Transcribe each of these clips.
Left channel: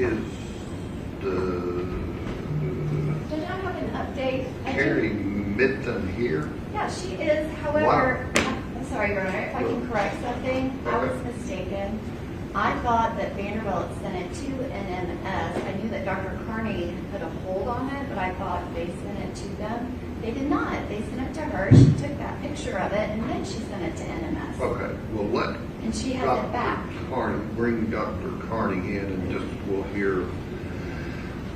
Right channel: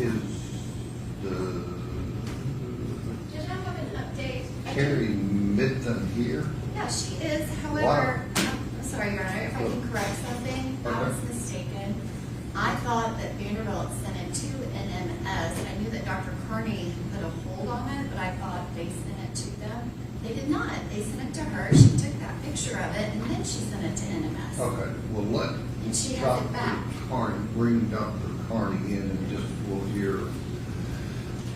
Is the Did I have an update? Carrie Mitten here? Yeah, she is. However, I'm sorry, Your Honor, if I can correct something, I was mistaken. I thought that Vanderbilt sent it to NMS. I knew that Dr. Carney put a hold on it, but I thought they sent it to them. They did not. They sent it to her. She took that picture of it, and then she sent it to NMS. Okay, well, And she has it back. bring Dr. Carney in and just we'll hear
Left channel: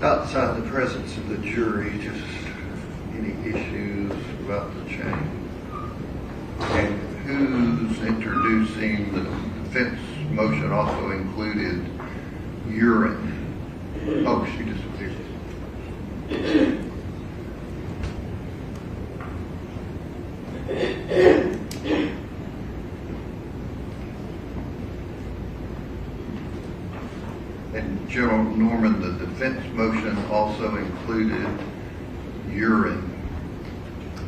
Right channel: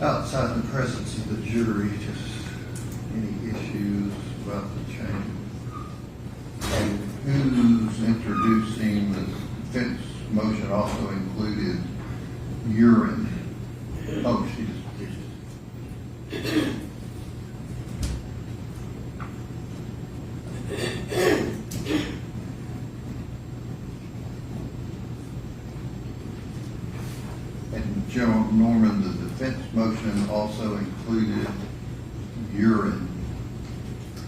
outside the presence of the jury, just any issues about the change. And who's introducing the defense motion also included urine. Oh, she just appeared. And General Norman, the defense motion also included urine.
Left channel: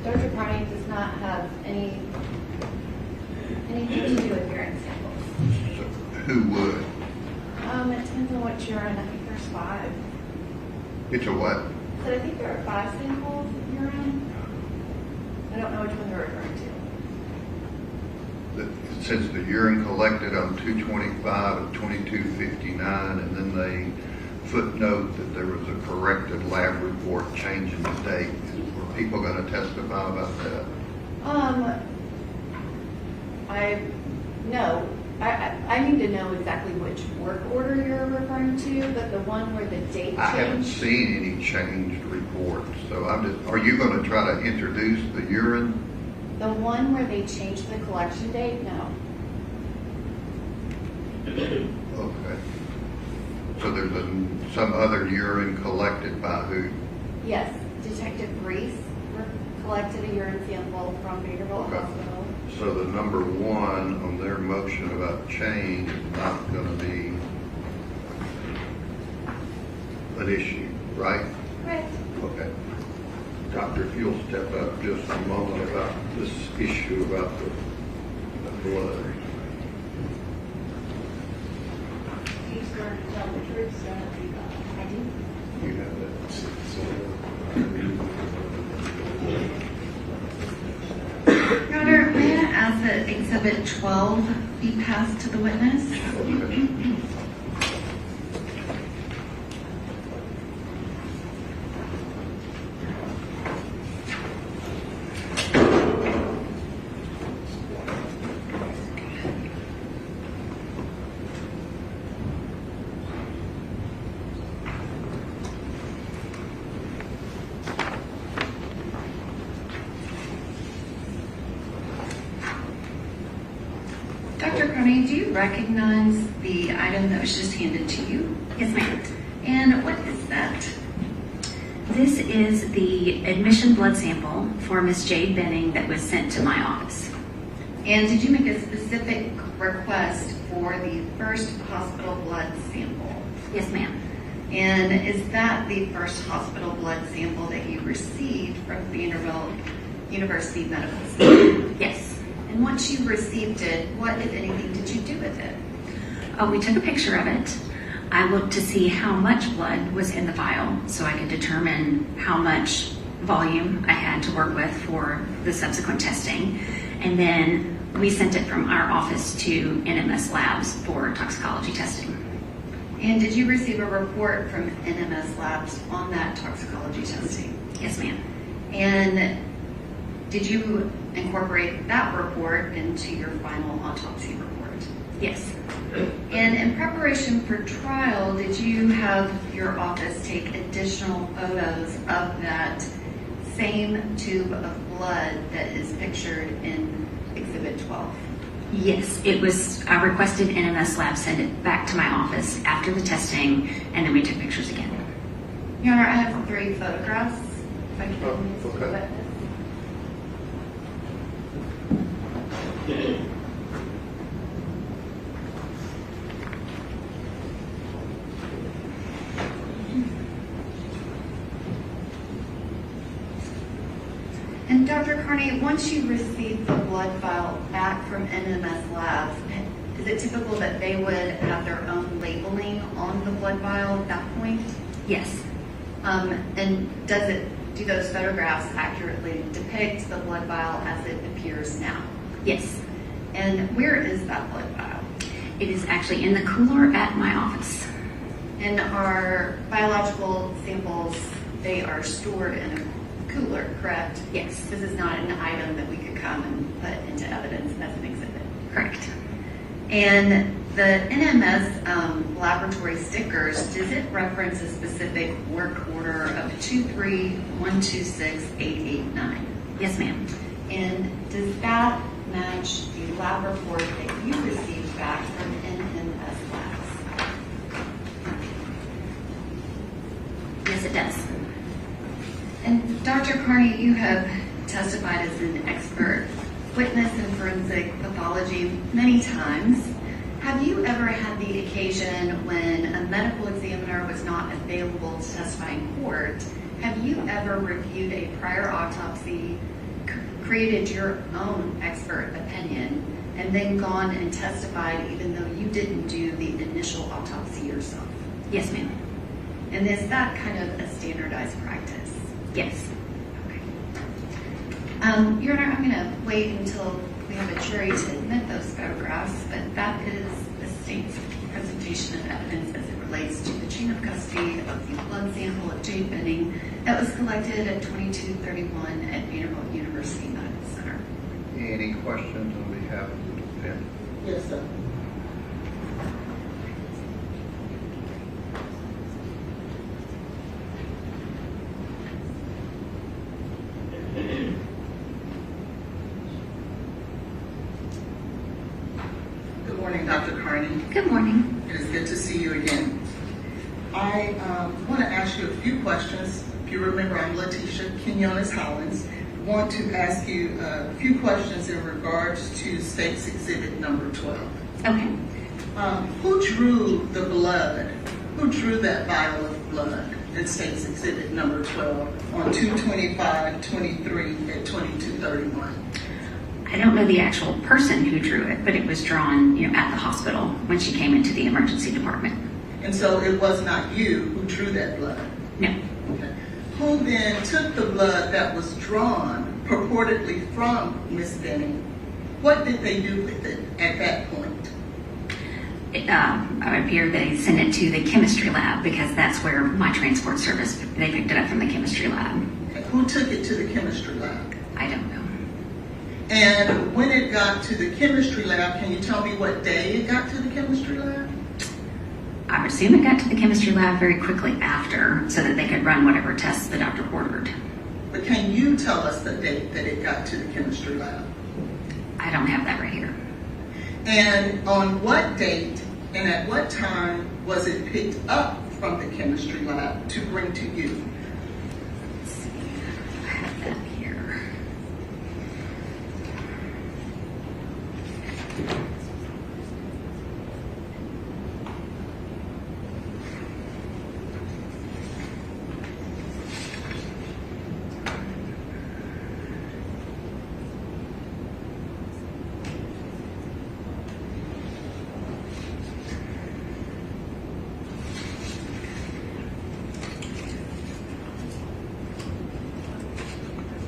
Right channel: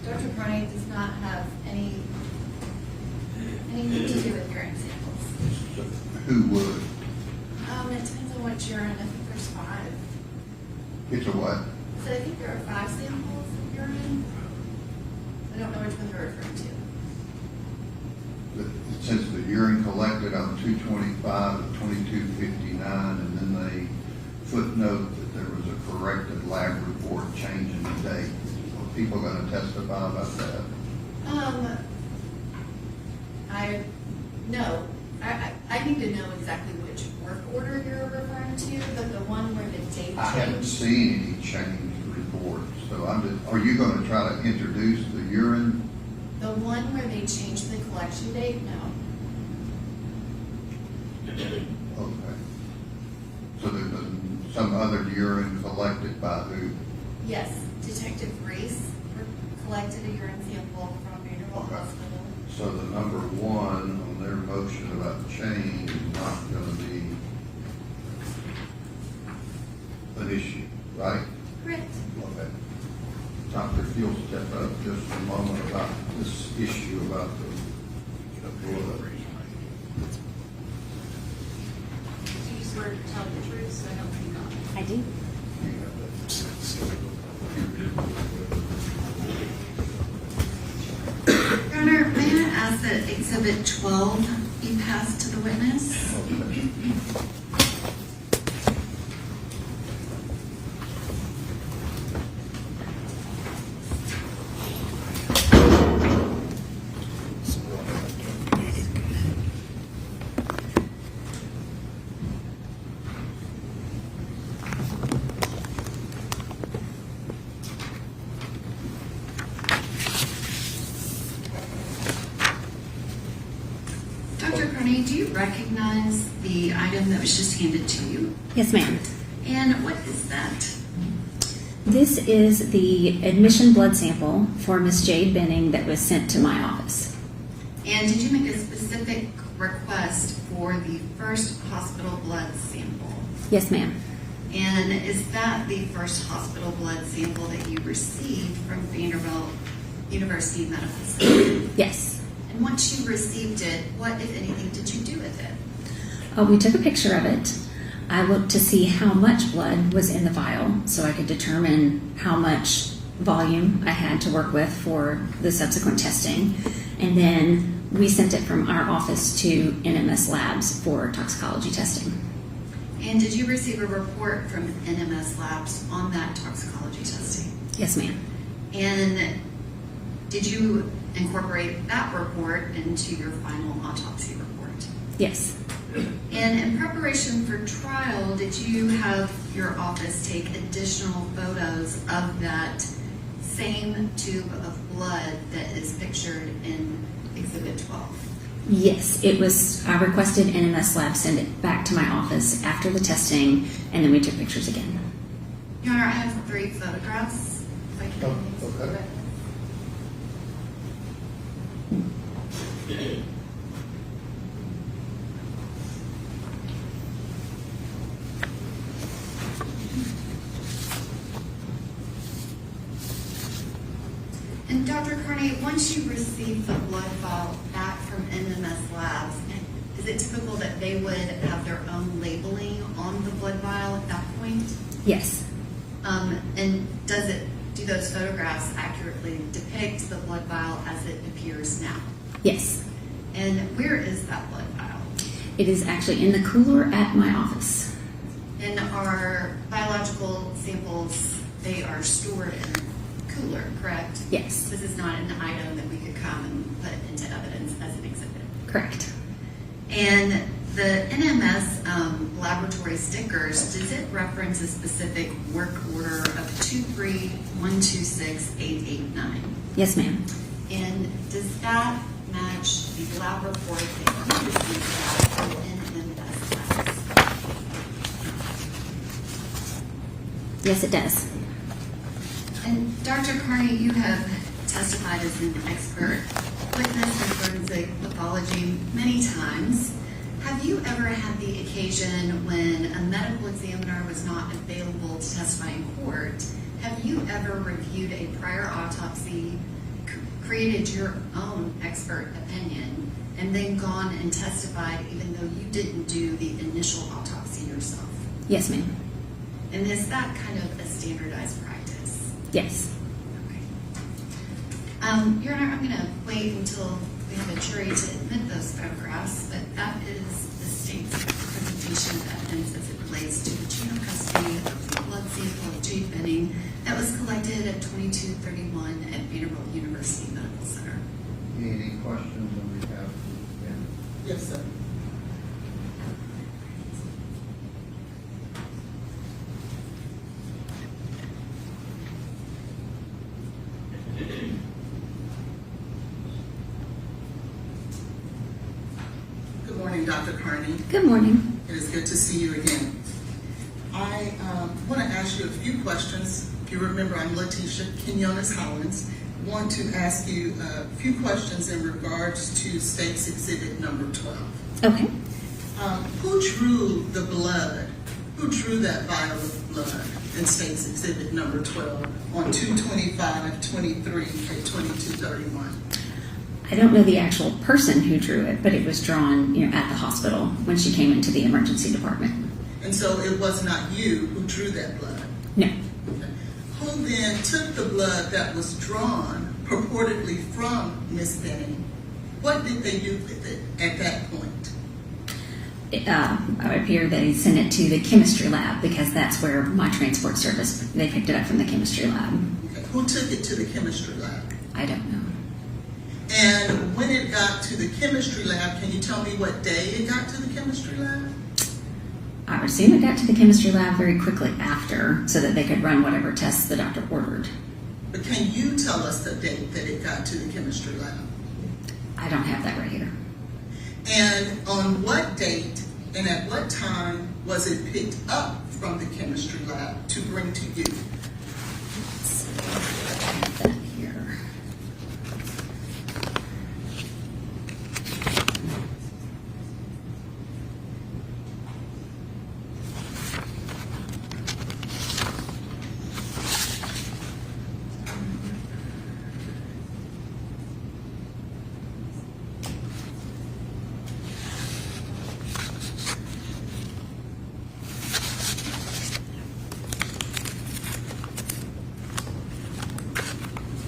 Dr. Carney does not have anything to do with urine samples. Who would? It depends on what urine. I think there's 5. It's a what? So I think there are 5 samples of urine. I don't know which one they're referring to. It says the urine collected on 2/25 and 22/59, and then they footnote that there was a corrected lab report changing the date. Are people going to testify about that? No. I need to know exactly which work order you're referring to, but the one where the date changed. I haven't seen any changed reports, so I'm just, are you going to try to introduce the urine? The one where they changed the collection date, no. Okay. So there's some other urine collected by who? Yes, Detective Reese collected a urine sample from Vanderbilt Okay. Hospital. So the number 1 on their motion about change is not going to be an issue, right? Correct. Okay. Doctor, if you'll step up just a moment about this issue about the blood. Do you swear to tell the truth, so help you God? I do. You have that. Your Honor, may I ask that Exhibit 12 be passed to the witness? Okay. Dr. Carney, do you recognize the item that was just handed to you? Yes, ma'am. And what is that? This is the admission blood sample for Miss Jade Benning that was sent to my office. And did you make a specific request for the first hospital blood sample? Yes, ma'am. And is that the first hospital blood sample that you received from Vanderbilt University Medical Center? Yes. And once you received it, what, if anything, did you do with it? We took a picture of it. I looked to see how much blood was in the vial so I could determine how much volume I had to work with for the subsequent testing. And then we sent it from our office to NMS Labs for toxicology testing. And did you receive a report from NMS Labs on that toxicology testing? Yes, ma'am. And did you incorporate that report into your final autopsy report? Yes. And in preparation for trial, did you have your office take additional photos of that same tube of blood that is pictured in Exhibit 12? Yes, it was. I requested NMS Labs send it back to my office after the testing, and then we took pictures again. Your Honor, I have 3 photographs. If I can Oh, please okay. go with it. And Dr. Carney, once you receive the blood file back from NMS Labs, is it typical that they would have their own labeling on the blood vial at that point? Yes. And do those photographs accurately depict the blood vial as it appears now? Yes. And where is that blood vial? It is actually in the cooler at my office. And our biological samples, they are stored in a cooler, correct? Yes. This is not an item that we could come and put into evidence as an exhibit. Correct. And the NMS laboratory stickers, does it reference a specific work order of 23126-889? Yes, ma'am. And does that match the lab report that you received back from NMS Labs? Yes, it does. And Dr. Carney, you have testified as an expert witness in forensic pathology many times. Have you ever had the occasion when a medical examiner was not available to testify in court? Have you ever reviewed a prior autopsy, created your own expert opinion, and then gone and testified even though you didn't do the initial autopsy yourself? Yes, ma'am. And is that kind of a standardized practice? Yes. Okay. Your Honor, I'm going to wait until we have a jury to admit those photographs, but that is the state's presentation of evidence as it relates to the chain of custody of the blood sample of Jade Benning that was collected at 2231 at Vanderbilt University Medical Center. Any questions on behalf of the defendant? Yes, sir. Good morning, Dr. Carney. Good morning. It is good to see you again. I want to ask you a few questions. If you remember, I'm Letitia Quinones Hollins. I want to ask you a few questions in regards to State's Exhibit number 12. Okay. Who drew the blood? Who drew that vial of blood in State's Exhibit number 12 on 2/25/23 at 2231? I don't know the actual person who drew it, but it was drawn, at the hospital when she came into the emergency department. And so it was not you who drew that blood? No. Okay. Who then took the blood that was drawn purportedly from Miss Benning? What did they do with it at that point? I would appear they sent it to the chemistry lab because that's where my transport service, they picked it up from the chemistry lab. Okay. Who took it to the chemistry lab? I don't know. And when it got to the chemistry lab, can you tell me what day it got to the chemistry lab? I presume it got to the chemistry lab very quickly after so that they could run whatever tests the doctor ordered. But can you tell us the date that it got to the chemistry lab? I don't have that right here. And on what date and at what time was it picked up from the chemistry lab to bring to you? Let's see, I have that here.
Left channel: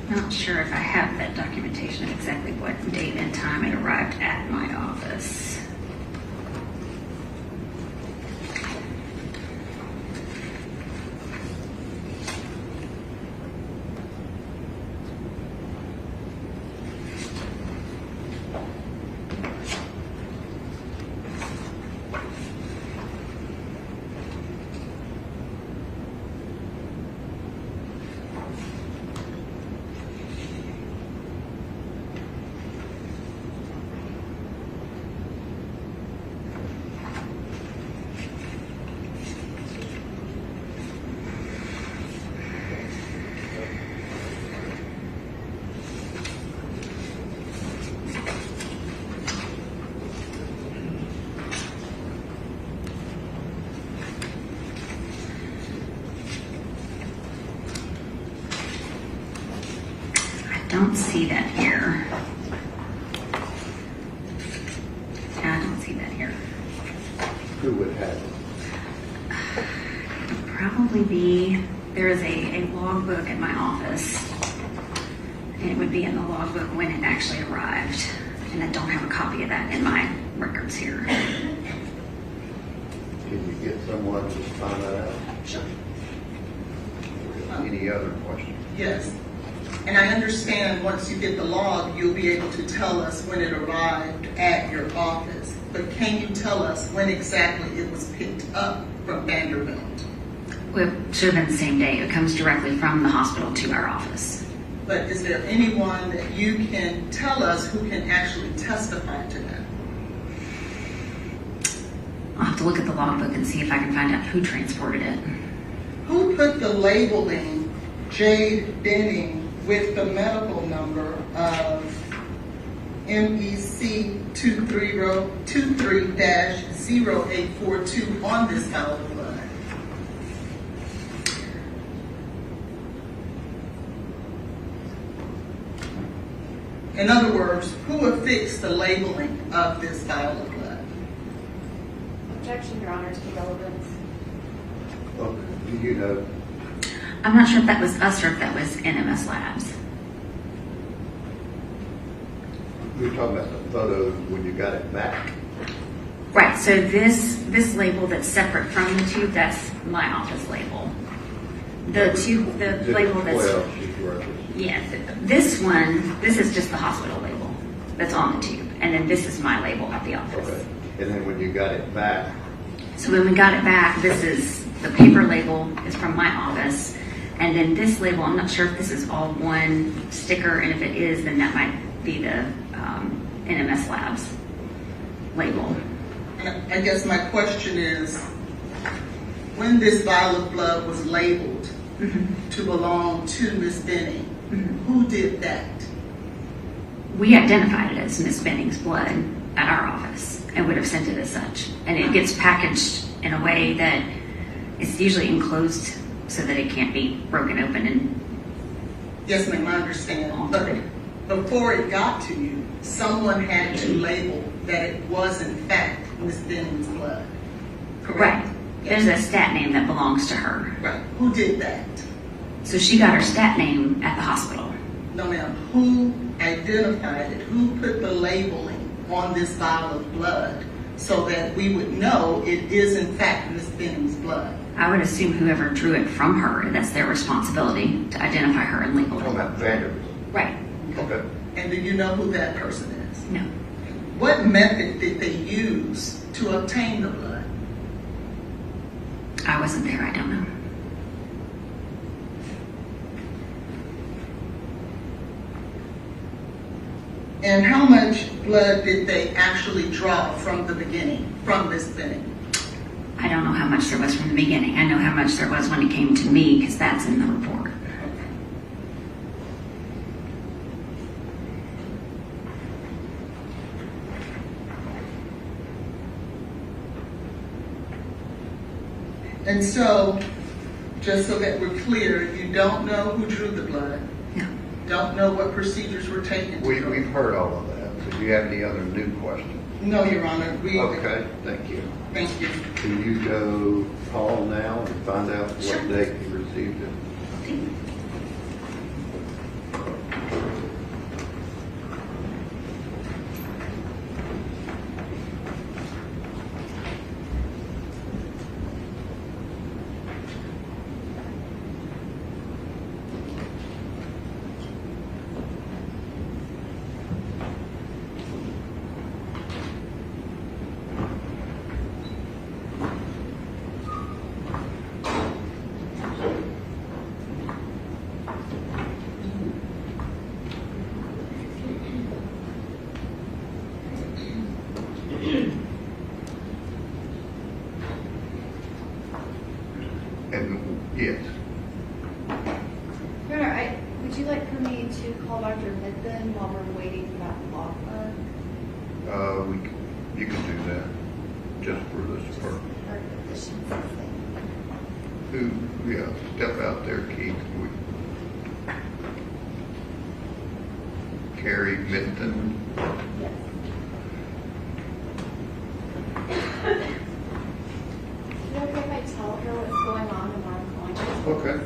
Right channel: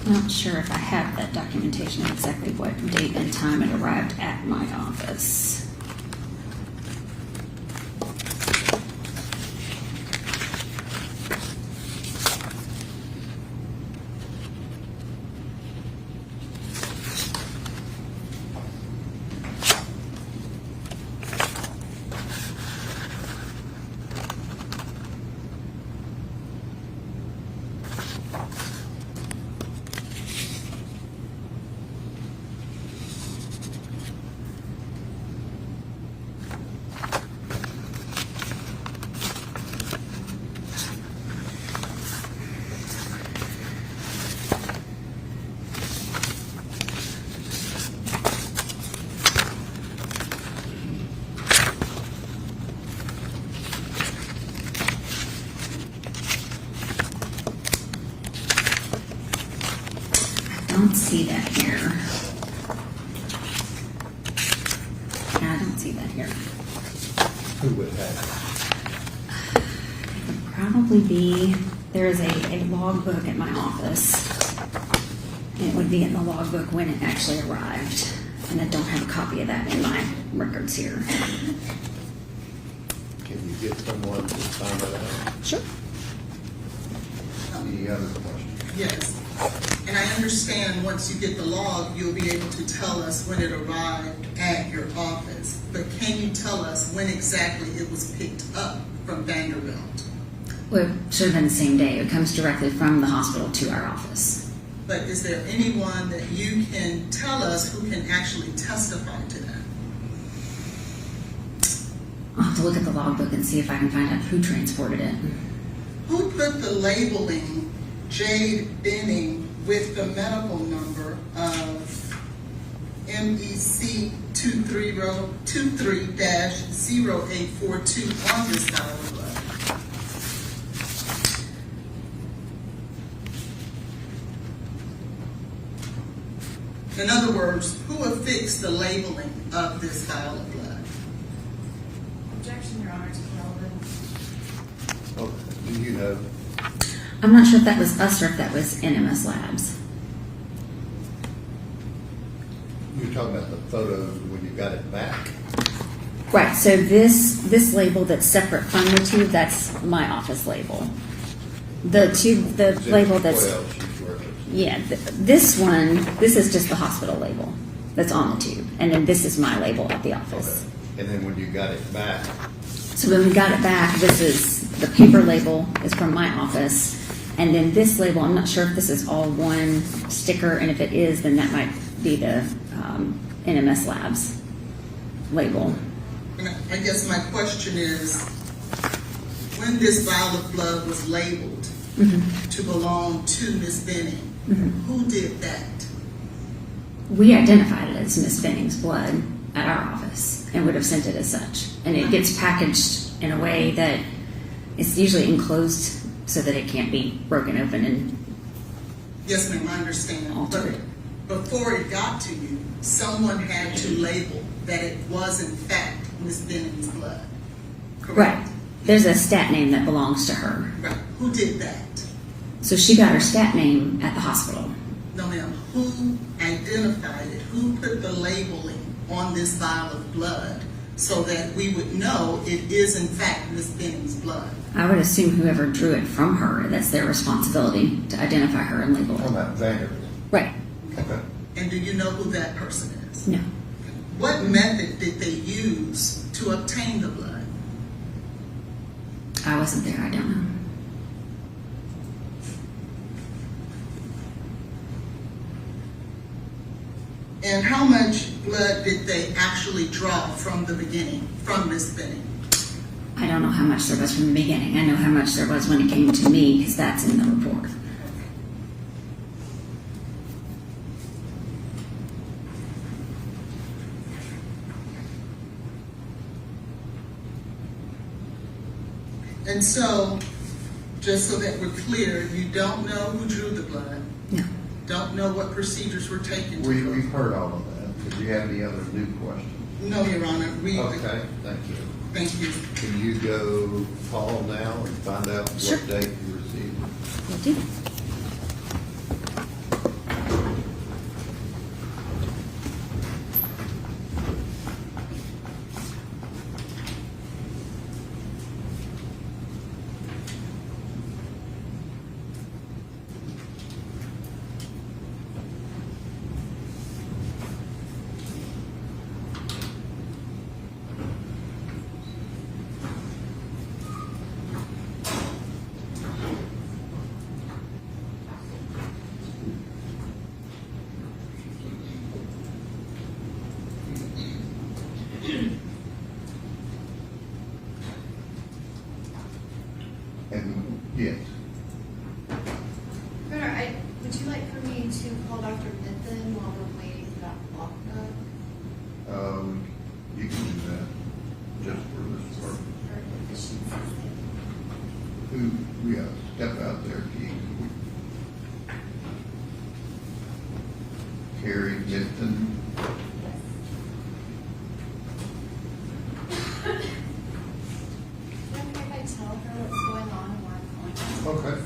Not sure if I have that documentation, exactly what date and time it arrived at my office. I don't see that here. Yeah, I don't see that here. Who would have it? It would probably be, there is a logbook at my office. And it would be in the logbook when it actually arrived. And I don't have a copy of that in my records here. Can you get someone to find that out? Sure. Any other questions? Yes. And I understand once you get the log, you'll be able to tell us when it arrived at your office. But can you tell us when exactly it was picked up from Vanderbilt? Well, it should have been the same day. It comes directly from the hospital to our office. But is there anyone that you can tell us who can actually testify to that? I'll have to look at the logbook and see if I can find out who transported it. Who put the labeling Jade Benning with the medical number of MEC 23-0842 on this vial of blood? In other words, who affixed the labeling of this vial of blood? Objection, Your Honor, to irrelevant. Okay, do you know? I'm not sure if that was us or if that was NMS Labs. You were talking about the photos when you got it back. Right, so this label that's separate from the tube, that's my office label. The tube, the Exhibit label that's, 12, she's referencing. yeah, this one, this is just the hospital label that's on the tube. And then this is my label at the office. Okay. And then when you got it back, So when we got it back, this is, the paper label is from my office. And then this label, I'm not sure if this is all one sticker, and if it is, then that might be the NMS Labs label. And I guess my question is, when this vial of blood was labeled to belong to Miss Benning, who did that? We identified it as Miss Benning's blood at our office and would have sent it as such. And it gets packaged in a way that it's usually enclosed so that it can't be broken open and Yes, ma'am, I understand. altered. But before it got to you, someone had to label that it was in fact Miss Benning's blood. Correct? Right. There's a stat name that belongs to her. Right. Who did that? So she got her stat name at the hospital. No, ma'am. Who identified it? Who put the labeling on this vial of blood so that we would know it is in fact Miss Benning's blood? I would assume whoever drew it from her, that's their responsibility to identify her and label talking it. about Vanderbilt. Right. Okay. And do you know who that person is? No. What method did they use to obtain the blood? I wasn't there. I don't know. And how much blood did they actually draw from the beginning, from Miss Bennett? I don't know how much there was from the beginning. I know how much there was when it came to me, because that's in the report. And so, just so that we're clear, you don't know who drew the blood? No. Don't know what procedures were taken to draw? We've heard all of that. Do you have any other new questions? No, Your Honor. Okay, thank you. Thank you. Can you go call now and find out Sure. what date you received it? And, yes, Your Honor, would you like for me to call Dr. Midden while we're waiting for that block book? you can do that, just for this Just part. for efficiency's sake. Who, yeah, step out there, Keith. Carrie Minton. Yes. Is it okay if I tell her what's going on and why I'm calling her? Okay.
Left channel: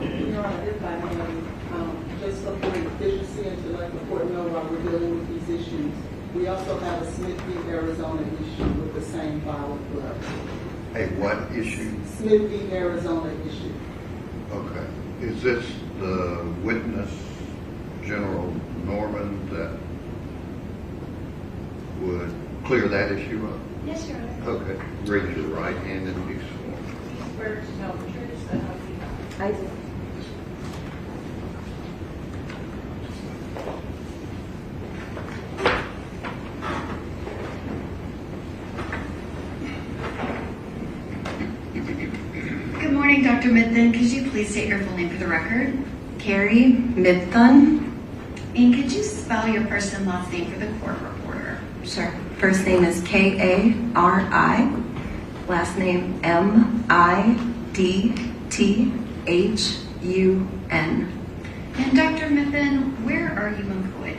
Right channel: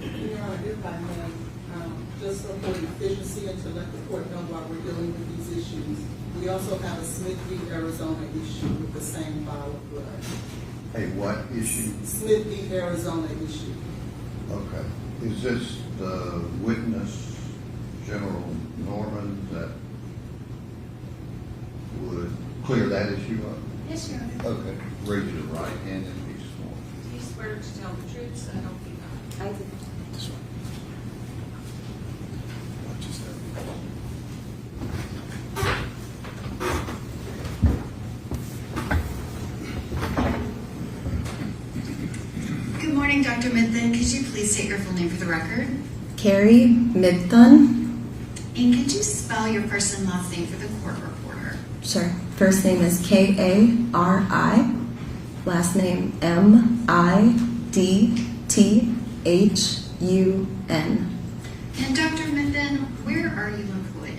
Your Honor, if I may, just for more efficiency and to let the court know while we're dealing with these issues, we also have a Smithview, Arizona issue with the same vial of blood. A what issue? Smithview, Arizona issue. Okay. Is this the witness, General Norman, that would clear that issue up? Yes, Your Honor. Okay. Raise your right hand and be sworn. Do you swear to tell the truth, so help you God? I do. Good morning, Dr. Midden. Could you please state your full name for the record? Carrie Mibthun. And could you spell your first and last name for the court reporter? Sure. First name is Kari. Last name Midthun. And Dr. Midden, where are you employed?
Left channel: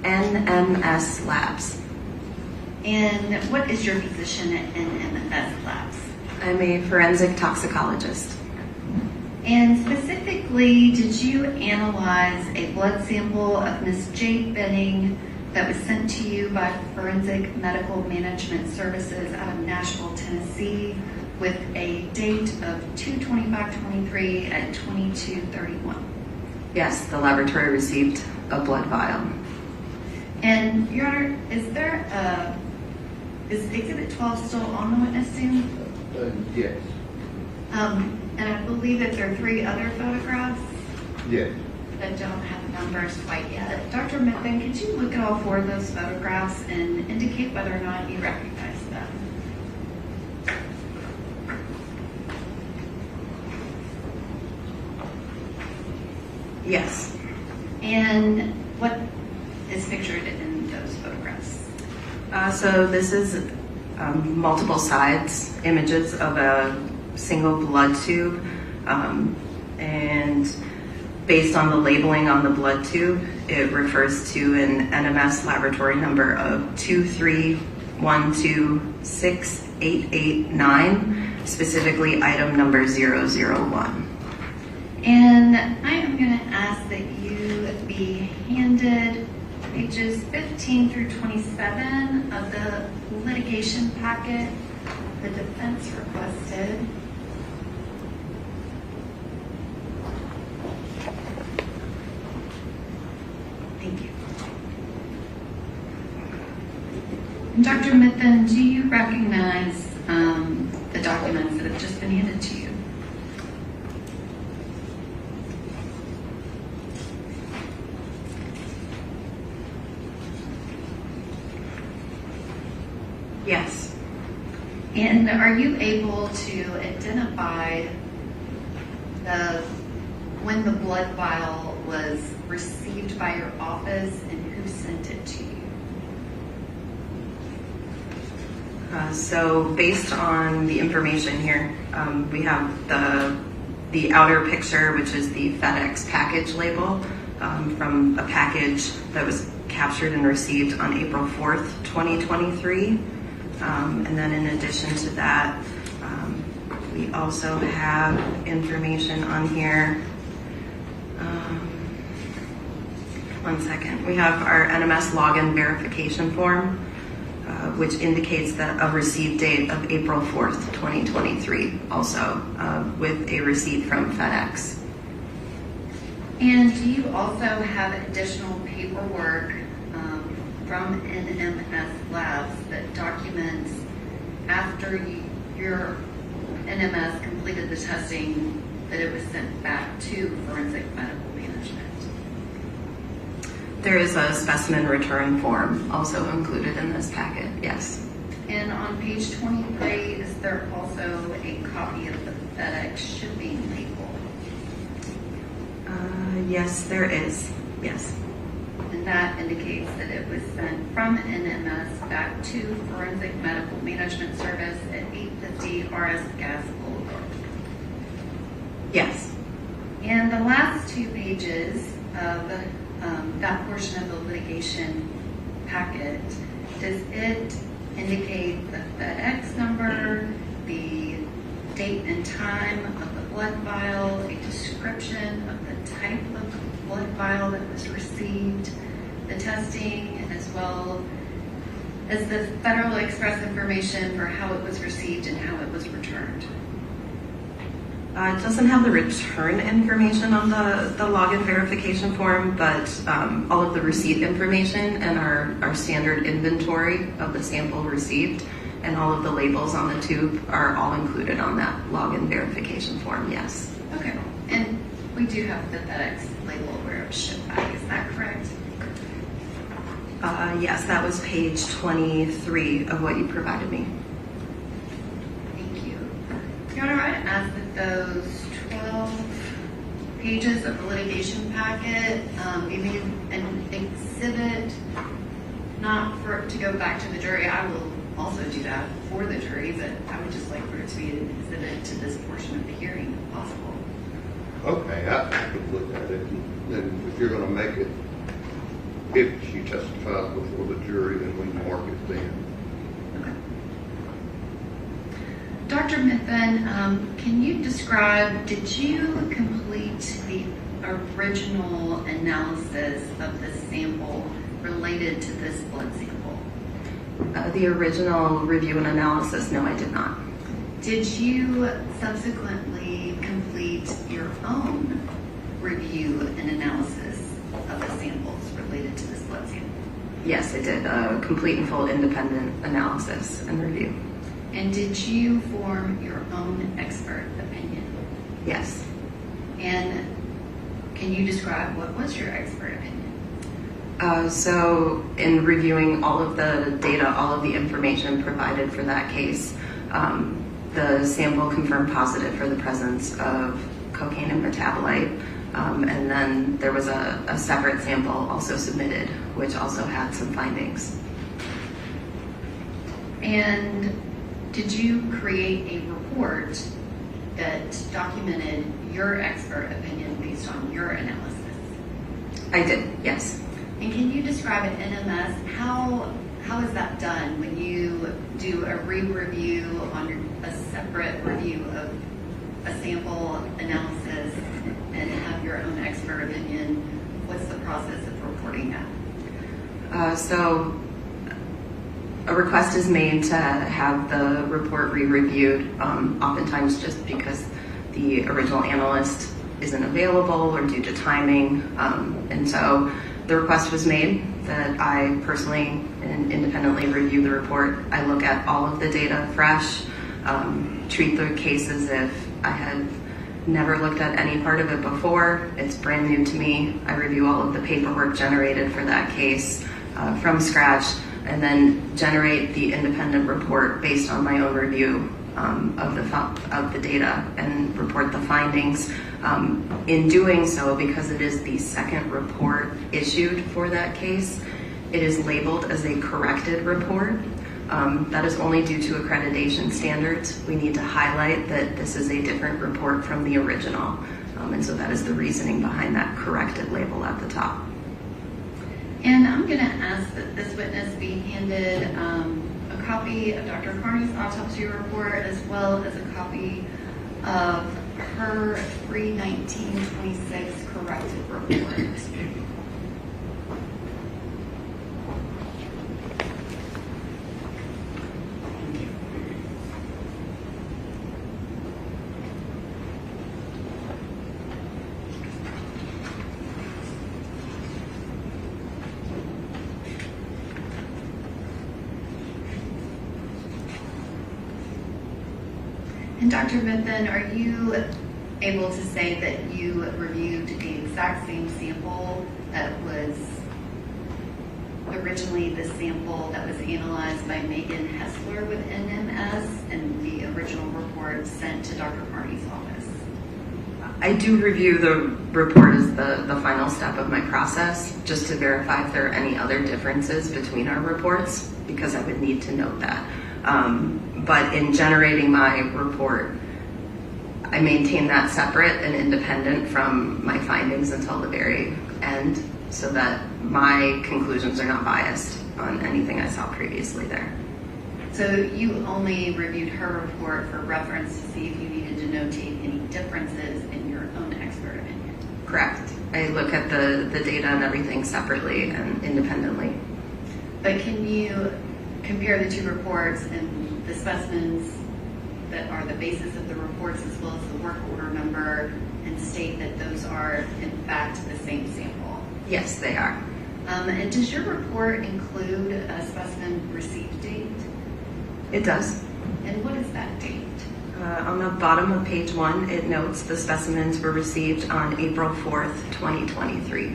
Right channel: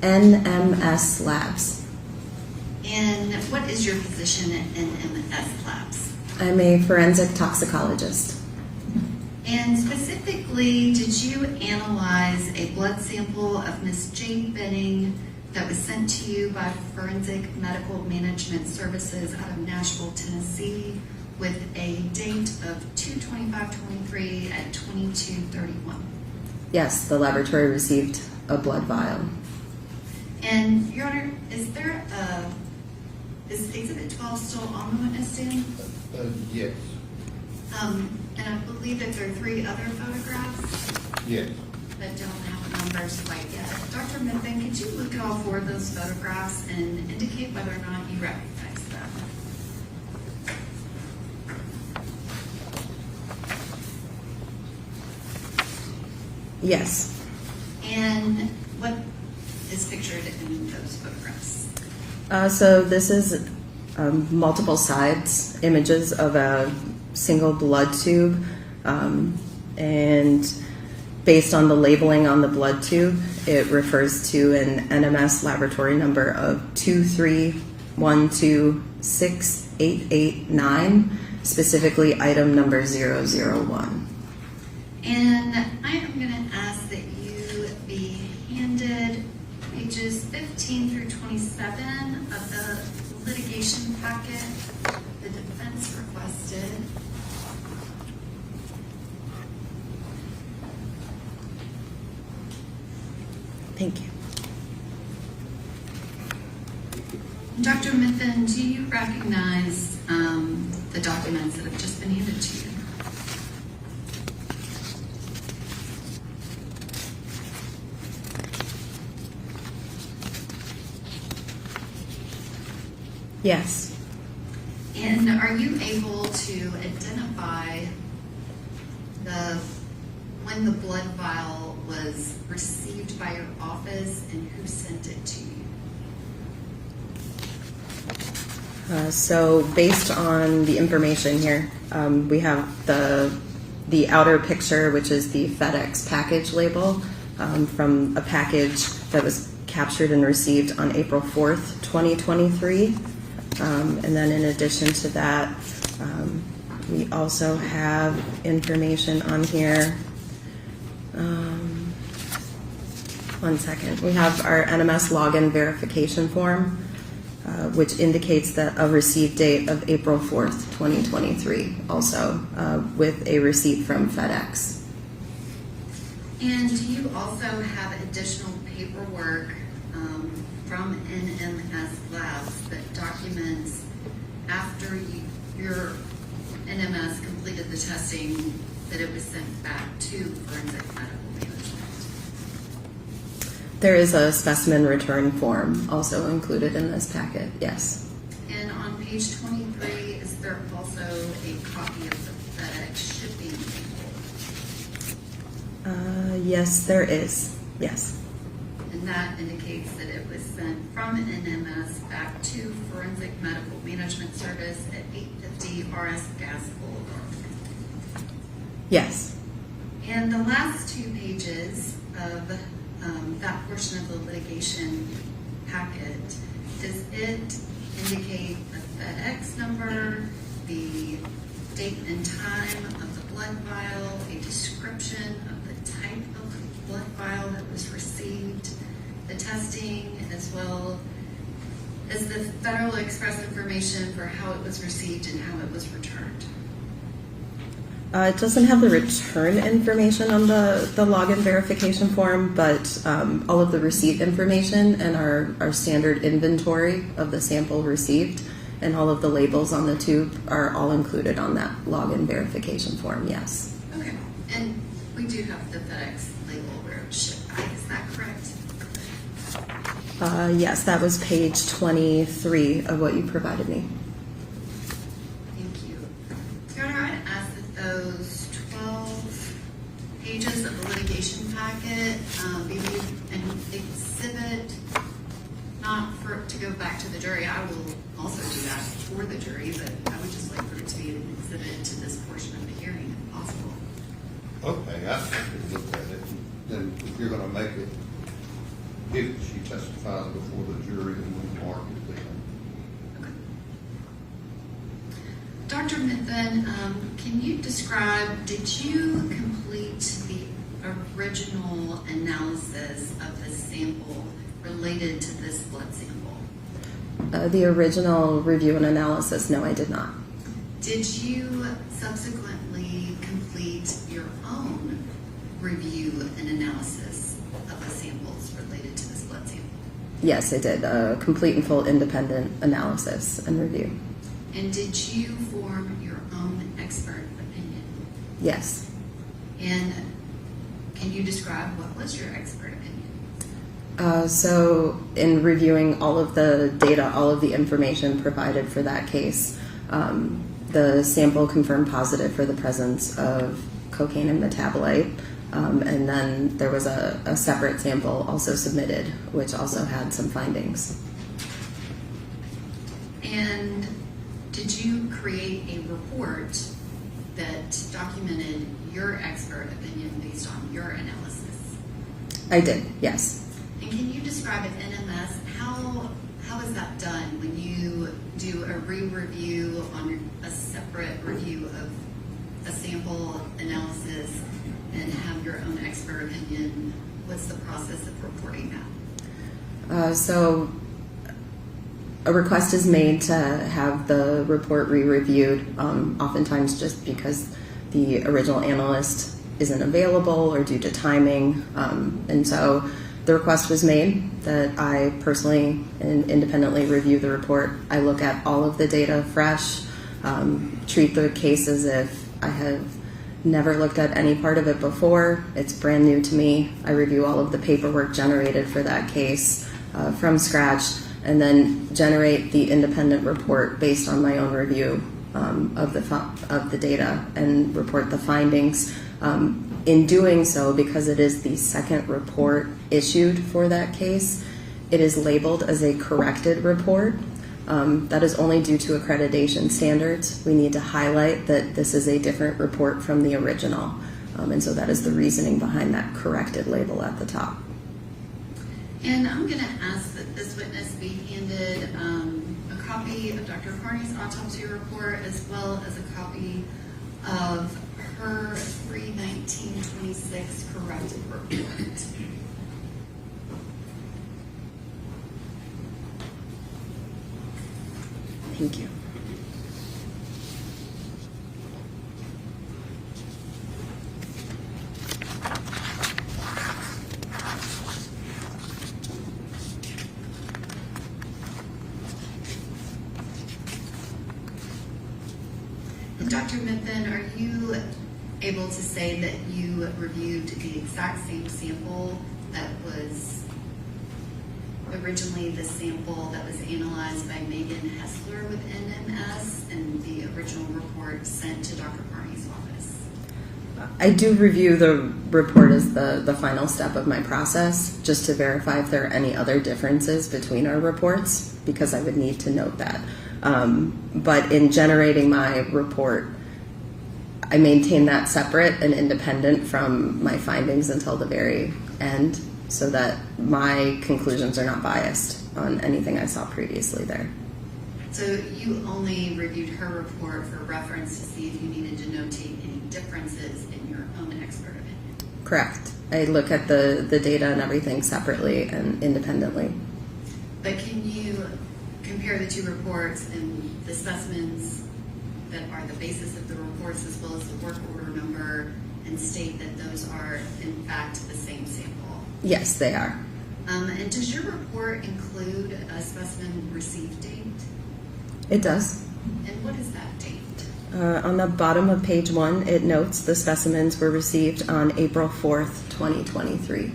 NMS Labs. And what is your position at NMS Labs? I'm a forensic toxicologist. And specifically, did you analyze a blood sample of Miss Jade Benning that was sent to you by Forensic Medical Management Services out of Nashville, Tennessee, with a date of 2/25/23 at 22:31? Yes, the laboratory received a blood vial. And Your Honor, is Exhibit 12 still on the witness stand? Yes, And I believe that there are 3 other photographs yes. that don't have numbers quite yet. Dr. Mifflin, could you look at all 4 of those photographs and indicate whether or not you recognize them? Yes. And what is pictured in those photographs? So this is multiple sides, images of a single blood tube, and based on the labeling on the blood tube, it refers to an NMS laboratory number of 231268889, specifically item number 001. And I am going to ask that you be handed pages 15 through 27 of the litigation packet the defense requested. Thank you. Dr. Mifflin, do you recognize the documents that have just been handed to you? Yes. And are you able to identify when the blood vial was received by your office and who sent it to you? So based on the information here, we have the outer picture, which is the FedEx package label from a package that was captured and received on April 4th, 2023. And then in addition to that, we also have information on here. One second. We have our NMS login verification form, which indicates that a receipt date of April 4th, 2023, also with a receipt from FedEx. And do you also have additional paperwork from NMS Labs that documents after your NMS completed the testing that it was sent back to forensic medical management? There is a specimen return form also included in this packet, yes. And on page 23, is there also a copy of the FedEx shipping label? Yes, there is, yes. And that indicates that it was sent from NMS back to Forensic Medical Management Service at 850 RS Gas Boulevard. Yes. And the last 2 pages of that portion of the litigation packet, does it indicate the FedEx number, the date and time of the blood vial, a description of the type of blood vial that was received, the testing, as well as the Federal Express information for how it was received and how it was returned? It doesn't have the return information on the login verification form, but all of the receipt information and our standard inventory of the sample received and all of the labels on the tube are all included on that login verification form, yes. Okay, and we do have the FedEx label where it was shipped back, is that correct? Yes, that was page 23 of what you provided me. Thank you. Your Honor, I'd ask that those 12 pages of the litigation packet be made an exhibit, not for it to go back to the jury. I will also do that for the jury, but I would just like for it to be an exhibit to this portion of the hearing if possible. Okay, I could look at it, then if you're gonna make it, if she testifies before the jury, then we mark it then. Okay. Dr. Mifflin, can you describe, did you complete the original analysis of this sample related to this blood sample? The original review and analysis, no, I did not. Did you subsequently complete your own review and analysis of the samples related to this blood sample? Yes, I did a complete and full independent analysis and review. And did you form your own expert opinion? Yes. And can you describe what was your expert opinion? So in reviewing all of the data, all of the information provided for that case, the sample confirmed positive for the presence of cocaine and metabolite. And then there was a separate sample also submitted, which also had some findings. And did you create a report that documented your expert opinion based on your analysis? I did, yes. And can you describe at NMS how is that done when you do a re-review on a separate review of a sample analysis and have your own expert opinion? What's the process of reporting that? So a request is made to have the report re-reviewed, oftentimes just because the original analyst isn't available or due to timing. And so the request was made that I personally and independently review the report. I look at all of the data fresh, treat the case as if I have never looked at any part of it before. It's brand new to me. I review all of the paperwork generated for that case from scratch, and then generate the independent report based on my own review of the data and report the findings. In doing so, because it is the second report issued for that case, it is labeled as a corrected report. That is only due to accreditation standards. We need to highlight that this is a different report from the original. And so that is the reasoning behind that corrected label at the top. And I'm going to ask that this witness be handed a copy of Dr. Carney's autopsy report as well as a copy of her 3/19/26 corrected report. Thank you. And Dr. Benton, are you able to say that you reviewed the exact same sample that was originally the sample that was analyzed by Megan Hessler with NMS and the original report sent to Dr. Carney's office? I do review the report as the final step of my process, just to verify if there are any other differences between our reports, because I would need to note that. But in generating my report, I maintain that separate and independent from my findings until the very end, so that my conclusions are not biased on anything I saw previously there. So you only reviewed her report for reference to see if you needed to notate any differences in your own expert opinion? Correct. I look at the data and everything separately and independently. But can you compare the two reports and the specimens that are the basis of the reports as well as the work order number and state that those are in fact the same sample? Yes, they are. And does your report include a specimen received date? It does. And what is that date? On the bottom of page 1, it notes the specimens were received on April 4th, 2023.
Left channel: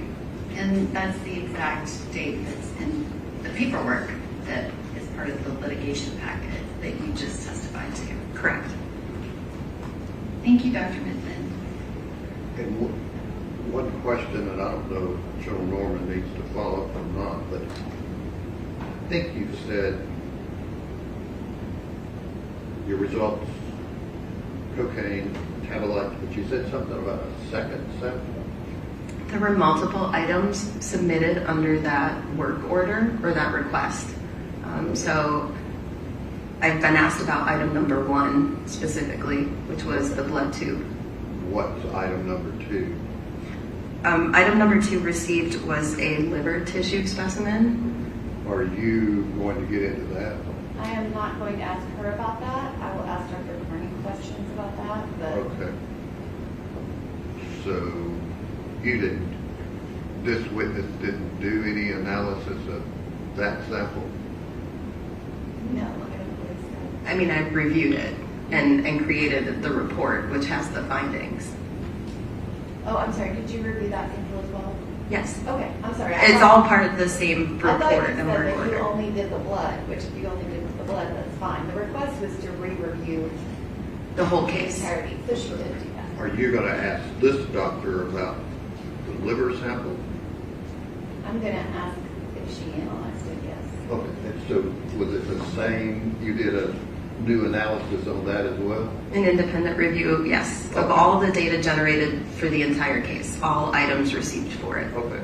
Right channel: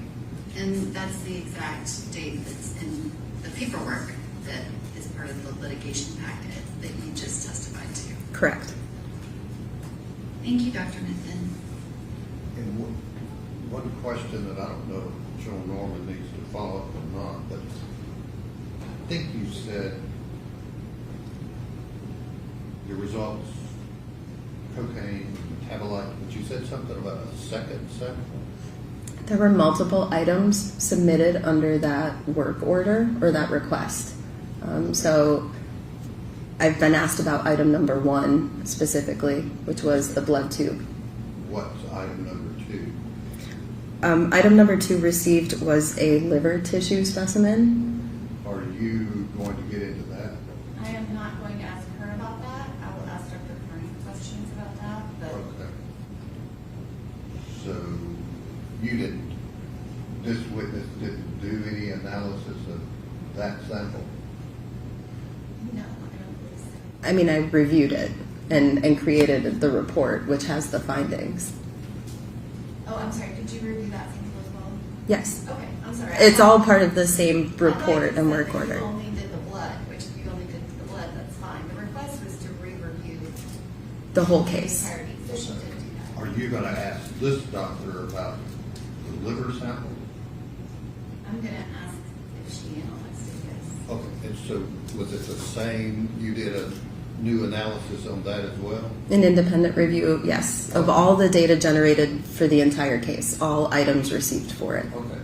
And that's the exact date that's in the paperwork that is part of the litigation packet that you just testified to. Correct. Thank you, Dr. Minton. And one question, and I don't know if Joe Norman needs to follow up or not, but I think you said your results, cocaine, metabolite, but you said something about a second sample? There were multiple items submitted under that work order or that request. So I've been asked about item number 1 specifically, which was the blood tube. What's item number 2? Item number 2 received was a liver tissue specimen. Are you going to get into that? I am not going to ask her about that. I will ask Dr. Carney questions about that, but Okay. So this witness didn't do any analysis of that sample? No, I don't believe so. I mean, I reviewed it and created the report, which has the findings. Oh, I'm sorry, did you review that sample as well? Yes. Okay, I'm sorry. It's all part of the same I thought you report and said work that order. you only did the blood, which if you only did the blood, that's fine. The request was to re-review The whole the case. entirety, so she did do that. Are you gonna ask this doctor about the liver sample? I'm gonna ask if she analyzed it, yes. Okay, and so was it the same, you did a new analysis on that as well? An independent review, yes, of all the data generated for the entire case, all items received for it. Okay.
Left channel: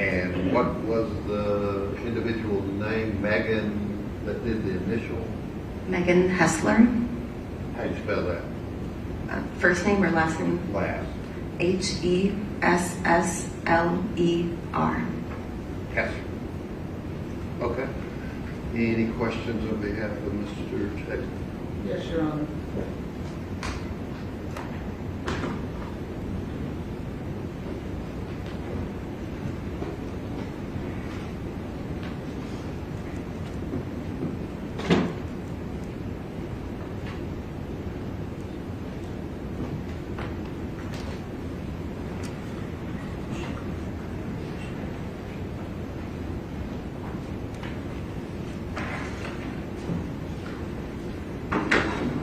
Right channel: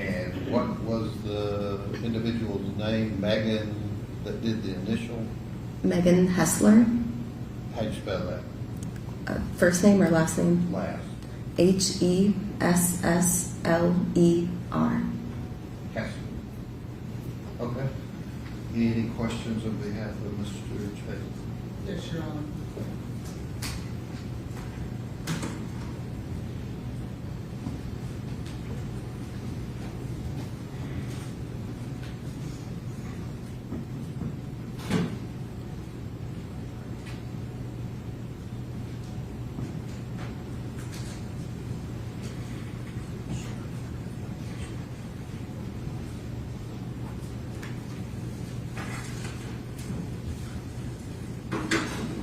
And what was the individual's name, Megan, that did the initial? Megan Hessler, How do you spell that? first name or last name? Last. Hessler. Cassie. Okay. Any questions on behalf of Mr. Taylor? Yes, Your Honor.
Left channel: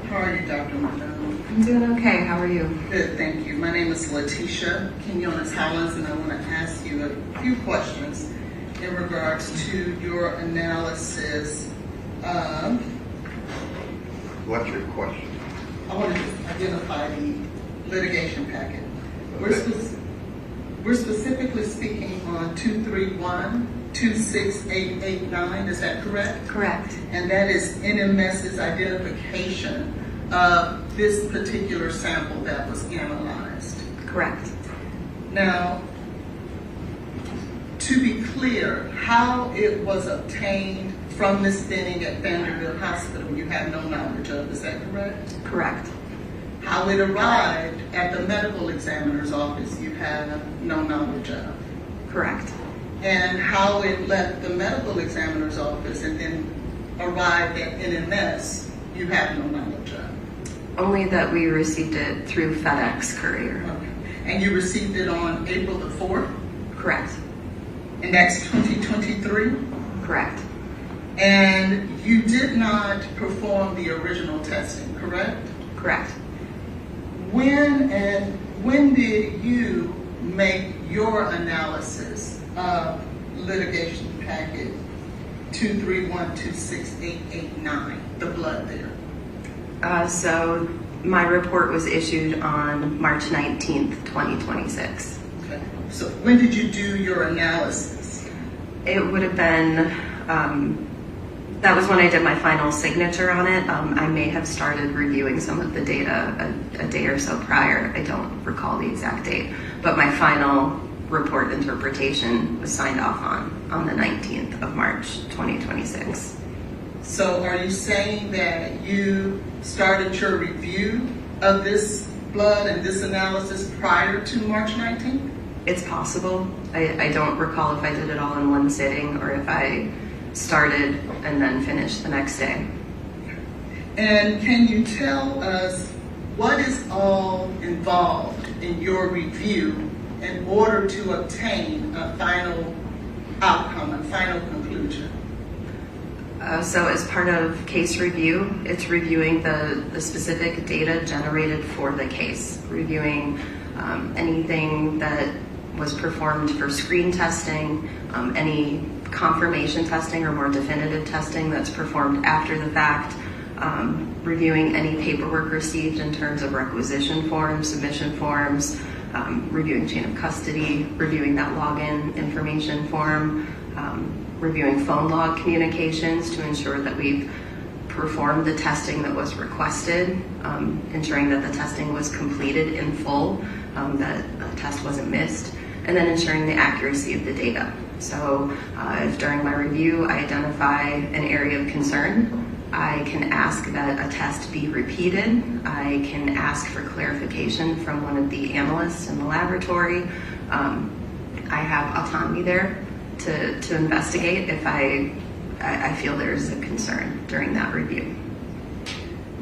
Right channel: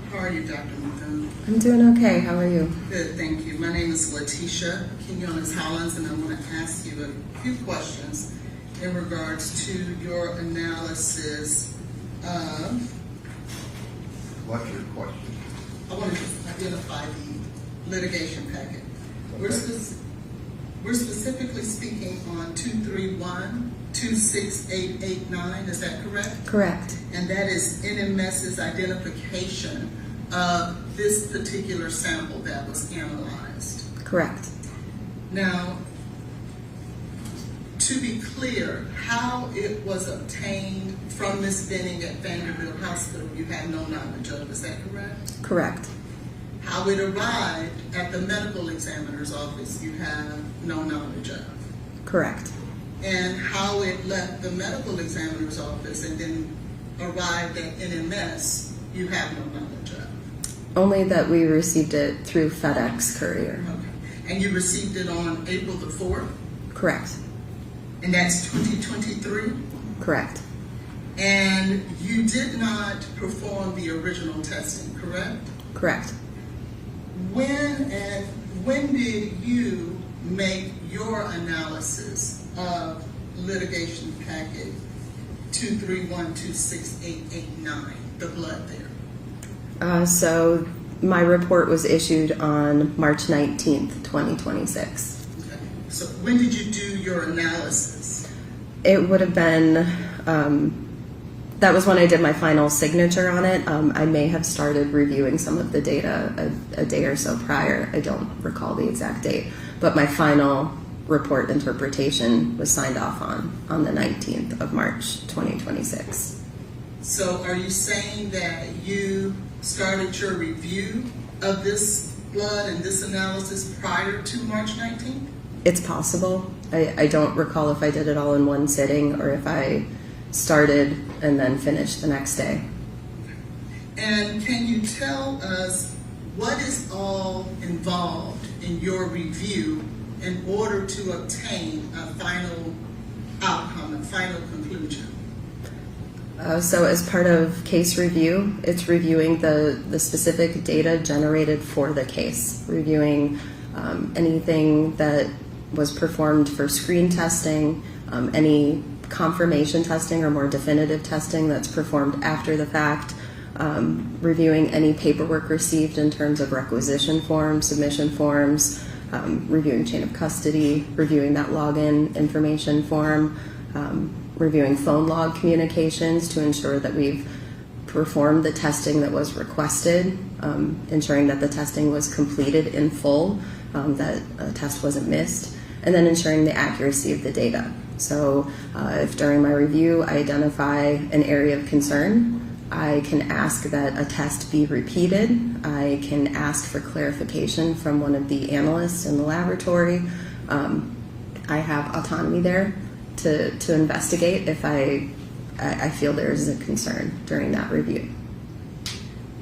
How are you, Dr. McDonald? I'm doing okay. How are you? Good, thank you. My name is Letitia Quinones-Hollins, and I want to ask you a few questions in regards to your analysis of, What's your question? I want to just identify the litigation packet. Okay. We're specifically speaking on 231-26889, is that correct? Correct. And that is NMS's identification of this particular sample that was analyzed. Correct. Now, to be clear, how it was obtained from Ms. Benning at Vanderbilt Hospital, you have no knowledge of, is that correct? Correct. How it arrived at the medical examiner's office, you have no knowledge of. Correct. And how it left the medical examiner's office and then arrived at NMS, you have no knowledge of. Only that we received it through FedEx courier. Okay. And you received it on April the 4th, Correct. and that's 2023? Correct. And you did not perform the original testing, correct? Correct. When did you make your analysis of litigation packet 231-26889, the blood there? So my report was issued on March 19th, 2026. Okay. So when did you do your analysis? It would have been, that was when I did my final signature on it. I may have started reviewing some of the data a day or so prior. I don't recall the exact date, but my final report interpretation was signed off on the 19th of March, 2026. So are you saying that you started your review of this blood and this analysis prior to March 19th? It's possible. I don't recall if I did it all in one sitting or if I started and then finished the next day. And can you tell us what is all involved in your review in order to obtain a final outcome, a final conclusion? So as part of case review, it's reviewing the specific data generated for the case, reviewing anything that was performed for screen testing, any confirmation testing or more definitive testing that's performed after the fact, reviewing any paperwork received in terms of requisition forms, submission forms, reviewing chain of custody, reviewing that login information form, reviewing phone log communications to ensure that we've performed the testing that was requested, ensuring that the testing was completed in full, that a test wasn't missed, and then ensuring the accuracy of the data. So if during my review I identify an area of concern, I can ask that a test be repeated. I can ask for clarification from one of the analysts in the laboratory. I have autonomy there to investigate if I feel there is a concern during that review.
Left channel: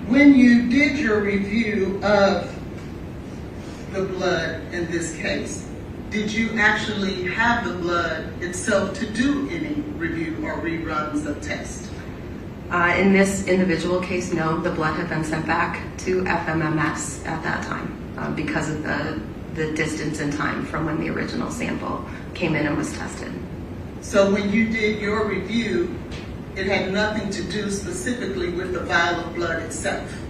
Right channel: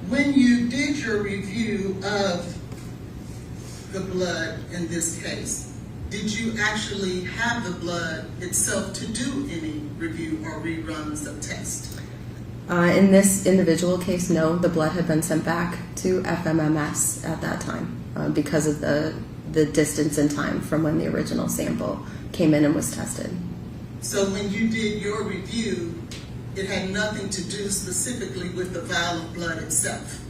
When you did your review of the blood in this case, did you actually have the blood itself to do any review or reruns of tests? In this individual case, no, the blood had been sent back to FMMS at that time because of the distance in time from when the original sample came in and was tested. So when you did your review, it had nothing to do specifically with the vial of blood itself?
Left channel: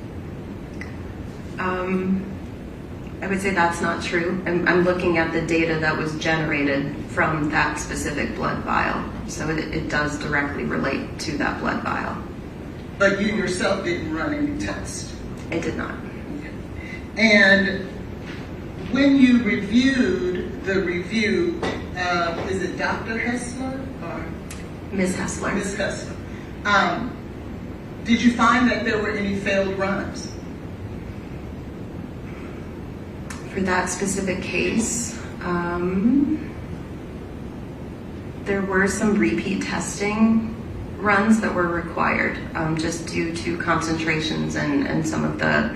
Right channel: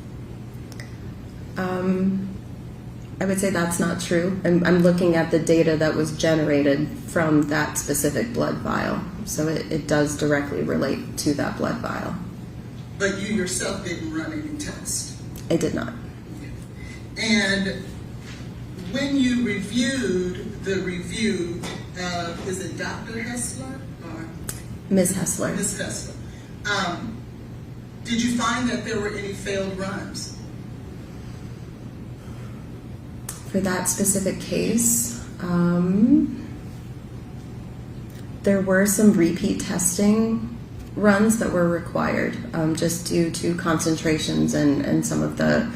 I would say that's not true. I'm looking at the data that was generated from that specific blood vial, so it does directly relate to that blood vial. But you yourself didn't run any tests? It did not. And when you reviewed the review, is it Dr. Hessler or Ms. Hessler. Ms. Hessler? Did you find that there were any failed runs? For that specific case, there were some repeat testing runs that were required just due to concentrations and some of the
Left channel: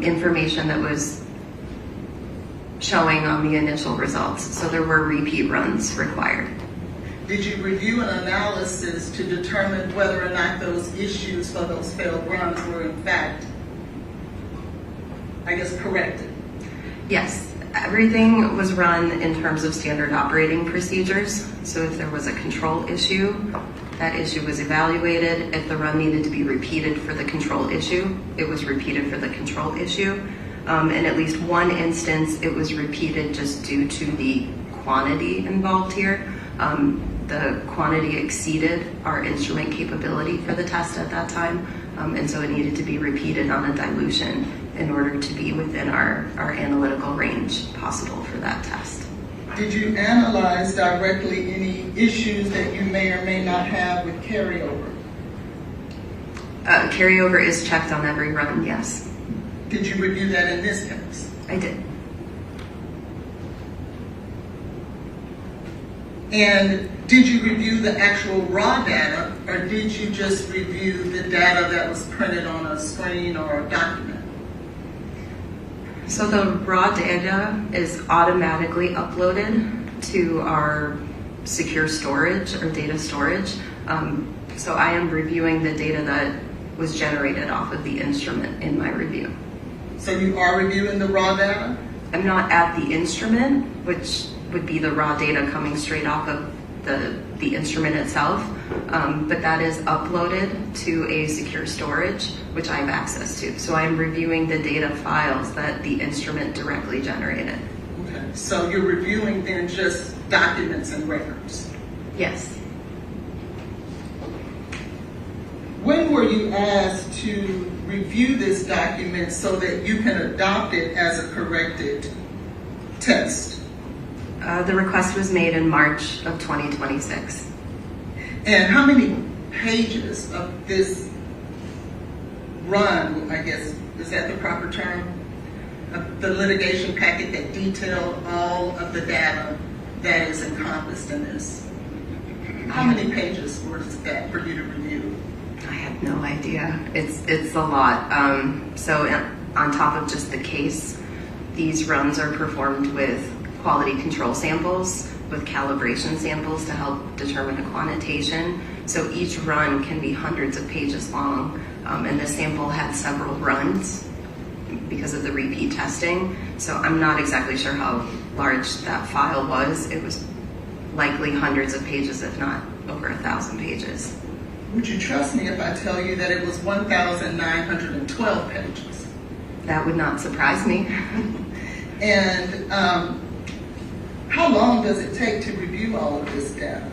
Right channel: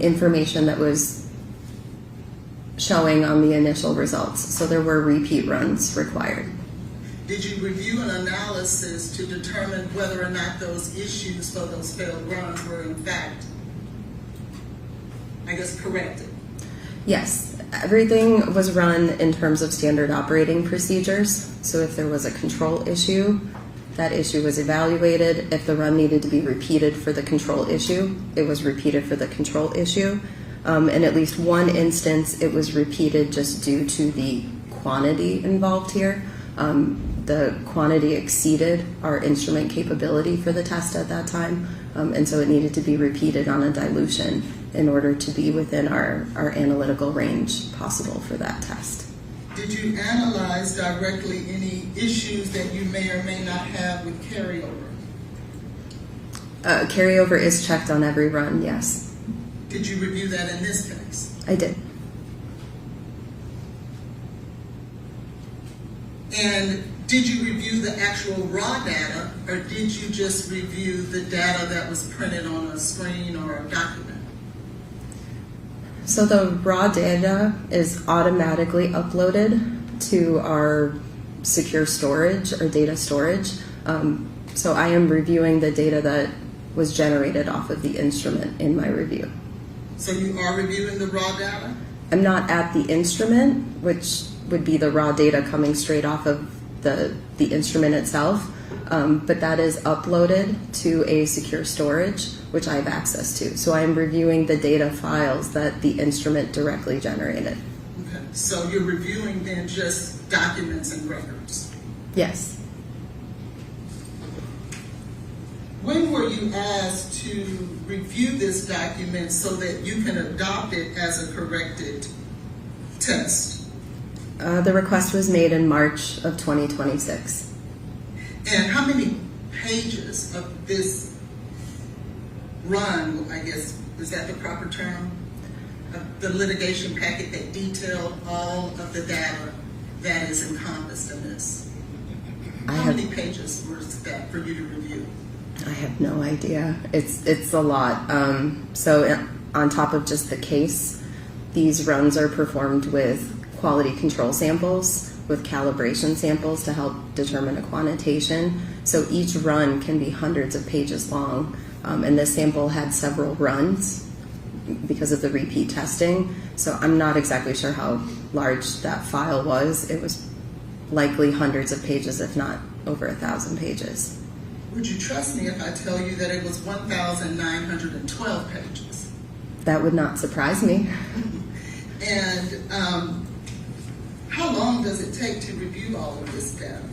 information that was showing on the initial results. So there were repeat runs required. Did you review an analysis to determine whether or not those issues for those failed runs were in fact, I guess, corrected? Yes, everything was run in terms of standard operating procedures. So if there was a control issue, that issue was evaluated. If the run needed to be repeated for the control issue, it was repeated for the control issue. In at least one instance, it was repeated just due to the quantity involved here. The quantity exceeded our instrument capability for the test at that time, and so it needed to be repeated on a dilution in order to be within our analytical range possible for that test. Did you analyze directly any issues that you may or may not have with carryover? Carryover is checked on every run, yes. Did you review that in this case? I did. And did you review the actual raw data, or did you just review the data that was printed on a screen or a document? So the raw data is automatically uploaded to our secure storage or data storage. So I am reviewing the data that was generated off of the instrument in my review. So you are reviewing the raw data? I'm not at the instrument, which would be the raw data coming straight off of the instrument itself, but that is uploaded to a secure storage, which I have access to. So I'm reviewing the data files that the instrument directly generated. Okay, so you're reviewing then just documents and records? Yes. When were you asked to review this document so that you can adopt it as a corrected test? The request was made in March of 2026. And how many pages of this run, I guess, is that the proper term? Of the litigation packet that detailed all of the data that is encompassed in this? How many pages was that for you to review? I have no idea. It's a lot. So on top of just the case, these runs are performed with quality control samples, with calibration samples to help determine a quantitation. So each run can be hundreds of pages long, and this sample had several runs because of the repeat testing. So I'm not exactly sure how large that file was. It was likely hundreds of pages, if not over 1,000 pages. Would you trust me if I tell you that it was 1,912 pages? That would not surprise me. And how long does it take to review all of this data?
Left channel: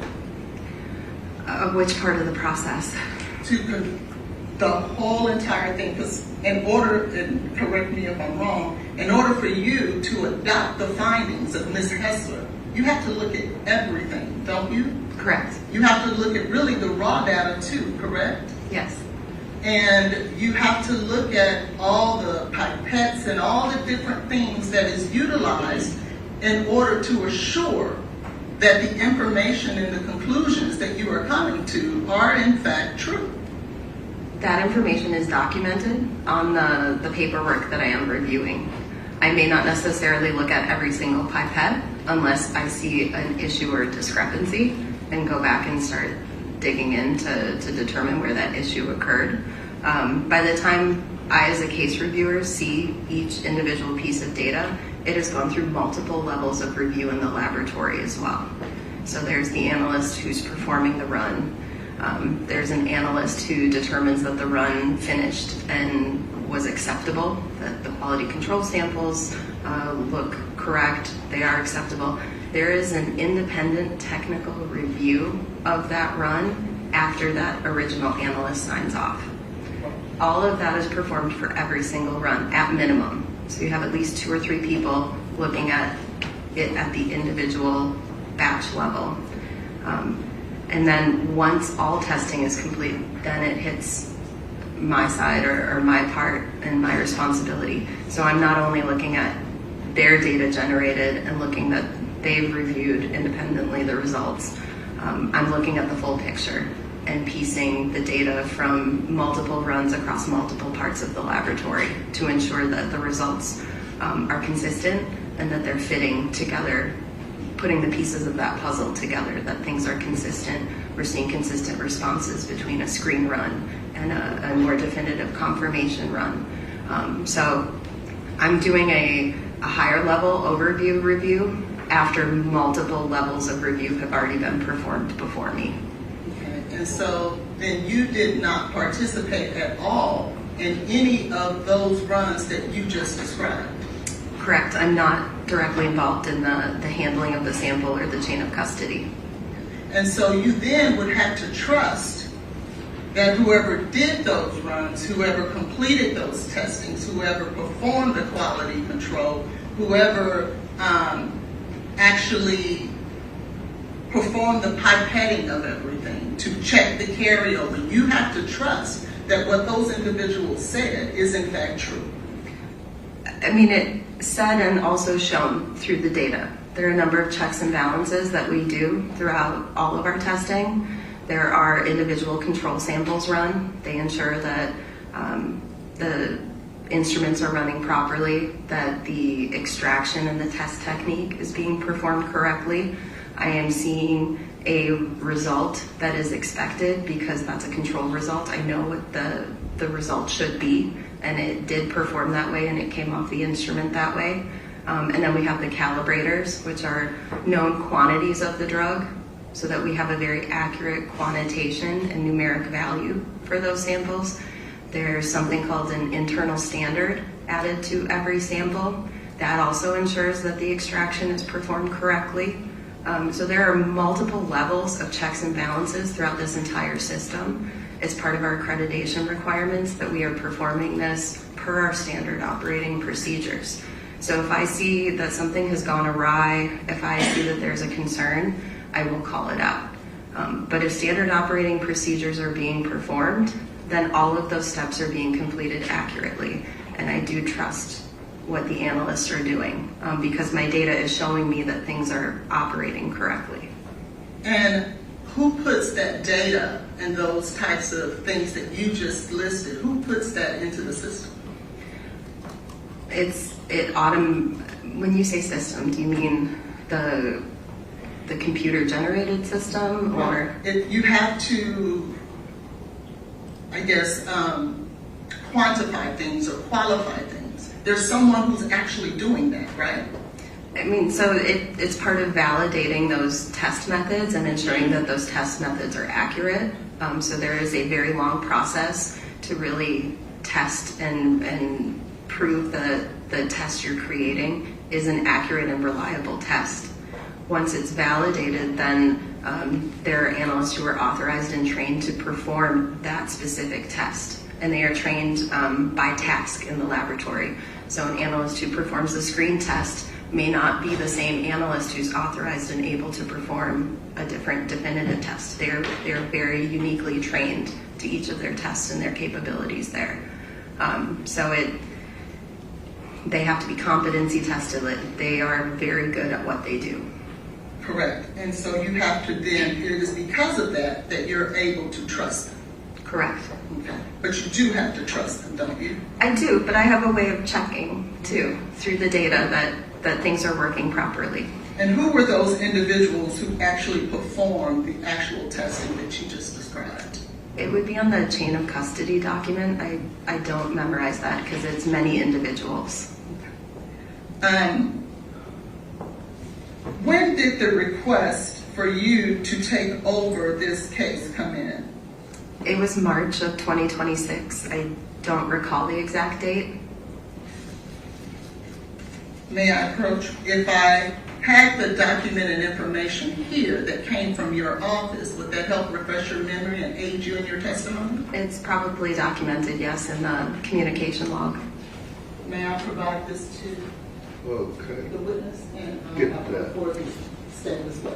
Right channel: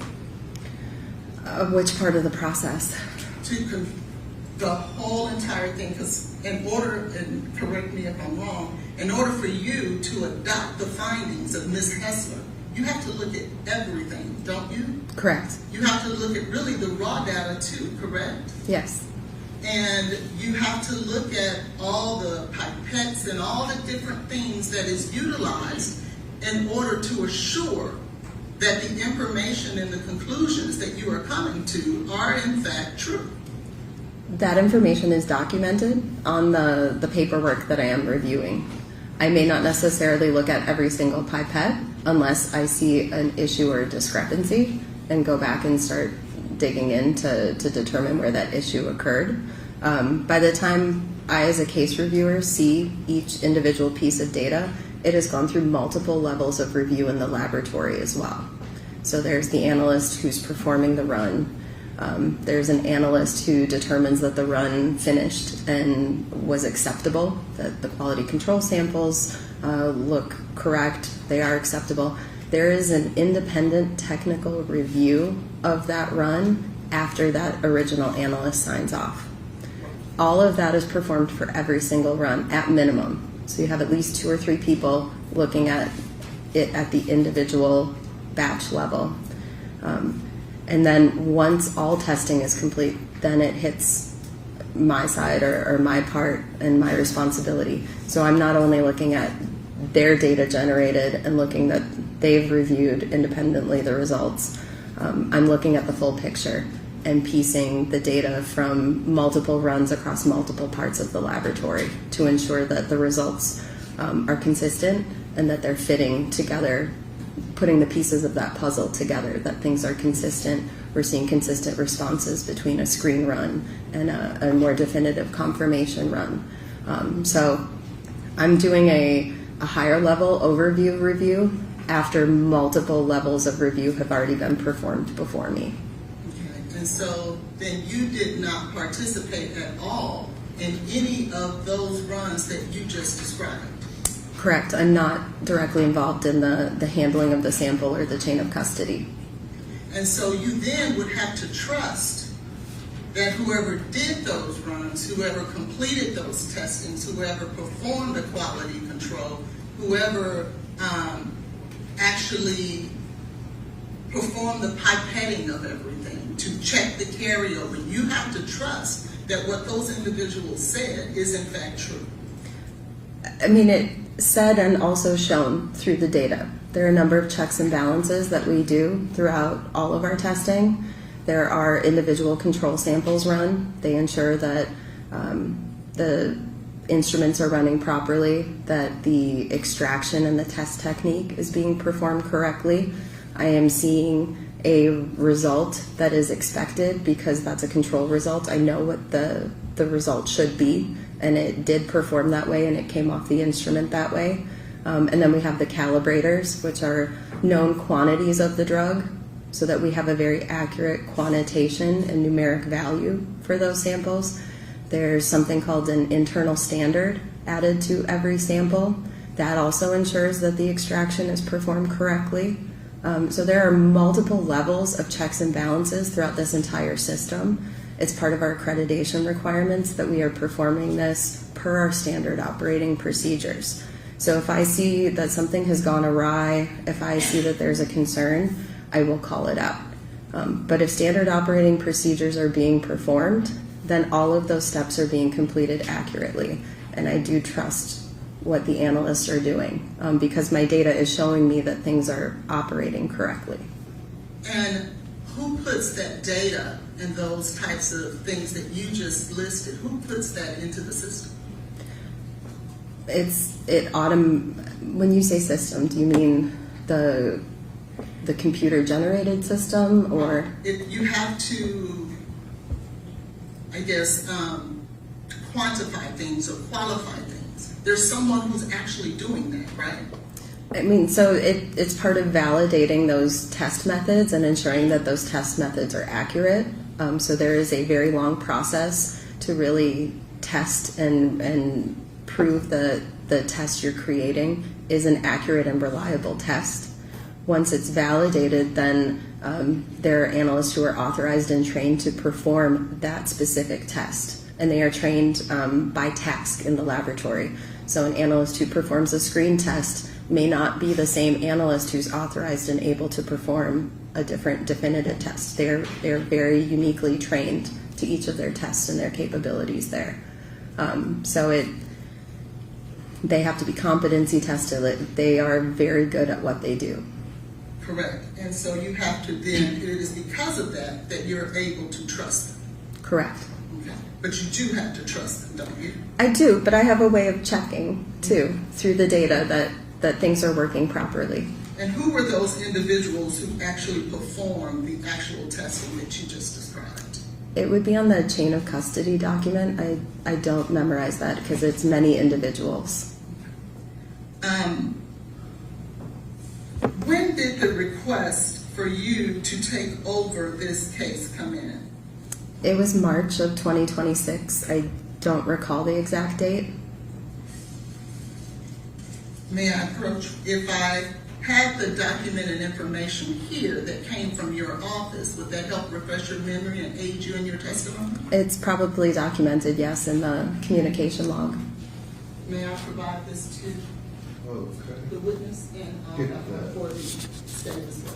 Which part of the process? The whole entire thing, because in order, and correct me if I'm wrong, in order for you to adopt the findings of Ms. Hessler, you have to look at everything, don't you? Correct. You have to look at really the raw data too, correct? Yes. and you have to look at all the pipettes and all the different things that is utilized in order to assure that the information and the conclusions that you are coming to are in fact true. That information is documented on the paperwork that I am reviewing. I may not necessarily look at every single pipette unless I see an issue or a discrepancy and go back and start digging in to determine where that issue occurred. By the time I, as a case reviewer, see each individual piece of data, it has gone through multiple levels of review in the laboratory as well. So there's the analyst who's performing the run. There's an analyst who determines that the run finished and was acceptable, that the quality control samples look correct, they are acceptable. There is an independent technical review of that run after that original analyst signs off. All of that is performed for every single run at minimum. So you have at least 2 or 3 people looking at it at the individual batch level. And then once all testing is complete, then it hits my side or my part and my responsibility. So I'm not only looking at their data generated and looking that they've reviewed independently the results. I'm looking at the full picture and piecing the data from multiple runs across multiple parts of the laboratory to ensure that the results are consistent and that they're fitting together, putting the pieces of that puzzle together, that things are consistent. We're seeing consistent responses between a screen run and a more definitive confirmation run. So I'm doing a higher level overview review after multiple levels of review have already been performed before me. Okay. And so then you did not participate at all in any of those runs that you just described? Correct. I'm not directly involved in the handling of the sample or the chain of custody. And so you then would have to trust that whoever did those runs, whoever completed those testings, whoever performed the quality control, whoever actually performed the pipetting of everything to check the carryover, you have to trust that what those individuals said is in fact true. I mean, it said and also shown through the data. There are a number of checks and balances that we do throughout all of our testing. There are individual control samples run. They ensure that the instruments are running properly, that the extraction and the test technique is being performed correctly. I am seeing a result that is expected because that's a control result. I know what the result should be, and it did perform that way, and it came off the instrument that way. And then we have the calibrators, which are known quantities of the drug, so that we have a very accurate quantitation and numeric value for those samples. There's something called an internal standard added to every sample. That also ensures that the extraction is performed correctly. So there are multiple levels of checks and balances throughout this entire system. It's part of our accreditation requirements that we are performing this per our standard operating procedures. So if I see that something has gone awry, if I see that there's a concern, I will call it out. But if standard operating procedures are being performed, then all of those steps are being completed accurately. And I do trust what the analysts are doing because my data is showing me that things are operating correctly. And who puts that data and those types of things that you just listed, who puts that into the system? When you say system, do you mean the computer generated system, or? You have to, I guess, quantify things or qualify things. There's someone who's actually doing that, right? I mean, so it's part of validating those test methods and ensuring that those test methods are accurate. So there is a very long process to really test and prove that the test you're creating is an accurate and reliable test. Once it's validated, then there are analysts who are authorized and trained to perform that specific test. And they are trained by task in the laboratory. So an analyst who performs a screen test may not be the same analyst who's authorized and able to perform a different definitive test. They're very uniquely trained to each of their tests and their capabilities there. They have to be competency tested. They are very good at what they do. Correct. And so you have to then, it is because of that that you're able to trust them. Correct. Okay. But you do have to trust them, don't you? I do, but I have a way of checking too through the data that things are working properly. And who were those individuals who actually performed the actual testing that you just described? It would be on the chain of custody document. I don't memorize that because it's many individuals. When did the request for you to take over this case come in? It was March of 2026. I don't recall the exact date. May I approach? If I had the document and information here that came from your office, would that help refresh your memory and aid you in your testimony? It's probably documented, yes, in the communication log. May I provide this to Okay. the witness and Get I'll that. report the state as well?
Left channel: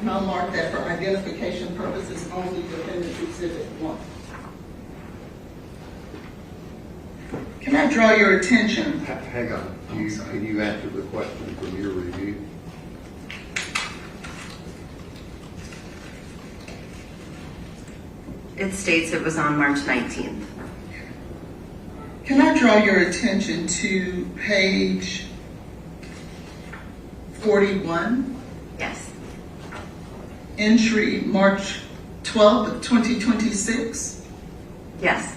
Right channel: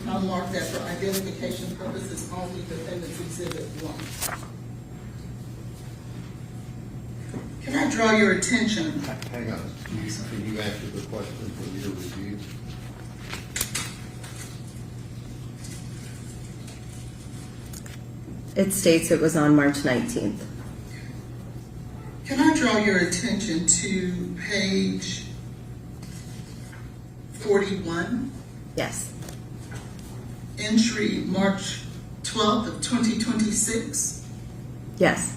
And I'll mark that for identification purposes only, Defendant's Exhibit 1. Can I draw your attention? Hang on, can you answer the question from your review? It states it was on March 19th. Can I draw your attention to page 41, Yes. entry March 12th of 2026? Yes.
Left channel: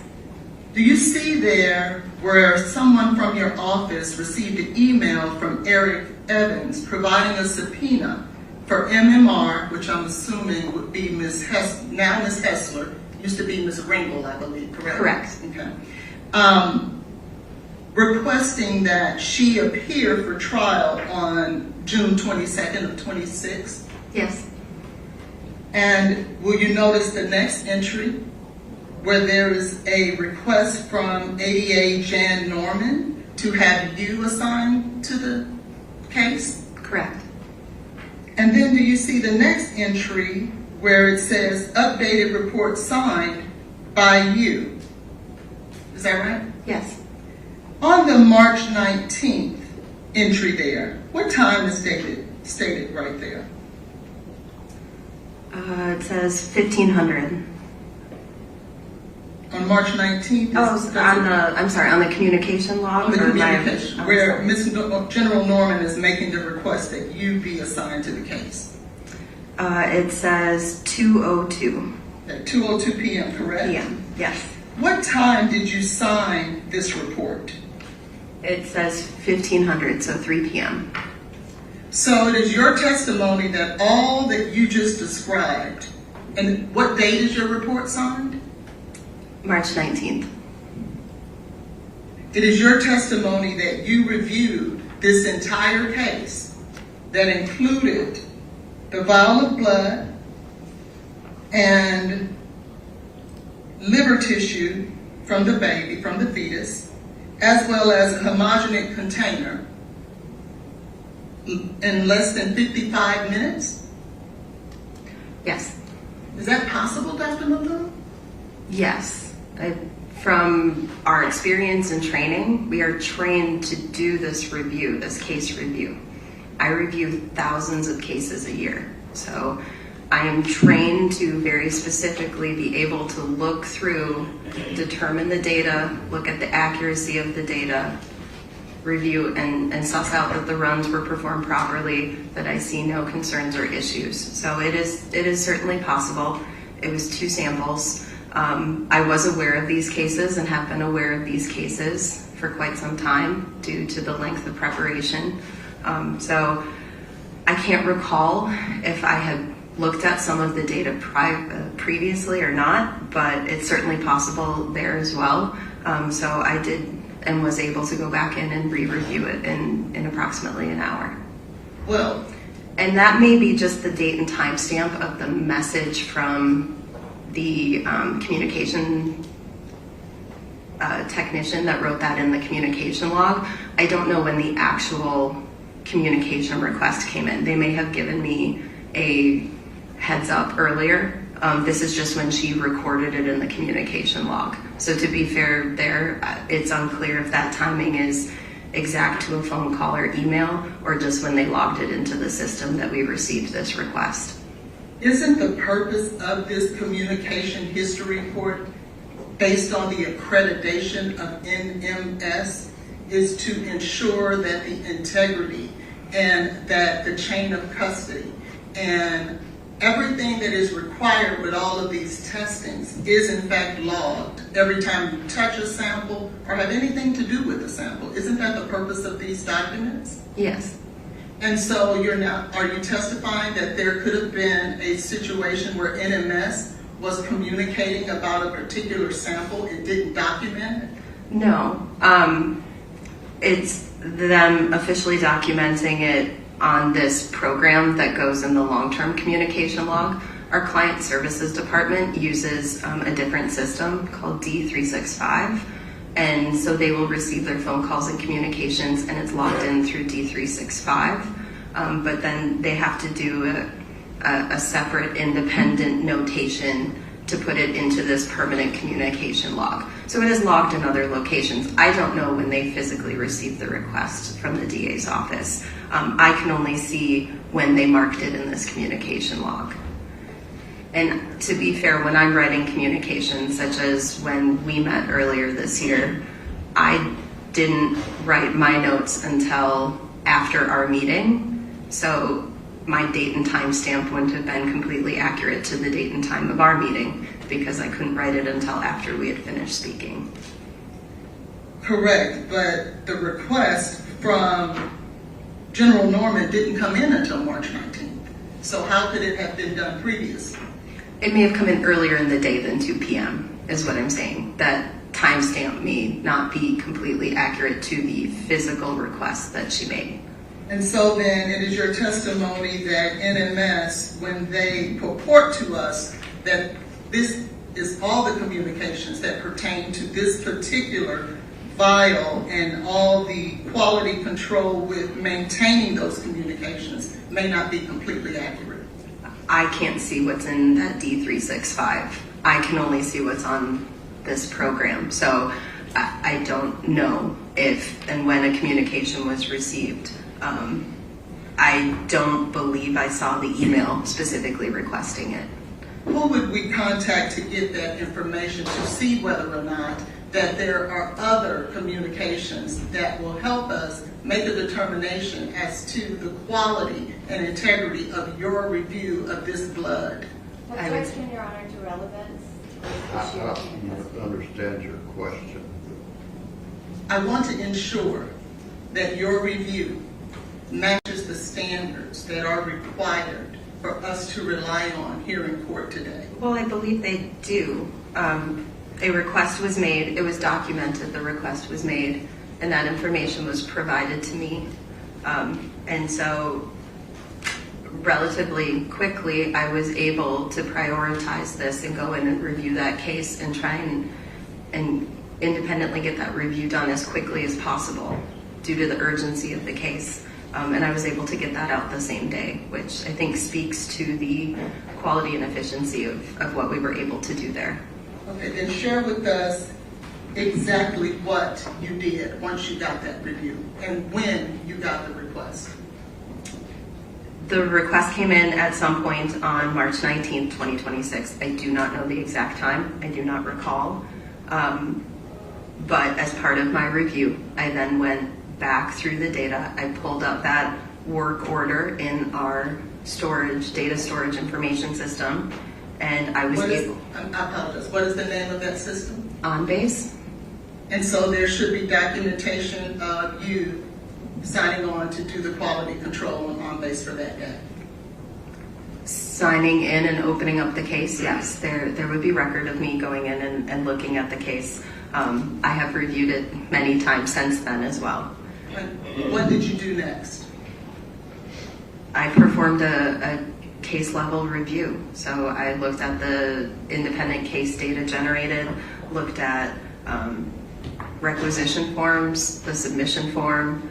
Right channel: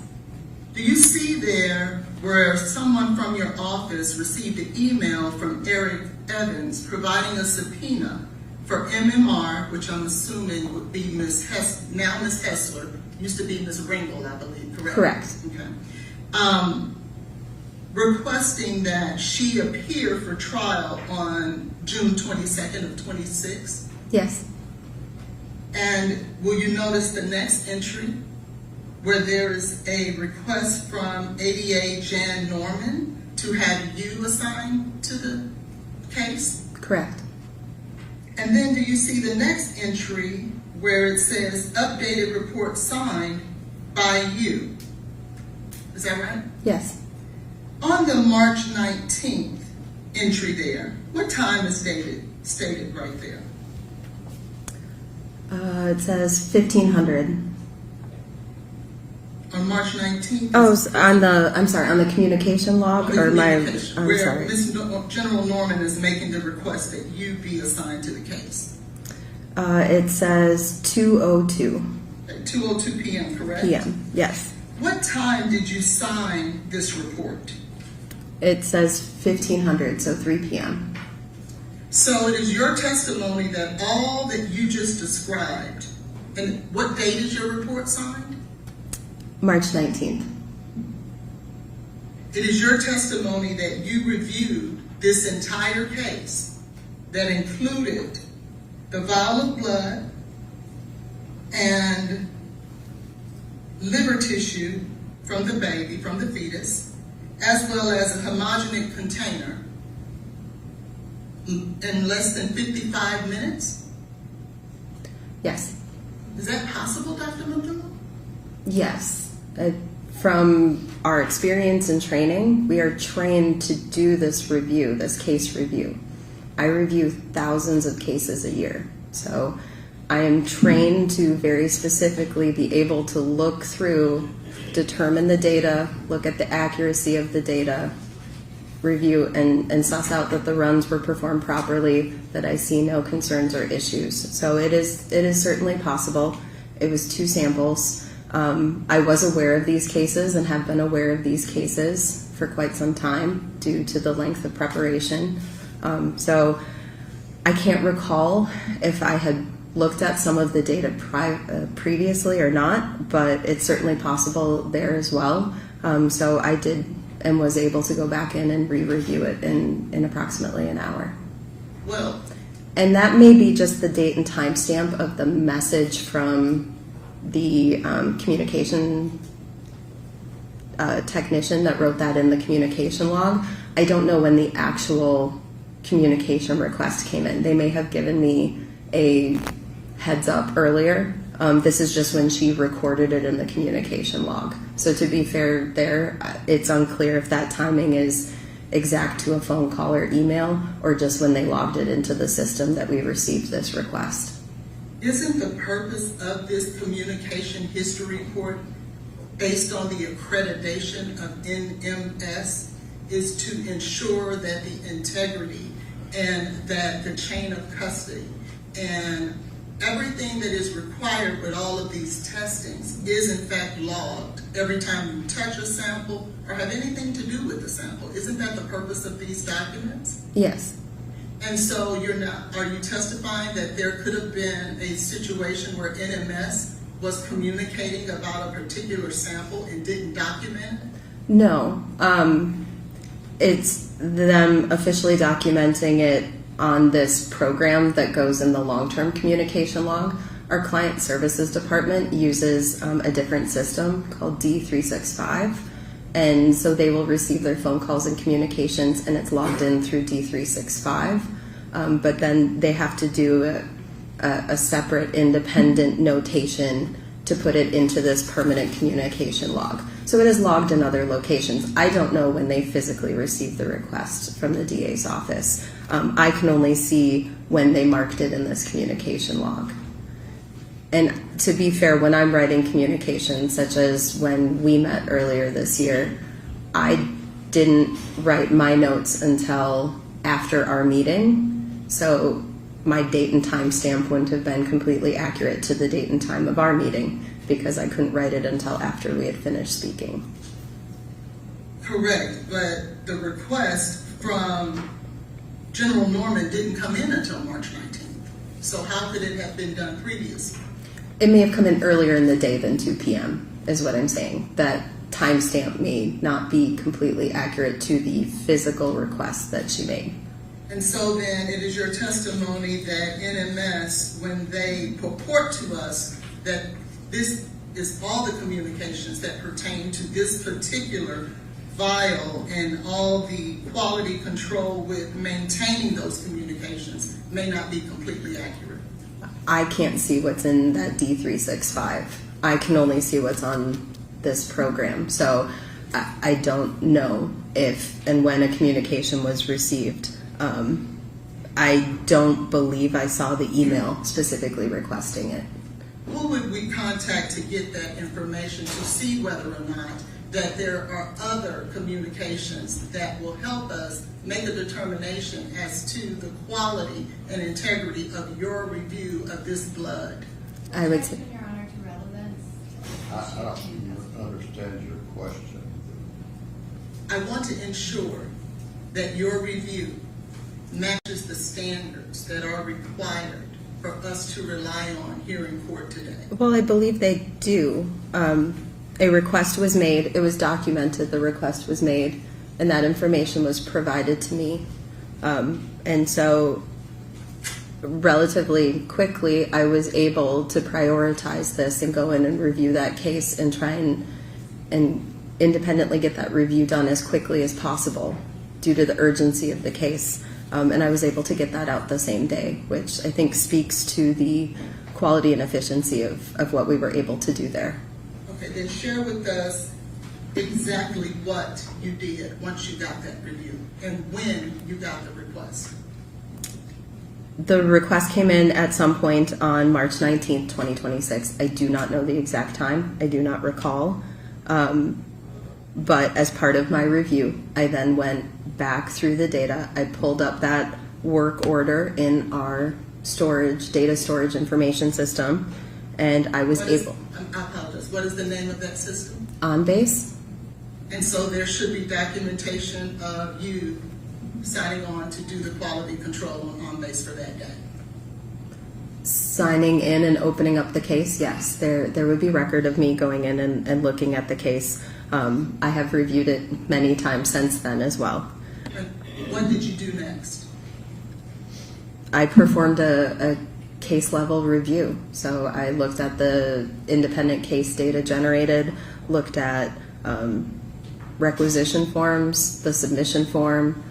Do you see there where someone from your office received an email from Eric Evans providing a subpoena for MMR, which I'm assuming would be Ms. Hessler, used to be Ms. Ringel, I believe, correct? Correct. Okay. Requesting that she appear for trial on June 22nd of 26? Yes. And will you notice the next entry where there is a request from ADA Jan Norman to have you assigned to the case? Correct. And then do you see the next entry where it says updated report signed by you? Is that right? Yes. On the March 19th entry there, what time is stated right there? It says 1500. On March 19th? Oh, on the communication log? On the or my- communication, I'm where sorry. General Norman is making the request that you be assigned to the case. It says 2:02 At 2:02 p.m., correct? p.m. Yes. What time did you sign this report? It says 1500, so 3 p.m. So it is your testimony that all that you just described, and what date is your report signed? March 19th. It is your testimony that you reviewed this entire case that included the vial of blood and liver tissue from the baby, from the fetus, as well as a homogeneous container in less than 55 minutes? Yes. Is that possible, Dr. Malone? Yes. From our experience and training, we are trained to do this review, this case review. I review thousands of cases a year. So I am trained to very specifically be able to look through, determine the data, look at the accuracy of the data, review and suss out that the runs were performed properly, that I see no concerns or issues. So it is certainly possible. It was 2 samples. I was aware of these cases and have been aware of these cases for quite some time due to the length of preparation. So I can't recall if I had looked at some of the data previously or not, but it's certainly possible there as well. So I did and was able to go back in and re-review it in approximately an hour. Well, And that may be just the date and timestamp of the message from the communication technician that wrote that in the communication log. I don't know when the actual communication request came in. They may have given me a heads up earlier. This is just when she recorded it in the communication log. So to be fair there, it's unclear if that timing is exact to a phone call or email, or just when they logged it into the system that we received this request. Isn't the purpose of this communication history report based on the accreditation of NMS is to ensure that the integrity and that the chain of custody and everything that is required with all of these testings is in fact logged every time you touch a sample or have anything to do with the sample? Isn't that the purpose of these documents? Yes. And so are you testifying that there could have been a situation where NMS was communicating about a particular sample and didn't document it? No. It's them officially documenting it on this program that goes in the long-term communication log. Our client services department uses a different system called D365. And so they will receive their phone calls and communications, and it's logged in through D365. But then they have to do a separate independent notation to put it into this permanent communication log. So it is logged in other locations. I don't know when they physically received the request from the DA's office. I can only see when they marked it in this communication log. And to be fair, when I'm writing communications, such as when we met earlier this year, I didn't write my notes until after our meeting. So my date and time stamp wouldn't have been completely accurate to the date and time of our meeting because I couldn't write it until after we had finished speaking. Correct, but the request from General Norman didn't come in until March 19th. So how could it have been done previously? It may have come in earlier in the day than 2 p.m. is what I'm saying. That timestamp may not be completely accurate to the physical request that she made. And so then it is your testimony that NMS, when they purport to us that this is all the communications that pertain to this particular vial and all the quality control with maintaining those communications may not be completely accurate. I can't see what's in that D365. I can only see what's on this program. So I don't know if and when a communication was received. I don't believe I saw the email specifically requesting it. Who would we contact to get that information to see whether or not that there are other communications that will help us make a determination as to the quality and integrity of your review of this blood? I would Objection, Your Honor, to relevance. I don't understand your question. I want to ensure that your review matches the standards that are required for us to rely on here in court today. Well, I believe they do. A request was made, it was documented, the request was made, and that information was provided to me. And so relatively quickly, I was able to prioritize this and go in and review that case and try and independently get that review done as quickly as possible due to the urgency of the case. And I was able to get that out the same day, which I think speaks to the quality and efficiency of what we were able to do there. Okay, then share with us exactly what you did once you got that review and when you got the request. The request came in at some point on March 19th, 2026. I do not know the exact time. I do not recall. But as part of my review, I then went back through the data. I pulled up that work order in our data storage information system, and I was able. I apologize. What is the name of that system? OnBase. And so there should be documentation of you signing on to do the quality control on OnBase for that day. Signing in and opening up the case, yes. There would be record of me going in and looking at the case. I have reviewed it many times since then as well. And what did you do next? I performed a case level review. So I looked at the independent case data generated, looked at requisition forms, the submission form,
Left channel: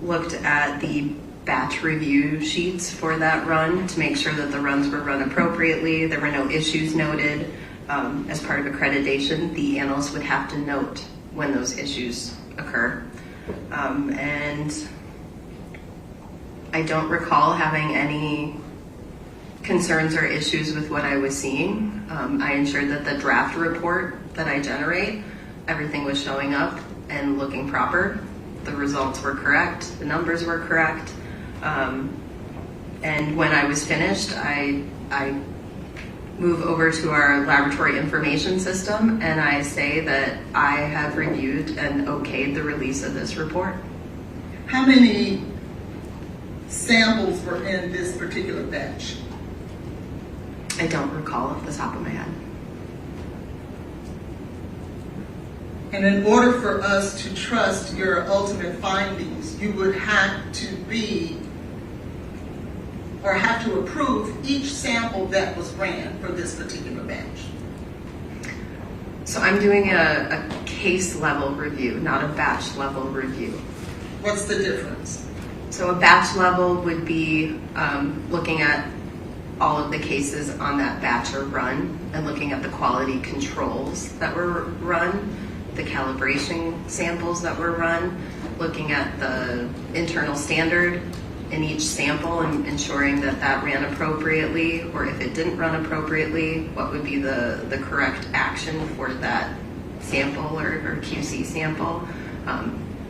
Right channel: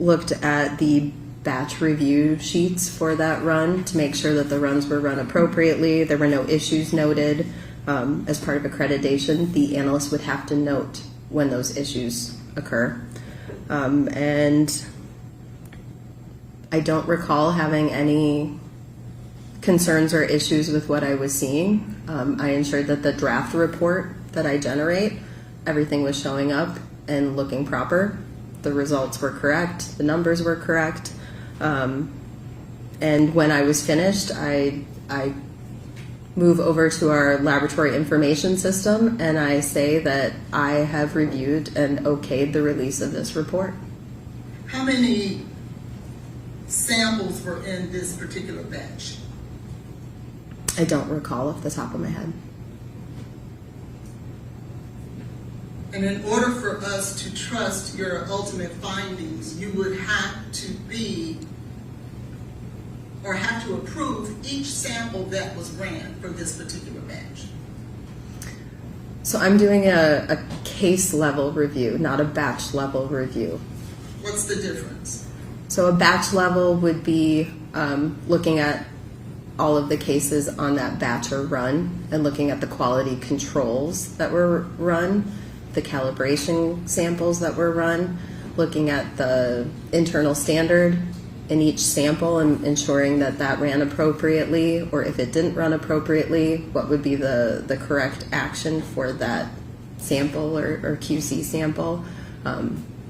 looked at the batch review sheets for that run to make sure that the runs were run appropriately. There were no issues noted. As part of accreditation, the analyst would have to note when those issues occur. And I don't recall having any concerns or issues with what I was seeing. I ensured that the draft report that I generate, everything was showing up and looking proper. The results were correct, the numbers were correct. And when I was finished, I move over to our laboratory information system and I say that I have reviewed and okayed the release of this report. How many samples were in this particular batch? I don't recall off the top of my head. And in order for us to trust your ultimate findings, you would have to have to approve each sample that was ran for this particular batch. So I'm doing a case level review, not a batch level review. What's the difference? So a batch level would be looking at all of the cases on that batch or run and looking at the quality controls that were run, the calibration samples that were run, looking at the internal standard in each sample and ensuring that that ran appropriately, or if it didn't run appropriately, what would be the correct action for that sample or QC sample.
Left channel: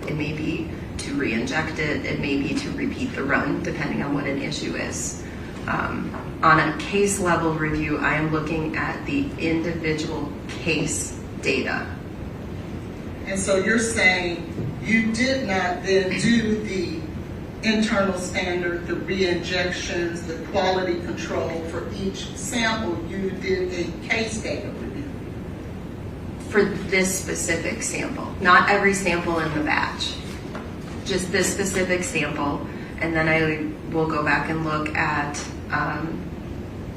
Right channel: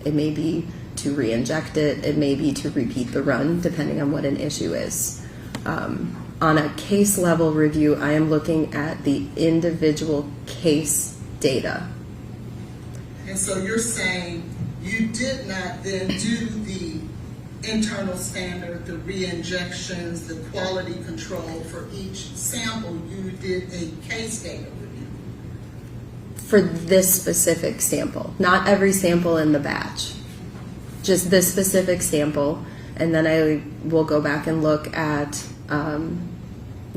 It may be to re-inject it, it may be to repeat the run, depending on what an issue is. On a case level review, I am looking at the individual case data. And so you're saying you did not then do the internal standard, the re-injections, the quality control for each sample, you did a case data review. For this specific sample, not every sample in the batch, just this specific sample, and then I will go back and look at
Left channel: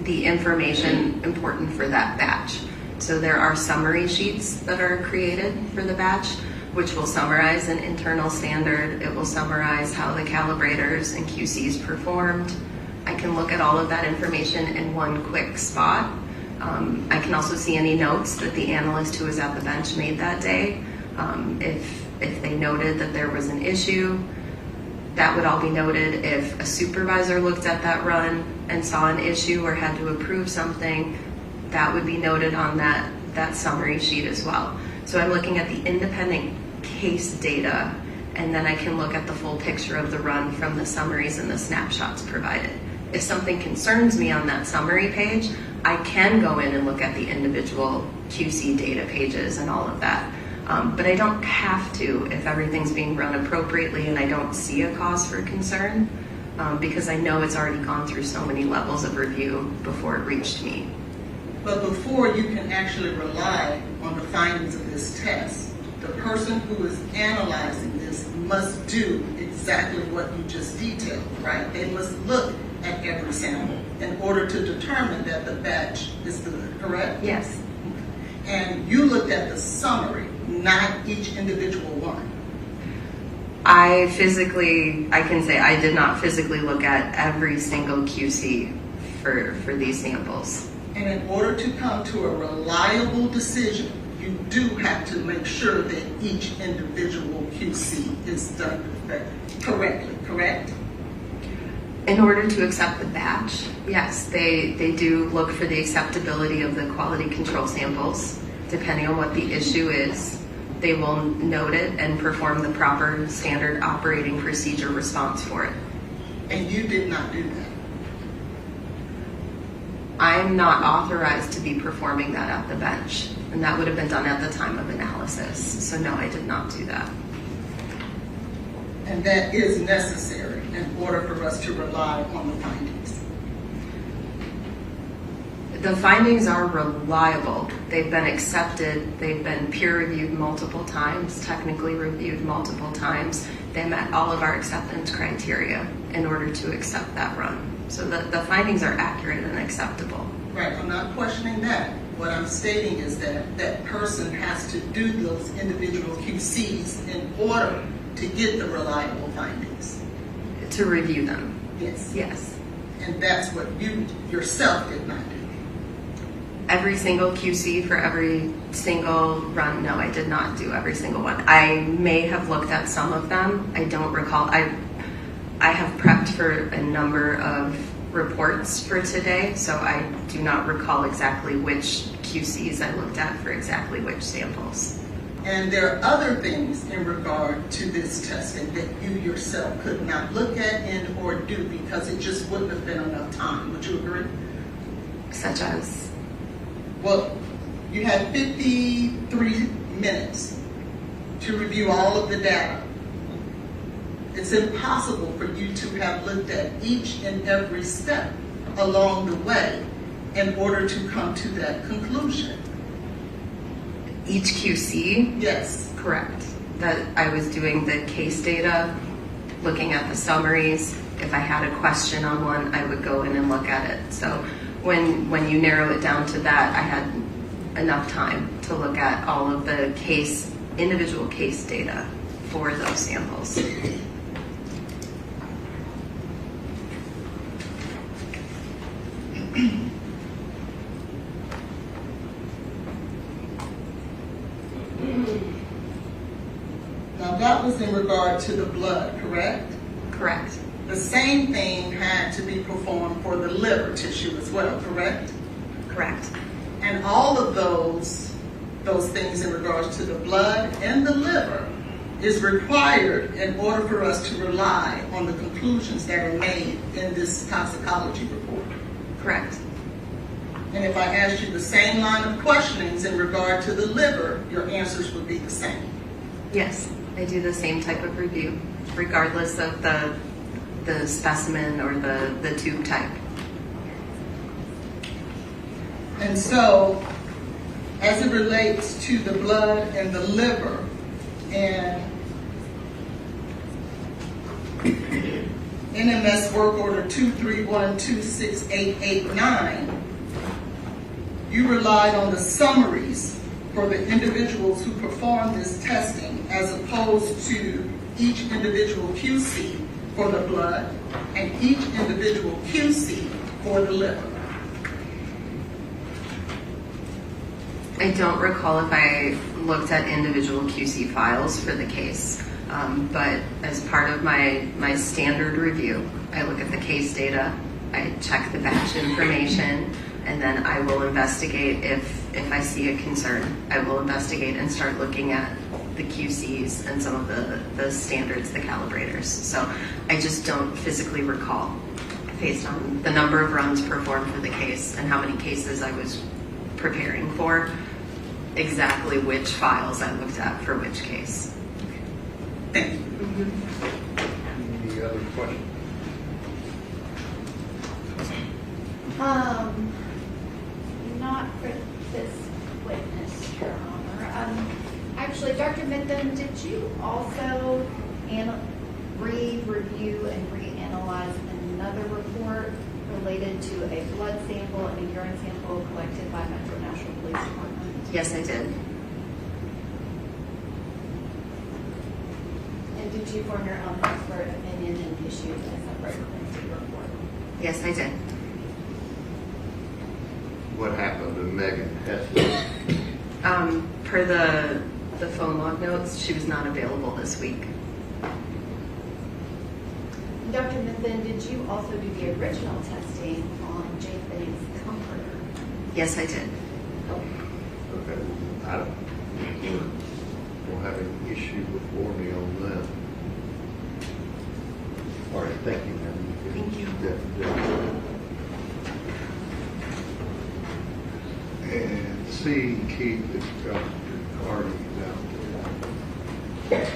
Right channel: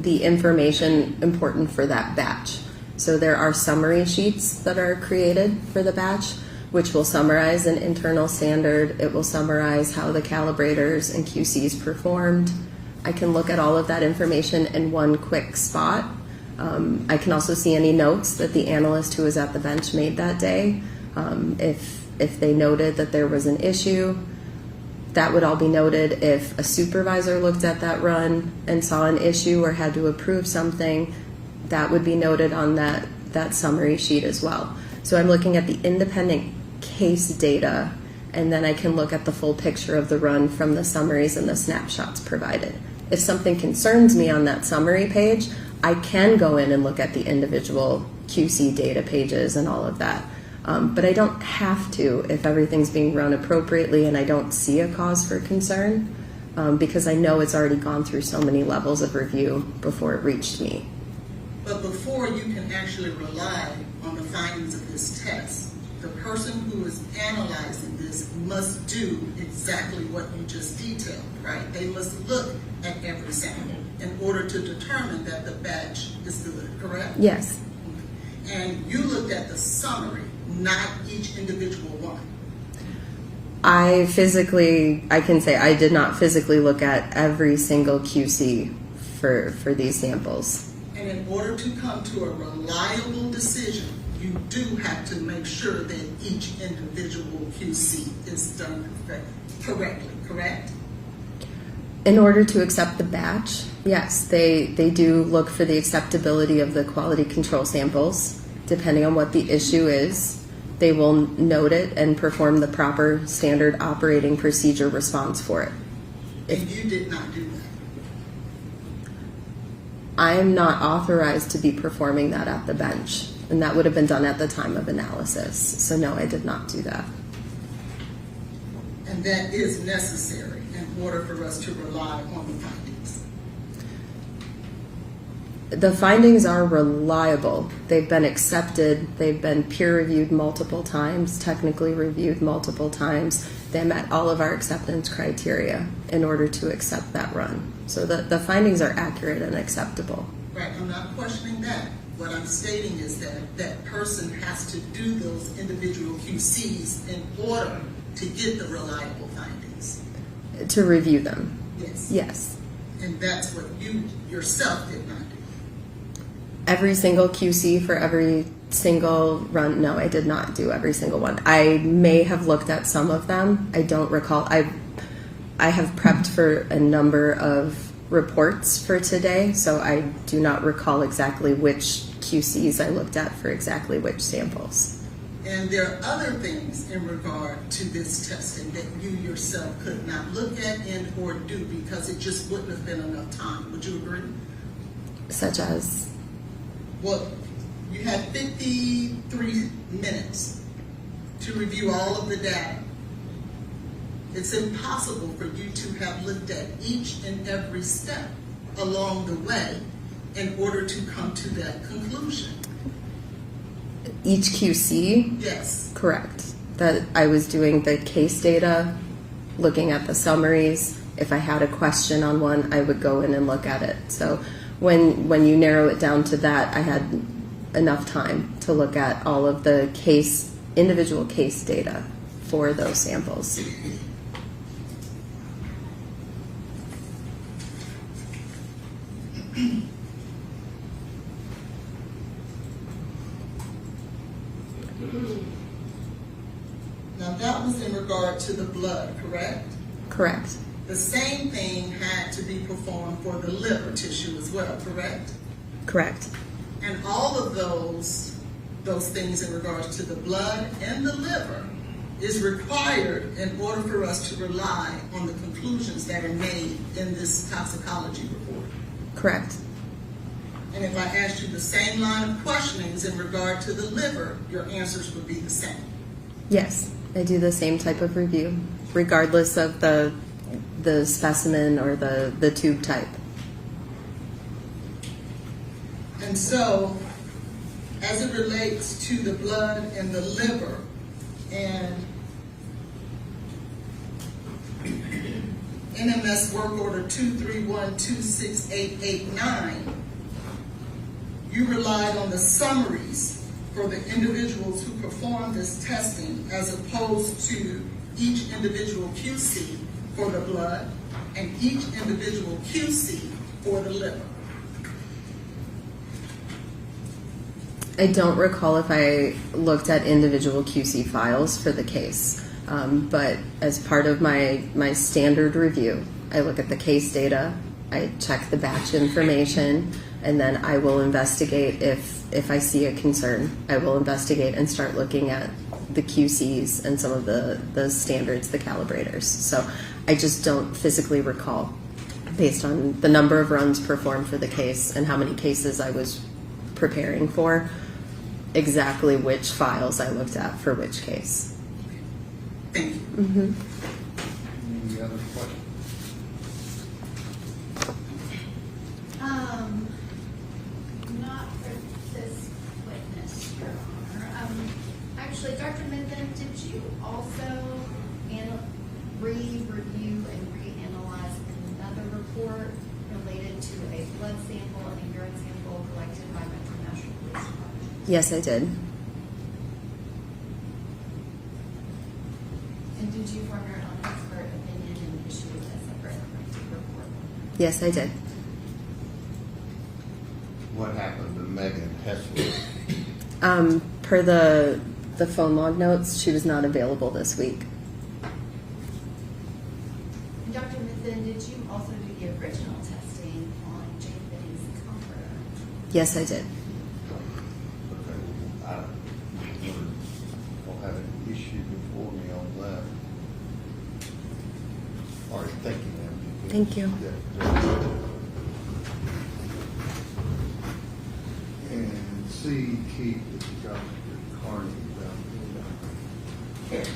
the information important for that batch. So there are summary sheets that are created for the batch, which will summarize an internal standard. It will summarize how the calibrators and QCs performed. I can look at all of that information in one quick spot. I can also see any notes that the analyst who was at the bench made that day. If they noted that there was an issue, that would all be noted. If a supervisor looked at that run and saw an issue or had to approve something, that would be noted on that summary sheet as well. So I'm looking at the independent case data, and then I can look at the full picture of the run from the summaries and the snapshots provided. If something concerns me on that summary page, I can go in and look at the individual QC data pages and all of that. But I don't have to if everything's being run appropriately and I don't see a cause for concern, because I know it's already gone through so many levels of review before it reached me. But before you can actually rely on the findings of this test, the person who is analyzing this must do exactly what you just detailed, right? They must look at every sample in order to determine that the batch is good, correct? Yes. And you looked at the summary, not each individual one. I can say I did not physically look at every single QC for these samples. And in order to come to a reliable decision, you do have to make sure that each individual QC is done correctly, correct? In order to accept the batch, yes, they do look for the acceptability of the quality control samples. Depending on what the issue is, they will note it and perform the proper standard operating procedure response for it. And you did not do that. I'm not authorized to be performing that at the bench, and that would have been done at the time of analysis. So no, I did not do that. And that is necessary in order for us to rely on the findings. The findings are reliable. They've been accepted. They've been peer-reviewed multiple times, technically reviewed multiple times. They met all of our acceptance criteria in order to accept that run. So the findings are accurate and acceptable. Right, I'm not questioning that. What I'm stating is that that person has to do those individual QCs in order to get the reliable findings. To review them, Yes. yes. And that's what you yourself did not do. Every single QC for every single run, no, I did not do every single one. I may have looked at some of them. I don't recall. I have prepped for a number of reports for today, so I do not recall exactly which QCs I looked at for exactly which samples. And there are other things in regard to this testing that you yourself could not look at and or do because it just wouldn't have been enough time. Would you agree? Such as? Well, you had 53 minutes to review all of the data. It's impossible for you to have looked at each and every step along the way in order to come to that conclusion. Each QC? Yes. Correct. That I was doing the case data, looking at the summaries. If I had a question on one, I would go in and look at it. So when you narrow it down to that, I had enough time to look at all of the individual case data for those samples. Now that was in regard to the blood, correct? Correct. The same thing had to be performed for the liver tissue as well, correct? Correct. And all of those things in regards to the blood and the liver is required in order for us to rely on the conclusions that are made in this toxicology report. Correct. And if I asked you the same line of questionings in regard to the liver, your answers would be the same. Yes, I do the same type of review, regardless of the specimen or the tube type. And so, as it relates to the blood and the liver, and NMS work order 231268889, you relied on the summaries for the individuals who performed this testing as opposed to each individual QC for the blood and each individual QC for the liver. I don't recall if I looked at individual QC files for the case, but as part of my standard review, I look at the case data, I check the batch information, and then I will investigate if I see a concern. I will investigate and start looking at the QCs and some of the standards, the calibrators. So I just don't physically recall, based on the number of runs performed for the case and how many cases I was preparing for, exactly which files I looked at for which case. Thank you. Mm-hmm. Any other questions? Not for this witness, Your Honor. Actually, Dr. Mitten, did you also review and reanalyze another report related to a blood sample and a urine sample collected by Metro Nashville Police Department? Yes, I did. And did you form your own expert opinion and issue a separate quarantine report? Yes, I did. What happened to Megan Hessler? Per the phone log notes, she was not available this week. Dr. Mitten, did you also do the original testing on Jake Benny's comforter? Yes, I did. Okay, I don't have any issue before me on that. All right, thank you, ma'am. Thank you. And see, Keith, if Dr. Carney's out there.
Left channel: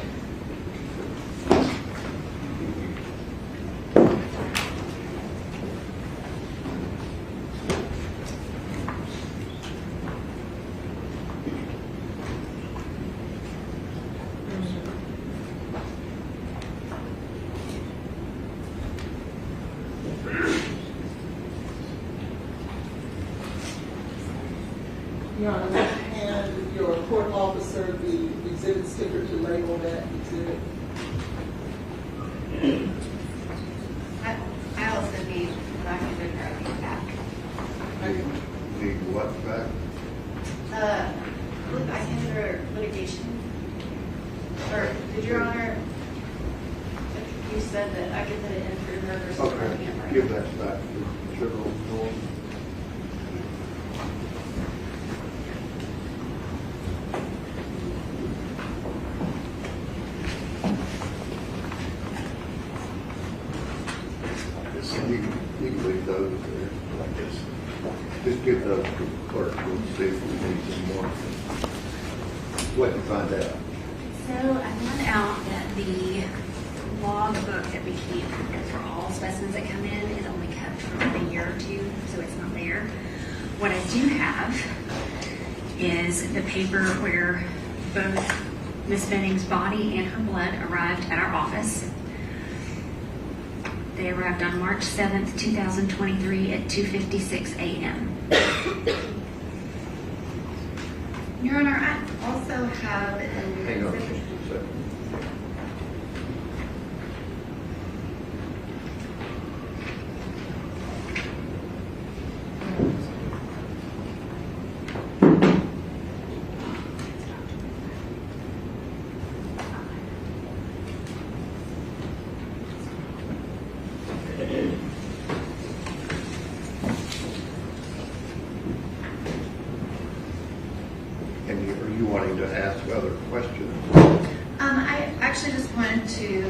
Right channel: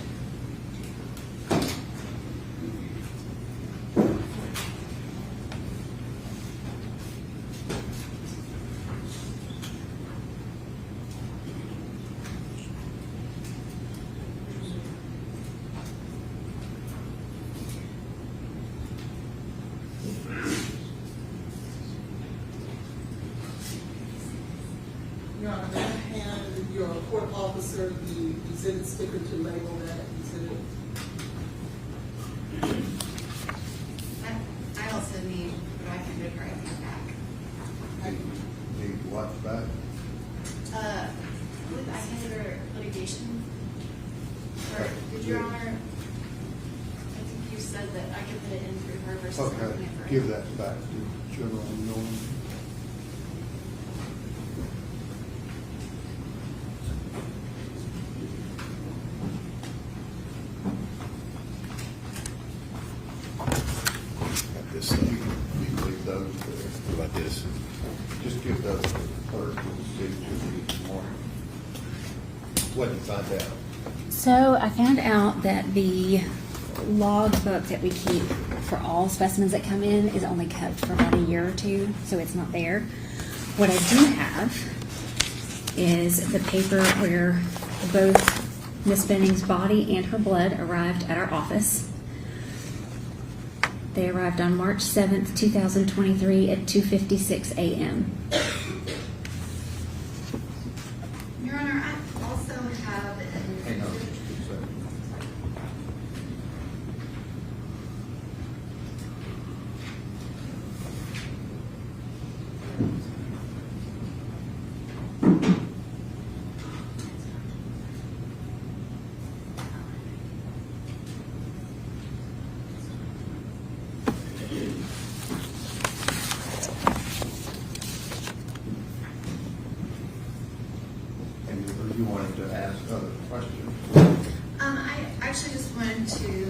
Your Honor, may I hand your court officer the exhibit sticker to label that exhibit? I also need what I'm going to bring back. Need what back? I handed her litigation. Or, did Your Honor, I think you said that I could put it in through her versus Okay, running it for give her. that back to General Norm. You can leave those there. Like this. Just give those to the clerk, we'll see if we need some more. What did you find out? So I found out that the log book that we keep for all specimens that come in is only kept for about a year or two, so it's not there. What I do have is the paper where both Miss Benning's body and her blood arrived at our office. They arrived on March 7th, 2023 at 2:56 a.m. Your Honor, I also have an Hang on just a second. And are you wanting to ask other questions? I actually just wanted to,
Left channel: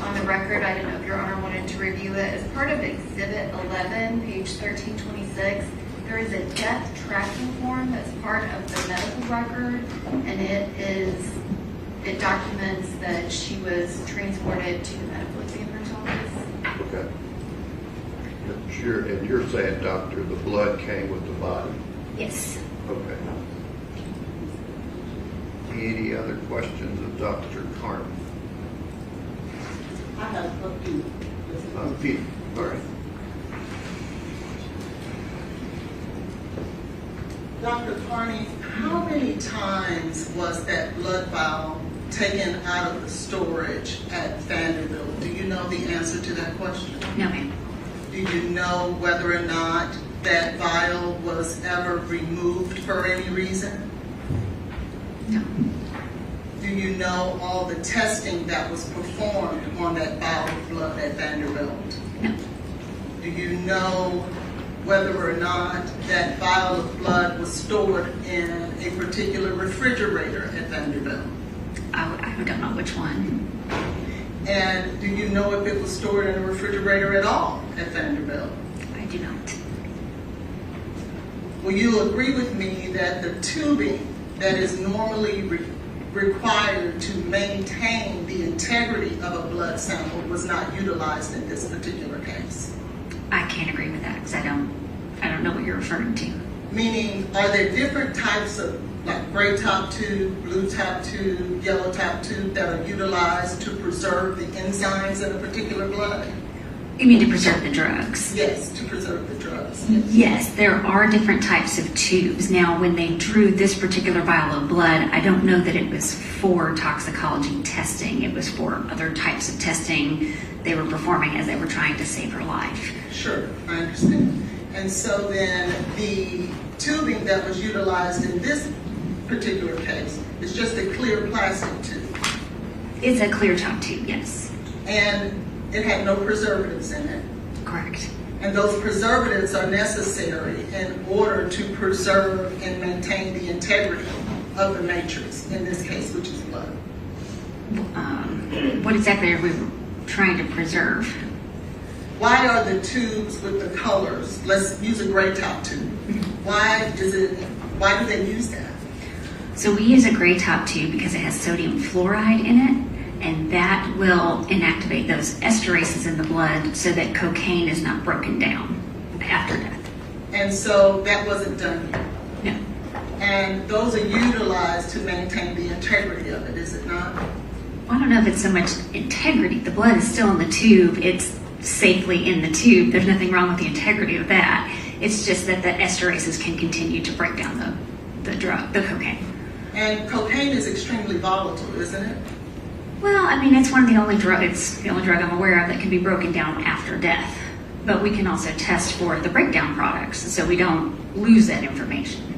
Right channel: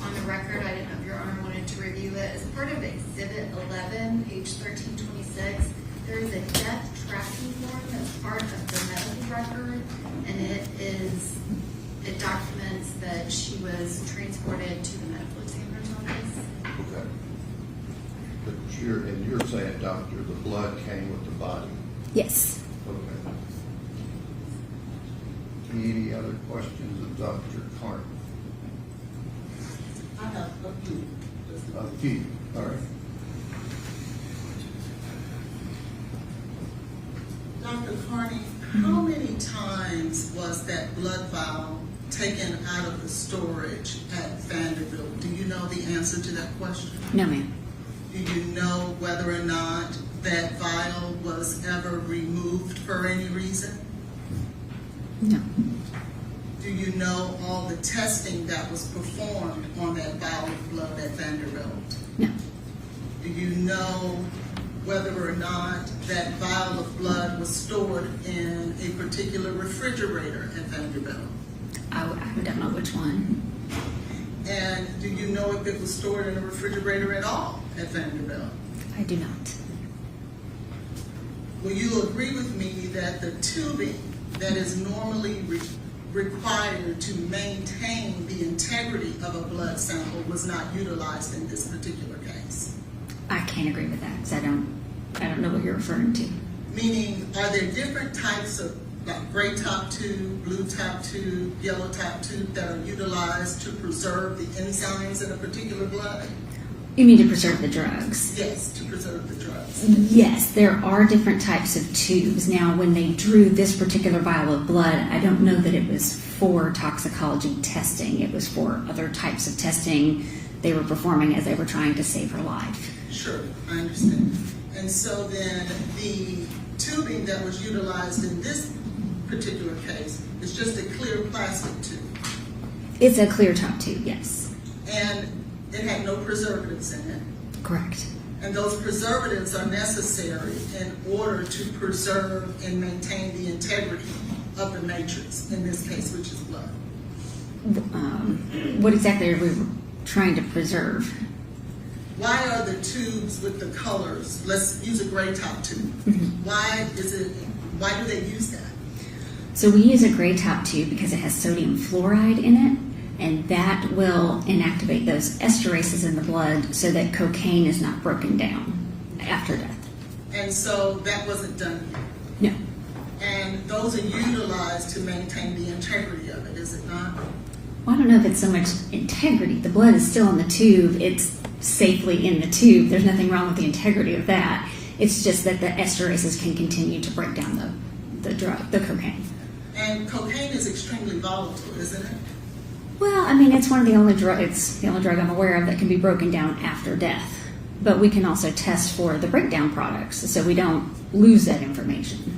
on the record, I didn't know if Your Honor wanted to review it. As part of Exhibit 11, page 1326, there is a death tracking form that's part of the medical record, and it documents that she was transported to the medical examiner's office. Okay. And you're saying, doctor, the blood came with the body? Yes. Okay. Any other questions of Dr. Carney? I have a few. Peter, all right. Dr. Carney, how many times was that blood vial taken out of the storage at Vanderbilt? Do you know the answer to that question? No, ma'am. Do you know whether or not that vial was ever removed for any reason? No. Do you know all the testing that was performed on that vial of blood at Vanderbilt? No. Do you know whether or not that vial of blood was stored in a particular refrigerator at Vanderbilt? I don't know which one. And do you know if it was stored in a refrigerator at all at Vanderbilt? I do not. Will you agree with me that the tubing that is normally required to maintain the integrity of a blood sample was not utilized in this particular case? I can't agree with that because I don't know what you're referring to. Meaning, are there different types of, like gray top tube, blue top tube, yellow top tube that are utilized to preserve the enzymes in a particular blood? You mean to preserve the drugs? Yes, to preserve the drugs. Yes, there are different types of tubes. Now, when they drew this particular vial of blood, I don't know that it was for toxicology testing. It was for other types of testing they were performing as they were trying to save her life. Sure, I understand. And so then the tubing that was utilized in this particular case is just a clear plastic tube. It's a clear top tube, yes. And it had no preservatives in it. Correct. And those preservatives are necessary in order to preserve and maintain the integrity of the matrix, in this case, which is blood. What exactly are we trying to preserve? Why are the tubes with the colors, let's use a gray top tube. Why do they use that? So we use a gray top tube because it has sodium fluoride in it, and that will inactivate those esterases in the blood so that cocaine is not broken down after death. And so that wasn't done here. No. And those are utilized to maintain the integrity of it, is it not? Well, I don't know if it's so much integrity. The blood is still in the tube. It's safely in the tube. There's nothing wrong with the integrity of that. It's just that the esterases can continue to break down the cocaine. And cocaine is extremely volatile, isn't it? Well, I mean, it's one of the only drug. It's the only drug I'm aware of that can be broken down after death. But we can also test for the breakdown products, so we don't lose that information.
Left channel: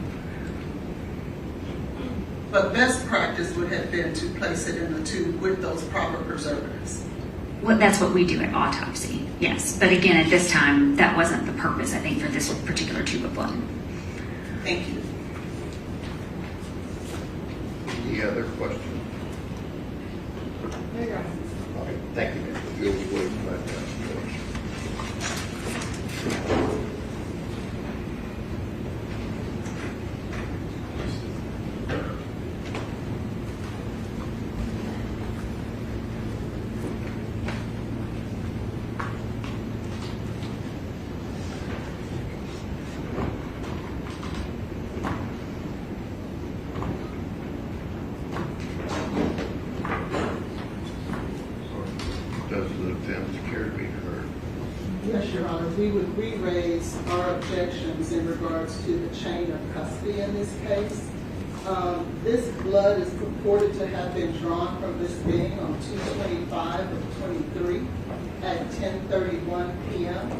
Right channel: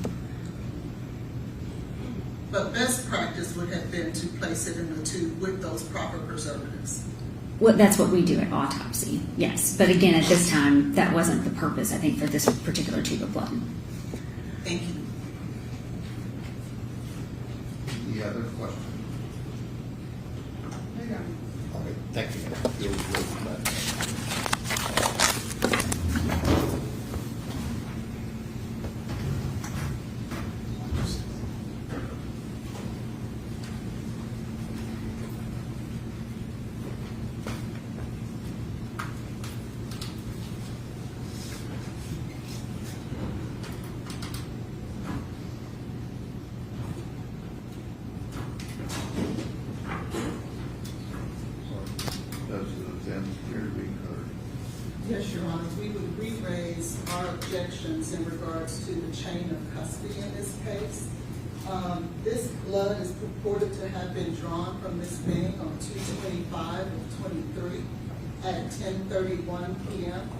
But best practice would have been to place it in a tube with those proper preservatives. Well, that's what we do at autopsy, yes. But again, at this time, that wasn't the purpose, I think, for this particular tube of blood. Thank you. Any other questions? There you go. Okay, thank you, ma'am. You'll really glad that. Does the defense care to be heard? Yes, Your Honor, we would re-raise our objections in regards to the chain of custody in this case. This blood is purported to have been drawn from Miss Bing on 2/25 of 23 at 10:31 p.m.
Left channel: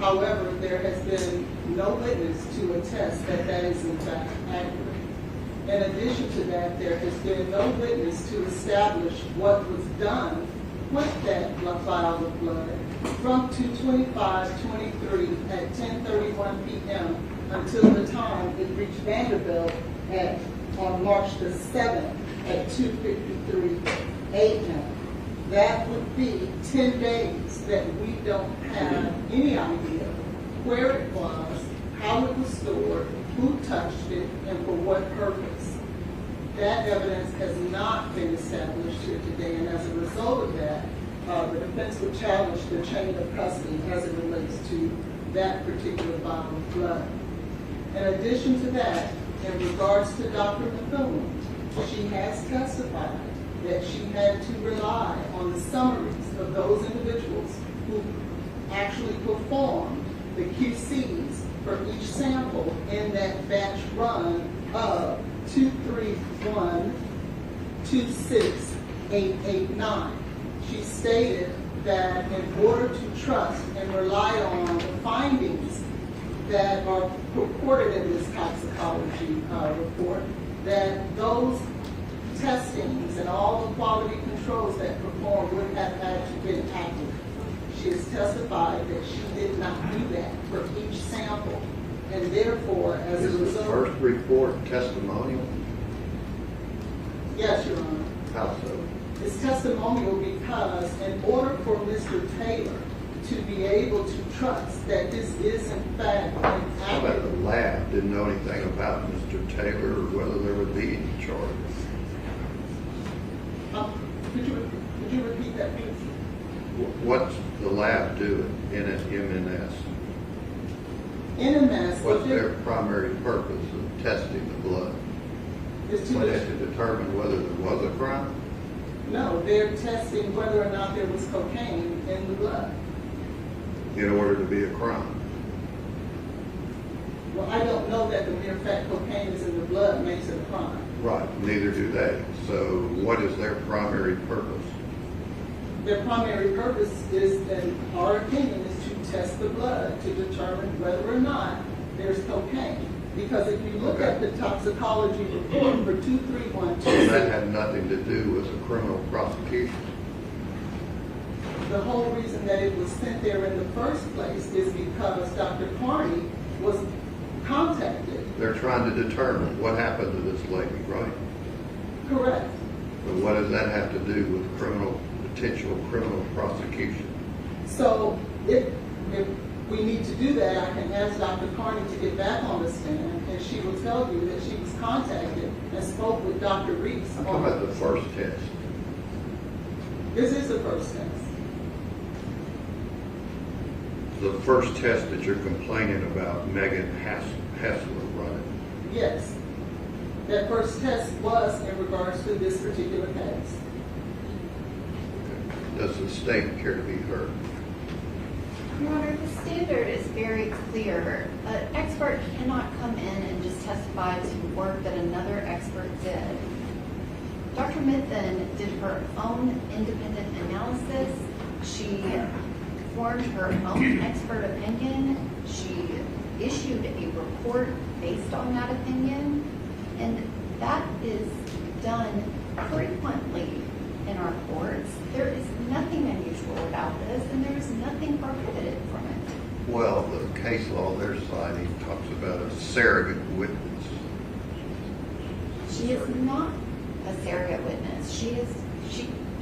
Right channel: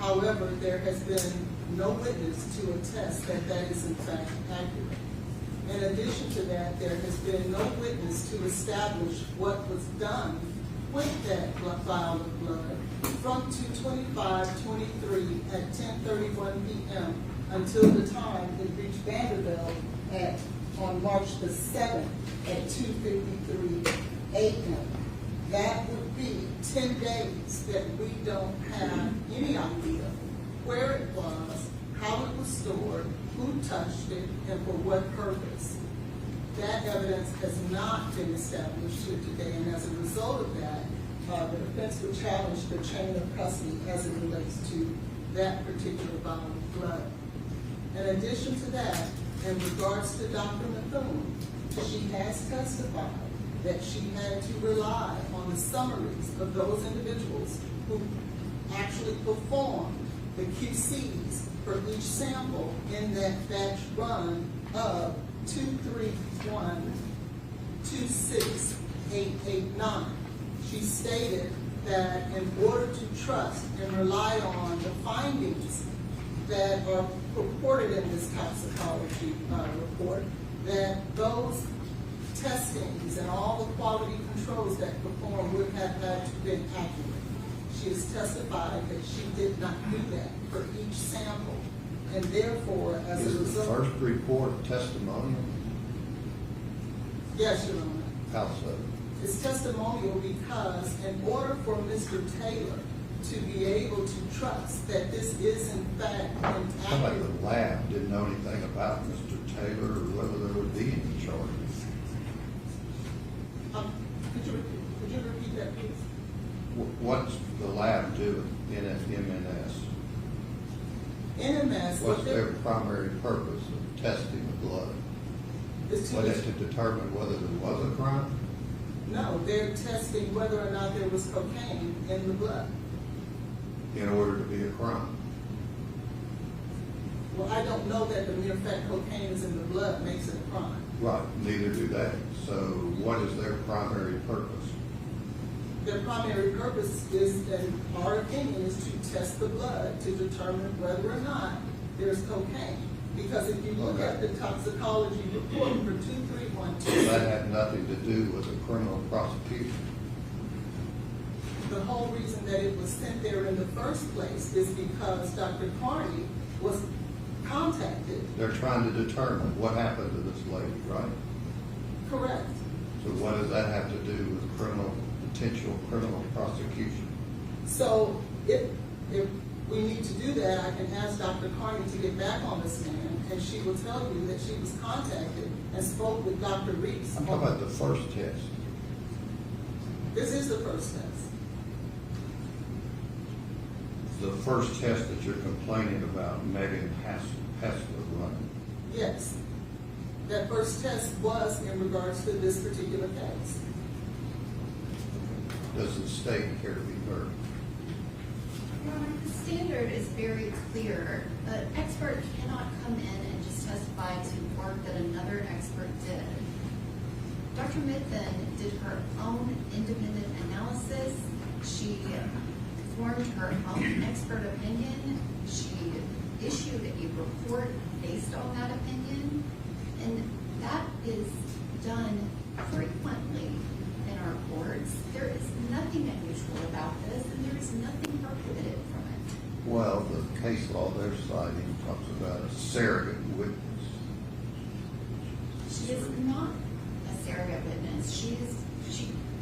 However, there has been no witness to attest that that is in fact accurate. In addition to that, there has been no witness to establish what was done with that vial of blood from 2/25/23 at 10:31 p.m. until the time it reached Vanderbilt on March the 7th at 2:53 a.m. That would be 10 days that we don't have any idea where it was, how it was stored, who touched it, and for what purpose. That evidence has not been established here today, and as a result of that, the defense would challenge the chain of custody as it relates to that particular vial of blood. In addition to that, in regards to Dr. Methuen, she has testified that she had to rely on the summaries of those individuals who actually performed the QCs for each sample in that batch run of 231-26889. She stated that in order to trust and rely on the findings that are purported in this toxicology report, that those testings and all the quality controls that performed would have had to be accurate. She has testified that she did not do that for each sample, and therefore, as a Is the result. first report testimonial? Yes, Your Honor. How so? It's testimonial because in order for Mr. Taylor to be able to trust that this is in fact an Some at accurate. the lab didn't know anything about Mr. Taylor or whether there would be any charges. Could you repeat that, please? What's the lab doing in MNS? NMS, What's their primary purpose of testing the blood? is Was to, it to determine whether there was a crime? no, they're testing whether or not there was cocaine in the blood. In order to be a crime? Well, I don't know that the mere fact cocaine is in the blood makes it a crime. Right, neither do they. So what is their primary purpose? Their primary purpose is, in our opinion, is to test the blood to determine whether or not there's cocaine. Because if you look at the toxicology report for 231-268, That had nothing to do with the criminal prosecution. the whole reason that it was sent there in the first place is because Dr. Carney was contacted. They're trying to determine what happened to this lady, right? Correct. So what does that have to do with potential criminal prosecution? So if we need to do that, I can ask Dr. Carney to get back on the stand, and she will tell you that she was contacted and spoke with Dr. Reese. I'm talking about the first test. This is the first test. The first test that you're complaining about Megan Hassler running. Yes. That first test was in regards to this particular case. Does the state care to be heard? Your Honor, the standard is very clear. An expert cannot come in and just testify to work that did her own independent analysis. She formed her own expert opinion. She issued a report based on that opinion. And that is done frequently in our courts. There is nothing unusual about this, and there is nothing prohibited from it. Well, the case law on their side even talks about a surrogate witness. She is not a surrogate witness.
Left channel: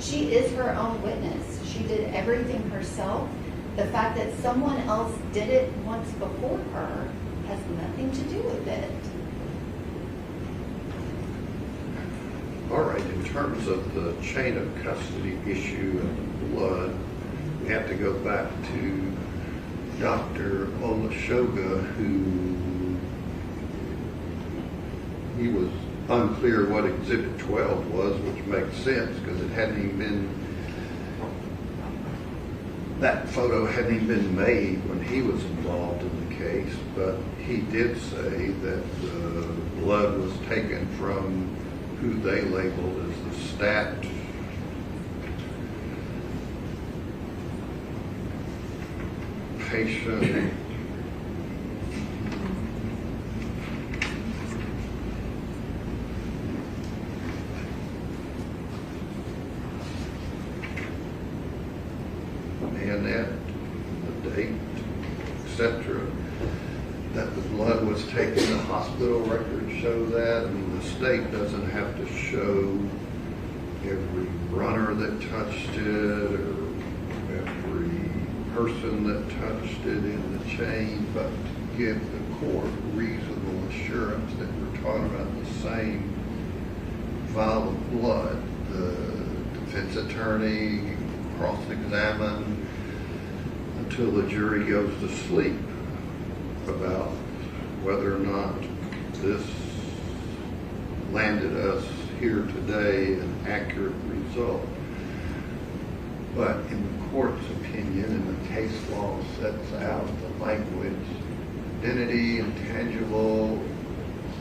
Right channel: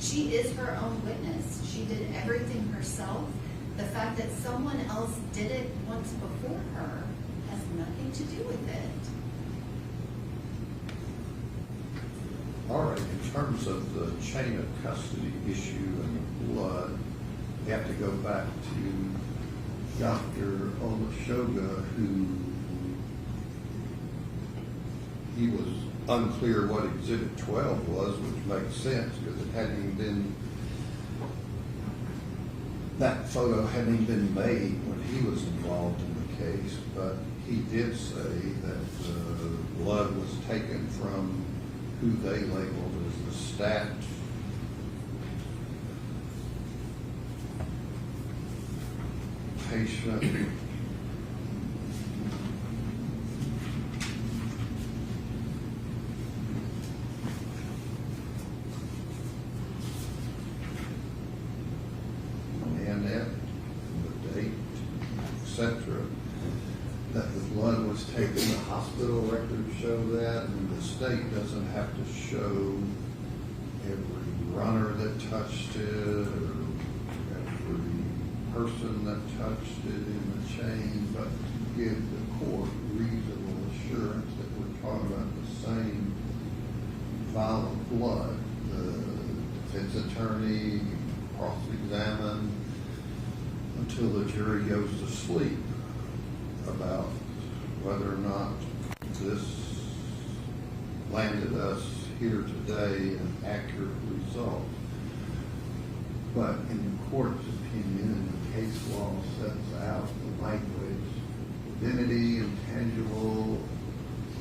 She is her own witness. She did everything herself. The fact that someone else did it once before her has nothing to do with it. All right, in terms of the chain of custody issue and the blood, we have to go back to Dr. Olashoga, who he was unclear what Exhibit 12 was, which makes sense because it hadn't even been, that photo hadn't even been made when he was involved in the case, but he did say that the blood was taken from who they labeled as the stat patient. And at the date, etc., that the blood was taken. The hospital records show that. I mean, the state doesn't have to show every runner that touched it or every person that touched it in the chain, but to give the court reasonable assurance that we're talking about the same vial of blood. The defense attorney cross-examine until the jury goes to sleep about whether or not this landed us here today an accurate result. But in the court's opinion, and the case law sets out the language, identity, intangible,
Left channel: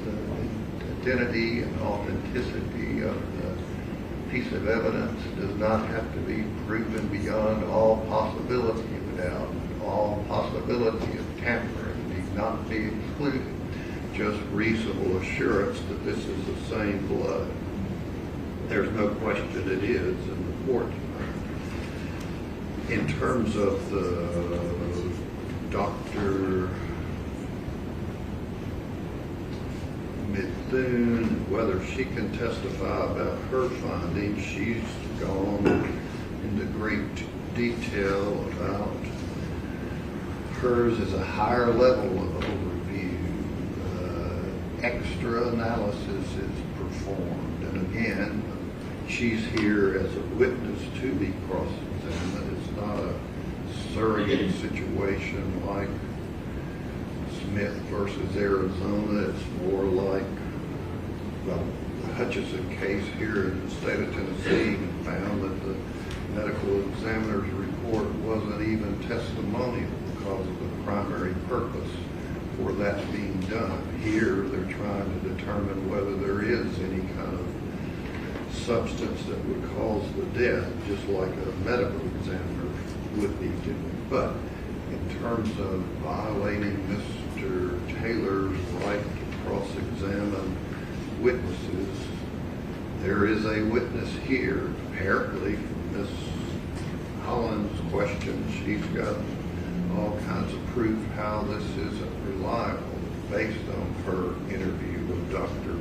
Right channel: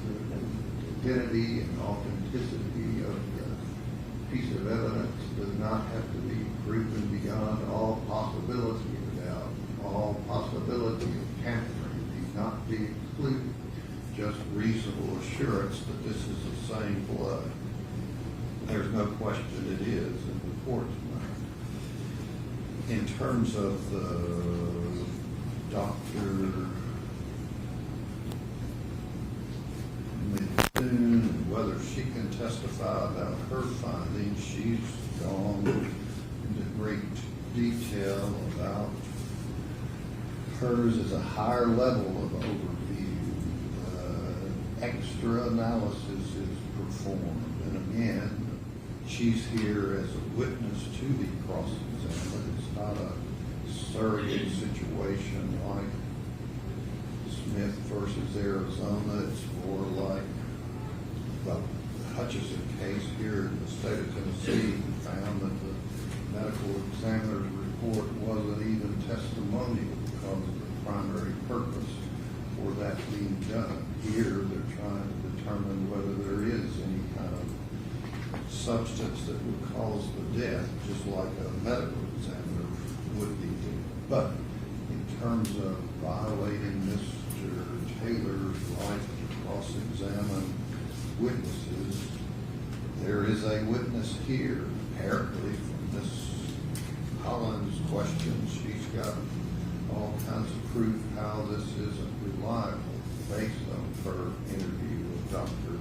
the identity and authenticity of the piece of evidence does not have to be proven beyond all possibility of doubt. All possibility of tampering need not be excluded. Just reasonable assurance that this is the same blood. There's no question it is in the court's mind. In terms of the Dr. Mithun and whether she can testify about her findings, she's gone into great detail about hers is a higher level of overview. Extra analysis is performed. And again, she's here as a witness to be cross-examined. It's not a surrogate situation like Smith versus Arizona. It's more like, well, the Hutchison case here in the state of Tennessee found that the medical examiner's report wasn't even testimonial because of the primary purpose for that being done. Here, they're trying to determine whether there is any kind of substance that would cause the death, just like a medical examiner would be doing. But in terms of violating Mr. Taylor's right to cross-examine witnesses, there is a witness here. Apparently, from Ms. Collins' question, she's got all kinds of proof how this isn't reliable based on her interview with Dr.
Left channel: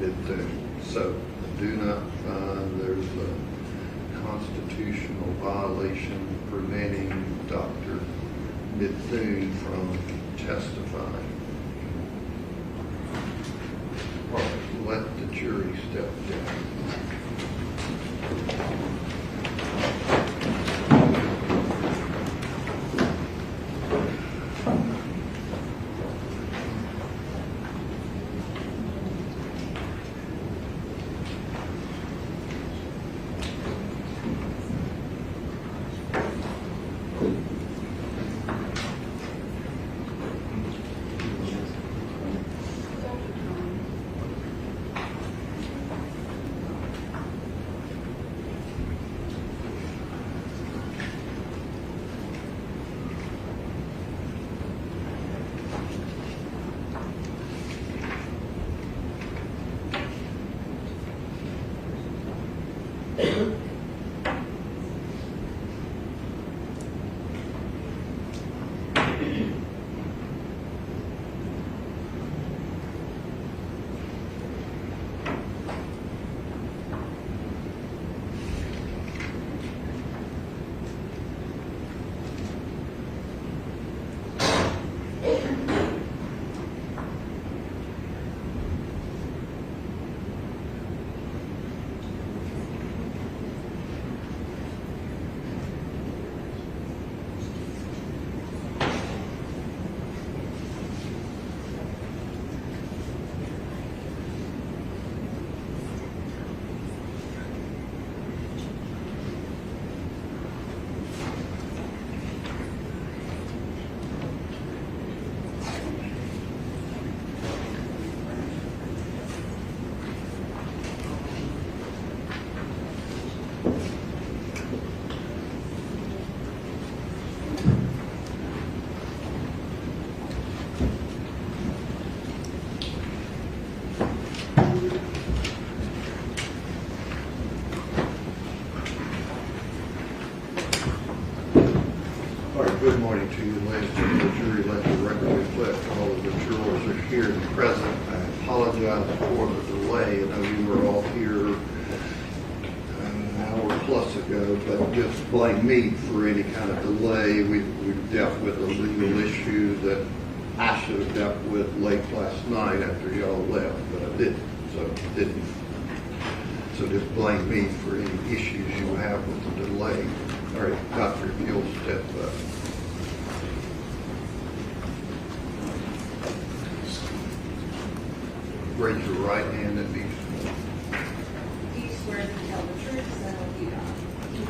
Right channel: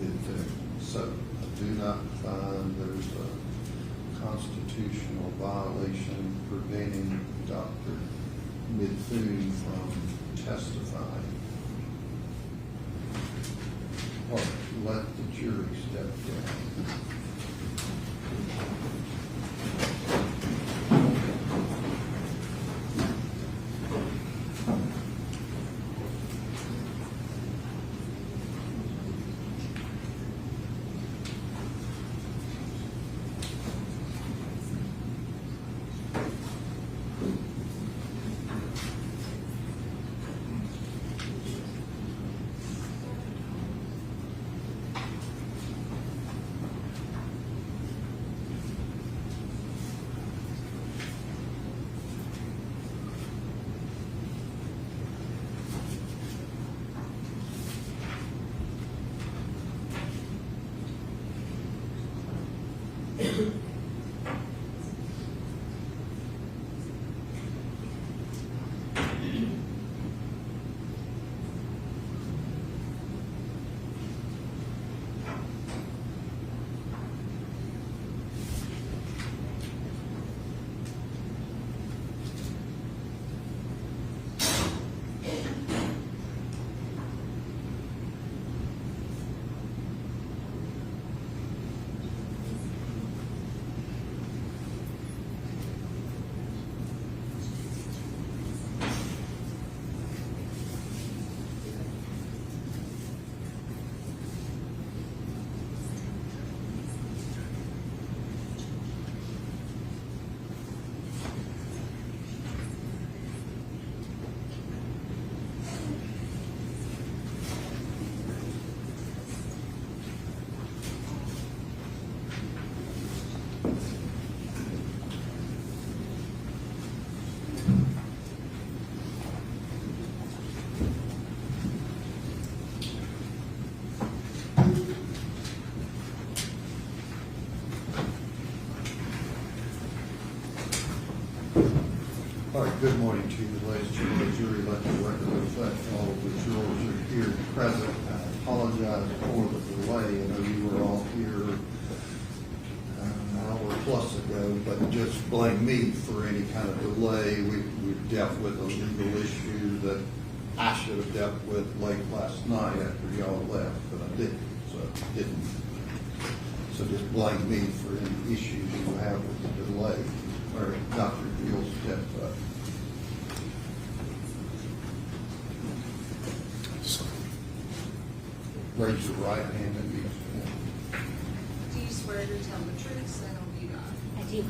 Mithun. So I do not find there's a constitutional violation preventing Dr. Mithun from testifying. All right, let the jury step down. Good morning to you, ladies and the jury. Let the record reflect all of the jurors are here and present. I apologize for the delay. I know you were all here an hour plus ago, but just blame me for any kind of delay. We've dealt with a legal issue that I should have dealt with late last night after y'all left, but I didn't. So just blame me for any issues you have with the delay. All right, Dr. If you'll step up. Raise your right hand and be sworn. Do you swear to tell the truth, so help you God? Do you?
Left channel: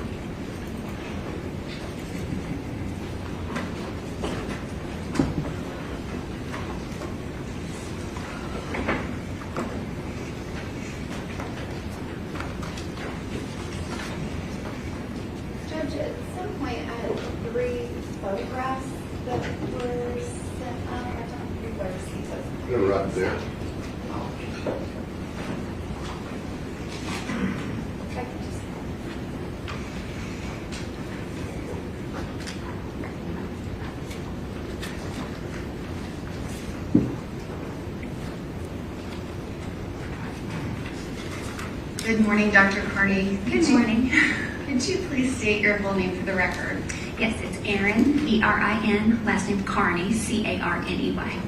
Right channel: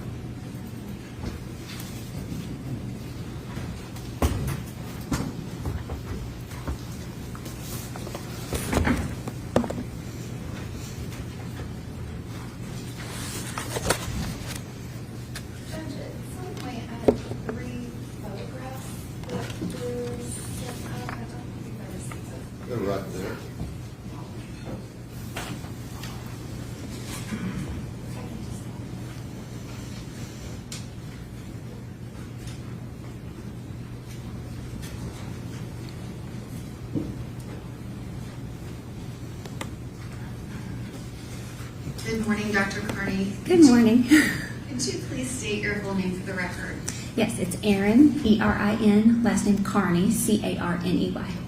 Judge, at some point I had 3 photographs that were sent out. I don't think I received those. They're right there. If I could just- Good morning, Dr. Carney. Good morning. Could you please state your full name for the record? Yes, it's Erin, E-R-I-N, last name Carney, C-A-R-N-E-Y.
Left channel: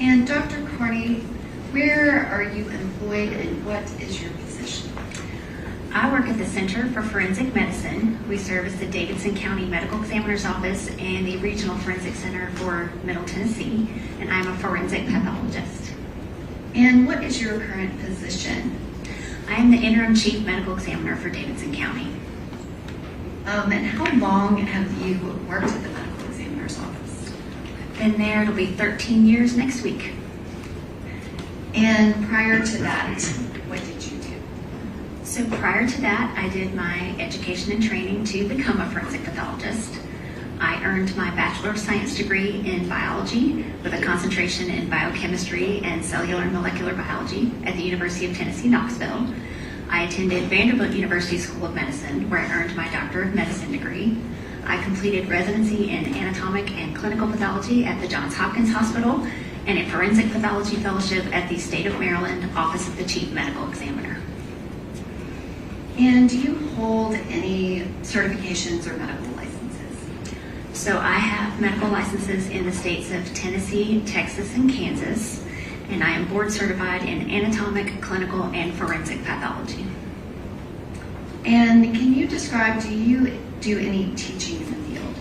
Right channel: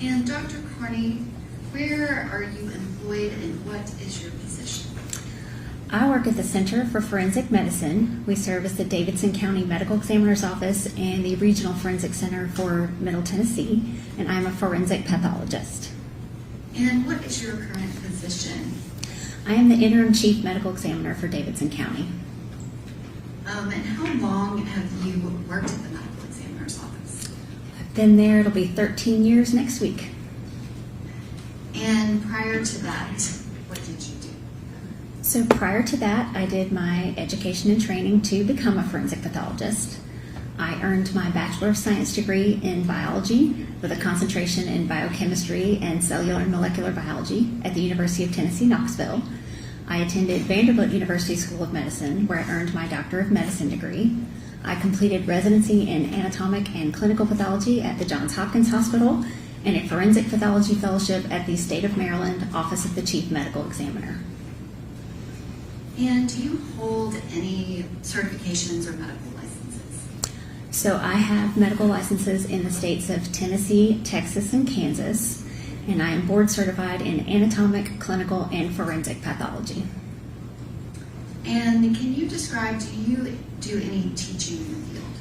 And Dr. Carney, where are you employed and what is your position? I work at the Center for Forensic Medicine. We serve as the Davidson County Medical Examiner's Office and the Regional Forensic Center for Middle Tennessee, and I'm a forensic pathologist. And what is your current position? I am the Interim Chief Medical Examiner for Davidson County. And how long have you worked at the medical examiner's office? Been there, it'll be 13 years next week. And prior to that, what did you do? So prior to that, I did my education and training to become a forensic pathologist. I earned my Bachelor of Science degree in biology with a concentration in biochemistry and cellular and molecular biology at the University of Tennessee, Knoxville. I attended Vanderbilt University School of Medicine, where I earned my Doctor of Medicine degree. I completed residency in anatomic and clinical pathology at the Johns Hopkins Hospital and a forensic pathology fellowship at the State of Maryland Office of the Chief Medical Examiner. And do you hold any certifications or medical licenses? So I have medical licenses in the states of Tennessee, Texas, and Kansas, and I am board certified in anatomic, clinical, and forensic pathology. And can you describe, do you do any teaching in the field?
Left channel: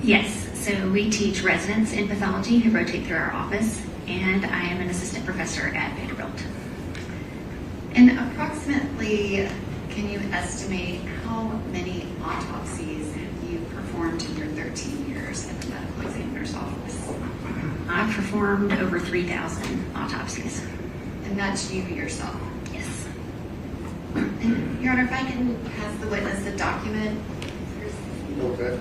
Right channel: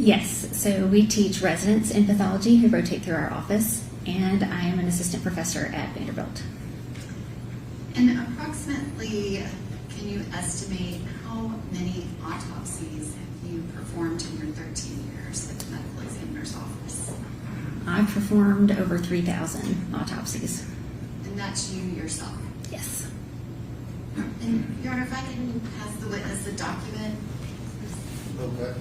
Yes, so we teach residents in pathology who rotate through our office, and I am an assistant professor at Vanderbilt. And approximately, can you estimate how many autopsies you performed in your 13 years at the medical examiner's office? I've performed over 3,000 autopsies. And that's you yourself. Yes. And Your Honor, if I can pass the witness the document. Okay.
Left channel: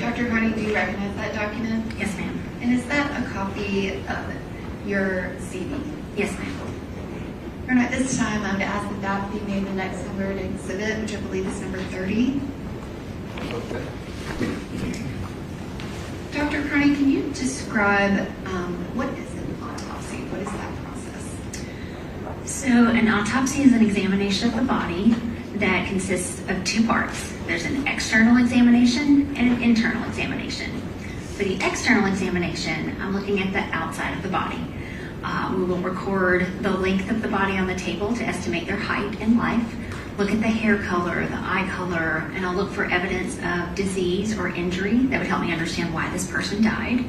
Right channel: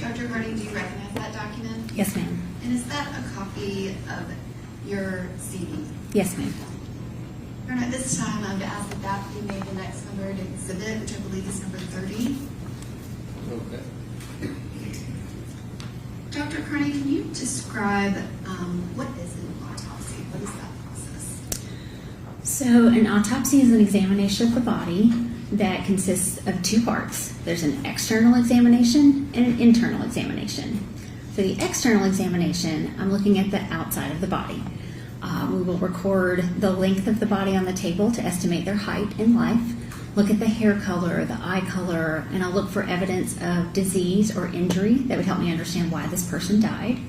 Dr. Carney, do you recognize that document? Yes, ma'am. And is that a copy of your CV? Yes, ma'am. Your Honor, at this time, I'm to ask that that be made the next numbered exhibit, which I believe is number 30. Okay. Dr. Carney, can you describe what is an autopsy? What is that process? So an autopsy is an examination of the body that consists of 2 parts. There's an external examination and an internal examination. For the external examination, I'm looking at the outside of the body. We will record the length of the body on the table to estimate their height in life, look at the hair color, the eye color, and I'll look for evidence of disease or injury that would help me understand why this person died.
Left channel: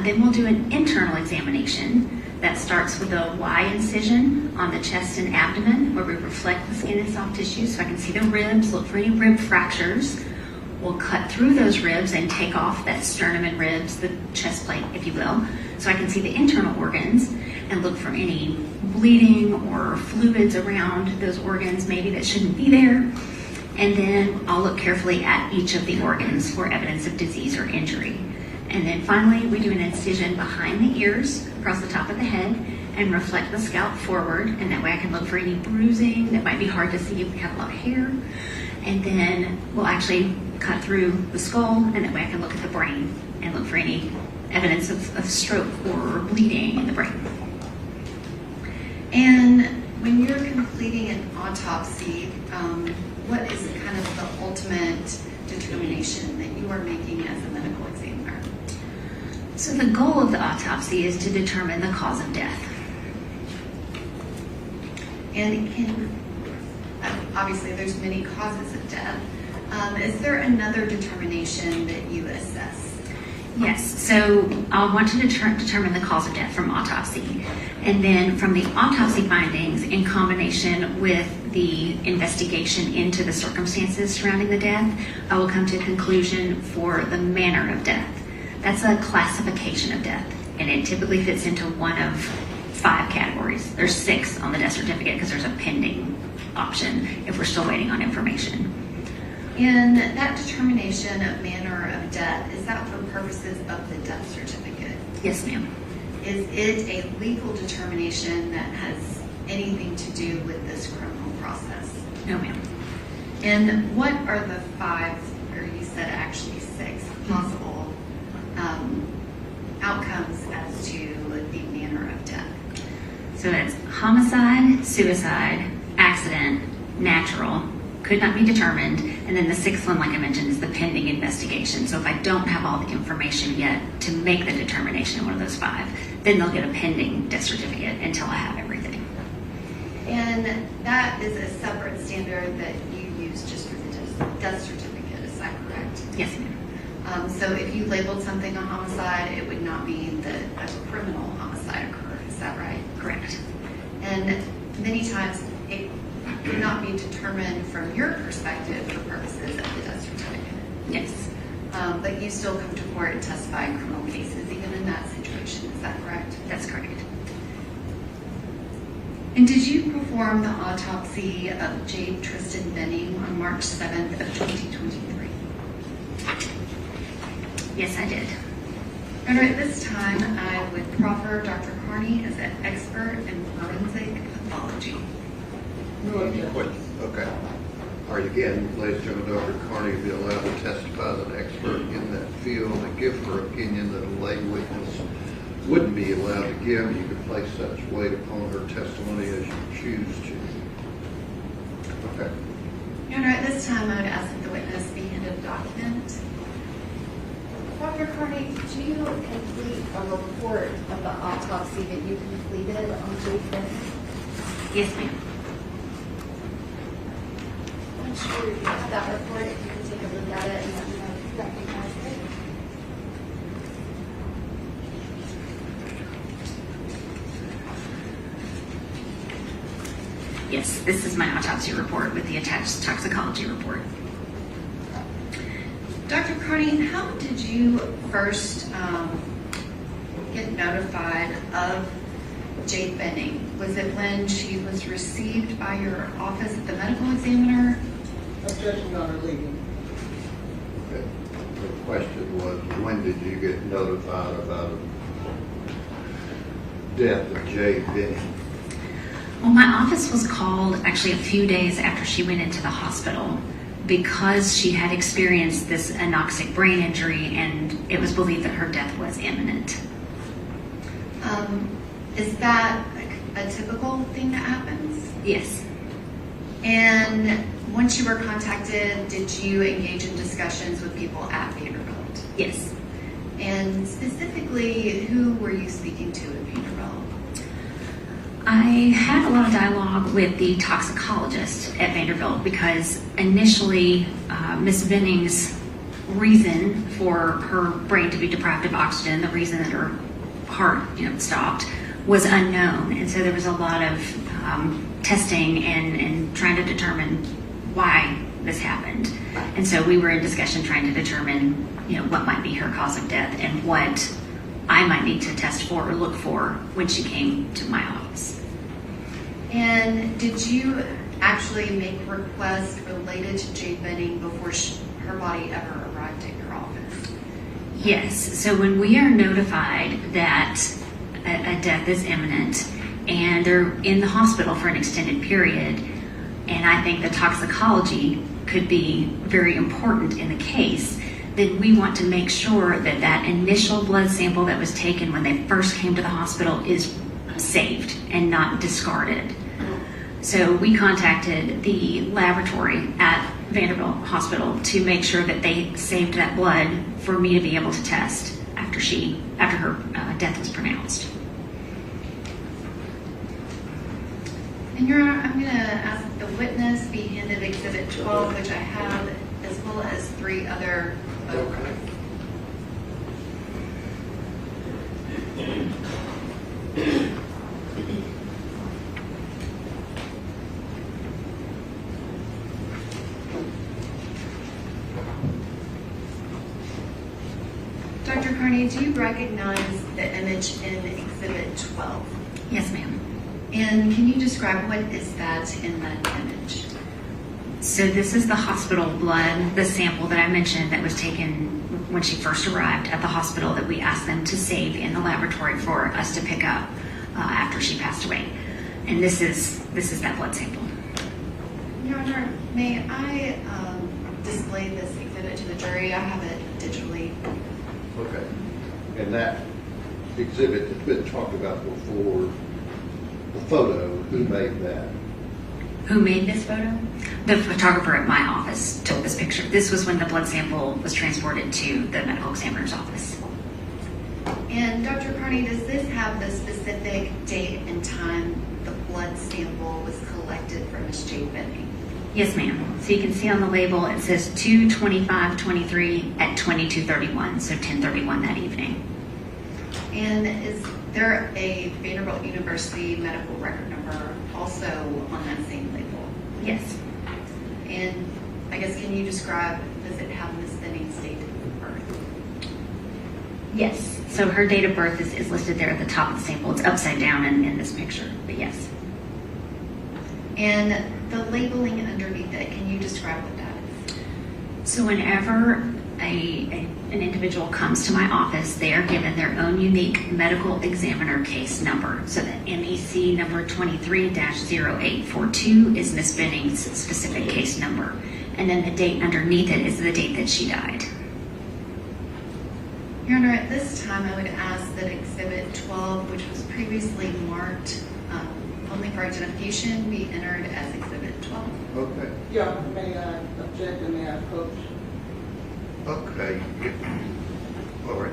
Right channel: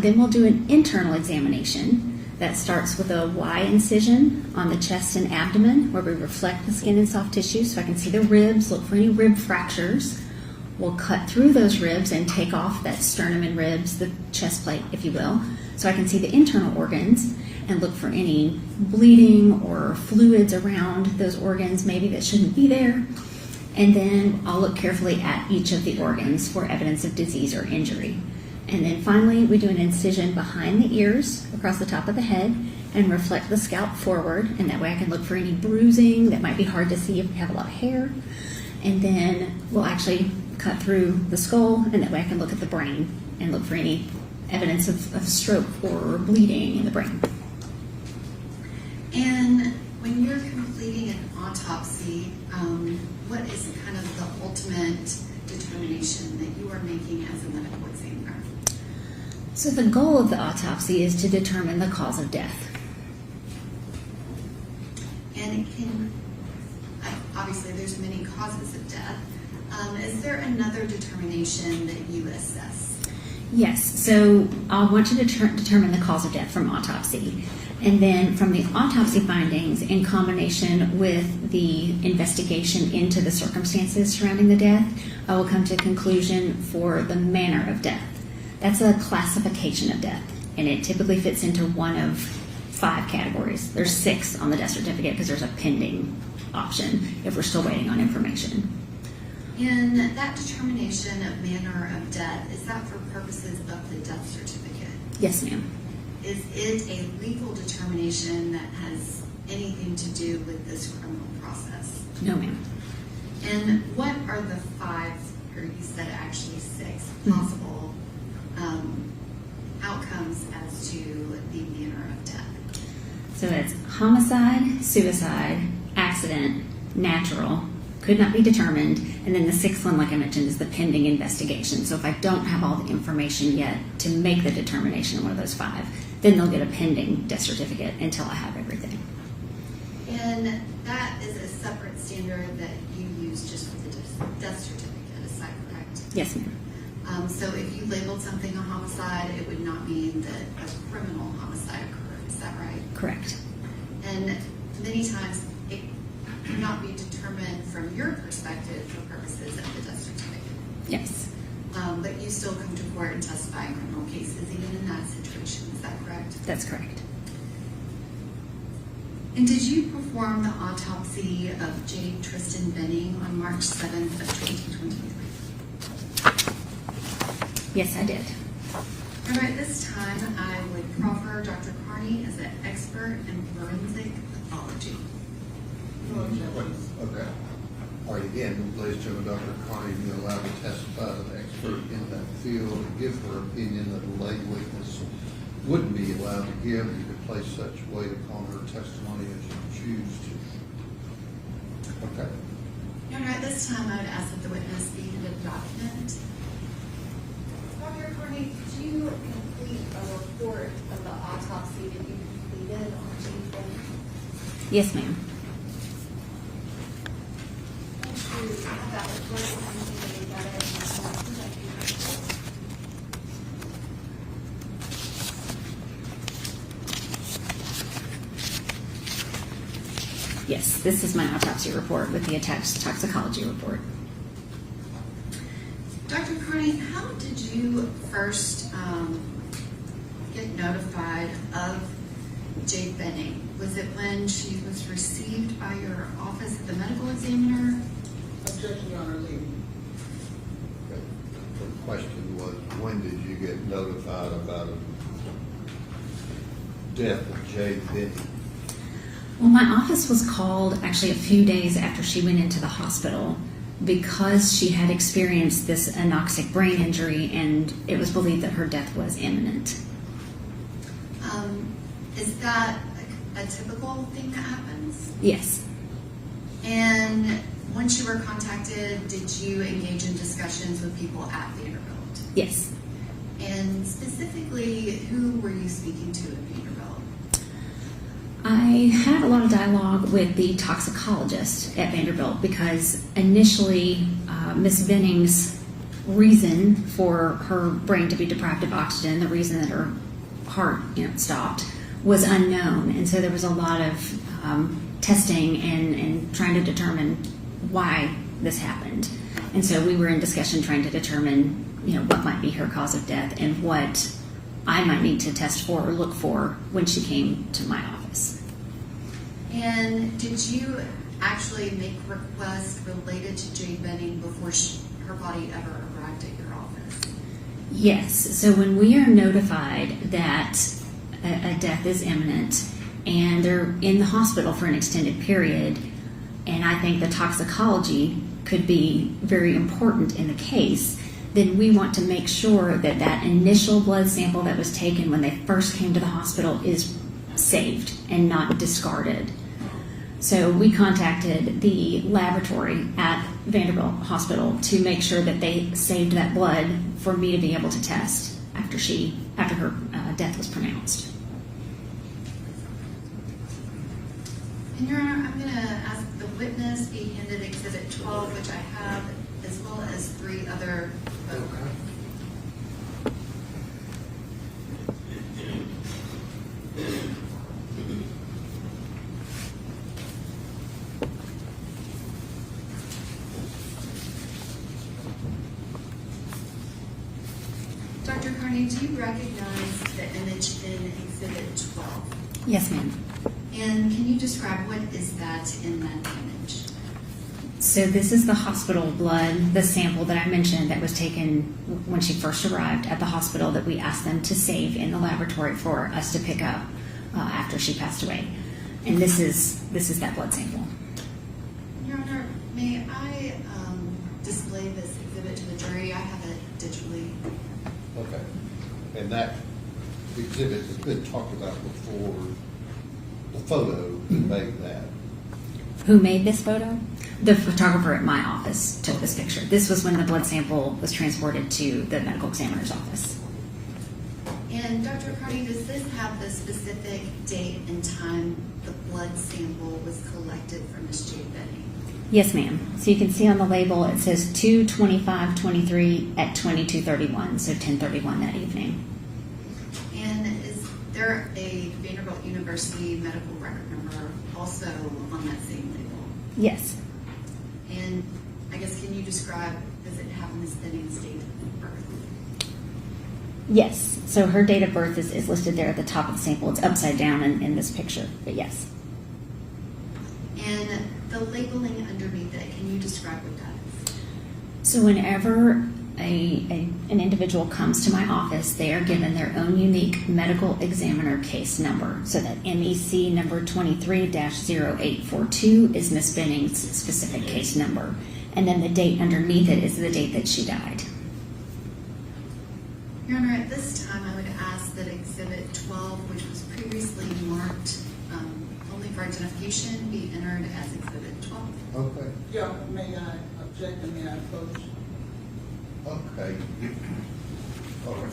Then we'll do an internal examination that starts with a Y incision on the chest and abdomen, where we reflect the skin and soft tissue so I can see the ribs, look for any rib fractures. We'll cut through those ribs and take off that sternum and ribs, the chest plate, if you will, so I can see the internal organs and look for any bleeding or fluids around those organs maybe that shouldn't be there. And then I'll look carefully at each of the organs for evidence of disease or injury. And then finally, we do an incision behind the ears across the top of the head and reflect the scalp forward. And that way I can look for any bruising that might be hard to see if we have a lot of hair. And then we'll actually cut through the skull, and that way I can look at the brain and look for any evidence of stroke or bleeding in the brain. And when you're completing an autopsy, what is kind of the ultimate determination that you are making as a medical examiner? So the goal of the autopsy is to determine the cause of death. And obviously there's many causes of death. Is there another determination that you assess? Yes, so I'll want to determine the cause of death from autopsy. And then from the autopsy findings, in combination with the investigation into the circumstances surrounding the death, I will come to a conclusion for the manner of death. That's a classification of death, and it typically fits into one of 5 categories. There's 6 on the death certificate because there's a pending option if we're still waiting on information. And that determination of manner of death, is that for purposes of the death certificate? Yes, ma'am. Is it a legal determination that has anything to do with this criminal process? No, ma'am. And what are the 5, or you said actually 6, possible outcomes as to the manner of death? So it's homicide, suicide, accident, natural, could not be determined, and then the 6th one, like I mentioned, is the pending investigation. So if I don't have all the information yet to make the determination in one of those 5, then they'll get a pending death certificate until I have everything. And that is a separate standard that you use just for the death certificate, is that correct? Yes, ma'am. So if you labeled something a homicide, it would not mean that a criminal homicide occurred, is that right? Correct. And many times it could not be determined from your perspective for purposes of the death certificate. Yes. But you still come to court and testify in criminal cases, even in that situation, is that correct? That's correct. And did you perform the autopsy of Jade Tristan Benning on March 7th of 2023? Yes, I did. And at this time, I would proffer Dr. Carney as an expert in forensic pathology. Okay. All right, again, ladies and gentlemen, Dr. Carney will be allowed to testify as an expert in that field and give her opinion that a lay witness wouldn't be allowed to give. You could place such weight upon her testimony as you choose to. Okay. Your Honor, at this time, I would ask that the witness be handed a document. Dr. Carney, did you complete a report of the autopsy that you completed on Jade Benning? Yes, ma'am. You have that report, you can take a look at it and let me know. Yes, this is my autopsy report with the attached toxicology report. Dr. Carney, how did you first get notified of Jade Benning? Was it when she was received by your office at the medical examiner? Objection, Your Honor, legal. Okay. The question was, when did you get notified about the death of Jade Benning? Well, my office was called actually a few days after she went into the hospital because she had experienced this anoxic brain injury, and it was believed that her death was imminent. Is that like a typical thing that happens? Yes. And once you were contacted, did you engage in discussions with people at Vanderbilt? Yes. And specifically, who were you speaking to at Vanderbilt? I had a lot of dialogue with the toxicologist at Vanderbilt because initially Ms. Benning's reason for her brain to be deprived of oxygen, the reason that her heart stopped, was unknown. And so there was a lot of testing and trying to determine why this happened. And so we were in discussion trying to determine what might be her cause of death and what I might need to test for or look for when she came to my office. And did you actually make requests related to Jade Benning before her body ever arrived at your office? Yes, so when we are notified that a death is imminent and they're in the hospital for an extended period, and I think the toxicology could be very important in the case, then we want to make sure that that initial blood sample that was taken when they first came to the hospital is saved and not discarded. So we contacted the laboratory at Vanderbilt Hospital to make sure that they saved that blood for me to be able to test after her death was pronounced. And Your Honor, I'm going to ask the witness be handed Exhibit 12, which I have, as well as 3 other photographs. Dr. Carney, do you recognize the image in Exhibit 12? Yes, ma'am. And can you describe what is that in that image? So this is the hospital blood, the sample that I mentioned that was taken when she first arrived at the hospital that we asked them to save in the laboratory for us to pick up after she passed away. And this is that blood sample. Your Honor, may I display this exhibit to the jury? I have it digitally. Okay. And that exhibit has been talked about before, the photo, who made that? Who made this photo? The photographer at my office took this picture. This was when the blood sample was transported to the medical examiner's office. And Dr. Carney, does this have the specific date and time the blood sample was collected from Ms. Jade Benning? Yes, ma'am. So you can see on the label it says 2/25/23 at 22:31, so 10:31 that evening. And is there a Vanderbilt University medical record number also on that same label? Yes. And I guess, can you describe, does it have Ms. Benning's date of birth? Yes. So her date of birth is listed there at the top of the sample. It's upside down in this picture, but yes. And the labeling underneath it, can you describe what that is? So whenever an individual comes to my office, they are given their own unique medical examiner case number. So the MEC number 23-0842 is Ms. Benning's specific case number. And then the date underneath it is the date that she died. Your Honor, at this time, I would ask that Exhibit 12, which was previously marked only for identification, be entered as Exhibit 12. Okay. Yeah, may I object and may I approach? Okay. All right.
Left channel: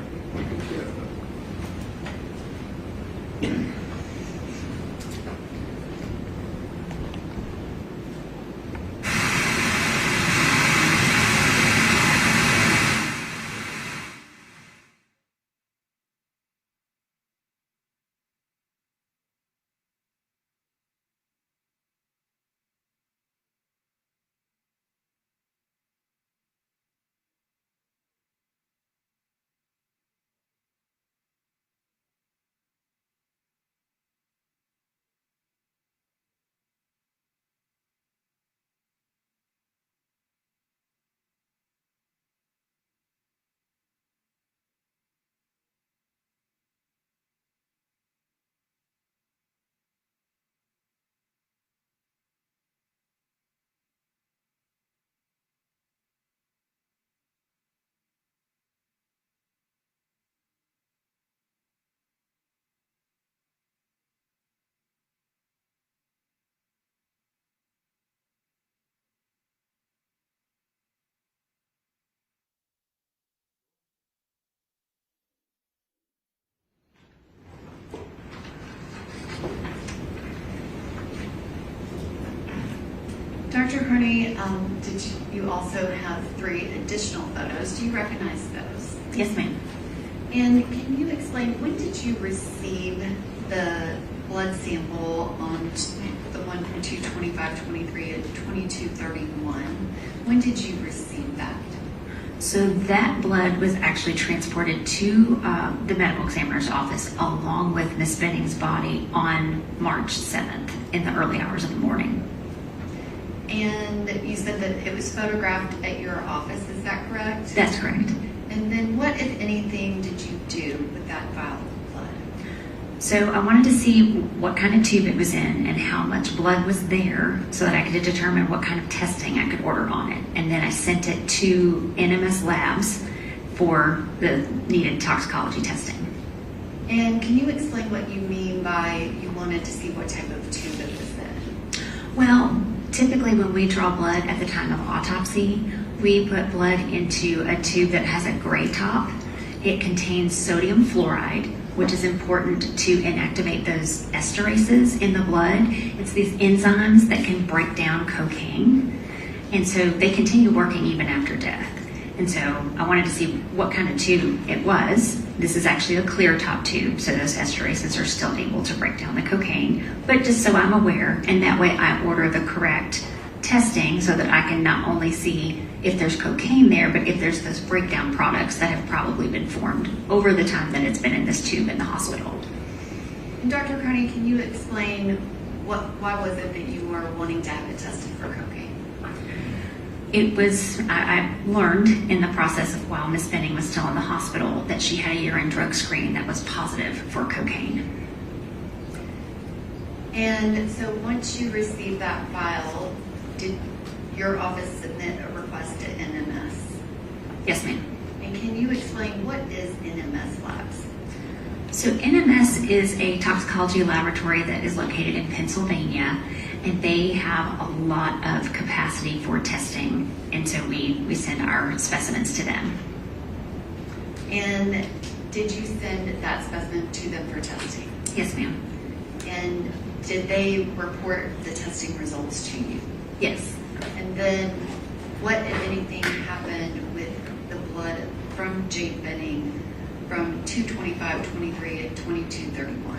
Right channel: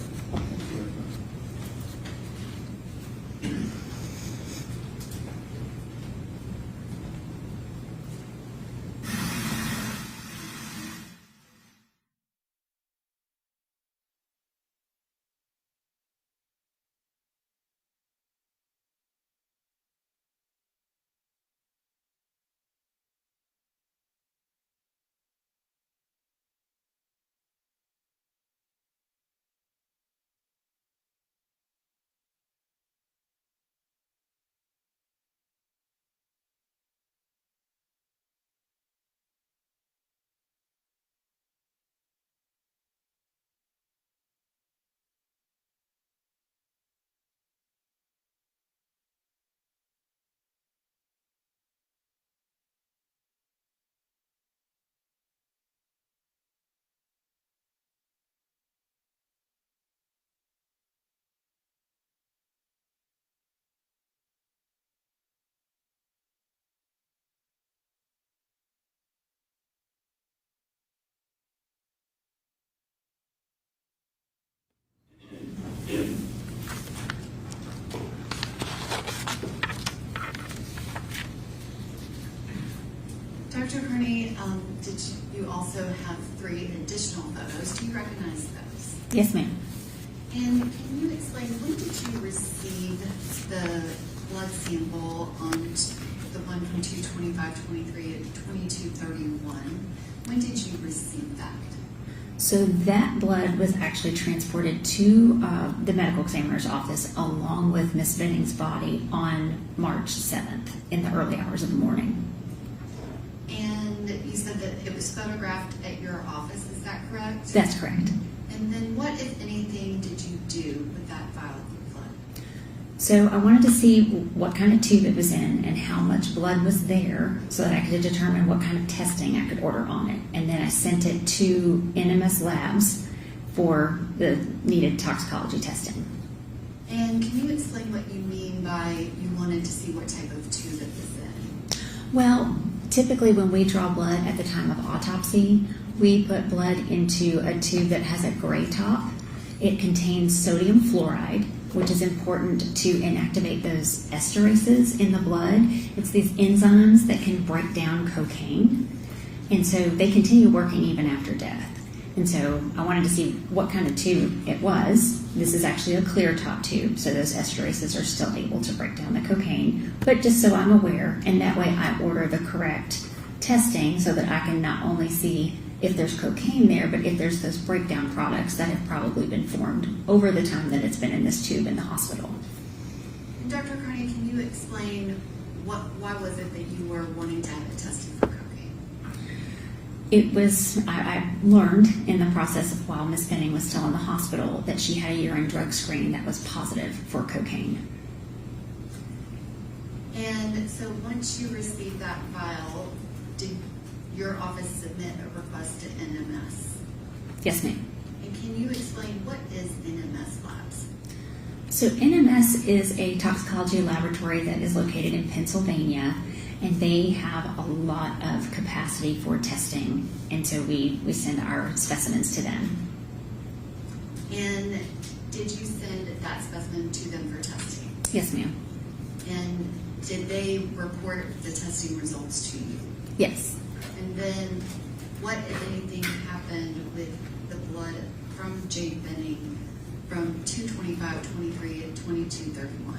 Dr. Carney, did you also have 3 additional photos? Do you recognize those? Yes, ma'am. And can you explain, when did you receive the blood sample on the one from 2/25/23 at 22:31? When did you receive that? So that blood was actually transported to the medical examiner's office along with Ms. Benning's body on March 7th in the early hours of the morning. And you said that it was photographed at your office, is that correct? That's correct. And then what, if anything, did you do with that vial of blood? So I wanted to see what kind of tube it was in and how much blood was there so that I could determine what kind of testing I could order on it. And then I sent it to NMS Labs for the needed toxicology testing. And can you explain what you mean by you wanted to see what type of tube it was in? Well, typically when we draw blood at the time of autopsy, we put blood into a tube that has a gray top. It contains sodium fluoride, which is important to inactivate those esterases in the blood. It's these enzymes that can break down cocaine. And so they continue working even after death. And so I wanted to see what kind of tube it was. This is actually a clear top tube, so those esterases are still able to break down the cocaine. But just so I'm aware, and that way I order the correct testing so that I can not only see if there's cocaine there, but if there's those breakdown products that have probably been formed over the time that it's been in this tube in the hospital. And Dr. Carney, can you explain why was it that you were wanting to have it tested for cocaine? It was, I learned in the process of while Miss Benning was still in the hospital that she had a urine drug screen that was positive for cocaine. And so once you received that file, did your office submit a request to NMS? Yes, ma'am. And can you explain what is NMS Labs? So NMS is a toxicology laboratory that is located in Pennsylvania, and they have a lot of capacity for testing, and so we send our specimens to them. And did you send that specimen to them for testing? Yes, ma'am. And did they report the testing results to you? Yes. And then what, if anything, happened with the blood from Jade Benning from 2/25/23 at 22/31?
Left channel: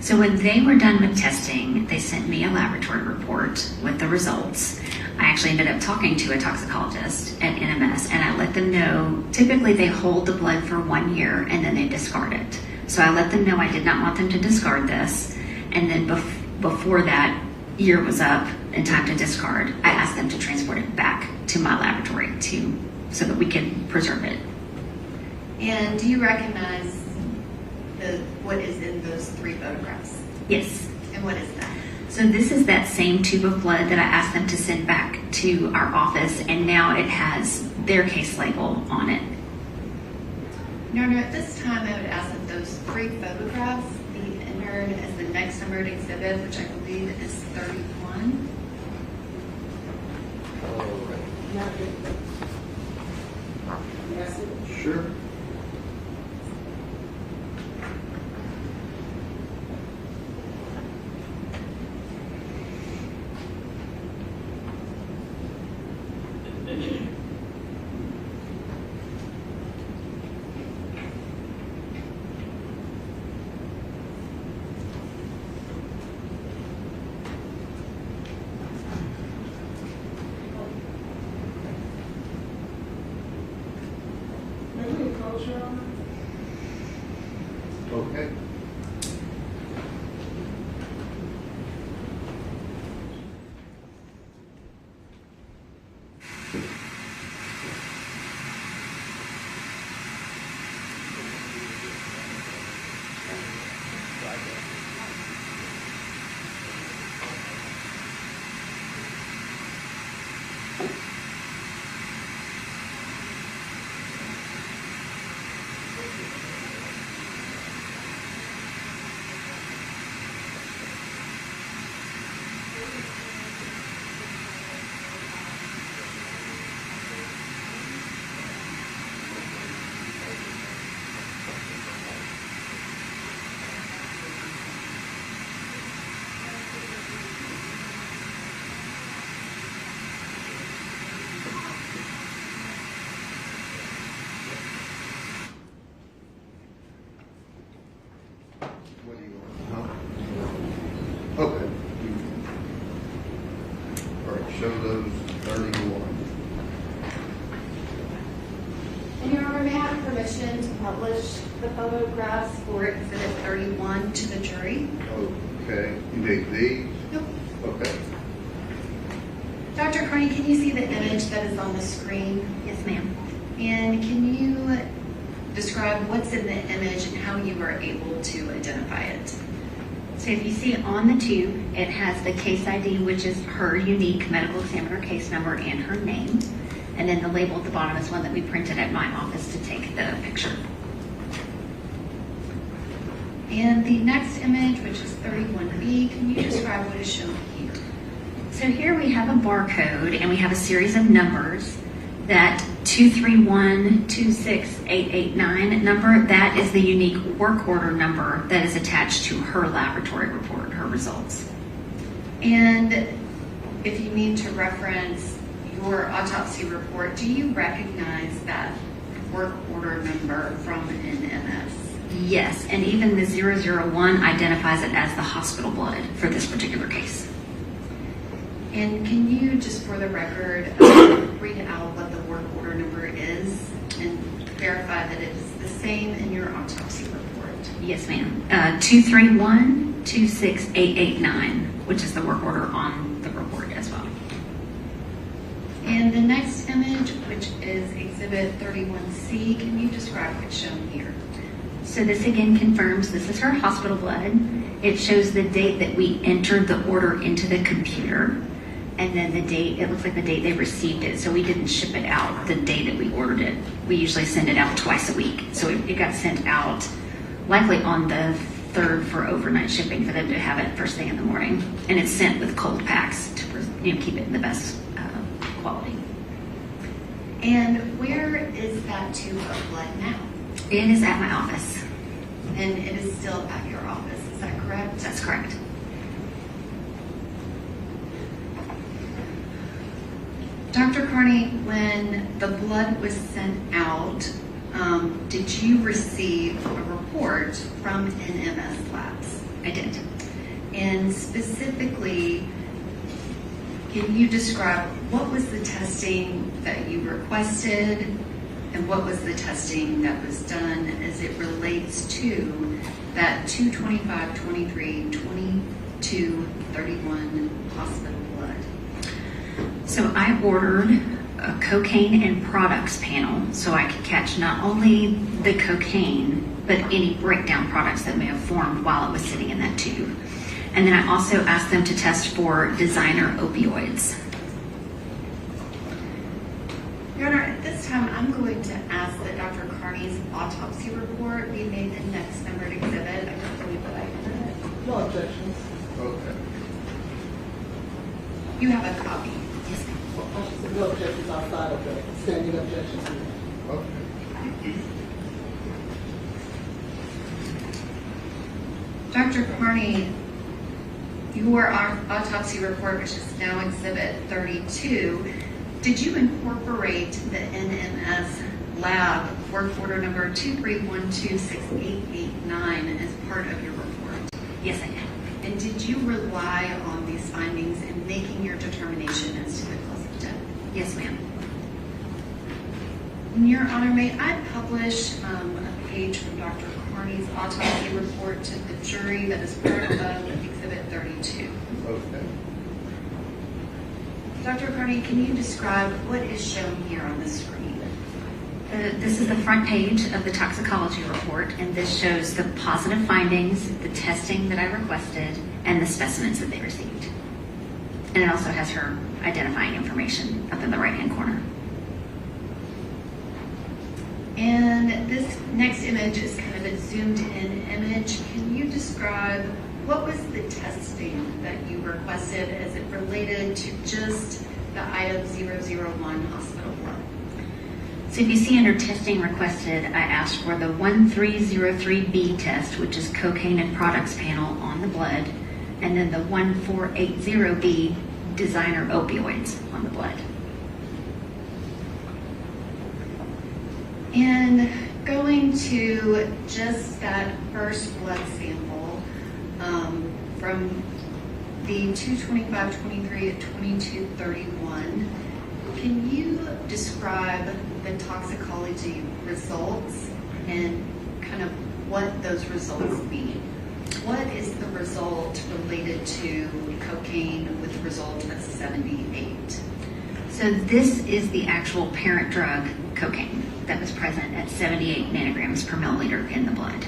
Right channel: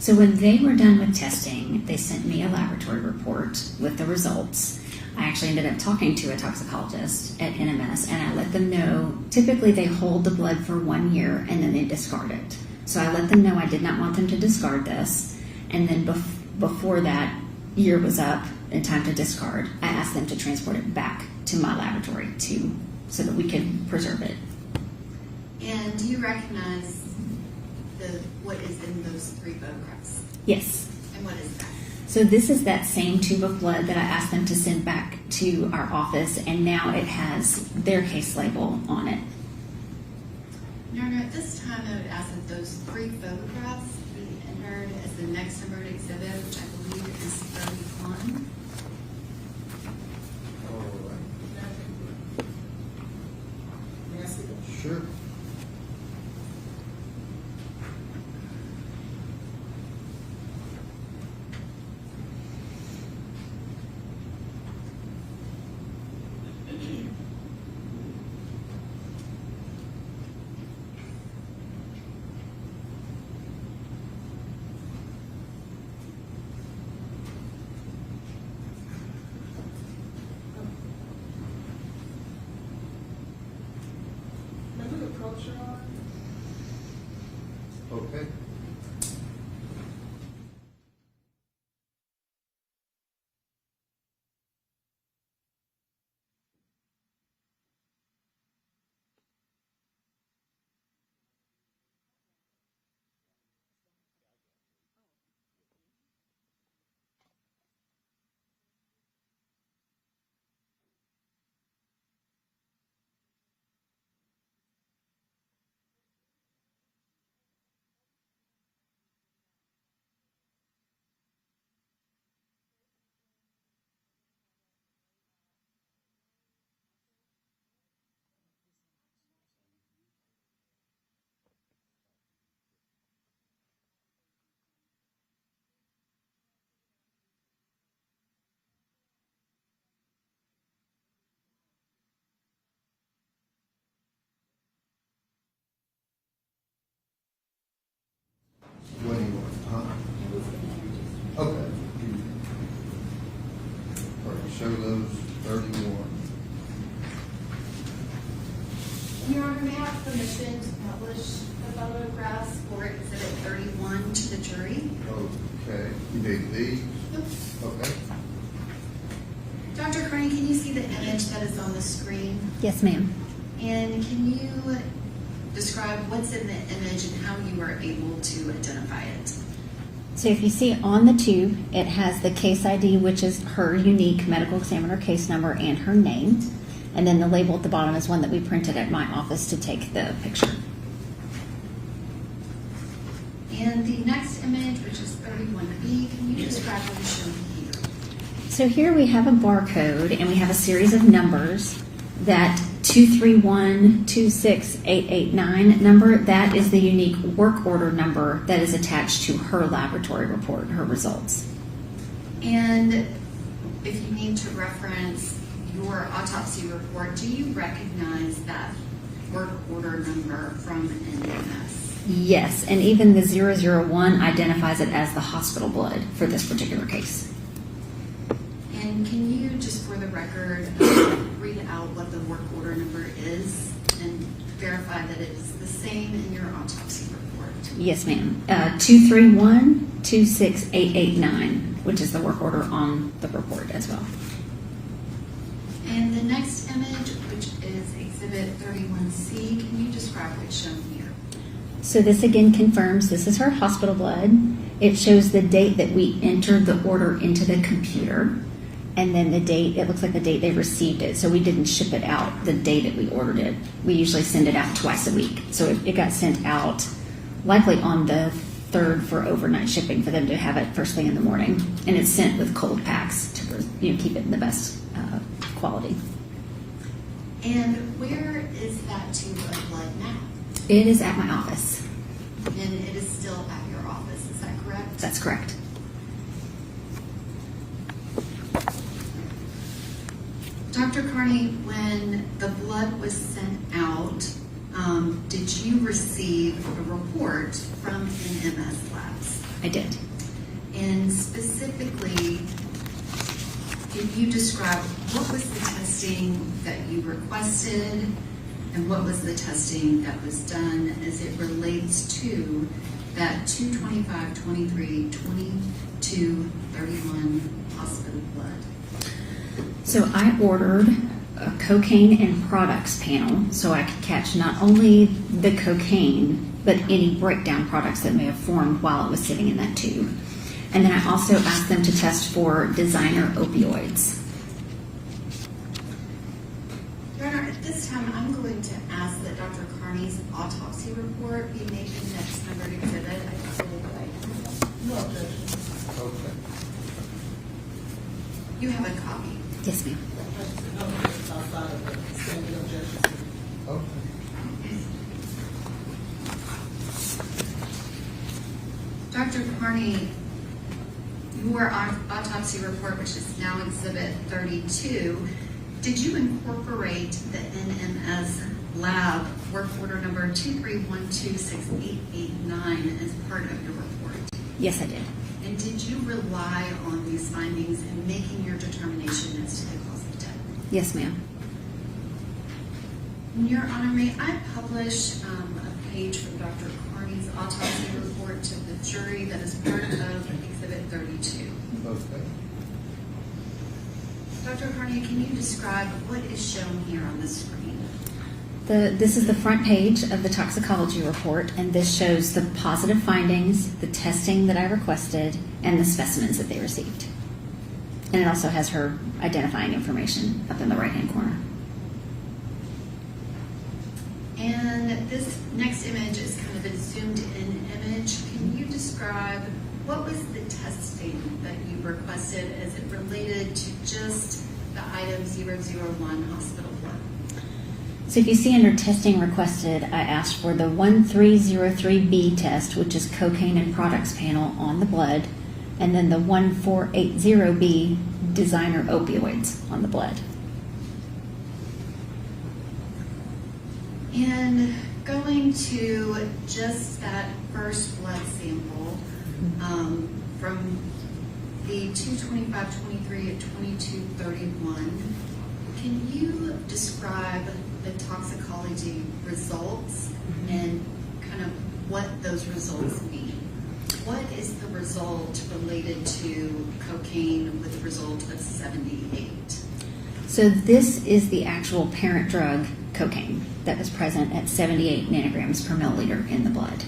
So when they were done with testing, they sent me a laboratory report with the results. I actually ended up talking to a toxicologist at NMS, and I let them know, typically they hold the blood for 1 year and then they discard it. So I let them know I did not want them to discard this, and then before that year was up and time to discard, I asked them to transport it back to my laboratory so that we could preserve it. And do you recognize what is in those 3 photographs? Yes. And what is that? So this is that same tube of blood that I asked them to send back to our office, and now it has their case label on it. No, at this time I would ask that those 3 photographs be entered as the next numbered exhibit, which I believe is 31. Sure. Okay. What do you want? Huh? Okay. All right, show those 31. Your Honor, may I have permission to publish the photographs for Exhibit 31 to the jury? Okay, you need these? Nope. Okay. the image that is on the screen? Yes, ma'am. And can you describe what's in the image and how you were able to identify it? So if you see on the tube, it has the case ID, which is her unique medical examiner case number and her name. And then the label at the bottom is one that we printed at my office to take the picture. And the next image, which is 31B, can you describe what is shown here? So here we have a barcode and we have a series of numbers. That 231-26889 number, that is the unique work order number that is attached to her laboratory report, her results. And if you need to reference your autopsy report, do you recognize that work order number from NMS? Yes, and even the 001 identifies it as the hospital blood for this particular case. And can you, just for the record, read out what the work order number is and verify that it is the same in your autopsy report? Yes, ma'am. 231-26889, which is the work order on the report as well. And the next image, which is Exhibit 31C, can you describe what's shown here? So this again confirms this is her hospital blood. It shows the date that we entered the order into the computer. And then the date, it looks like the date they received it. So we didn't ship it out the day that we ordered it. We usually send it out twice a week. So it got sent out likely on the 3rd for overnight shipping for them to have it first thing in the morning. And it's sent with cold packs to keep it in the best quality. And where is that tube of blood now? It is at my office. And it is still at your office, is that correct? That's correct. Dr. Carney, when the blood was sent out, did you receive a report from NMS Labs? I did. And specifically, can you describe what was the testing that you requested and what was the testing that was done as it relates to that 2/25/23/22/31 hospital blood? So I ordered a cocaine and products panel so I could catch not only the cocaine, but any breakdown products that may have formed while it was sitting in that tube. And then I also asked them to test for designer opioids. Your Honor, at this time, I'm going to ask that Dr. Carney's autopsy report be made the next numbered exhibit. I don't believe that I entered it. No objection. Okay. You have a copy. Yes, ma'am. No objections outside of the standing objections. Okay. Dr. Carney, your autopsy report, which is now Exhibit 32, did you incorporate the NMS lab work order number 231-26889 as part of your report? Yes, I did. And did you rely on these findings in making your determination as to the cause of death? Yes, ma'am. Your Honor, may I publish a page from Dr. Carney's autopsy report to the jury that is part of Exhibit 32? Okay. Dr. Carney, can you describe what is shown here on the screen? This is the front page of the toxicology report, and this shows the positive findings, the testing that I requested, and the specimens that they received. And it also has her identifying information up in the right-hand corner. And this next image is kind of a zoomed-in image. Can you describe what was the testing that you requested as it related to just the item 001 hospital blood? So if you see under testing requested, I asked for the 1303B test, which is cocaine and products panel on the blood, and then the 1480B designer opioids on the blood. And going to just that first blood sample from the 2/25/23 to 22/31, can you describe the toxicology results and kind of what those results mean? What is the result related to cocaine with a result of 78? So this is the actual parent drug, cocaine, that was present at 78 nanograms per milliliter in the blood.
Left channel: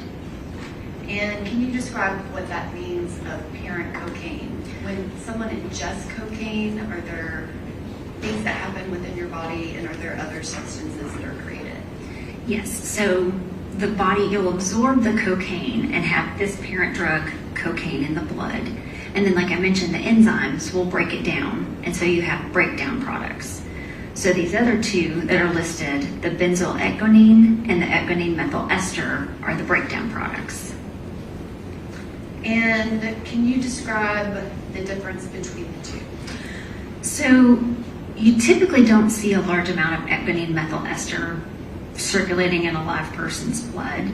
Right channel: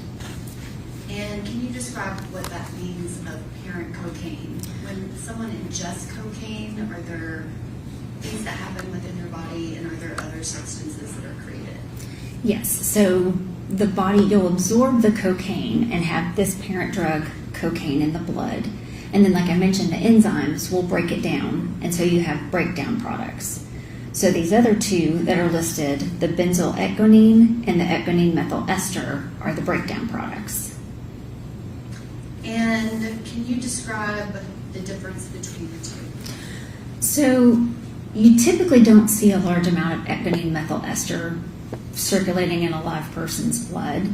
And can you describe what that means of parent cocaine? When someone ingests cocaine, are there things that happen within your body, and are there other substances that are created? Yes, so the body, you'll absorb the cocaine and have this parent drug, cocaine, in the blood. And then, like I mentioned, the enzymes will break it down, and so you have breakdown products. So these other two that are listed, the benzyl ecgonine and the ecgonine methyl ester, are the breakdown products. And can you describe the difference between the two? So you typically don't see a large amount of ecgonine methyl ester circulating in a live person's blood,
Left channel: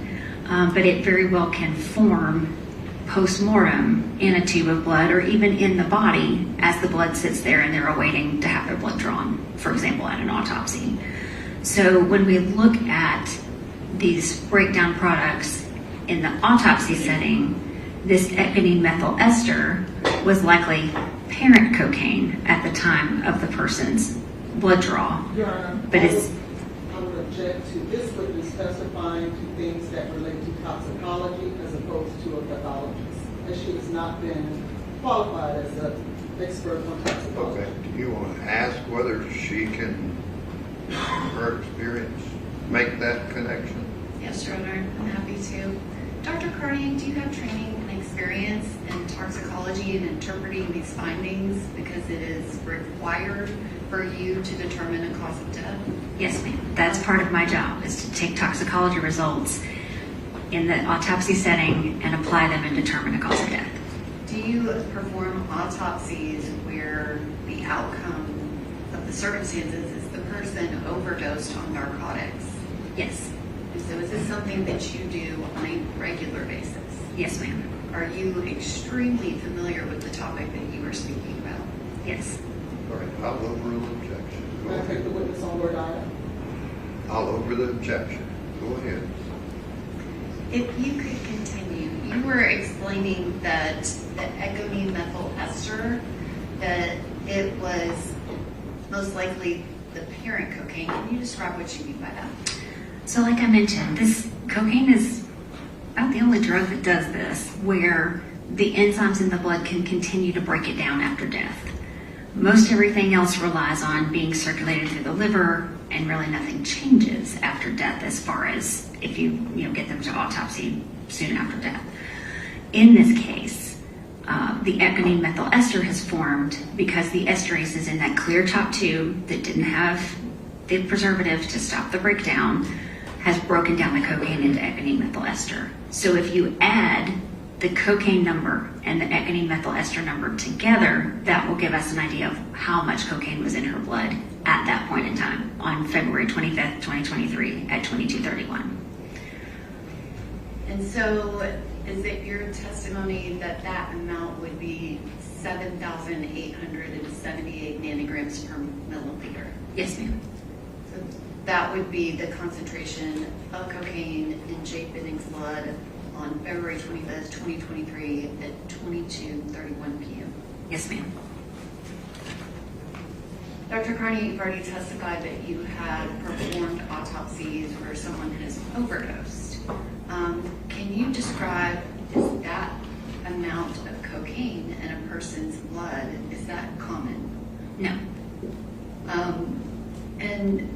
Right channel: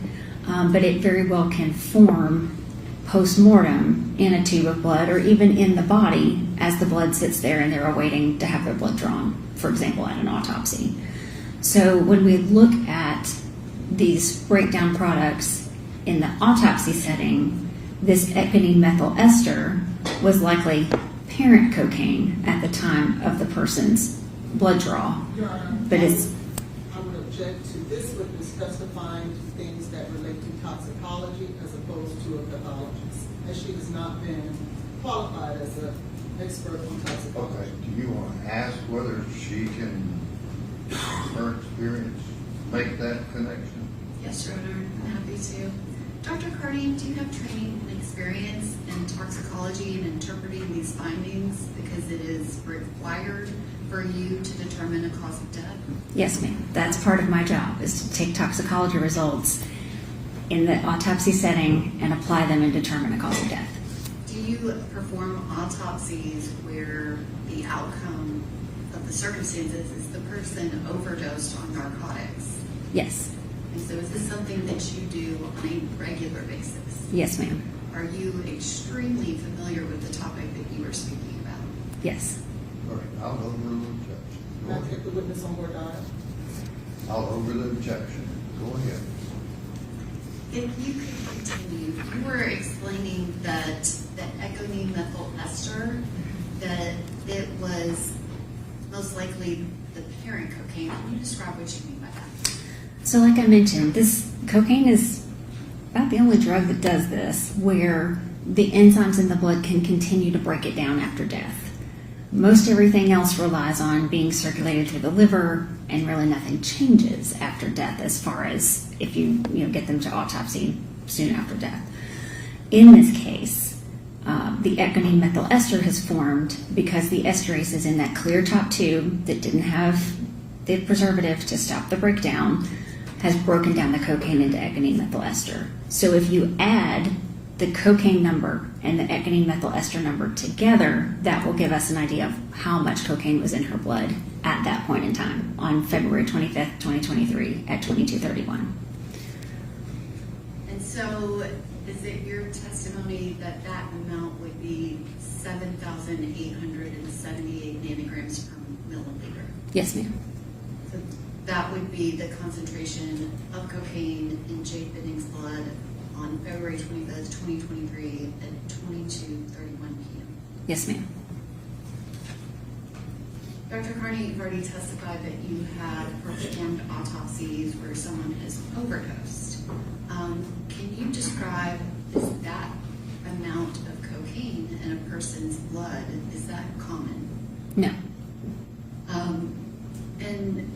but it very well can form post-mortem in a tube of blood or even in the body as the blood sits there and they're awaiting to have their blood drawn, for example, at an autopsy. So when we look at these breakdown products in the autopsy setting, this ecgonine methyl ester was likely parent cocaine at the time of the person's blood draw. Your Honor, But it's I would object to this witness testifying to things that relate to toxicology as opposed to a pathologist, as she has not been qualified as an expert on toxicology. Okay, do you want to ask whether she can, from her experience, make that connection? Yes, Your Honor, I'm happy to. Dr. Carney, do you have training and experience in toxicology and interpreting these findings because it is required for you to determine a cause of death? Yes, ma'am. That's part of my job, is to take toxicology results in the autopsy setting and apply them and determine a cause of death. Do you perform autopsies where the outcome of the circumstances is the person overdosed on narcotics? Yes. And so is this something that you do on a regular basis? Yes, ma'am. Are you extremely familiar with the topic that you were speaking about? Yes. All right, I'll overrule the objection. Go May I take ahead. the witness on board, Your Honor? I'll overrule the objection. Go ahead. If you could continue, you were explaining that the ecgonine methyl ester, that it was most likely the parent cocaine. Can you describe what you mean by that? So like I mentioned, this cocaine is about the only drug that does this, where the enzymes in the blood can continue to break it down after death. Most everything else relies on being circulated through the liver, and really nothing changes after death as far as if you get them to autopsy soon after death. In this case, the ecgonine methyl ester has formed because the esterase is in that clear top tube that didn't have the preservative to stop the breakdown, has broken down the cocaine into ecgonine methyl ester. So if you add the cocaine number and the ecgonine methyl ester number together, that will give us an idea of how much cocaine was in her blood at that point in time on February 25th, 2023 at 22:31. And so is it your testimony that that amount would be 7,878 nanograms per milliliter? Yes, ma'am. So that would be the concentration of cocaine in Jake Binning's blood on February 25th, 2023 at 22:31 p.m. Yes, ma'am. Dr. Carney, you've already testified that you have performed autopsies where someone has overdosed. Can you describe, is that amount of cocaine in a person's blood, is that common? No. And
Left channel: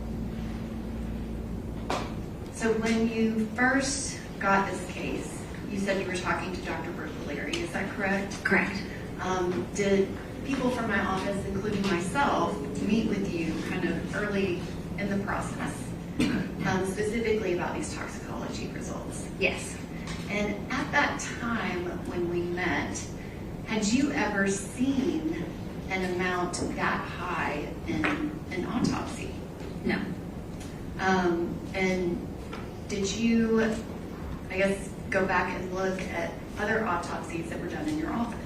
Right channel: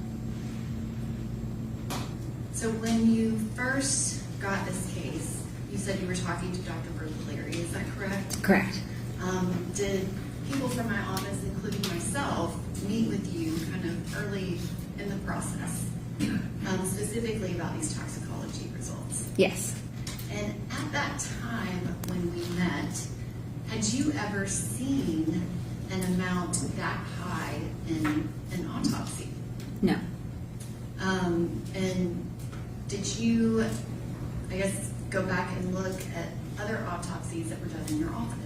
so when you first got this case, you said you were talking to Dr. Bertolari, is that correct? Correct. Did people from my office, including myself, meet with you kind of early in the process, specifically about these toxicology results? Yes. And at that time when we met, had you ever seen an amount that high in an autopsy? No. And did you, I guess, go back and look at other autopsies that were done in your office?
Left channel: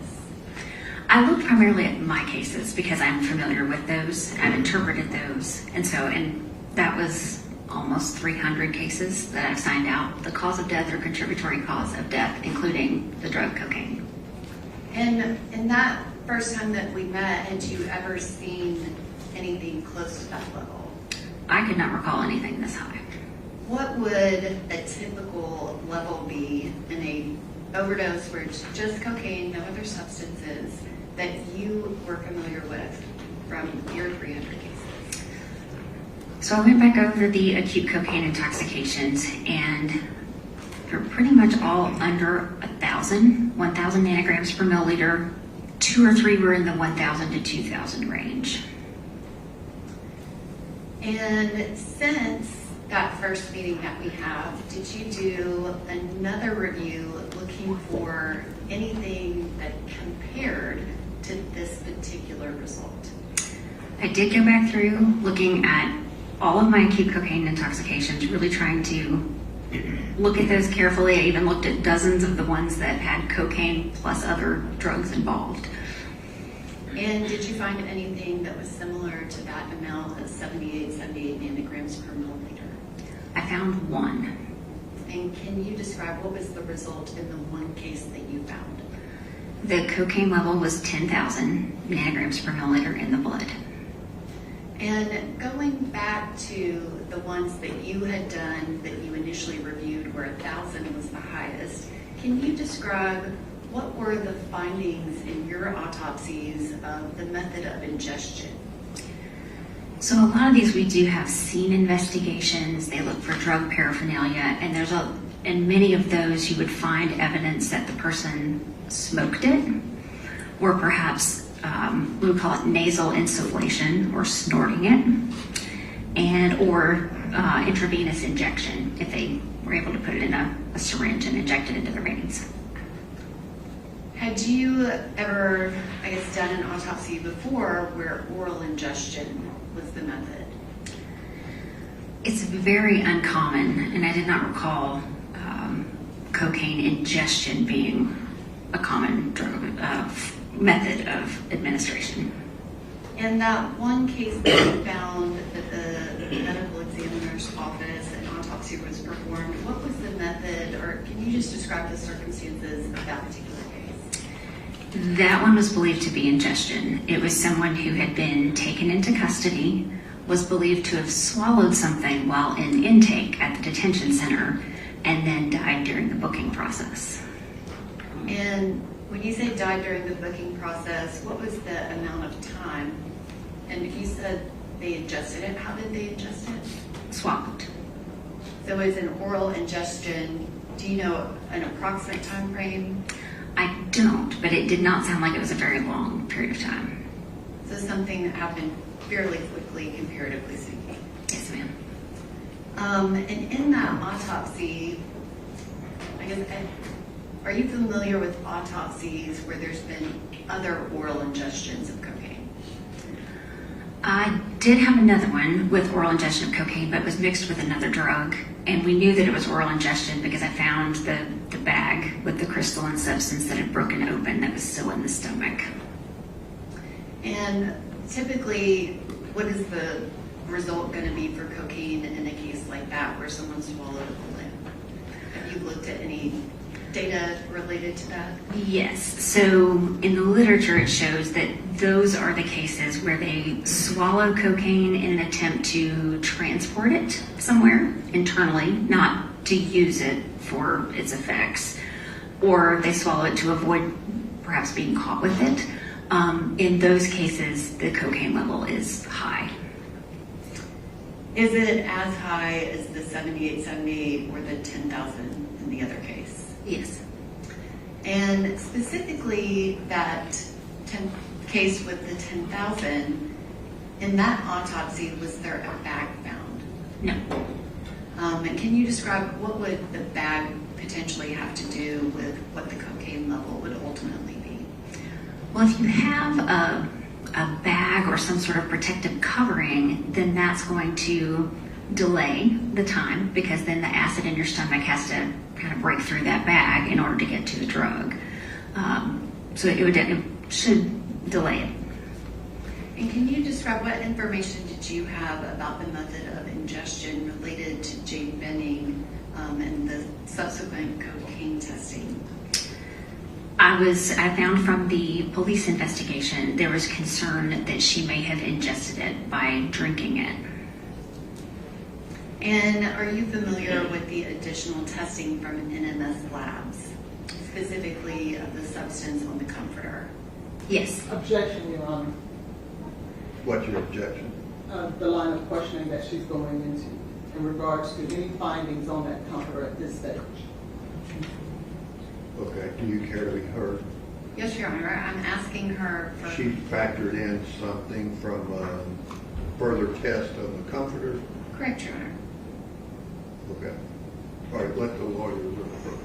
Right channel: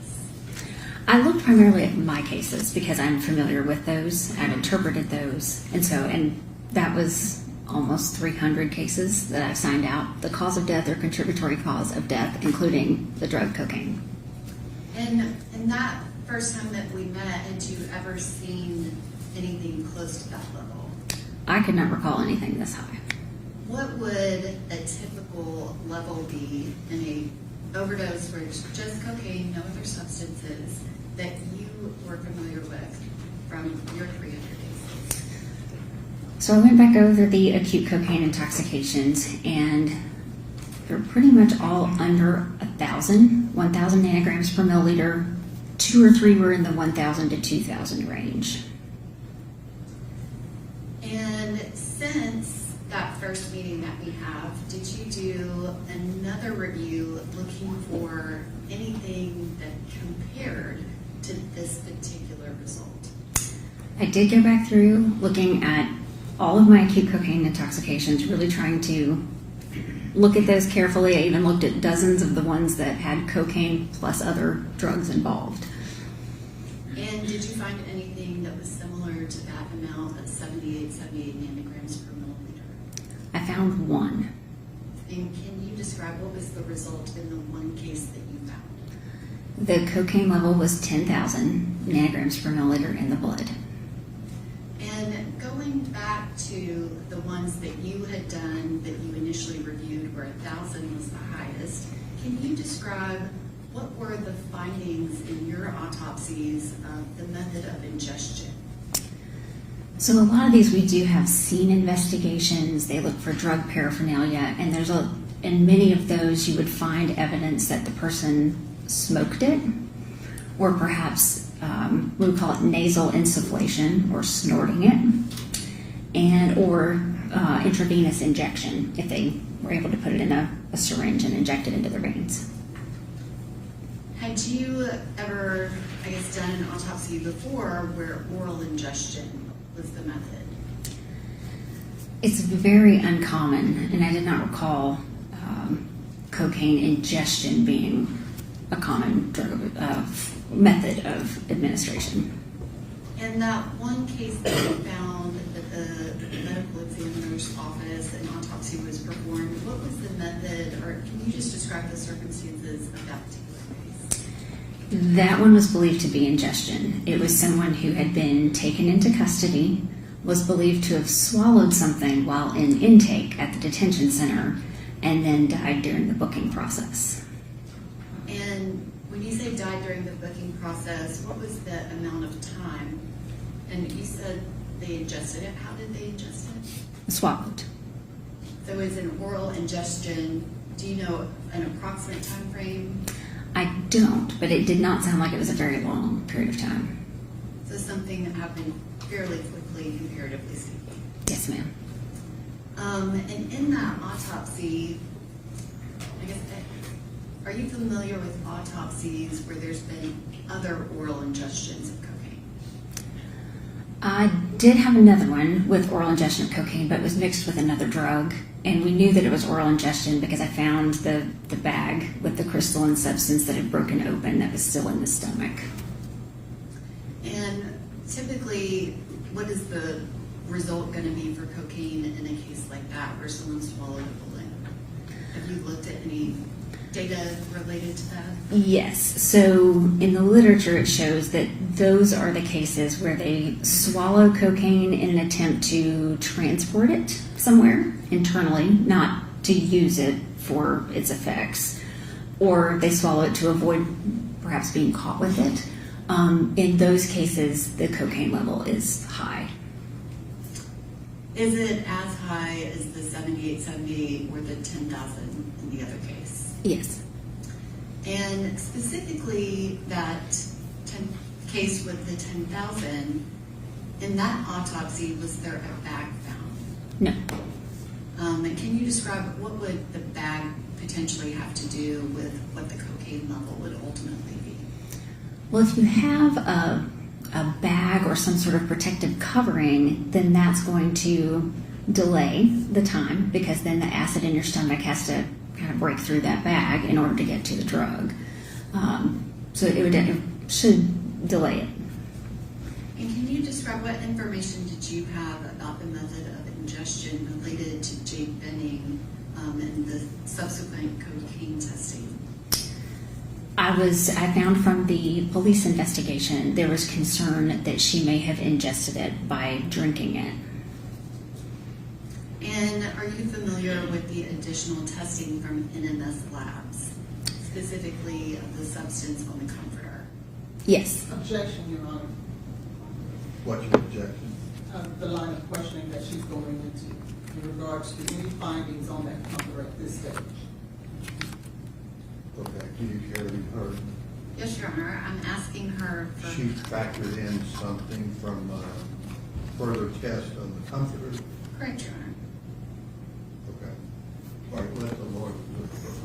I looked primarily at my cases because I'm familiar with those. I've interpreted those. And that was almost 300 cases that I signed out, the cause of death or contributory cause of death, including the drug cocaine. And in that first time that we met, had you ever seen anything close to that level? I could not recall anything this high. What would a typical level be in a overdose where it's just cocaine, no other substances, that you were familiar with from your 300 cases? So I went back over the acute cocaine intoxications, and they're pretty much all under 1,000 nanograms per milliliter. 2 or 3 were in the 1,000 to 2,000 range. And since that first meeting that we have, did you do another review looking for anything that compared to this particular result? I did go back through looking at all of my acute cocaine intoxications, really trying to look at those carefully. I even looked at dozens of the ones that had cocaine plus other drugs involved. And did you find anything that was similar to that amount of 78 nanograms per milliliter? I found one. And can you describe what was the result in the one case that you found? The cocaine level was 10,000 nanograms per milliliter in the blood. And going back to the ones that you had done that you initially reviewed where 1,000 was the highest, can you describe what were the findings in your autopsies of the method of ingestion? So a lot of these we do have scene investigations. They look for drug paraphernalia, and in many of those you would find evidence that the person smoked it, or perhaps we would call it nasal insufflation or snorting it, or intravenous injection if they were able to put it in a syringe and inject it into the veins. Had you ever, done an autopsy before where oral ingestion was the method? It's very uncommon, and I did not recall cocaine ingestion being a common drug method of administration. In that one case that you found that the medical examiner's office an autopsy was performed, what was the method, or can you just describe the circumstances of that particular case? That one was believed to be ingestion. It was someone who had been taken into custody, was believed to have swallowed something while in intake at the detention center, and then died during the booking process. And when you say died during the booking process, what was the amount of time? And you said they ingested it. How did they ingest it? Swallowed. So it was an oral ingestion. Do you know an approximate time frame? I don't, but it did not sound like it was a very long period of time. So something that happened fairly quickly, comparatively speaking. Yes, ma'am. And in that autopsy, are you familiar with autopsies where there's been other oral ingestions of cocaine? I did have another one with oral ingestion of cocaine, but it was mixed with another drug. And we knew that it was oral ingestion because I found the bag with the crystalline substance that had broken open that was still in the stomach. And typically, what is the result going to be for cocaine in a case like that where someone swallowed a limb? Have you looked at any data related to that? Yes. So in the literature, it shows that those are the cases where they swallow cocaine in an attempt to transport it somewhere internally, not to use it for its effects, or they swallow it to avoid perhaps being caught with it. In those cases, the cocaine level is high. Is it as high as the 7870 or the 10,000 in the other case? Yes. And specifically that case with the 10,000, in that autopsy, was there a bag found? No. And can you describe what would the bag potentially have to do with what the cocaine level would ultimately be? Well, if you have a bag or some sort of protective covering, then that's going to delay the time because then the acid in your stomach has to kind of break through that bag in order to get to the drug. So it should delay it. And can you describe what information did you have about the method of ingestion related to Jane Benning and the subsequent cocaine testing? I I found from the police investigation, there was concern that she may have ingested it by drinking it. And are you familiar with the additional testing from NMS Labs, specifically of the substance on the comforter? Yes. Objection, Your Honor. What's your objection? The line of questioning that she's going into in regards to any findings on that comforter at this stage. Okay, do you care to be heard? Yes, Your Honor, I'm asking her for... She factored in something from further test on the comforter. Correct, Your Honor. Okay. All right, let the lawyer look first.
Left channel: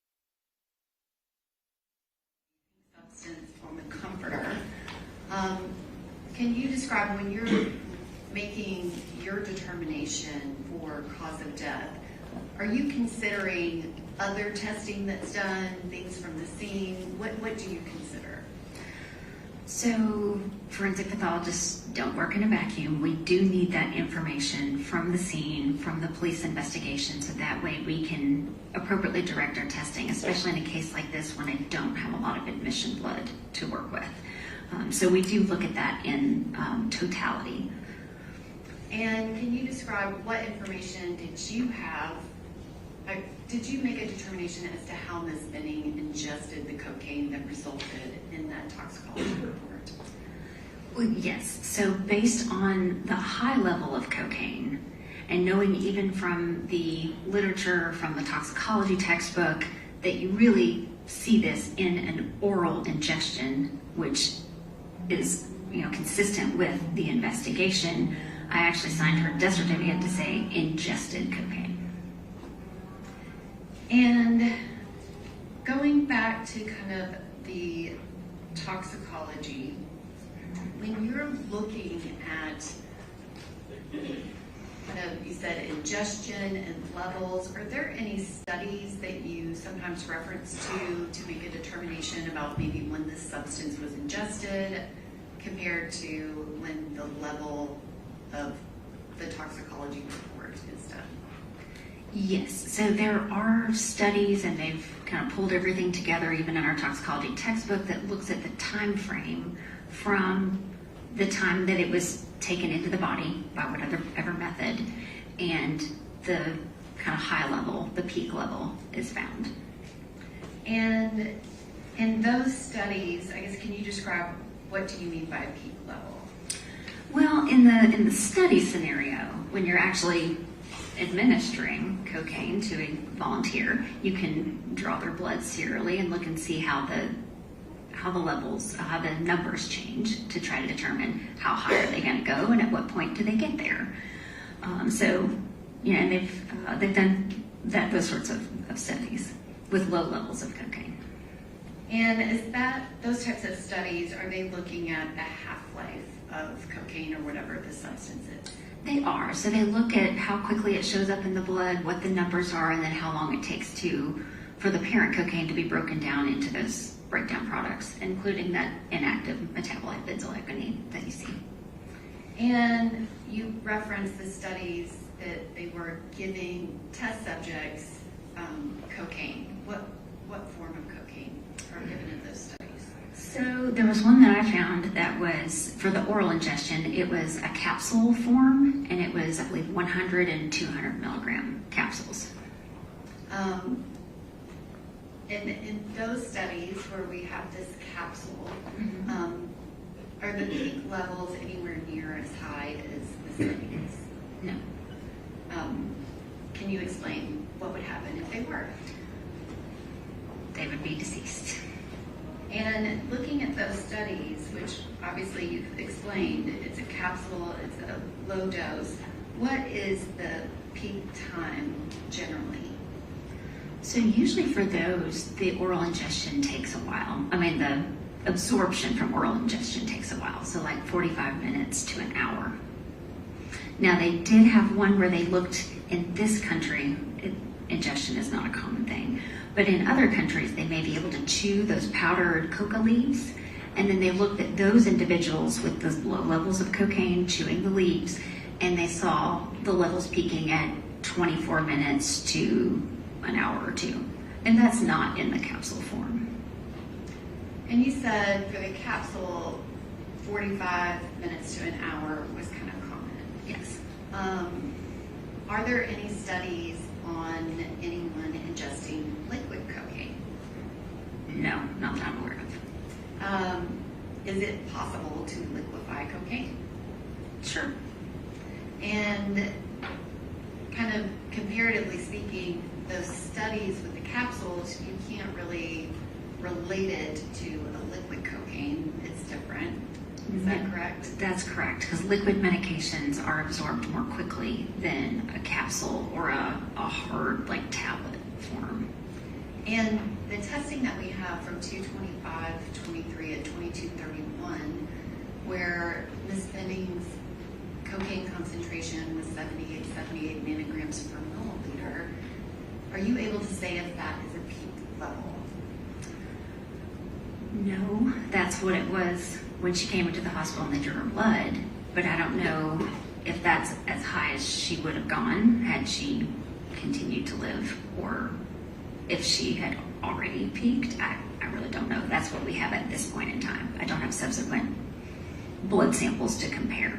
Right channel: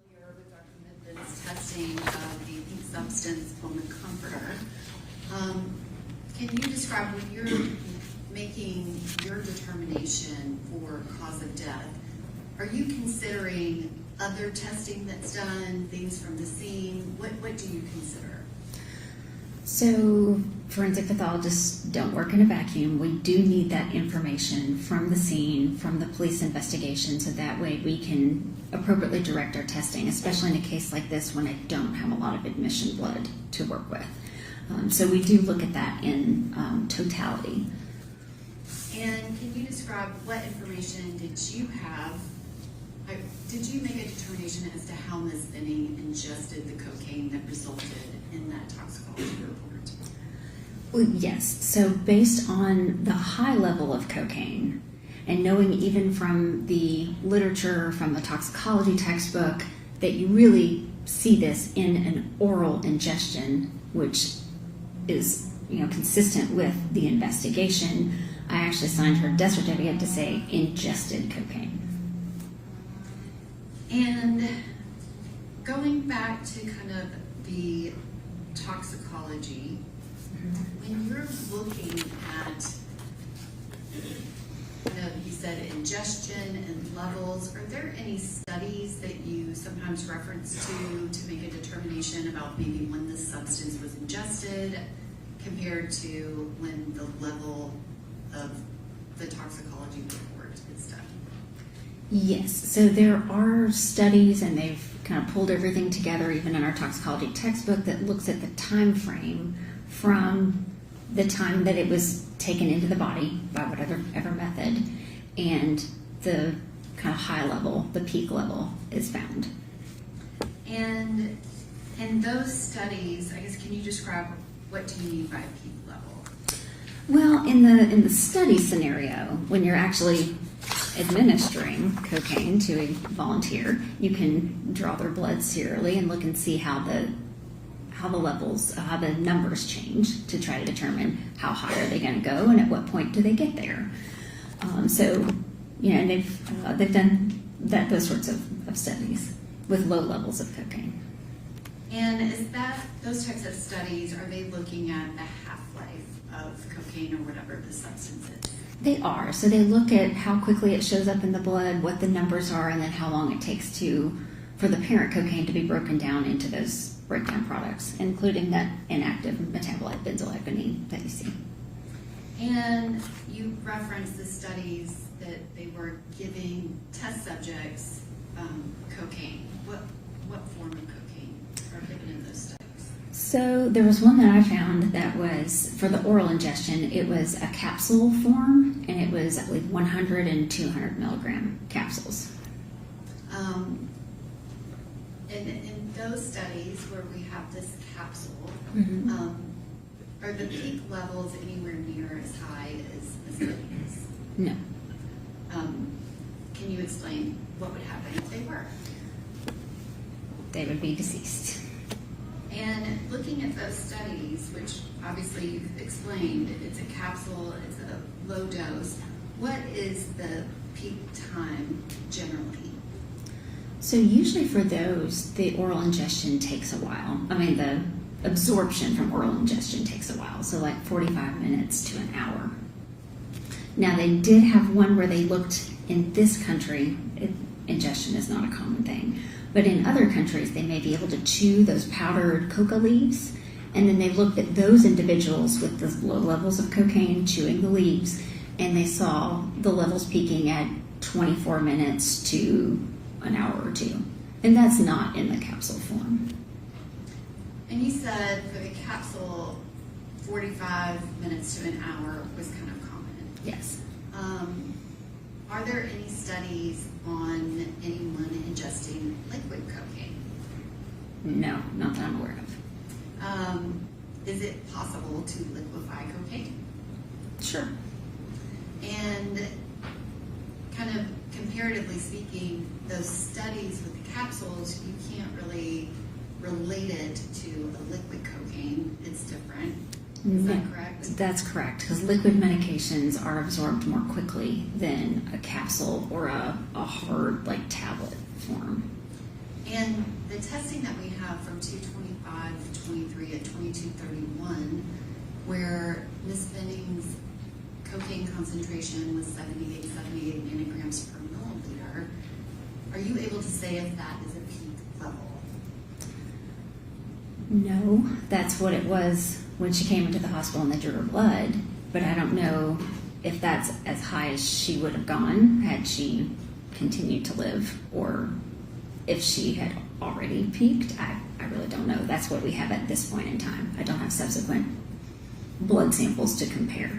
Familiar with Dr. Midden's testing of the pink substance on the comforter. Can you describe when you're making your determination for cause of death, are you considering other testing that's done, things from the scene? What do you consider? So forensic pathologists don't work in a vacuum. We do need that information from the scene, from the police investigation, so that way we can appropriately direct our testing, especially in a case like this when I don't have a lot of admission blood to work with. So we do look at that in totality. And can you describe what information did you have? Did you make a determination as to how Ms. Benning ingested the cocaine that resulted in that toxicology report? Well, yes. So based on the high level of cocaine and knowing even from the literature, from the toxicology textbook, that you really see this in an oral ingestion, which is consistent with the investigation, I actually signed her death certificate to say ingested cocaine. And going back to kind of the toxicology, when you're looking at, you said ingestion and levels, are there any studies that you sometimes reference to make a determination about maybe when this substance was ingested compared to when the level of the toxicology report is done? Yes, so there are studies, and they've kind of pulled everything together, even in our toxicology textbook, that looks at the time frame from the time that it was taken into the body by whatever method, and the kind of high level, the peak level, is found. And in those studies, I guess, can you describe what do you mean by a peak level? Well, in the study scenario, when you're actually administering cocaine to a volunteer, you can draw their blood serially and look and see how the levels, how the numbers change to try to determine how high are they going to go and at what point do they get there. And they've done those sorts of studies with low levels of cocaine. And is that those types of studies, are they looking at the half-life of cocaine or whatever the substance is? They are. So they look at how quickly it shows up in the blood, what the numbers are, and then how long it takes for the parent cocaine to be broken down into those breakdown products, including that inactive metabolite benzoyl that you see. And you referenced the studies that they were giving test subjects cocaine. What form of cocaine are given in those studies? So there was one that I found that was for the oral ingestion. It was a capsule form, and it was, I believe, 100 and 200 milligram capsules. In those studies where we have this capsule, Mm-hmm. are the peak levels anywhere near as high as the studies? No. Can you explain what would happen if they were? They would be deceased. And looking at those studies, which obviously you've explained, it's a capsule, it's a low dose, what is the peak time generally? So usually for those, the oral ingestion takes a while. I mean, the absorption from oral ingestion takes a while, so like 45 minutes to an hour. Now, they did have one where they looked in this country, ingestion is not a common thing, but in other countries, they may be able to chew those powdered coca leaves, and then they looked at those individuals with the low levels of cocaine chewing the leaves, and they saw the levels peaking at 24 minutes to an hour or two. And that's not in the capsule form. And you said for the capsule, 45 minutes to an hour was kind of common. Yes. Are there any studies on anyone ingesting liquid cocaine? No, not that I'm aware of. Is it possible to liquefy cocaine? Sure. And kind of comparatively speaking, those studies with the capsules, you can't really relate it to a liquid cocaine. It's different. Is that correct? That's correct, because liquid medications are absorbed more quickly than a capsule or a hard, like, tablet form. And the testing that we have from 225, 23, and 2231, where Ms. Benning's cocaine concentration was 78 nanograms per milliliter, are you able to say if that is a peak level? No, that's what it was when she came into the hospital and they drew her blood, but I don't know if that's as high as she would have gone had she continued to live, or if she had already peaked. I really don't know. That's what we have at this point in time. I don't have subsequent blood samples to compare.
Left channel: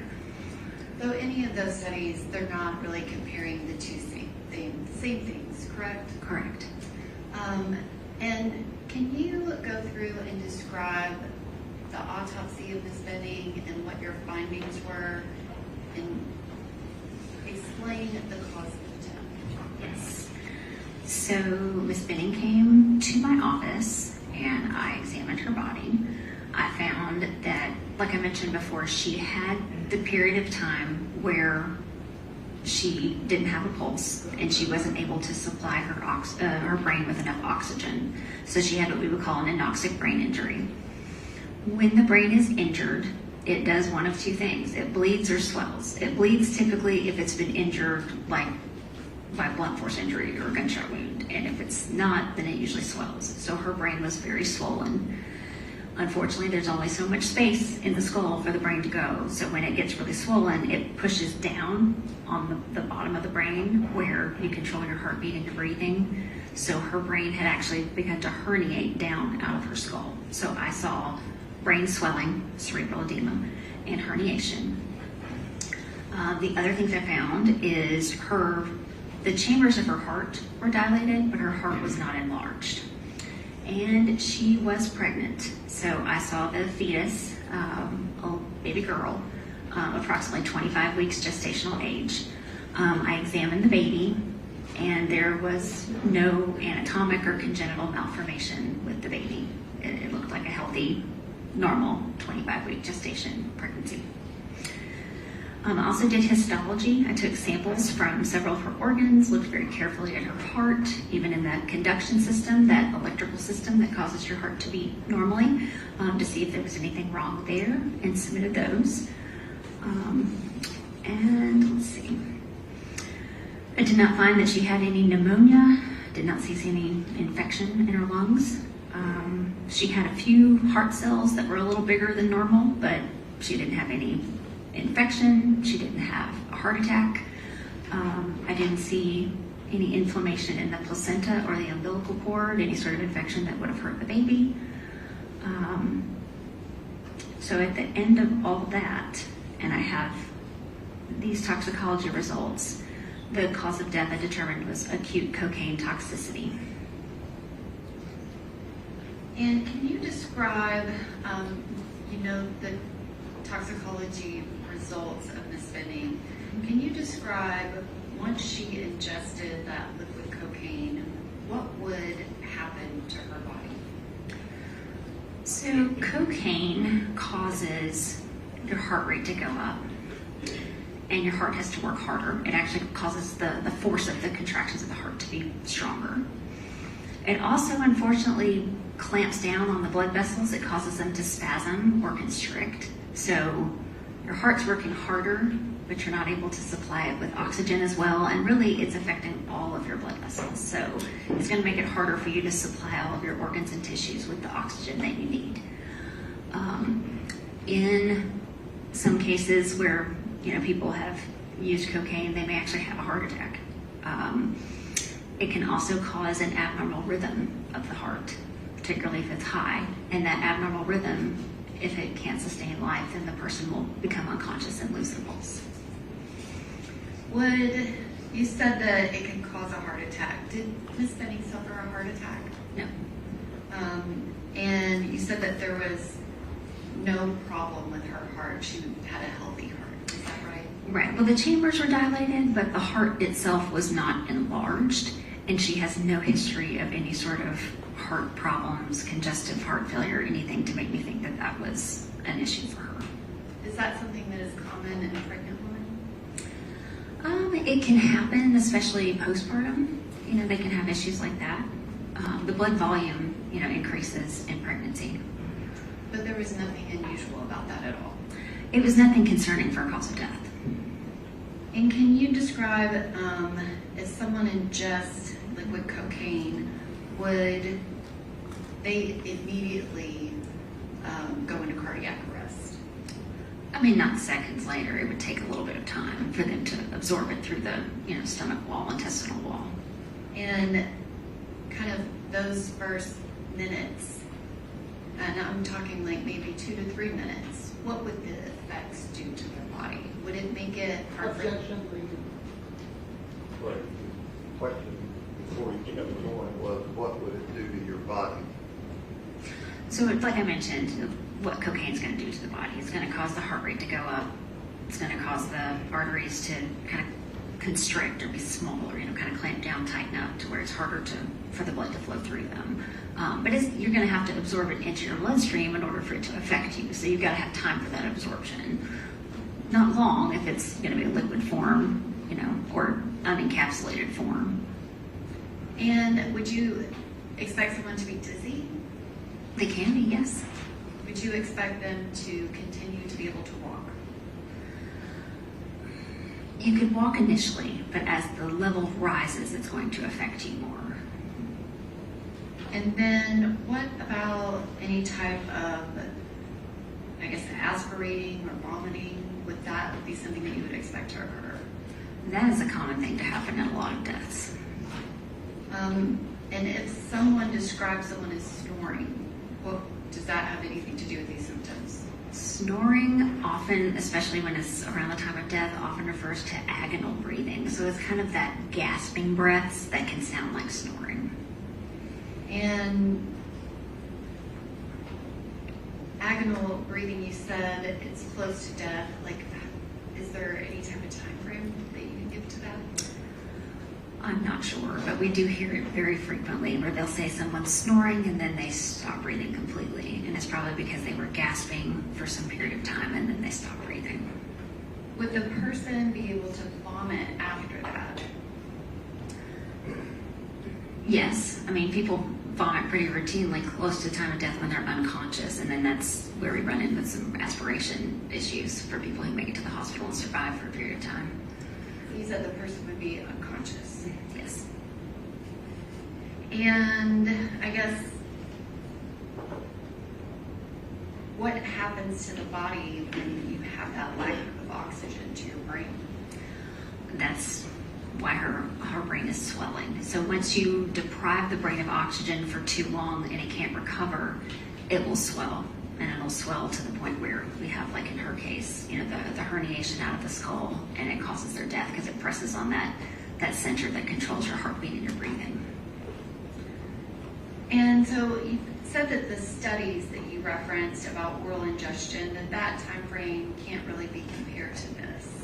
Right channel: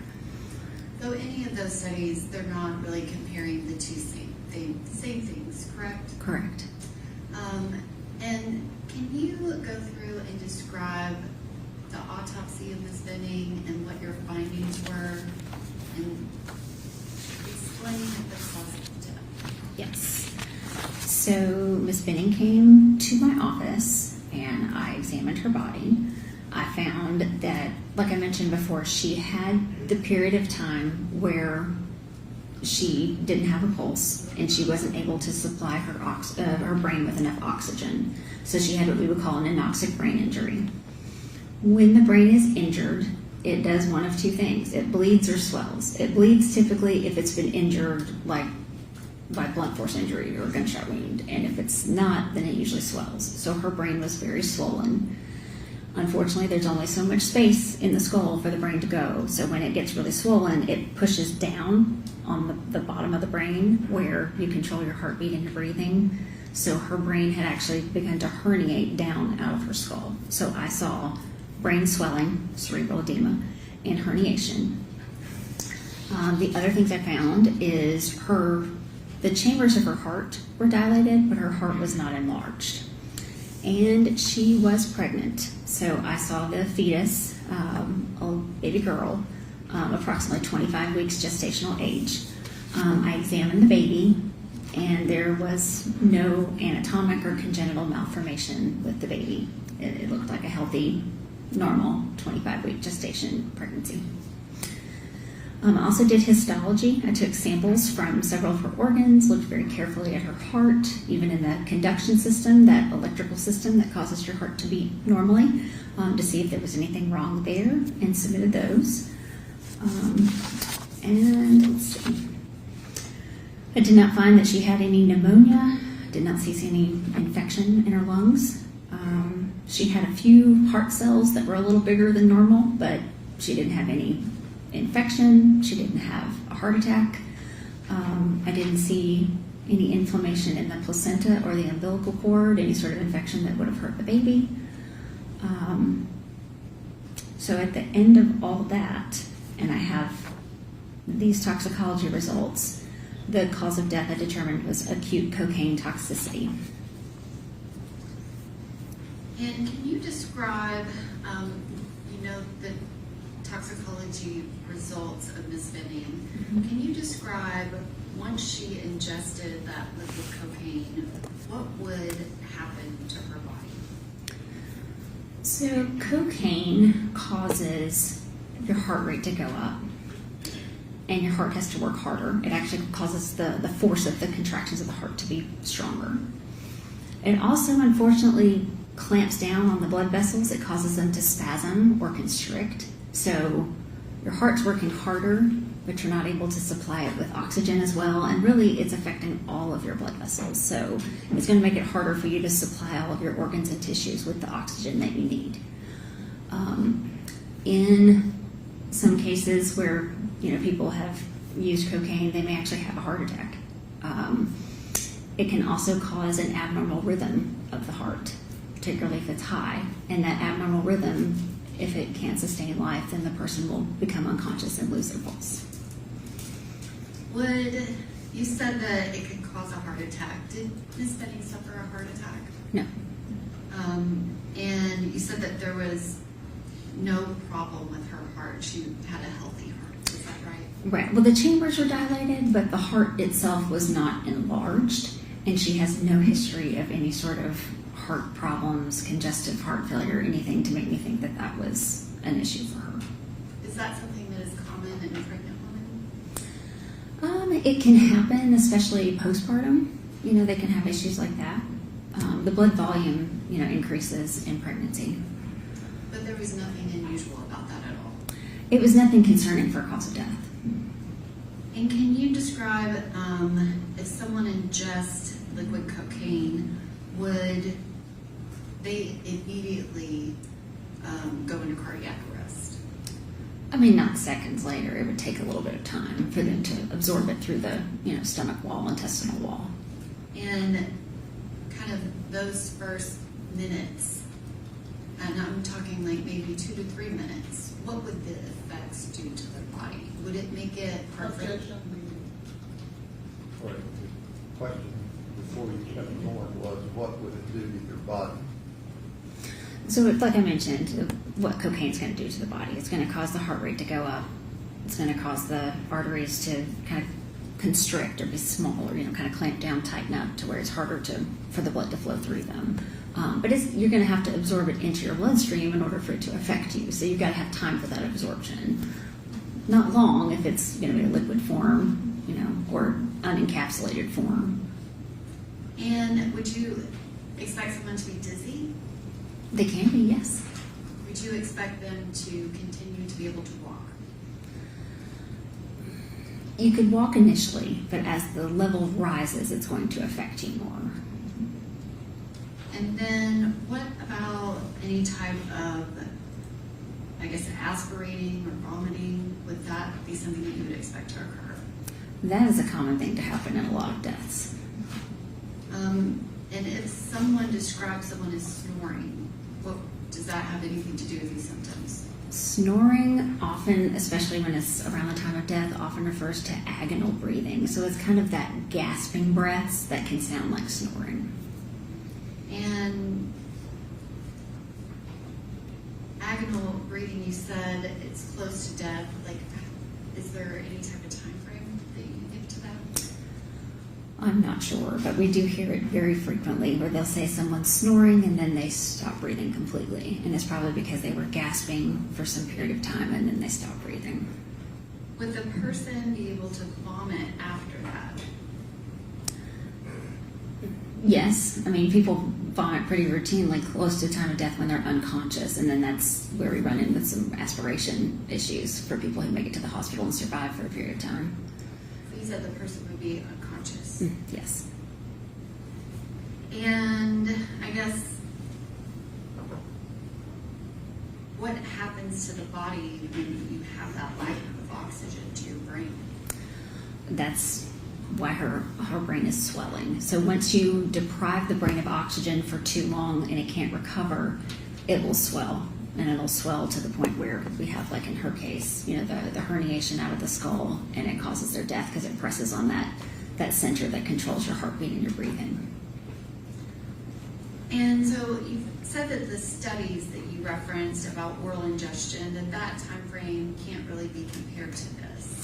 So any of those studies, they're not really comparing the two same things, correct? Correct. And can you go through and describe the autopsy of Ms. Benning and what your findings were, and explain the cause of death? Yes. So Ms. Benning came to my office and I examined her body. I found that, like I mentioned before, she had the period of time where she didn't have a pulse and she wasn't able to supply her brain with enough oxygen. So she had what we would call an anoxic brain injury. When the brain is injured, it does one of two things. It bleeds or swells. It bleeds typically if it's been injured, like by blunt force injury or a gunshot wound. And if it's not, then it usually swells. So her brain was very swollen. Unfortunately, there's only so much space in the skull for the brain to go. So when it gets really swollen, it pushes down on the bottom of the brain where you control your heartbeat and your breathing. So her brain had actually begun to herniate down out of her skull. So I saw brain swelling, cerebral edema, and herniation. The other things I found is the chambers of her heart were dilated, but her heart was not enlarged. And she was pregnant. So I saw the fetus, a baby girl, approximately 25 weeks gestational age. I examined the baby, and there was no anatomic or congenital malformation with the baby. It looked like a healthy, normal 25-week gestation pregnancy. I also did histology. I took samples from several of her organs, looked very carefully at her heart, even in the conduction system, that electrical system that causes your heart to beat normally, to see if there was anything wrong there, and submitted those. And let's see. I did not find that she had any pneumonia. Did not see any infection in her lungs. She had a few heart cells that were a little bigger than normal, but she didn't have any infection. She didn't have a heart attack. I didn't see any inflammation in the placenta or the umbilical cord, any sort of infection that would have hurt the baby. So at the end of all that, and I have these toxicology results, the cause of death I determined was acute cocaine toxicity. And can you describe, the toxicology results of Ms. Benning? Can you describe, once she ingested that liquid cocaine, what would happen to her body? So cocaine causes your heart rate to go up, and your heart has to work harder. It actually causes the force of the contractions of the heart to be stronger. It also, unfortunately, clamps down on the blood vessels. It causes them to spasm or constrict. So your heart's working harder, but you're not able to supply it with oxygen as well, and really it's affecting all of your blood vessels. So it's going to make it harder for you to supply all of your organs and tissues with the oxygen that you need. In some cases where people have used cocaine, they may actually have a heart attack. It can also cause an abnormal rhythm of the heart, particularly if it's high, and that abnormal rhythm, if it can't sustain life, then the person will become unconscious and lose their pulse. You said that it can cause a heart attack. Did Ms. Benning suffer a heart attack? No. And you said that there was no problem with her heart. She had a healthy heart. Is that right? Right. Well, the chambers were dilated, but the heart itself was not enlarged, and she has no history of any sort of heart problems, congestive heart failure, anything to make me think that that was an issue for her. Is that something that is common in a pregnant woman? It can happen, especially postpartum. They can have issues like that. The blood volume, increases in pregnancy. But there was nothing unusual about that at all. It was nothing concerning for a cause of death. And can you describe if someone ingests liquid cocaine, would they immediately go into cardiac arrest? Not seconds later. It would take a little bit of time for them to absorb it through the stomach wall, intestinal wall. And kind of those first minutes, and I'm talking like maybe 2 to 3 minutes, what would the effects do to their body? Would it make it perfect? Objection. Right. The question before you kept going was, what would it do to your body? So, like I mentioned, what cocaine is going to do to the body, it's going to cause the heart rate to go up. It's going to cause the arteries to kind of constrict or be small, or kind of clamp down, tighten up to where it's harder for the blood to flow through them. But you're going to have to absorb it into your bloodstream in order for it to affect you. So you've got to have time for that absorption. Not long if it's going to be a liquid form, or unencapsulated form. And would you expect someone to be dizzy? They can be, yes. Would you expect them to continue to be able to walk? You could walk initially, but as the level rises, it's going to affect you more. And then what about any type of, aspirating or vomiting? Would that be something that you would expect to occur? That is a common thing to happen in a lot of deaths. And if someone describes someone as snoring, does that have anything to do with these symptoms? Snoring often, especially when it's around the time of death, often refers to agonal breathing. So it's kind of that gasping breaths that can sound like snoring. And agonal breathing, you said it's close to death. Is there any type of time frame that you can give to that? I'm not sure, but we do hear it very frequently where they'll say someone's snoring and then they stop breathing completely. And it's probably because they were gasping for some period of time and then they stop breathing. Would the person be able to vomit after that? Yes, I mean, people vomit pretty routinely close to the time of death when they're unconscious, and then that's where we run into some aspiration issues for people who make it to the hospital and survive for a period of time. You said the person would be unconscious. Yes. And I guess, what happens to the body when you have that lack of oxygen to your brain? That's why her brain is swelling. So once you deprive the brain of oxygen for too long and it can't recover, it will swell. And it'll swell to the point where we have, like in her case, you know, the herniation out of the skull, and it causes their death because it presses on that center that controls your heartbeat and your breathing. And so you said that the studies that you referenced about oral ingestion, that time frame can't really be compared to this.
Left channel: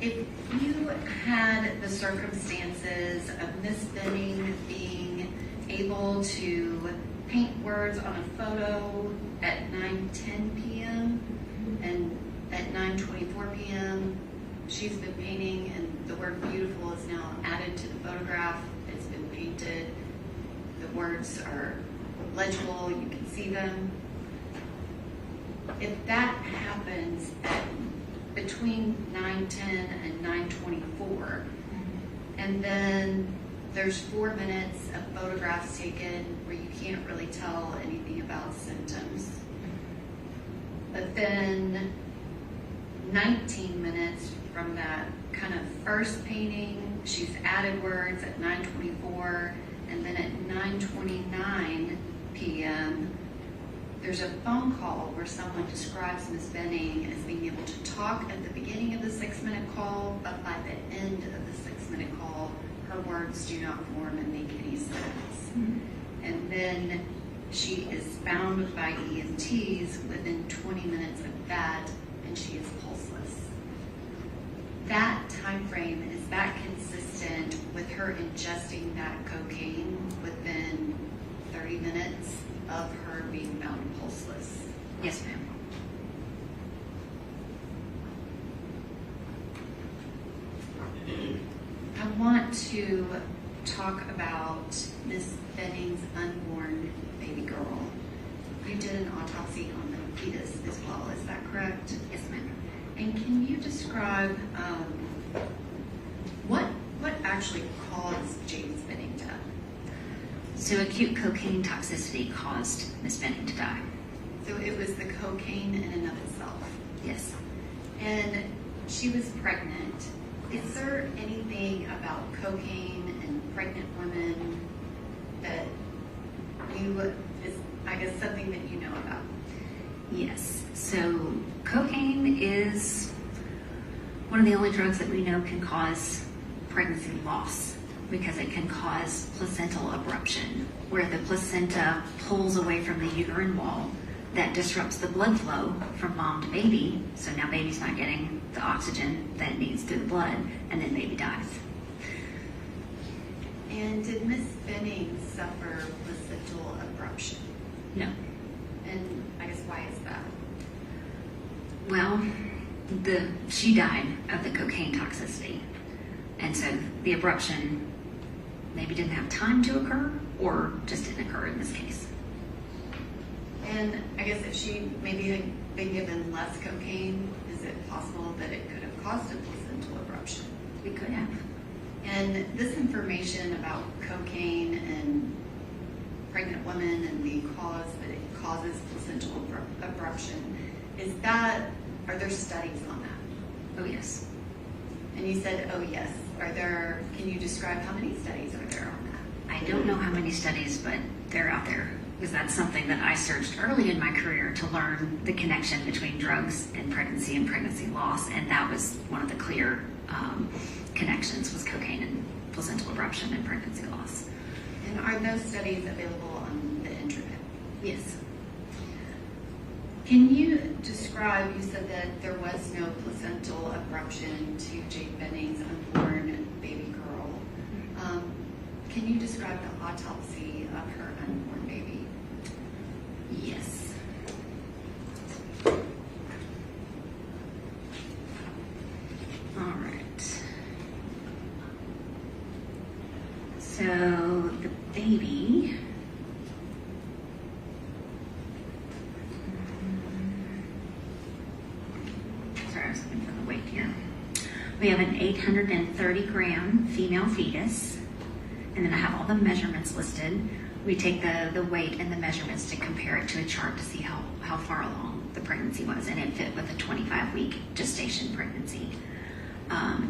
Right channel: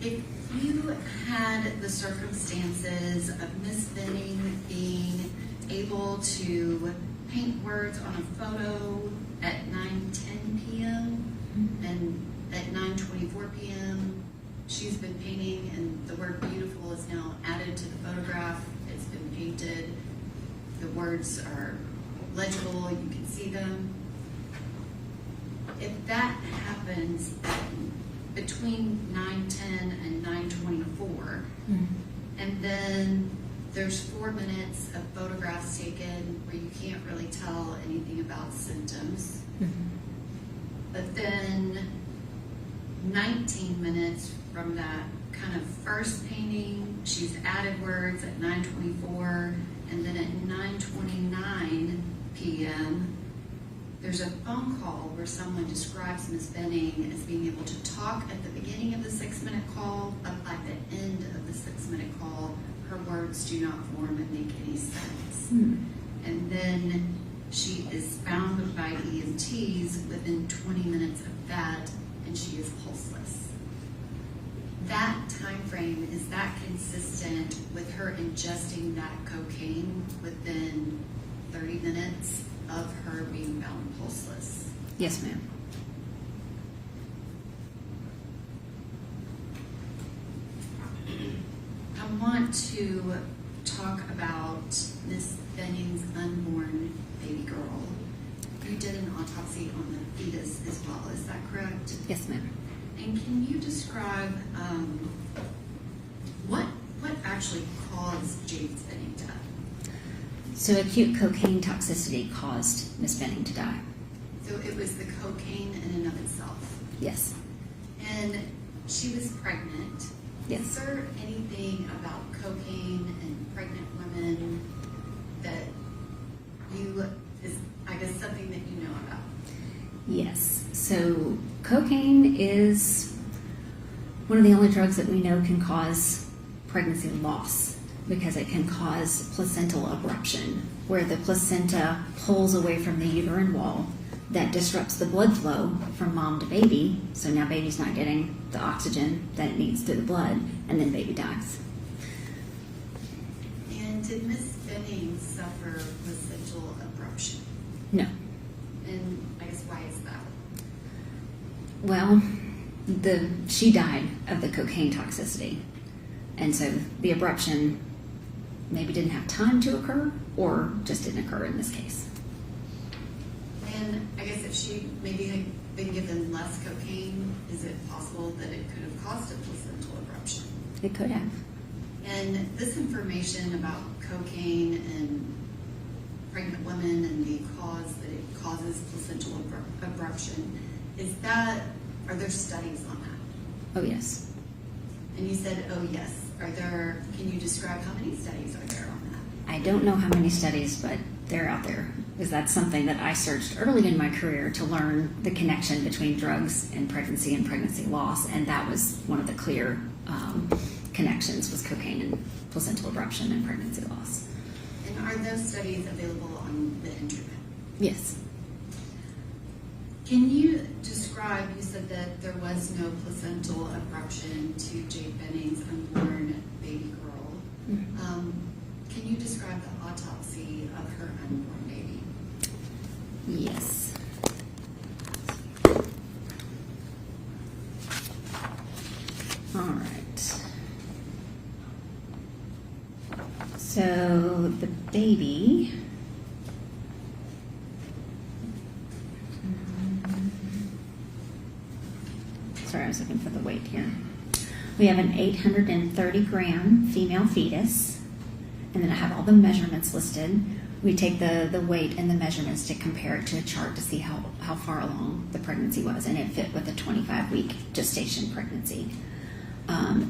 If you had the circumstances of Miss Benning being able to paint words on a photo at 9:10 p.m. and at 9:24 p.m., she's been painting, and the word beautiful is now added to the photograph. It's been painted. The words are legible. You can see them. If that happens between 9:10 and 9:24, and then there's 4 minutes of photographs taken where you can't really tell anything about symptoms, but then 19 minutes from that kind of first painting, she's added words at 9:24, and then at 9:29 p.m., there's a phone call where someone describes Ms. Benning as being able to talk at the beginning of the 6-minute call, but by the end of the 6-minute call, her words do not form and make any sense. And then she is found by EMTs within 20 minutes of that, and she is pulseless. That time frame, is that consistent with her ingesting that cocaine within 30 minutes of her being found pulseless? Yes, ma'am. I want to talk about Miss Benning's unborn baby girl. You did an autopsy on the fetus as well, is that correct? Yes, ma'am. And can you describe what actually caused James Benning death? So acute cocaine toxicity caused Miss Benning to die. So it was the cocaine in and of itself. Yes. And she was pregnant. Yes. Is there anything about cocaine and pregnant women that is, I guess, something that you know about? Yes. So cocaine is one of the only drugs that we know can cause pregnancy loss, because it can cause placental abruption, where the placenta pulls away from the uterine wall. That disrupts the blood flow from mom to baby, so now baby's not getting the oxygen that it needs through the blood, and then baby dies. And did Miss Benning suffer placental abruption? No. And I guess why is that? Well, she died of the cocaine toxicity, and so the abruption maybe didn't have time to occur, or just didn't occur in this case. And I guess if she maybe had been given less cocaine, is it possible that it could have caused a placental abruption? It could have. And this information about cocaine and pregnant women and the cause that it causes placental abruption, are there studies on that? Oh, yes. And you said, oh, yes. Can you describe how many studies are there on that? I don't know how many studies, but they're out there, because that's something that I searched early in my career to learn the connection between drugs and pregnancy loss, and that was one of the clear connections, was cocaine and placental abruption and pregnancy loss. And are those studies available on the internet? Yes. Can you describe, you said that there was no placental abruption to Jade Benning's unborn baby girl. Can you describe the autopsy of her unborn baby? Yes. All right. So the baby. Sorry, I was looking for the weight here. We have an 830 gram female fetus, and then I have all the measurements listed. We take the weight and the measurements to compare it to a chart to see how far along the pregnancy was, and it fit with a 25-week gestation pregnancy.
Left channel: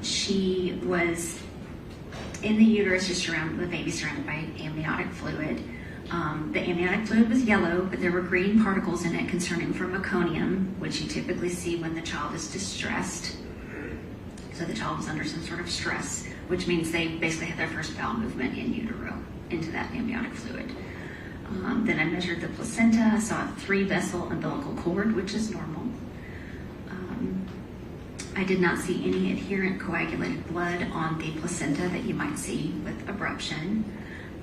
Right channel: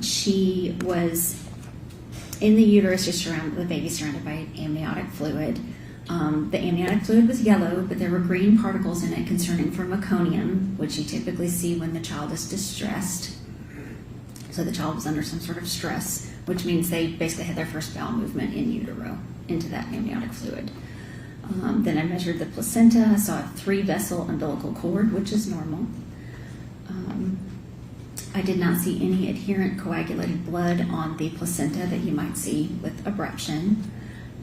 She was in the uterus, just the baby surrounded by amniotic fluid. The amniotic fluid was yellow, but there were green particles in it concerning for meconium, which you typically see when the child is distressed. So the child was under some sort of stress, which means they basically had their first bowel movement in utero into that amniotic fluid. Then I measured the placenta. I saw a 3-vessel umbilical cord, which is normal. I did not see any adherent coagulated blood on the placenta that you might see with abruption.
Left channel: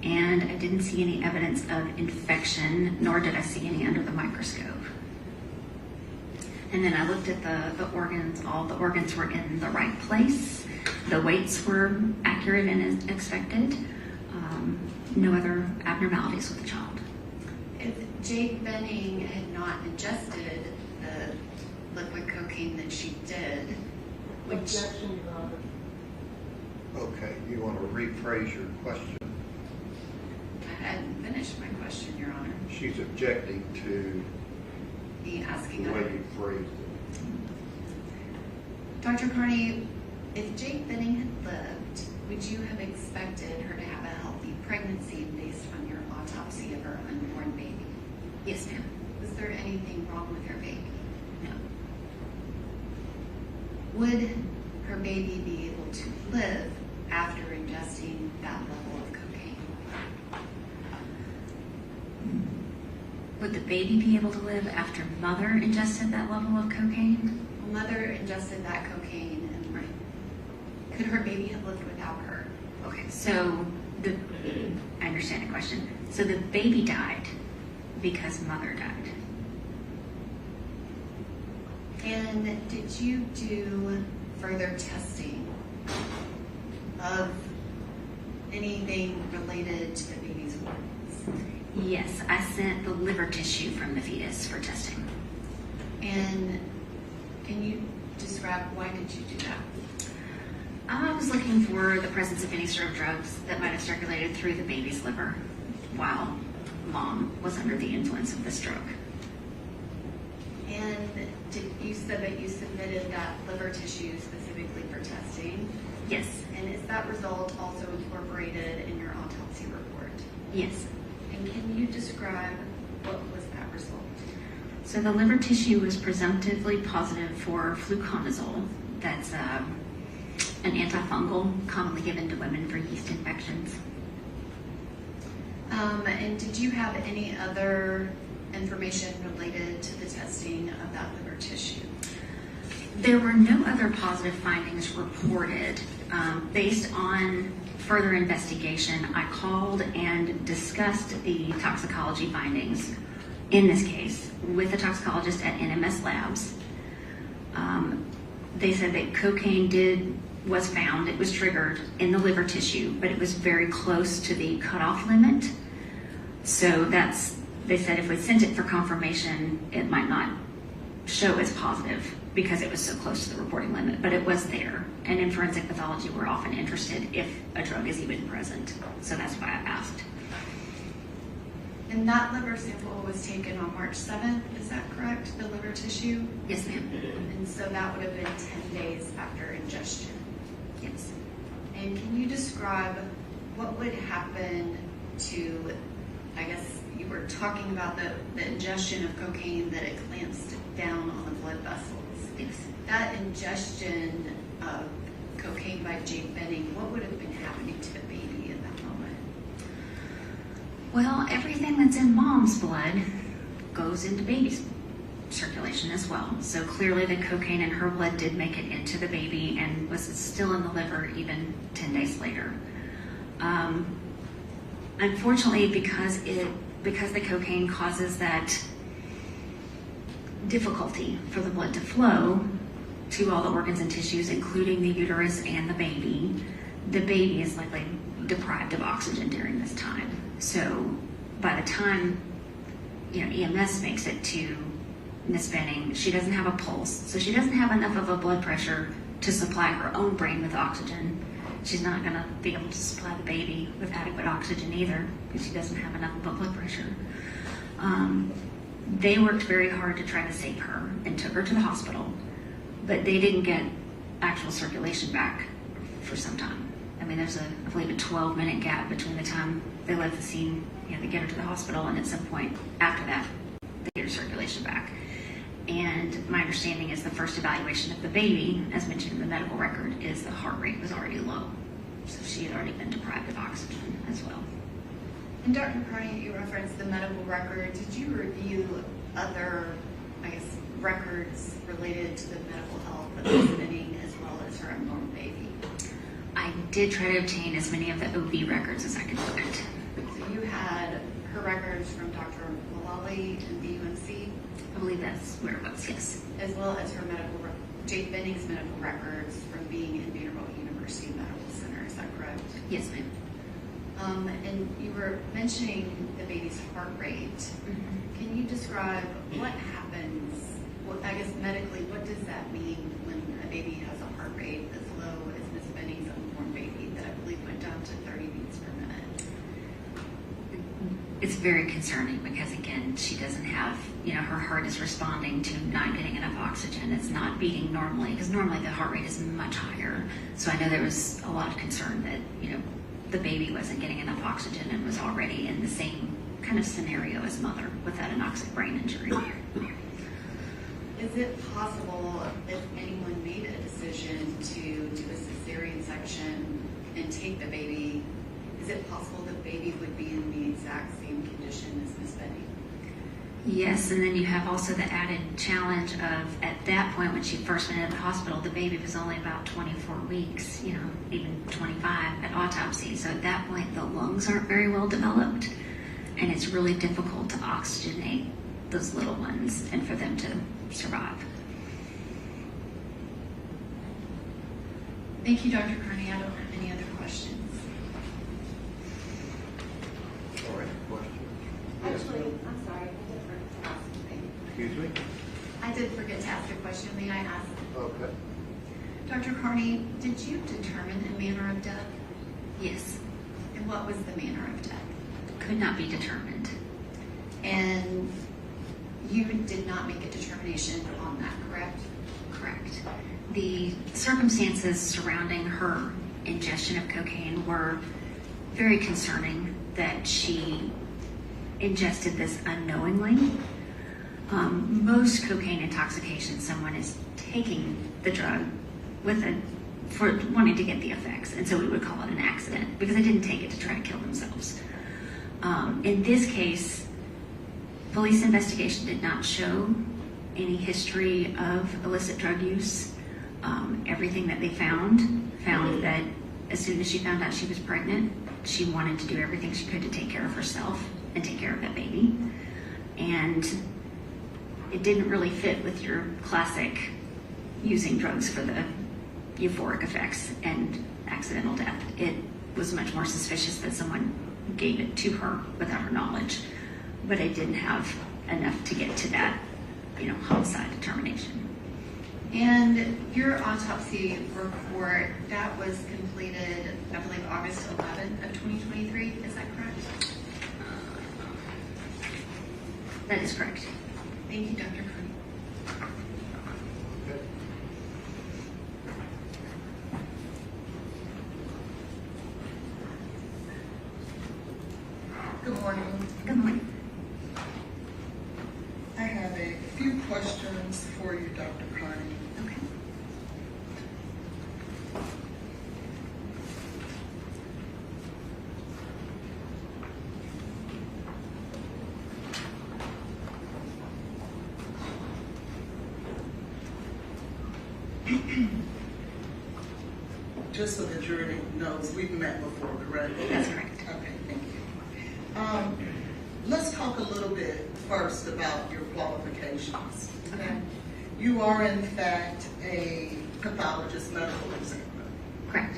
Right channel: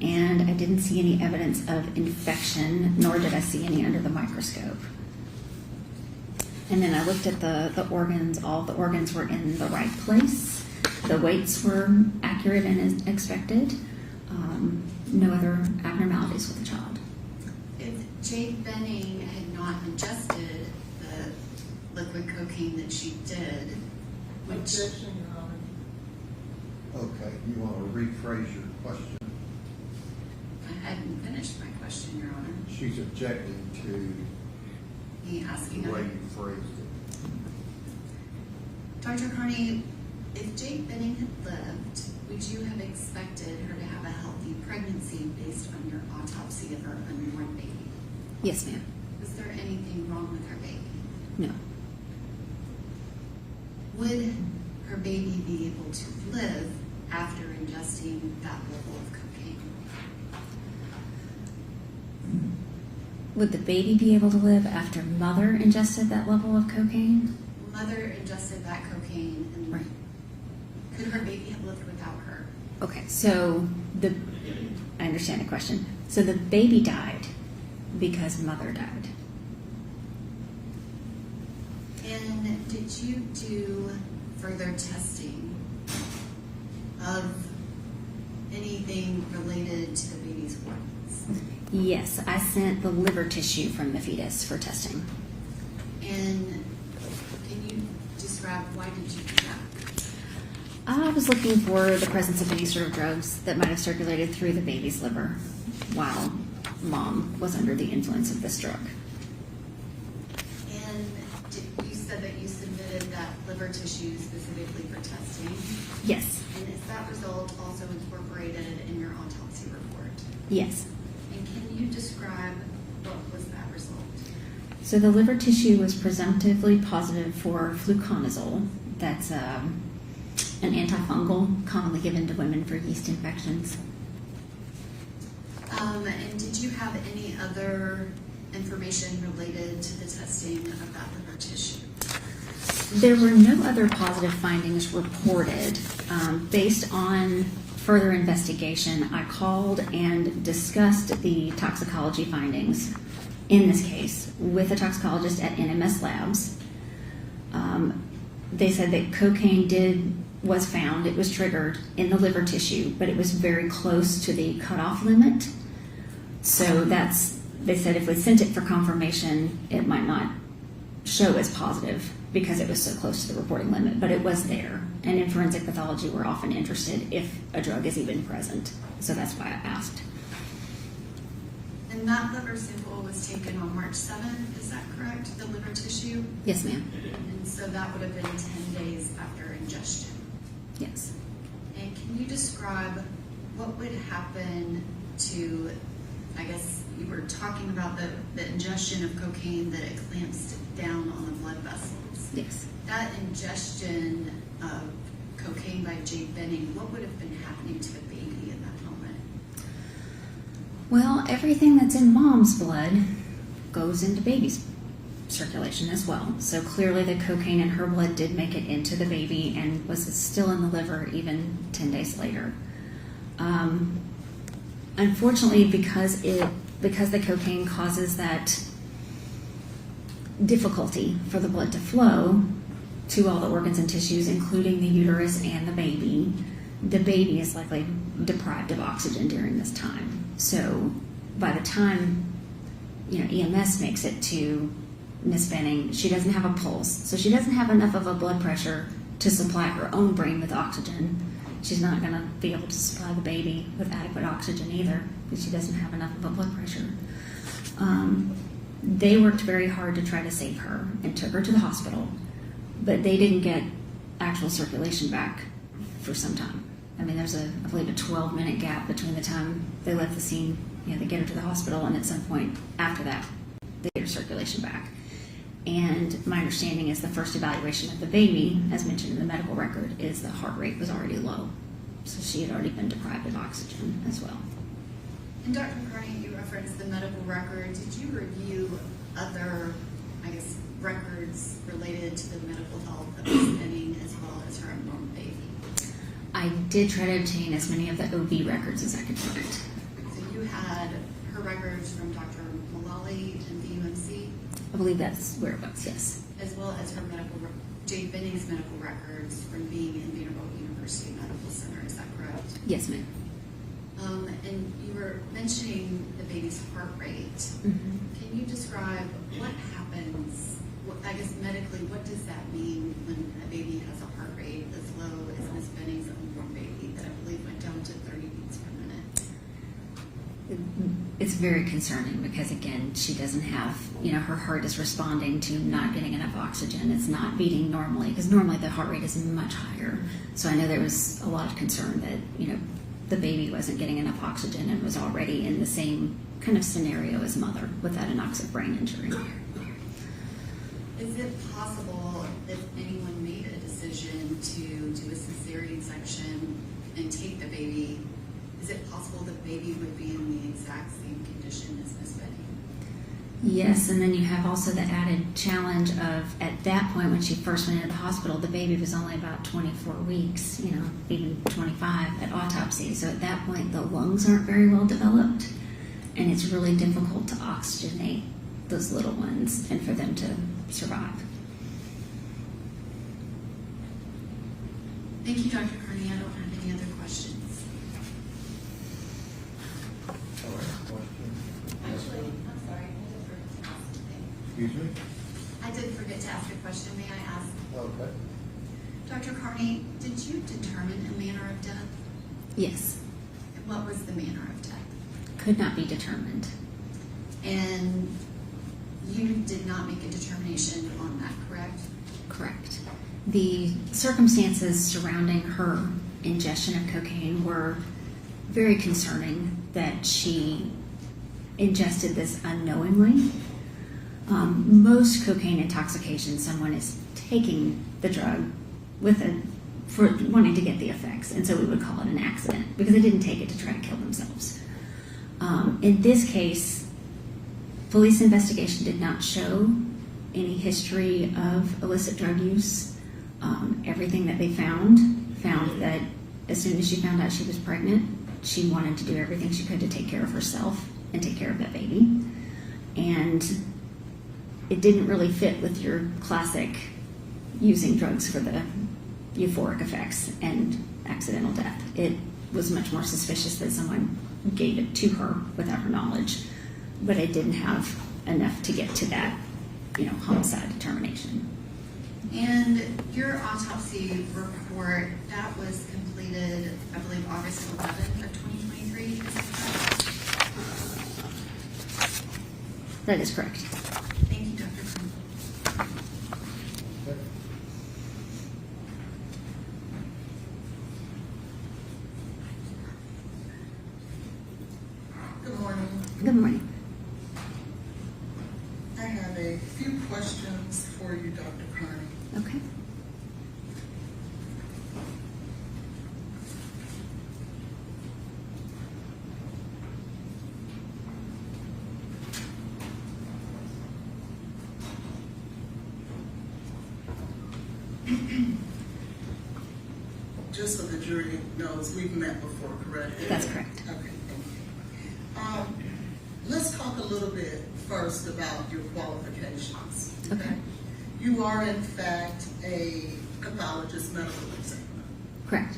And I didn't see any evidence of infection, nor did I see any under the microscope. And then I looked at the organs. All the organs were in the right place. The weights were accurate and as expected. No other abnormalities with the child. If Jake Benning had not ingested the liquid cocaine that she did, which Objection, Your Honor. Okay, you want to rephrase your question? I hadn't finished my question, Your Honor. She's objecting to Me asking the way her. you phrased it. Dr. Carney, if Jake Benning had lived, would you have expected her to have a healthy pregnancy based on your autopsy of her unborn baby? Yes, ma'am. Was there anything wrong with her baby? No. Would her baby be able to live after ingesting that level of cocaine? Would the baby be able to live after mother ingested that level of cocaine? Mother ingested that cocaine, and Right. could her baby have lived without her? Okay, so I understand the question. So the baby died because mother died. And did you do further testing of anything related to the baby's organs? Yes, I sent the liver tissue from the fetus for testing. And can you describe why did you do that? I was looking for the presence of any sort of drugs that might have circulated through the baby's liver while mom was under the influence of this drug. And you said that you submitted that liver tissue specifically for testing. Yes, And is that result also incorporated in your autopsy report? yes. And can you describe what was that result? So the liver tissue was presumptively positive for fluconazole. That's an antifungal commonly given to women for yeast infections. And did you have any other information related to the testing of that liver tissue? There were no other positive findings reported. Based on further investigation, I called and discussed the toxicology findings in this case with a toxicologist at NMS Labs. They said that cocaine was found, it was triggered in the liver tissue, but it was very close to the cutoff limit. So they said if we sent it for confirmation, it might not show as positive because it was so close to the reporting limit, but it was there. And in forensic pathology, we're often interested if a drug is even present. So that's why I asked. And that liver sample was taken on March 7th, is that correct? The liver tissue? Yes, ma'am. And so that would have been 10 days after ingestion. Yes. And can you describe what would happen to, I guess you were talking about the ingestion of cocaine, that it clamps down on the blood vessels. Yes. That ingestion of cocaine by Jake Benning, what would have been happening to the baby in that moment? Well, everything that's in mom's blood goes into baby's circulation as well. So clearly the cocaine in her blood did make it into the baby and was still in the liver even 10 days later. Unfortunately, because the cocaine causes that difficulty for the blood to flow to all the organs and tissues, including the uterus and the baby is likely deprived of oxygen during this time. So by the time, EMS makes it to Miss Benning, she doesn't have a pulse, so she doesn't have enough of a blood pressure to supply her own brain with oxygen. She's not going to be able to supply the baby with adequate oxygen either, because she doesn't have enough of a blood pressure. They worked very hard to try to save her and took her to the hospital, but they didn't get actual circulation back for some time. I mean, there's I believe a 12-minute gap between the time they left the scene, they get her to the hospital, and at some point after that, they get her circulation back. And my understanding is the first evaluation of the baby, as mentioned in the medical record, is the heart rate was already low. So she had already been deprived of oxygen as well. And Dr. Carney, you referenced the medical record. Did you review other, records related to the medical health of Miss Benning as well as her unborn baby? I did try to obtain as many of the OB records as I could find. So you had her records from Dr. Mullally and VUMC, I believe that's where it was, yes. as well as her Jade Benning's medical records from being in Vanderbilt University Medical Center. Is that correct? Yes, ma'am. And you were mentioning the baby's heart rate. Mm-hmm. Can you describe what happens, medically, what does that mean when a baby has a heart rate as low as Miss Benning's unborn baby that I believe went down to 30 beats per minute? It's very concerning because, again, she doesn't have, her heart is responding to not getting enough oxygen. It's not beating normally, because normally the heart rate is much higher. So I know there was a lot of concern that, the baby wasn't getting enough oxygen and was already in the same kind of scenario as mother without an anoxic brain injury. Is it possible if anyone made a decision to do a cesarean section and take the baby, is it possible the baby would be in the exact same condition as Miss Benning? Yes, and then you have also the added challenge of, at that point when she first went into the hospital, the baby was only about 24 weeks, even 25 at autopsy. So at that point, the lungs aren't very well developed, and it's really difficult to oxygenate those little ones and for them to survive. Thank you, Dr. Carney. I don't have any other questions. All right, questions? Actually, I'm sorry, I did forget to ask something. Excuse me? I did forget to ask a question. May I ask? Okay. Dr. Carney, did you determine a manner of death? Yes, And what was the manner of death? could not be determined. And you did not make a determination on that, correct? Correct. The circumstances surrounding her ingestion of cocaine were very concerning, that she ingested this unknowingly. Most cocaine intoxication, someone is taking the drug for wanting to get the effects, and so we would call it an accident because they didn't take it to try to kill themselves. In this case, police investigation did not show any history of illicit drug use. Everything that they found that as soon as she found out she was pregnant, she wanted to do everything she could to take care of herself and take care of that baby. And it didn't really fit with your classic using drugs for the euphoric effects and accidental death. It was much more suspicious that someone gave it to her without her knowledge, but it didn't have enough to get to that, homicide determination. And your autopsy report, that was completed, I believe, August 11th of 2023, is that correct? That is correct. Thank you, Dr. Carney. Okay. Good morning. Good morning. I have a few questions for you, Dr. Carney. Okay. Just so the jury knows, we've met before, correct? That's correct. Okay, thank you. Let's talk a little bit first about your qualifications. Okay. You are in fact a pathologist medical examiner. Correct.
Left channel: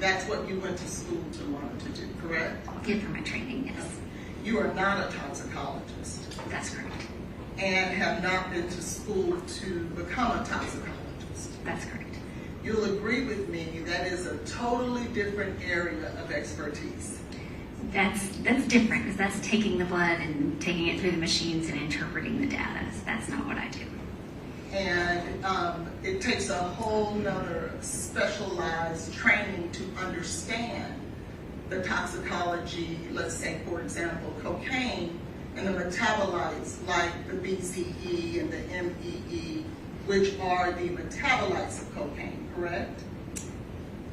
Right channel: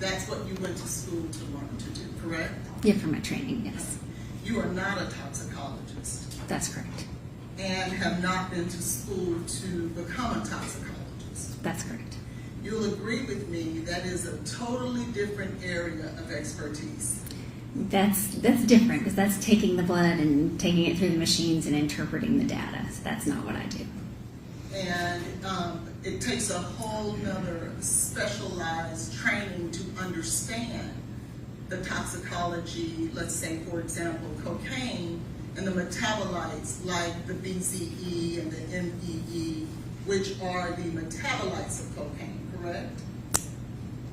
That's what you went to school to learn to do, correct? Yeah, for my training, yes. You are not a toxicologist That's correct. and have not been to school to become a toxicologist. That's correct. You'll agree with me that is a totally different area of expertise. That's different because that's taking the blood and taking it through the machines and interpreting the data. So that's not what I do. And it takes a whole nother specialized training to understand the toxicology, let's say, for example, cocaine and the metabolites like the BZE and the MEE, which are the metabolites of cocaine, correct?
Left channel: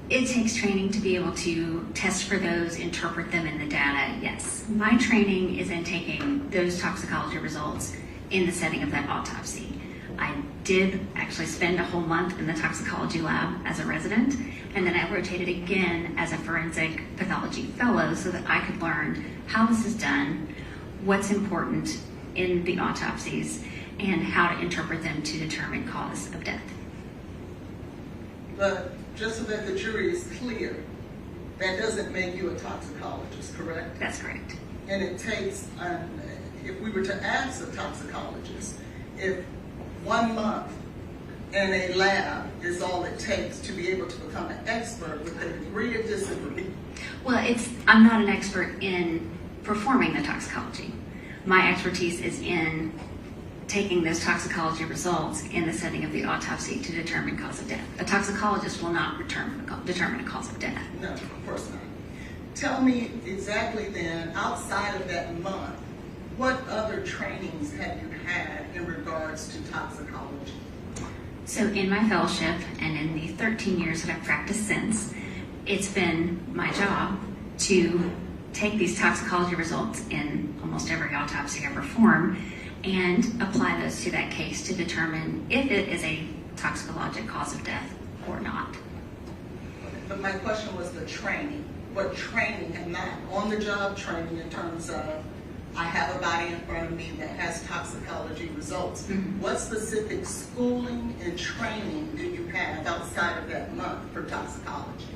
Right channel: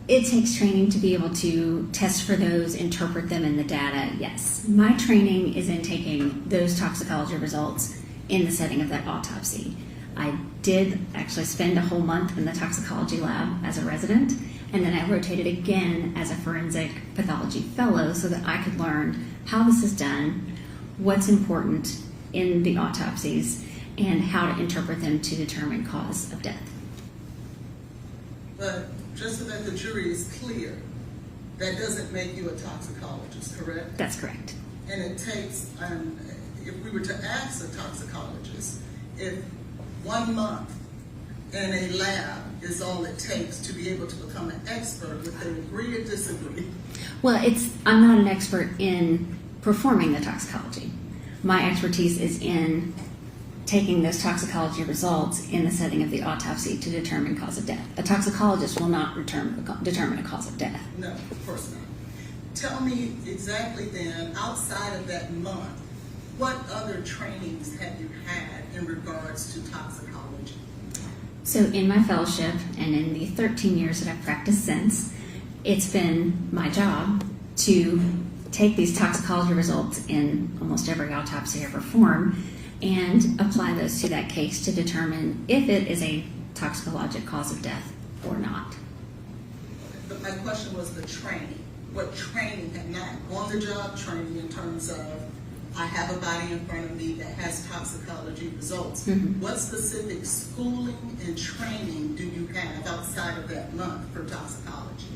It takes training to be able to test for those, interpret them in the data, yes. My training is in taking those toxicology results in the setting of that autopsy. I did actually spend a whole month in the toxicology lab as a resident, and then I rotated again as a forensic pathology fellow so that I could learn how this is done, what's important in the autopsies, and how to interpret them to determine cause of death. But just so that the jury is clear, that doesn't make you a toxicologist, correct? That's correct. And it takes, if we were to ask a toxicologist, if 1 month in a lab is all it takes to be able to become an expert, with a agree or disagree? Well, I'm not an expert in performing the toxicology. My expertise is in taking those toxicology results in the setting of the autopsy to determine cause of death. A toxicologist will not determine a cause of death. No, of course not. Tell me exactly then, outside of that month, what other trainings have you had in regards to toxicology? So in my fellowship and in the 13 years that I've practiced since, it's been my job to take these toxicology results in almost every autopsy I perform and apply those to that case to determine if it is a toxicologic cause of death or not. But my question was the training. What training, and not on-the-job training in terms of, I have a body in front of me that has toxicology results. Mm-hmm. What specific schooling and training do you have outside of that month for toxicology?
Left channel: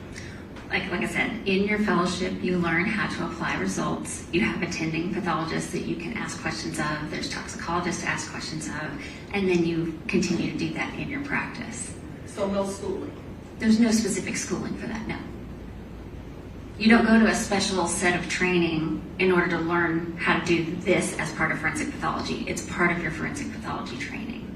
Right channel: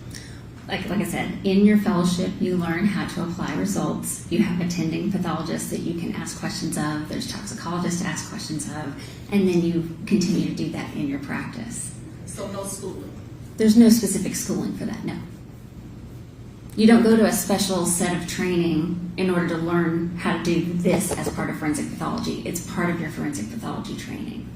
Like I said, in your fellowship, you learn how to apply results. You have attending pathologists that you can ask questions of. There's toxicologists to ask questions of. And then you continue to do that in your practice. So no schooling? There's no specific schooling for that, no. You don't go to a special set of training in order to learn how to do this as part of forensic pathology. It's part of your forensic pathology training.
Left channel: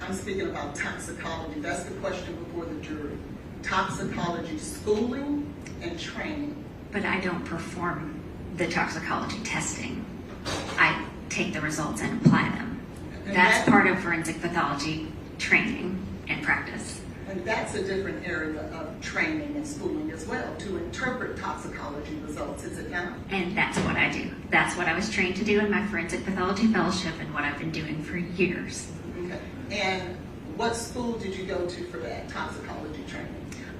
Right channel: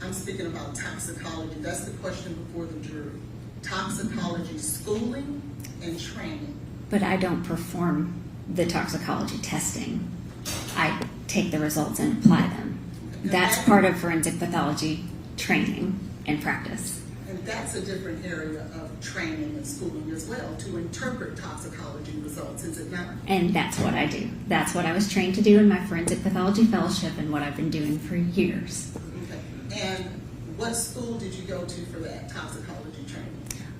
I'm speaking about toxicology. That's the question before the jury. Toxicology schooling and training. But I don't perform the toxicology testing. I take the results and apply them. That's part of forensic pathology training and practice. And that's a different area of training and schooling as well, to interpret toxicology results, is it not? And that's what I do. That's what I was trained to do in my forensic pathology fellowship and what I've been doing for years. Okay. And what school did you go to for that toxicology training?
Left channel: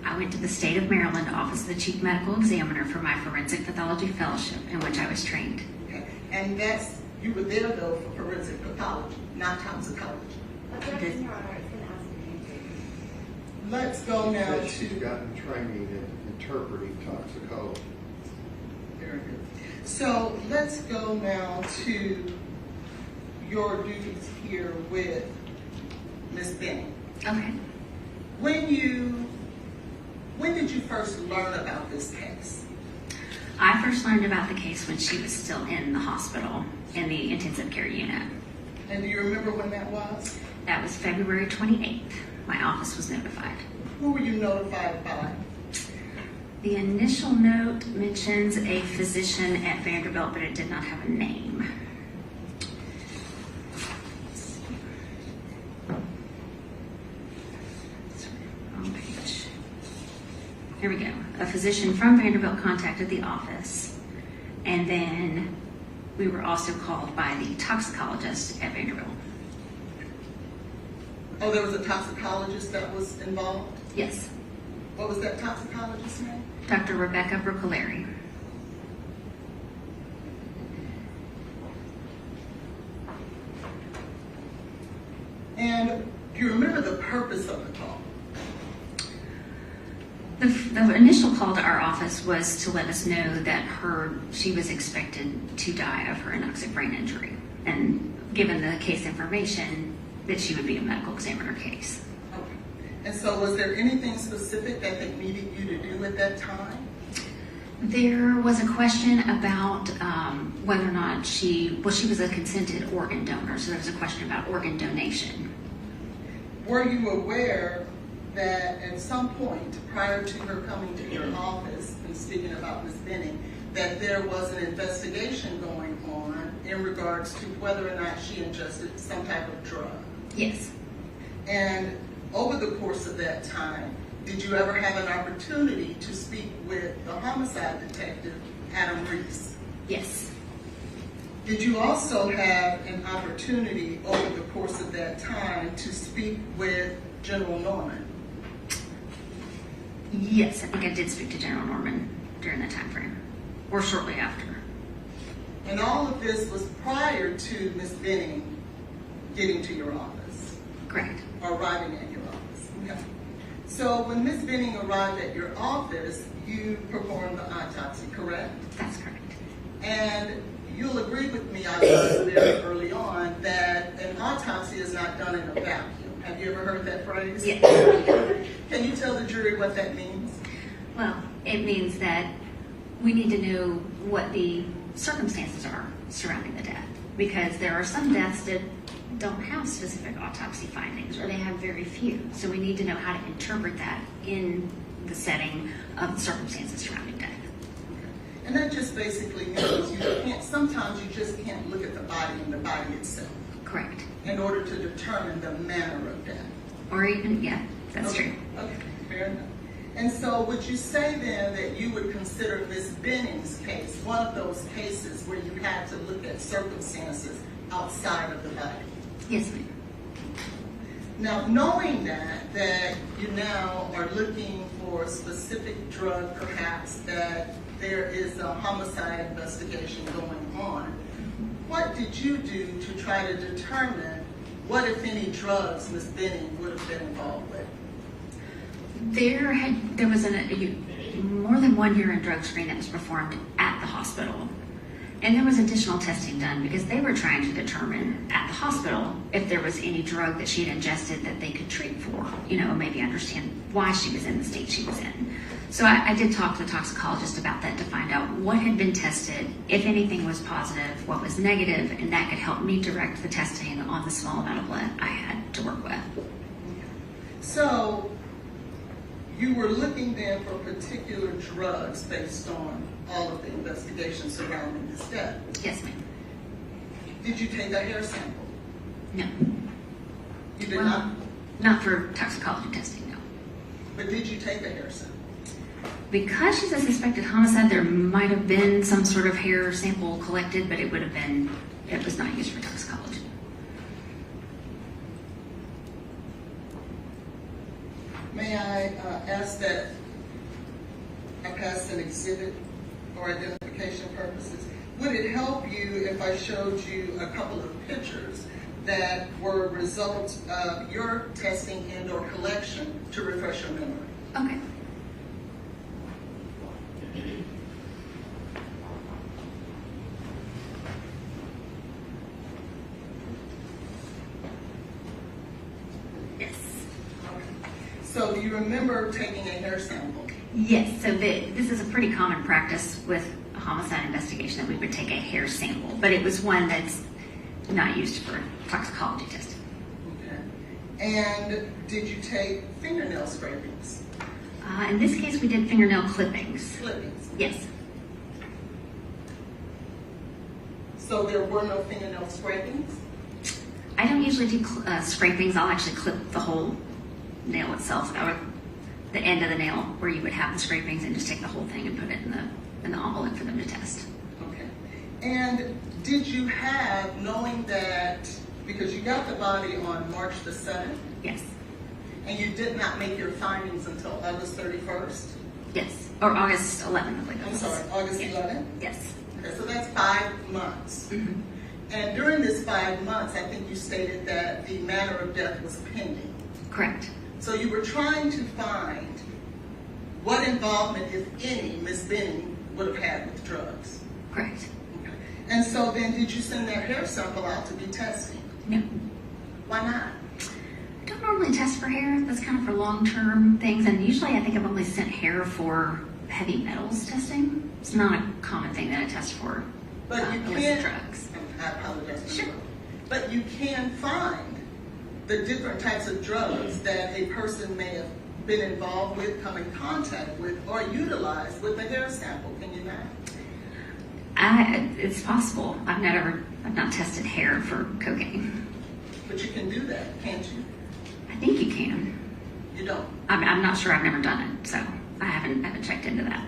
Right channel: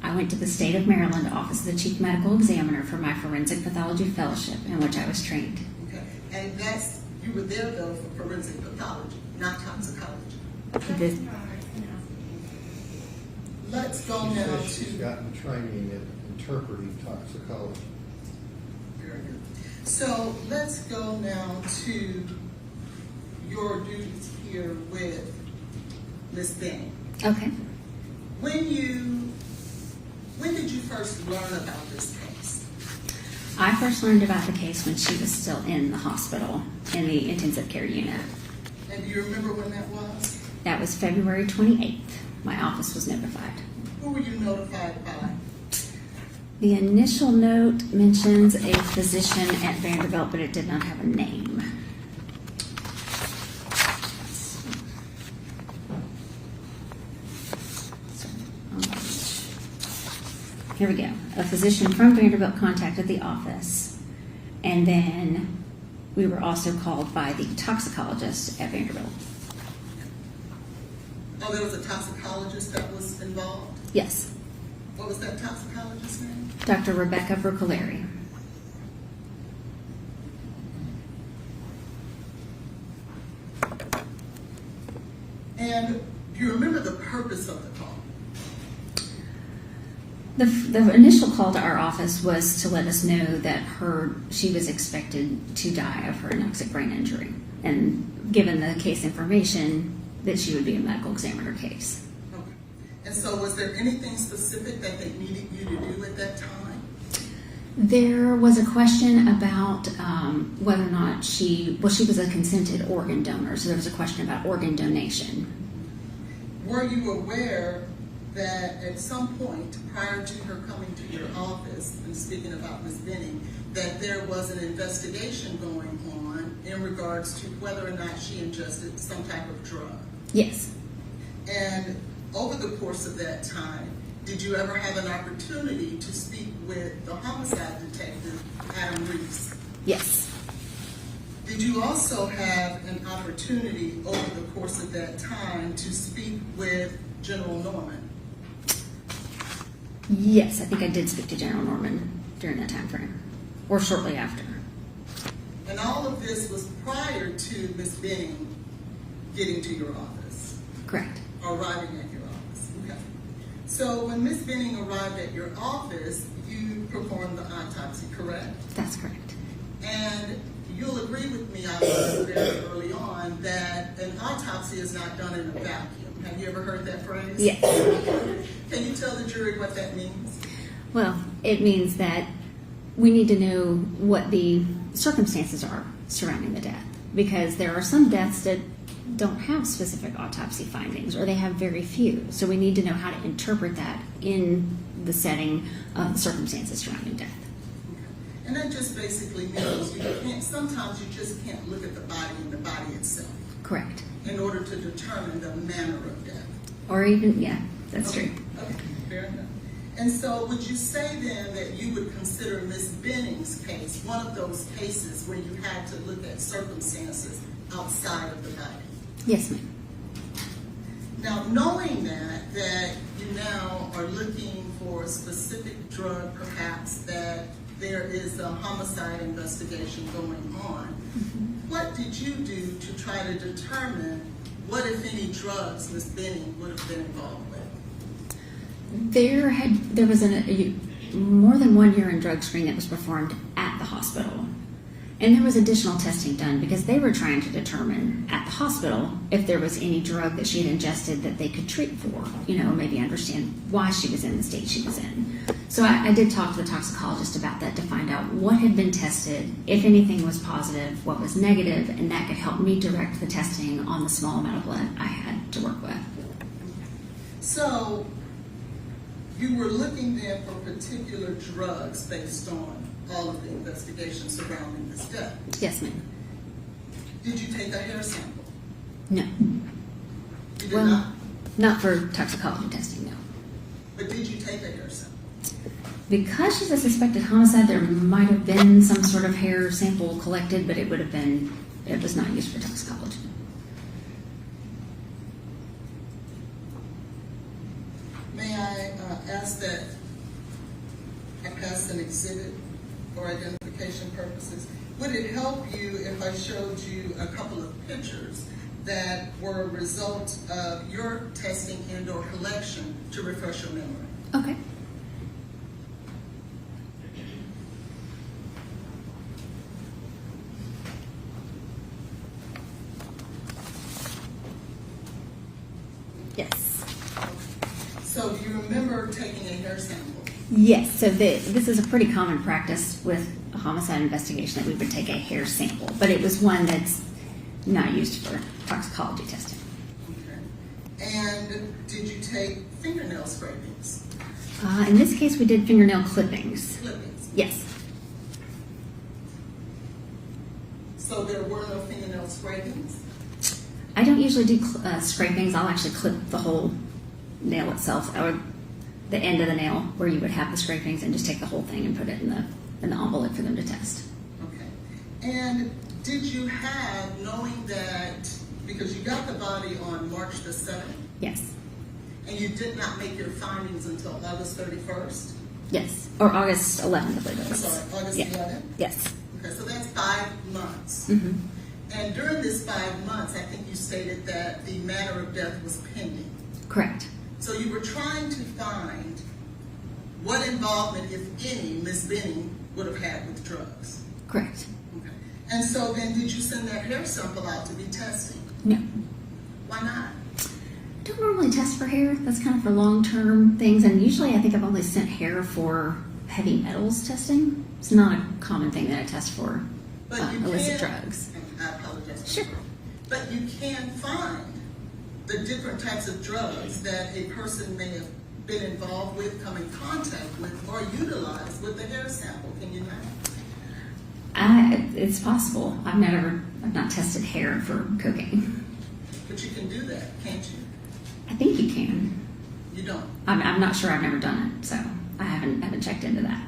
I went to the State of Maryland Office of the Chief Medical Examiner for my forensic pathology fellowship in which I was trained. Okay. And you were there though for forensic pathology, not toxicology. Let's go now to. She's gotten training in interpreting toxicology. Very good. So let's go now to your duties here with Ms. Benning. Okay. When did you first learn about this case? I first learned about the case when she was still in the hospital in the intensive care unit. And do you remember when that was? That was February 28th. My office was notified. Who were you notified by? The initial note mentions a physician at Vanderbilt, but it did not have a name. Here we go. A physician from Vanderbilt contacted the office, and then we were also called by the toxicologist at Vanderbilt. Oh, there was a toxicologist that was involved? Yes, What was that toxicologist's name? Dr. Rebecca Brucolari. And do you remember the purpose of the call? The initial call to our office was to let us know that she was expected to die of her anoxic brain injury, and given the case information, that she would be a medical examiner case. Okay. And so was there anything specific that they needed you to do at that time? There was a question about whether or not she was a consented organ donor, so there was a question about organ donation. Were you aware that at some point prior to her coming to your office, and speaking about Ms. Benning, that there was an investigation going on in regards to whether or not she ingested some type of drug? Yes. And over the course of that time, did you ever have an opportunity to speak with the homicide detective, Adam Reese? Yes. Did you also have an opportunity over the course of that time to speak with General Norman? Yes, I think I did speak to General Norman during that time frame, or shortly after. And all of this was prior to Ms. Benning getting to your office, Correct. or arriving at your office. Okay. So when Ms. Benning arrived at your office, you performed the autopsy, correct? That's correct. And you'll agree with me, I learned very early on, that an autopsy is not done in a vacuum. Have you ever heard that phrase? Yes. Can you tell the jury what that means? Well, it means that we need to know what the circumstances are surrounding the death, because there are some deaths that don't have specific autopsy findings, or they have very few. So we need to know how to interpret that in the setting of the circumstances surrounding death. And that just basically means sometimes you just can't look at the body and the body itself Correct. in order to determine the manner of death. Or even, yeah, that's Okay. true. Okay, fair enough. And so would you say then that you would consider Ms. Benning's case one of those cases where you had to look at circumstances outside of the body? Yes, ma'am. Now, knowing that you now are looking for a specific drug, perhaps, that there is a homicide investigation going on, what did you do to try to determine what, if any, drugs Ms. Benning would have been involved with? There was more than one urine drug screen that was performed at the hospital. And there was additional testing done because they were trying to determine at the hospital if there was any drug that she had ingested that they could treat for, maybe understand why she was in the state she was in. So I did talk to the toxicologist about that to find out what had been tested, if anything was positive, what was negative, and that could help me direct the testing on the small amount of blood I had to work with. So you were looking then for particular drugs based on all of the investigations surrounding this death. Yes, ma'am. Did you take a hair sample? No. You did not? Not for toxicology testing, no. But did you take a hair sample? Because she's a suspected homicide, there might have been some sort of hair sample collected, but it was not used for toxicology. May I ask that I pass an exhibit for identification purposes? Would it help you if I showed you a couple of pictures that were a result of your testing and or collection to refresh your memory? Okay. Yes. So do you remember taking a hair sample? Yes, so this is a pretty common practice with a homicide investigation that we would take a hair sample, but it was one that's not used for toxicology testing. Okay. And did you take fingernail scrapings? In this case, we did fingernail clippings. Clippings? Yes. So there were no fingernail scrapings? I don't usually do scrapings. I'll actually clip the whole nail itself, or the end of the nail where you would have the scrapings, and just take the whole thing and put it in the envelope for them to test. Okay. And did you have, knowing that, because you got the body on March the 7th, Yes. and you did not make your findings until August 31st? Yes. Or August 11th, I believe it I'm was. sorry, August Yeah. 11th? Yes. Okay, so that's 5 months. Mm-hmm. And during this 5 months, I think you stated that the matter of death was pending. Correct. So you were trying to find what involvement, if any, Ms. Benning would have had with drugs? Correct. Okay. And so then, did you send that hair sample out to be tested? No. Why not? I don't normally test for hair. That's kind of for long-term things, and usually I think I've only sent hair for heavy metals testing. It's not a common thing that I test for But you illicit can, drugs. I apologize. Sure. But you can find the different types of drugs that a person may have been involved with, come in contact with, or utilized with the hair sample. Can you not? It's possible. I've not tested hair for cocaine. But you can do that, can't you? I think you can. You don't. I'm not sure. I've never done it, so I haven't checked into that.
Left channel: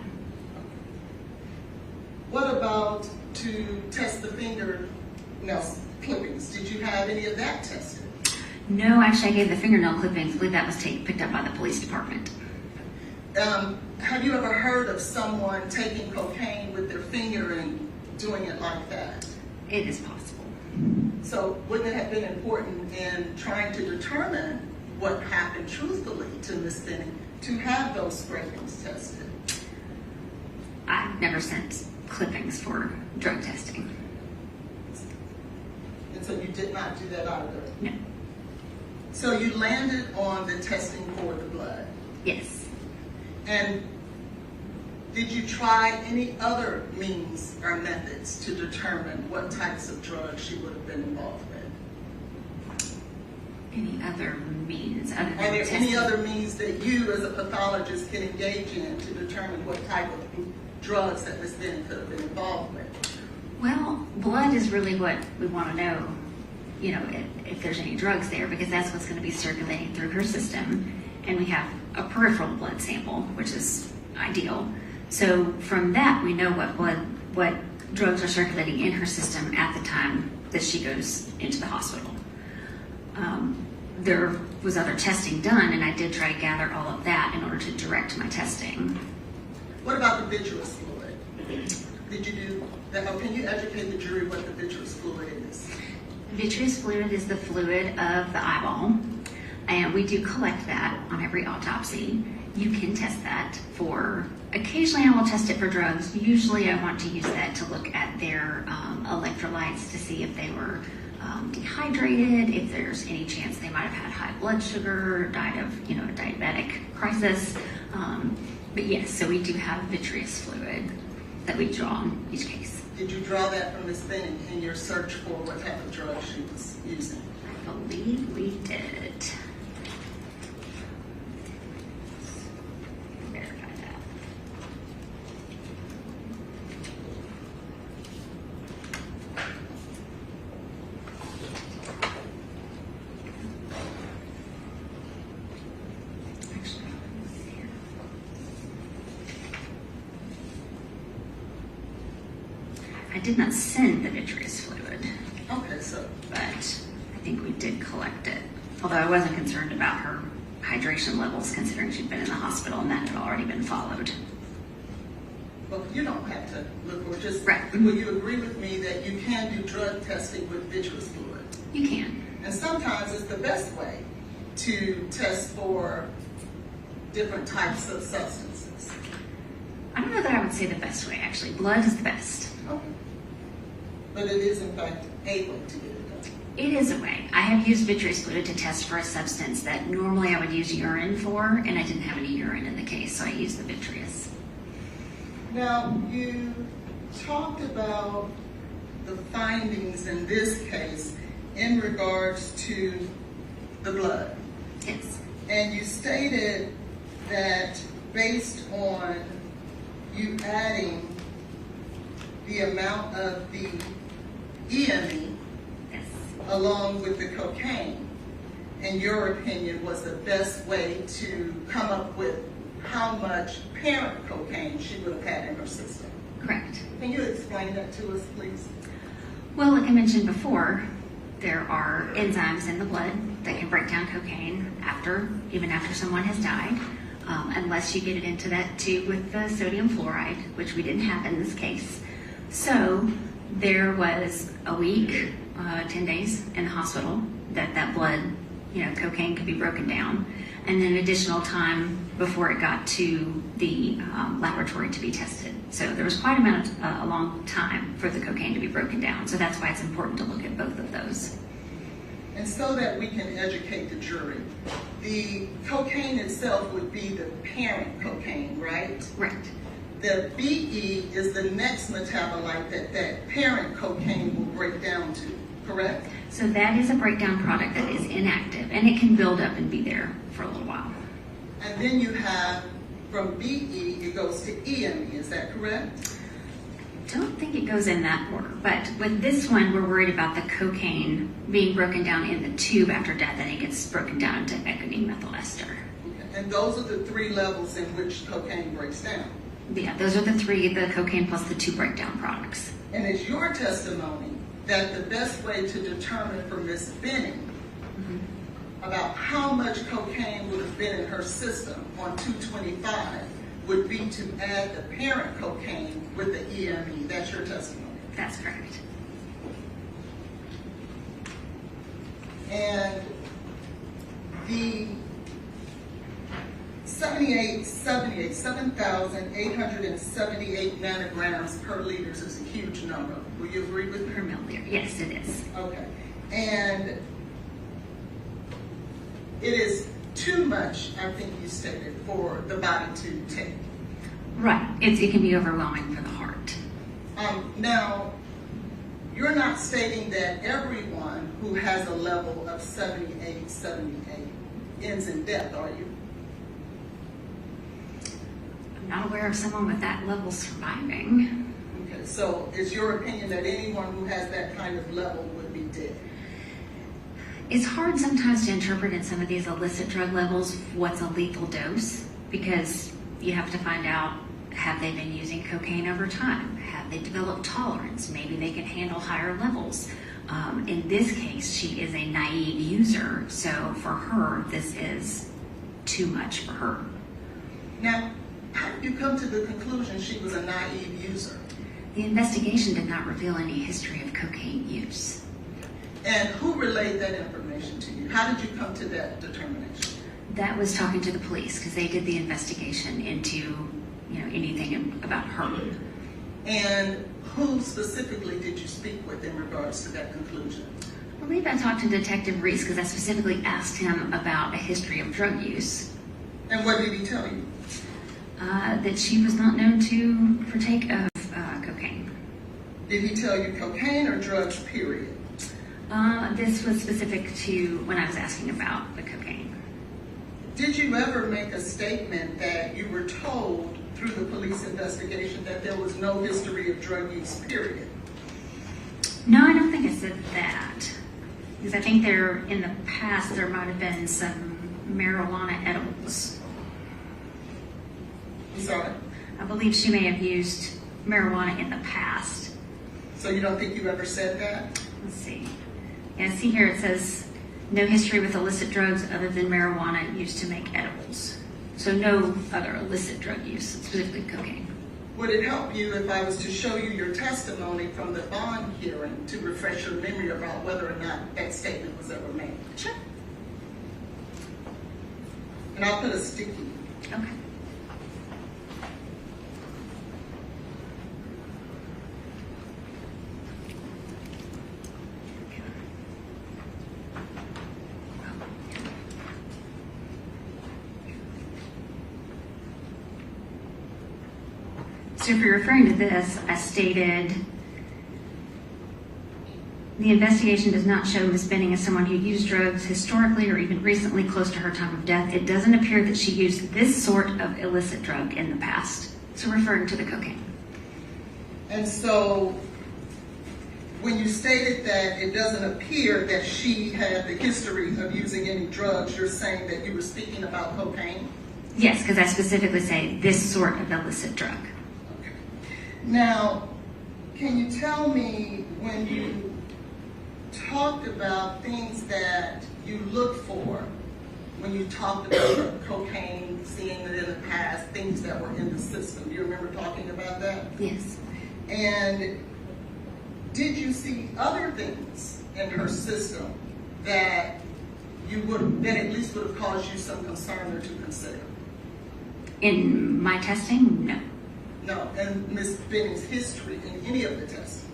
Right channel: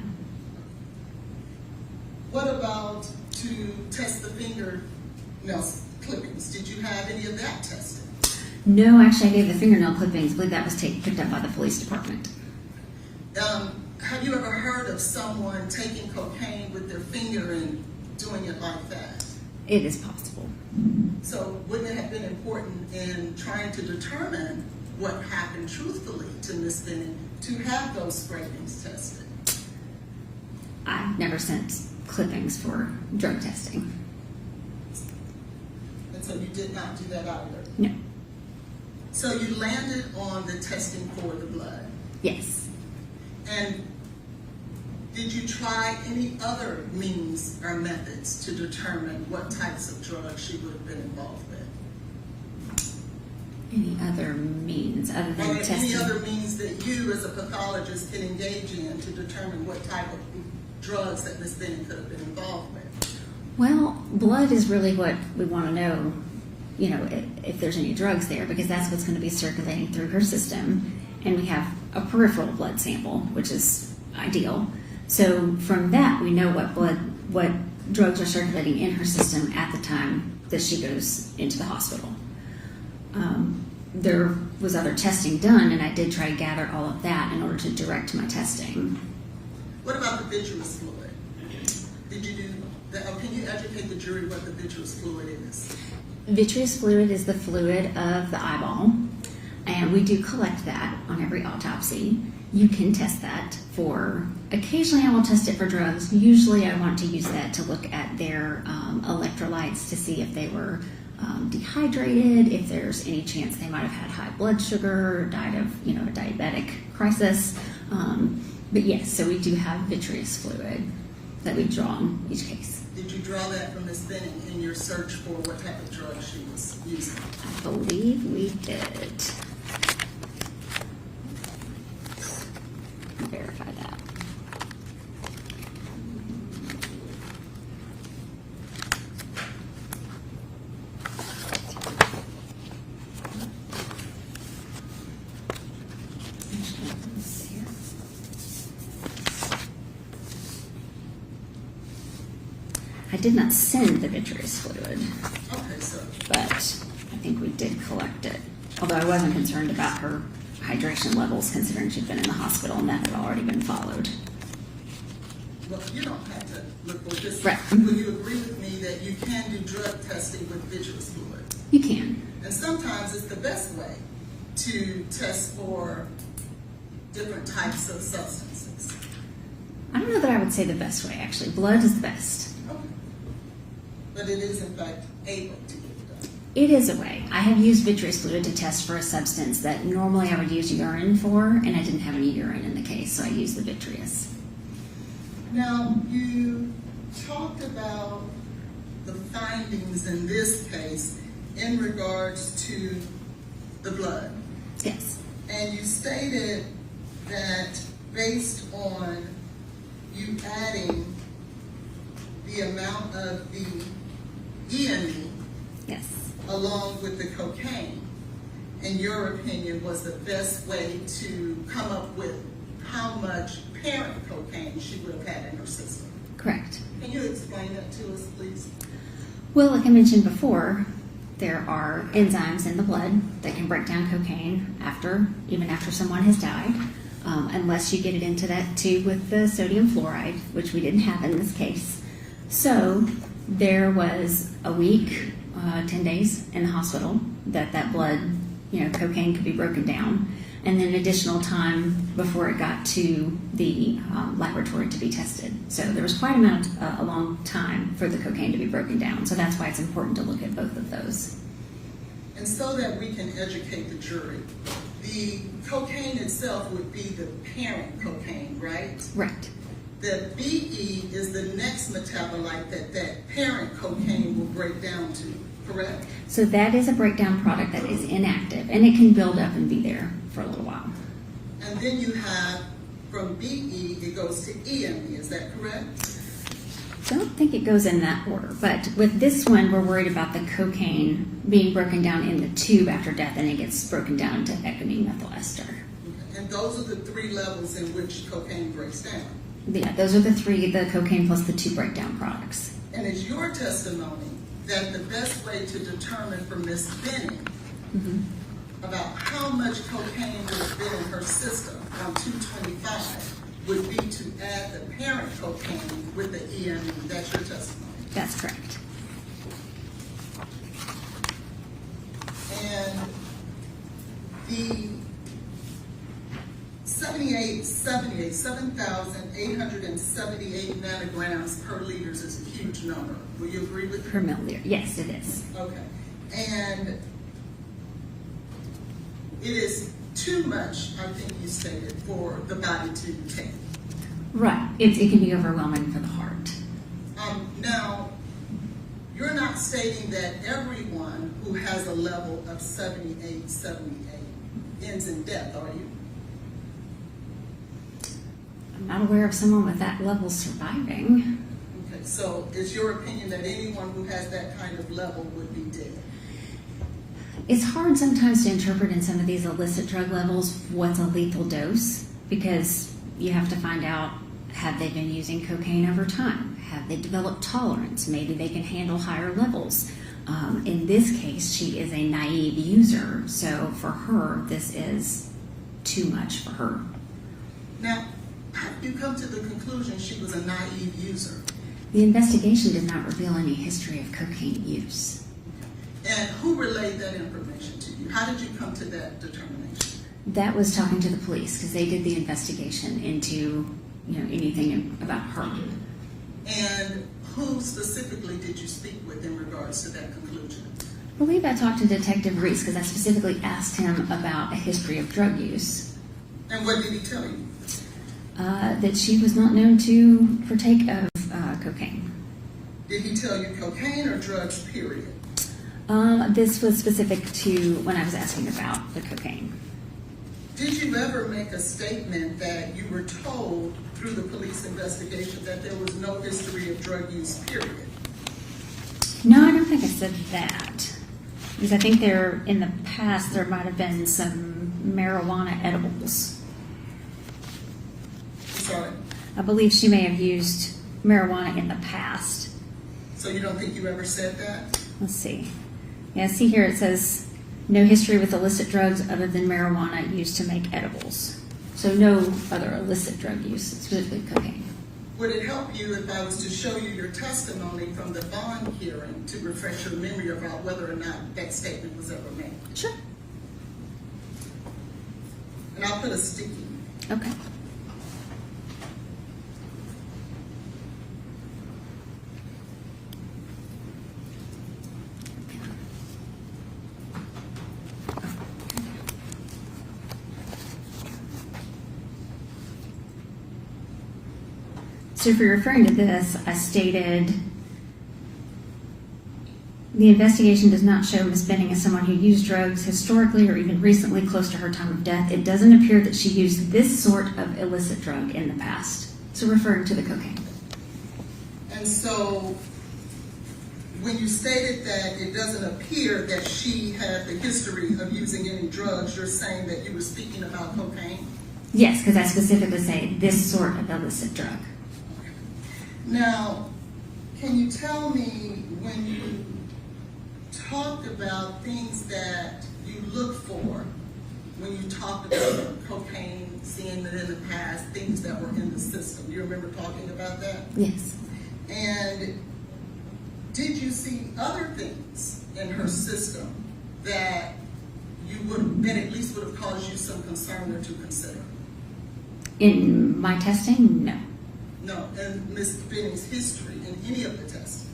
What about to test the fingernail clippings? Did you have any of that tested? No, actually, I gave the fingernail clippings. I believe that was picked up by the police department. Have you ever heard of someone taking cocaine with their finger and doing it like that? It is possible. So wouldn't it have been important in trying to determine what happened truthfully to Ms. Benning to have those scrapings tested? I've never sent clippings for drug testing. And so you did not do that either? No. So you landed on the testing for the blood. Yes. And did you try any other means or methods to determine what types of drugs she would have been involved with? Any other means other Are than there testing? any other means that you as a pathologist can engage in to determine what type of drugs that Ms. Benning could have been involved with? Well, blood is really what we want to know, if there's any drugs there, because that's what's going to be circulating through her system. And we have a peripheral blood sample, which is ideal. So from that, we know what drugs are circulating in her system at the time that she goes into the hospital. There was other testing done, and I did try to gather all of that in order to direct my testing. What about the vitreous fluid? Did you do that? Or can you educate the jury what the vitreous fluid is? Vitreous fluid is the fluid of the eyeball, and we do collect that on every autopsy. You can test that for, occasionally I will test it for drugs. Usually I want to use that to look at their electrolytes to see if they were dehydrated, if there's any chance they might have had high blood sugar, died of, a diabetic crisis. But yes, so we do have vitreous fluid that we draw in each case. Did you draw that from Ms. Benning in your search for what type of drug she was using? I believe we did. Verify that. I did not send the vitreous fluid, Okay, so but I think we did collect it. Although I wasn't concerned about her hydration levels, considering she'd been in the hospital and that had already been followed. well, you don't have to look with this. Right. Will you agree with me that you can do drug testing with vitreous fluid? You can. And sometimes it's the best way to test for different types of substances. I don't know that I would say the best way, actually. Blood is the best. Okay. But it is in fact a way to get it done. It is a way. I have used vitreous fluid to test for a substance that normally I would use urine for, and I didn't have any urine in the case, so I used the vitreous. Now, you talked about the findings in this case in regards to the blood. Yes. And you stated that based on you adding the amount of the EME Yes. along with the cocaine, in your opinion, was the best way to come up with how much parent cocaine she would have had in her system. Correct. Can you explain that to us, please? Well, like I mentioned before, there are enzymes in the blood that can break down cocaine even after someone has died, unless you get it into that tube with the sodium fluoride, which we didn't have in this case. So there was a week, 10 days in the hospital that blood, cocaine could be broken down. and then additional time before it got to the laboratory to be tested. So there was quite a long time for the cocaine to be broken down. So that's why it's important to look at both of those. And so that we can educate the jury, the cocaine itself would be the parent cocaine, right? Right. The BE is the next metabolite that parent cocaine will break down to, correct? So that is a breakdown product that is inactive, and it can build up and be there for a little while. And then you have, from BE, it goes to EME, is that correct? Don't think it goes in that order, but with this one, we're worried about the cocaine being broken down in the tube after death, and it gets broken down into ethylene methyl ester. Okay. And those are the 3 levels in which cocaine breaks down. Yeah, those are the 3, the cocaine plus the 2 breakdown products. And it's your testimony that the best way to determine from Ms. Benning about how much cocaine would have been in her system on 225 would be to add the parent cocaine with the EME. That's your testimony. That's correct. And the 7,878 nanograms per liter is a huge number. Will you agree with Per me? milliliter. Yes, it is. Okay. And it is too much, I think you stated, for the body to take. Right. It can be overwhelming for the heart. Now, you're not stating that everyone who has a level of 78 ends in death, are you? I'm not aware of someone with that level surviving. Okay, so it's your opinion that anyone who has that kind of level would be dead? It's hard sometimes to interpret in some of these illicit drug levels what's a lethal dose, because you have to find out, have they been using cocaine over time? Have they developed tolerance? Maybe they can handle higher levels. In this case, she is a naive user, so for her, this is too much for her. Now, how did you come to the conclusion she was a naive user? The investigation did not reveal any history of cocaine use. And who relayed that information to you? How did you come to that determination? That was talking to the police, because they did the investigation into, anything about her. And who specifically did you speak with in regards to that conclusion? I believe I talked to Detective Reese, because I specifically asked him about a history of drug use. And what did he tell you? That she was not known to partake of cocaine. Did he tell you cocaine or drugs, period? This was specific to when I was asking about the cocaine. Did you ever make a statement that you were told through the police investigation that there was no history of drug use, period? No, I don't think I said that. Because I think in the past, there might have been some marijuana edibles. Sorry. I believe she may have used marijuana in the past. So you don't think you ever said that? Let's see. Yeah, see here it says, no history with illicit drugs other than marijuana used to make edibles. So no other illicit drug use, specifically cocaine. Would it help you if I was to show you your testimony from the bond hearing to refresh your memory about whether or not that statement was ever made? Sure. And I'll put a sticky. Okay. So if you're referring to this, I stated, the investigation does not show Ms. Benning as someone who used drugs historically or even recently close to her time of death. It doesn't appear that she used this sort of illicit drug in the past. So referring to the cocaine. And so when you stated that it doesn't appear that she had the history of using any drugs, you're saying that you were speaking about cocaine? Yes, because I specifically say this sort of illicit drug. Okay. Now, can you tell me when you talked about things that you look for, when you talked about cocaine, seeing it in the past, things that were in the system, you remember talking about that? Yes. And did you see other things in her system that that at least would have caused you some concern or to consider? In my testing, no. No, and Ms. Benning's history in any of the testing?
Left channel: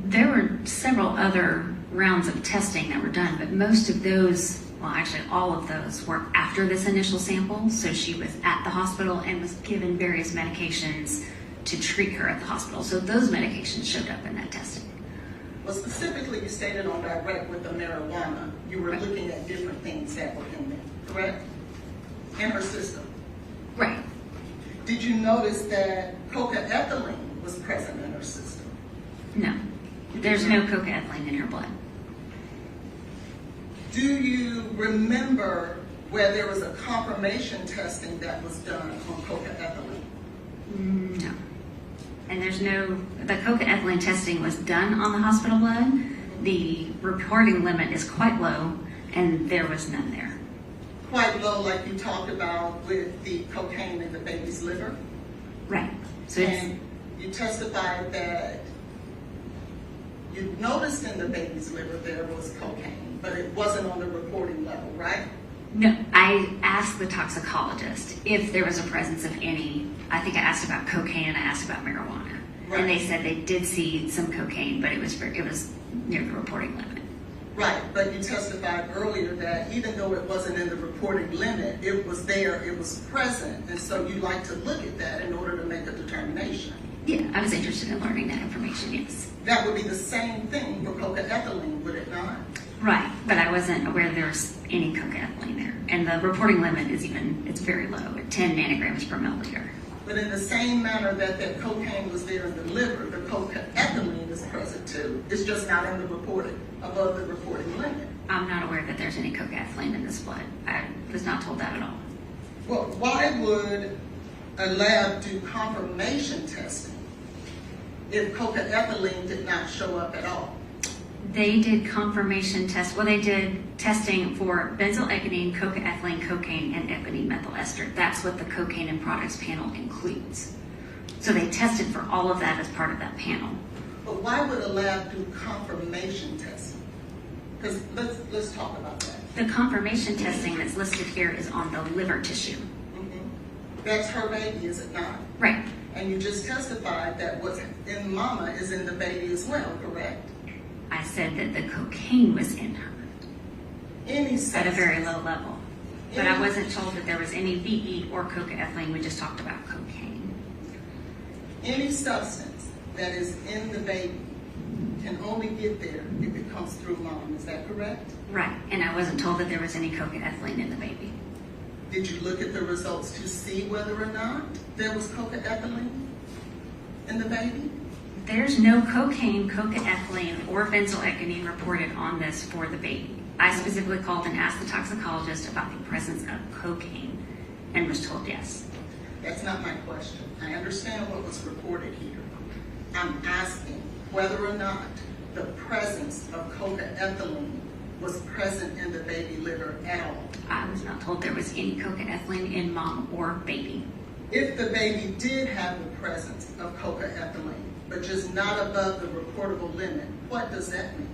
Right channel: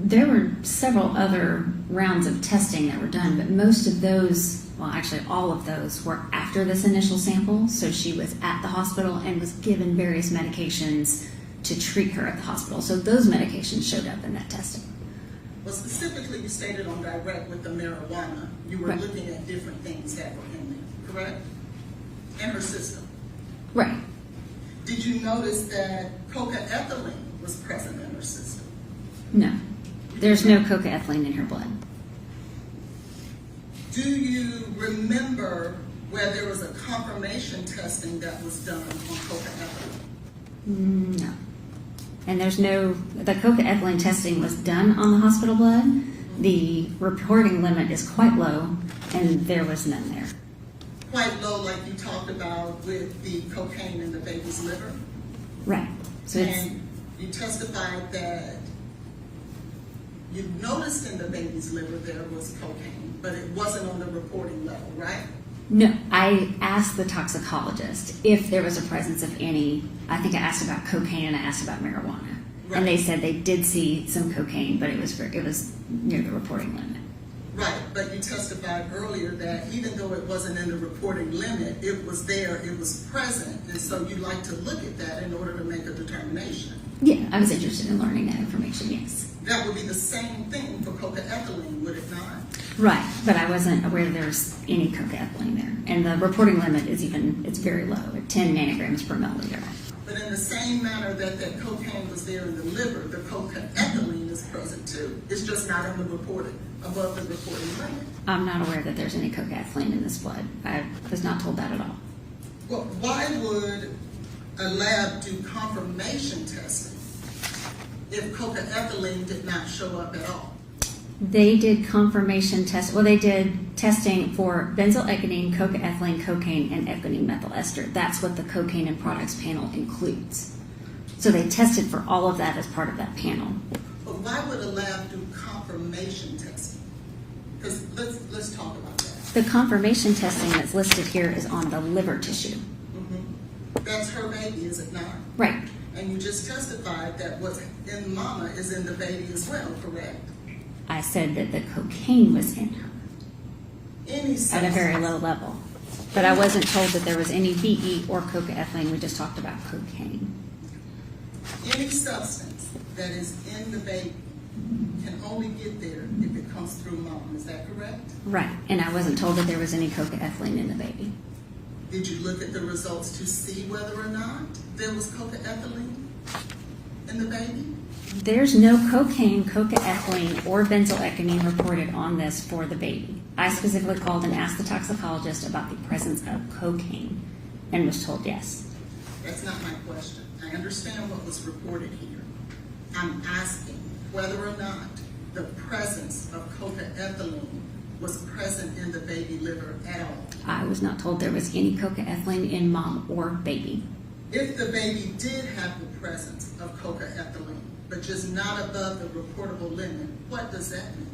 There were several other rounds of testing that were done, but most of those, well, actually all of those were after this initial sample. So she was at the hospital and was given various medications to treat her at the hospital. So those medications showed up in that testing. Well, specifically, you stated on direct with the marijuana, you were Right. looking at different things that were in there, correct? In her system. Right. Did you notice that cocaethylene was present in her system? No. There's no cocaethylene in her blood. Do you remember where there was a confirmation testing that was done on cocaethylene? No. And there's no, the cocaethylene testing was done on the hospital blood. The reporting limit is quite low, and there was none there. Quite low, like you talked about with the cocaine in the baby's liver? Right. So it's, And you testified that you noticed in the baby's liver there was cocaine, but it wasn't on the reporting level, right? no, I asked the toxicologist if there was a presence of any, I think I asked about cocaine and I asked about marijuana. Right. And they said they did see some cocaine, but it was near the reporting limit. Right, but you testified earlier that even though it wasn't in the reporting limit, it was there, it was present, and so you like to look at that in order to make a determination. Yeah, I was interested in learning that information, yes. That would be the same thing for cocaethylene, would it not? Right, but I wasn't aware there was any cocaethylene there. And the reporting limit is it's very low, at 10 nanograms per milliliter. But in the same manner that cocaine was there in the liver, the cocaethylene is present too. It's just not in the reporting, above the reporting limit. I'm not aware that there's any cocaethylene in this blood. I was not told that at all. Well, why would a lab do confirmation testing if cocaethylene did not show up at all? They did confirmation test. Well, they did testing for benzoylecgonine, cocaethylene, cocaine, and ethylene methyl ester. That's what the cocaine and products panel includes. So they tested for all of that as part of that panel. But why would a lab do confirmation testing? Because let's talk about that. The confirmation testing that's listed here is on the liver tissue. That's her baby, is it not? Right. And you just testified that what's in mama is in the baby as well, correct? I said that the cocaine was in her Any at substance, a very low level. But I wasn't told that there was any VE or cocaethylene. We just talked about cocaine. any substance that is in the baby can only get there if it comes through mom. Is that correct? Right. And I wasn't told that there was any cocaethylene in the baby. Did you look at the results to see whether or not there was cocaethylene in the baby? There's no cocaine, cocaethylene, or benzoylecgonine reported on this for the baby. I specifically called and asked the toxicologist about the presence of cocaine and was told yes. That's not my question. I understand what was reported here. I'm asking whether or not the presence of cocaethylene was present in the baby liver at all. I was not told there was any cocaethylene in mom or baby. If the baby did have the presence of cocaethylene, but just not above the reportable limit, what does that mean?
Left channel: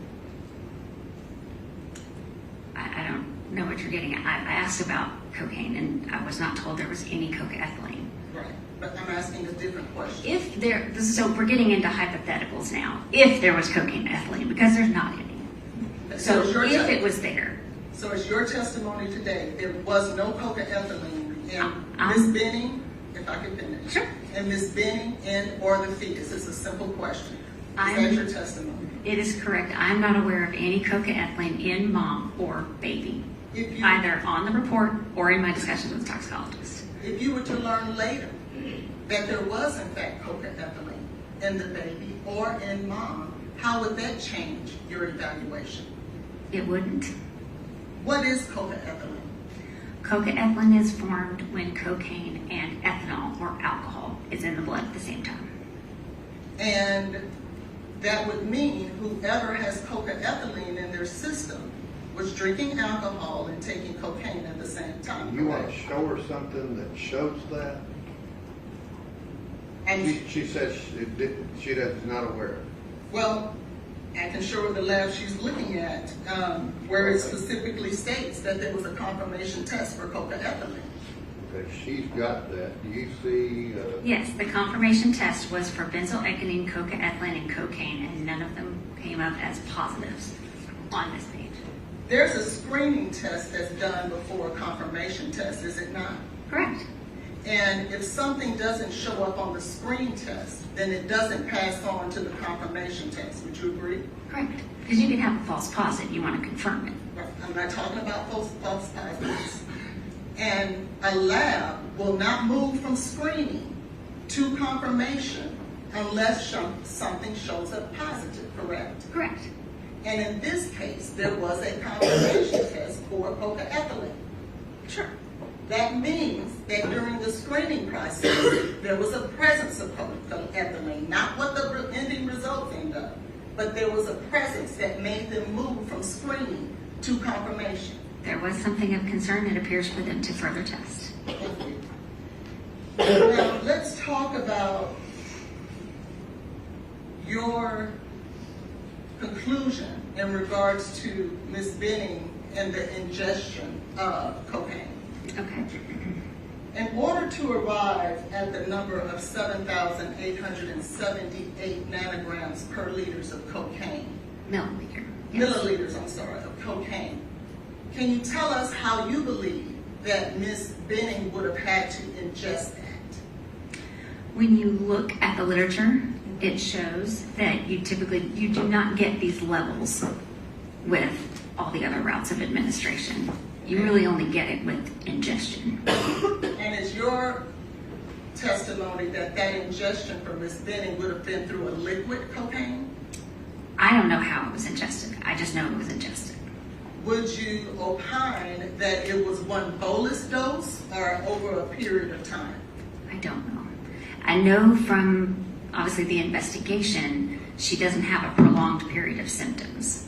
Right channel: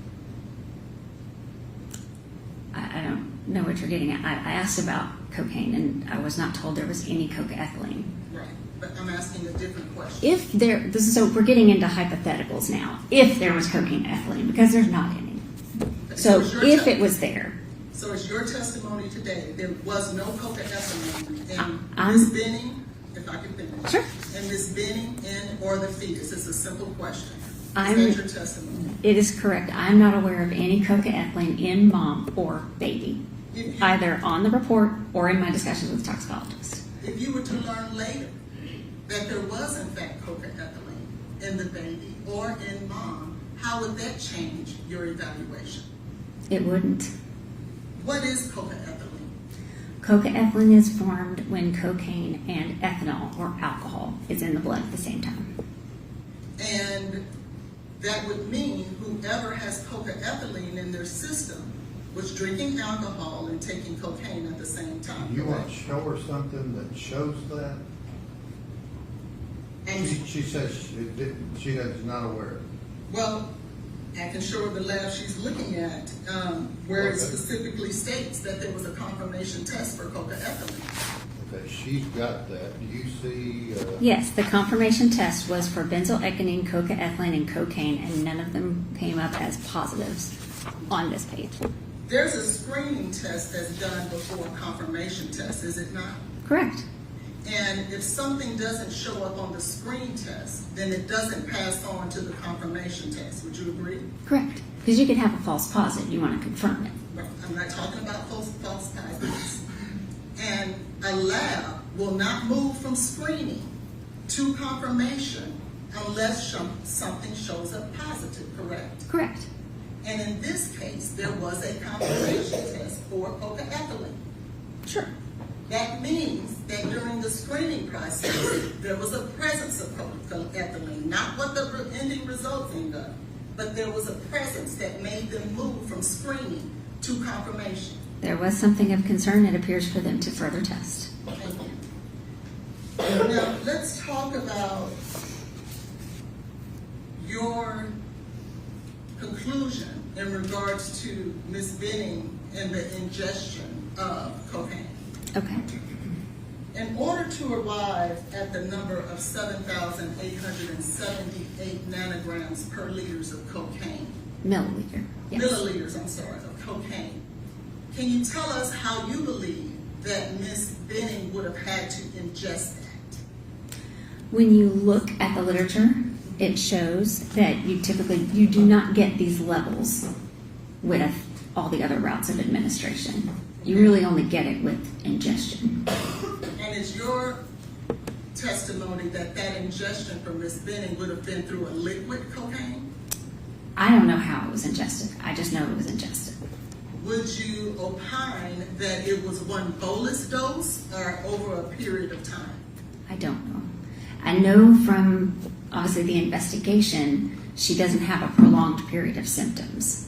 I don't know what you're getting at. I asked about cocaine and I was not told there was any cocaethylene. Right, but I'm asking a different question. If there, so we're getting into hypotheticals now. If there was cocaine and ethylene, because there's not any. So is your if it was there, So is your testimony today, there was no cocaethylene in I'm- Ms. Benning, if I could finish? Sure. In Ms. Benning and or the fetus? It's a simple question. Is I'm- that your testimony? it is correct. I'm not aware of any cocaethylene in mom or baby, If you, either on the report or in my discussions with the toxicologist. if you were to learn later that there was in fact cocaethylene in the baby or in mom, how would that change your evaluation? It wouldn't. What is cocaethylene? Cocaethylene is formed when cocaine and ethanol or alcohol is in the blood at the same time. And that would mean whoever has cocaethylene in their system was drinking alcohol and taking cocaine at the same time. You want to correct? show her something that shows that? And She says she is not aware. well, I can show her the lab she's looking at, where it specifically states that there was a confirmation test for cocaethylene. Okay, she's got that. Do you see, Yes, the confirmation test was for benzoylecgonine, cocaethylene, and cocaine, and none of them came up as positives on this page. There's a screening test that's done before a confirmation test, is it not? Correct. And if something doesn't show up on the screen test, then it doesn't pass on to the confirmation test. Would you agree? Correct. Because you could have a false positive. You want to confirm it. Right. I'm not talking about false positives. And a lab will not move from screening to confirmation unless something shows up positive, correct? Correct. And in this case, there was a confirmation test for cocaethylene. Sure. That means that during the screening process, there was a presence of cocaethylene, not what the ending results end up, but there was a presence that made them move from screening to confirmation. There was something of concern. It appears for them to further test. Now, let's talk about your conclusion in regards to Ms. Benning and the ingestion of cocaine. Okay. In order to arrive at the number of 7,878 nanograms per liters of cocaine, Milliliter. Yes. milliliters, I'm sorry, of cocaine, can you tell us how you believe that Ms. Benning would have had to ingest that? When you look at the literature, it shows that you do not get these levels with all the other routes of administration. You really only get it with ingestion. And is your testimony that ingestion for Ms. Benning would have been through a liquid cocaine? I don't know how it was ingested. I just know it was ingested. Would you opine that it was one bolus dose or over a period of time? I don't know. I know from obviously the investigation, she doesn't have a prolonged period of symptoms.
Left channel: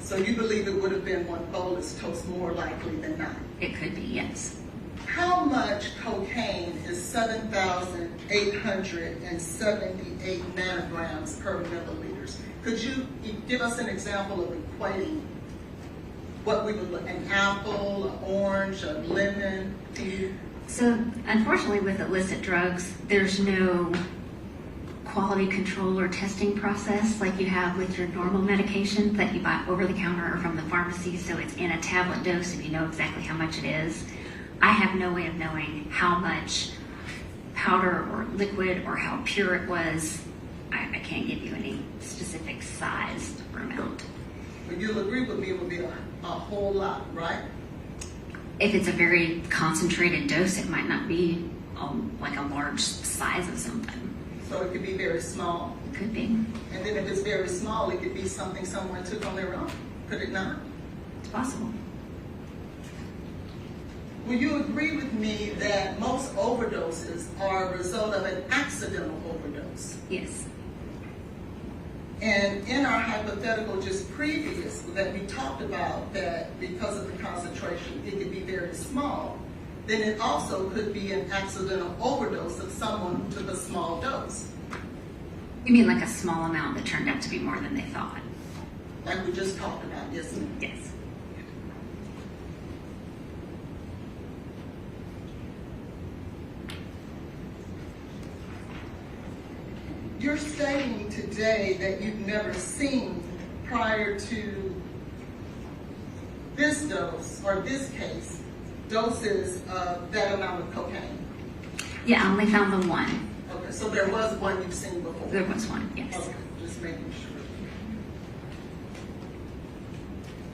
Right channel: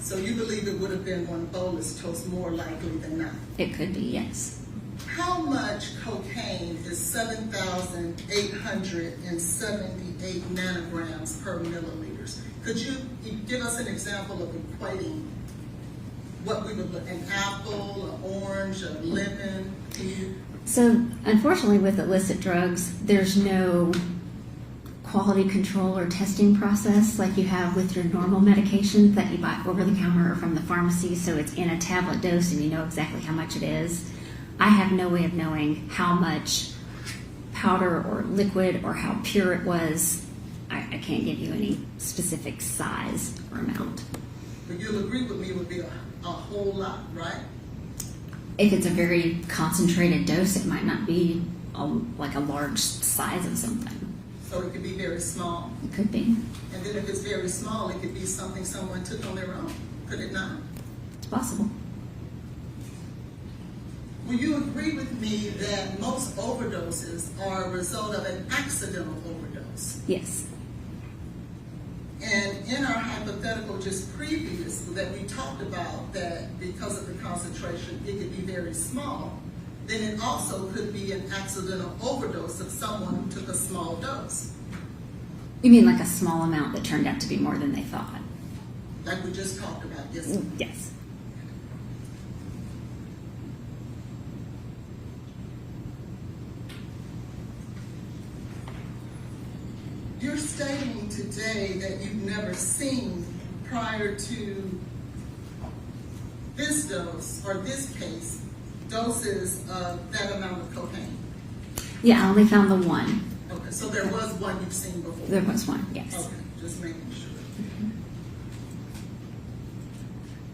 So you believe it would have been one bolus dose more likely than not? It could be, yes. How much cocaine is 7,878 nanograms per milliliters? Could you give us an example of equating what we would look, an apple, an orange, a lemon? So unfortunately with illicit drugs, there's no quality control or testing process like you have with your normal medication that you buy over the counter or from the pharmacy, so it's in a tablet dose and you know exactly how much it is. I have no way of knowing how much powder or liquid or how pure it was. I can't give you any specific size or amount. But you'll agree with me it would be a whole lot, right? If it's a very concentrated dose, it might not be like a large size of something. So it could be very small. It could be. And then if it's very small, it could be something someone took on their own. Could it not? It's possible. Will you agree with me that most overdoses are a result of an accidental overdose? Yes. And in our hypothetical just previous that we talked about that because of the concentration, it could be very small, then it also could be an accidental overdose of someone who took a small dose. You mean like a small amount that turned out to be more than they thought? Like we just talked about, yes, ma'am. Yes. You're stating today that you've never seen prior to this dose or this case doses of that amount of cocaine. Yeah, I only found the one. Okay, so there was one you've seen before. There was one, yes. Okay, just making sure.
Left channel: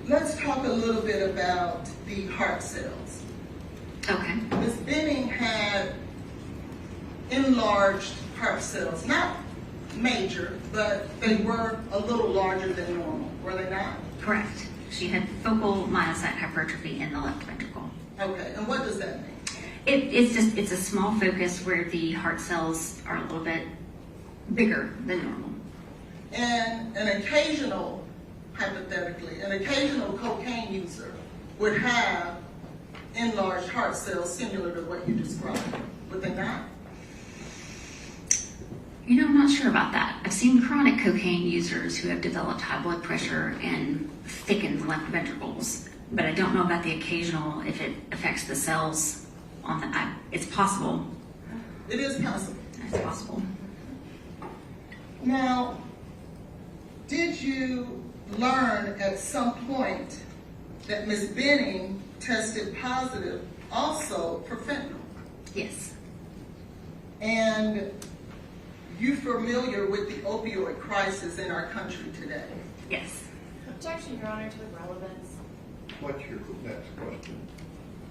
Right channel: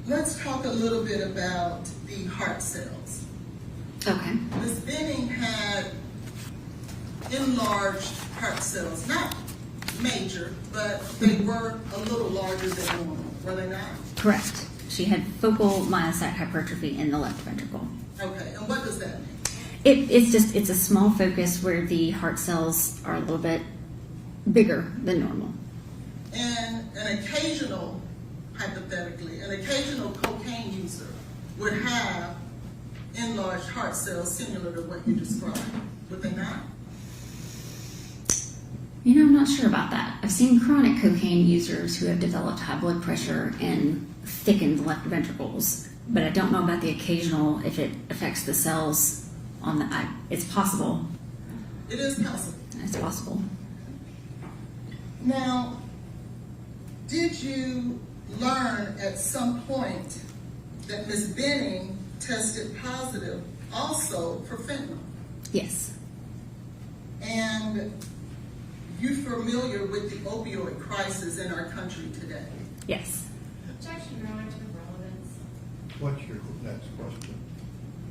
Let's talk a little bit about the heart cells. Okay. Ms. Benning had enlarged heart cells, not major, but they were a little larger than normal, were they not? Correct. She had focal myocyte hypertrophy in the left ventricle. Okay, and what does that mean? It's a small focus where the heart cells are a little bit bigger than normal. And an occasional, hypothetically, an occasional cocaine user would have enlarged heart cells similar to what you described, would they not? You know, I'm not sure about that. I've seen chronic cocaine users who have developed high blood pressure and thickened left ventricles, but I don't know about the occasional, if it affects the cells on the, it's possible. It is possible. It's possible. Now, did you learn at some point that Ms. Benning tested positive also for fentanyl? Yes. And you familiar with the opioid crisis in our country today? Yes. Objection, Your Honor, to the relevance. What's your next question?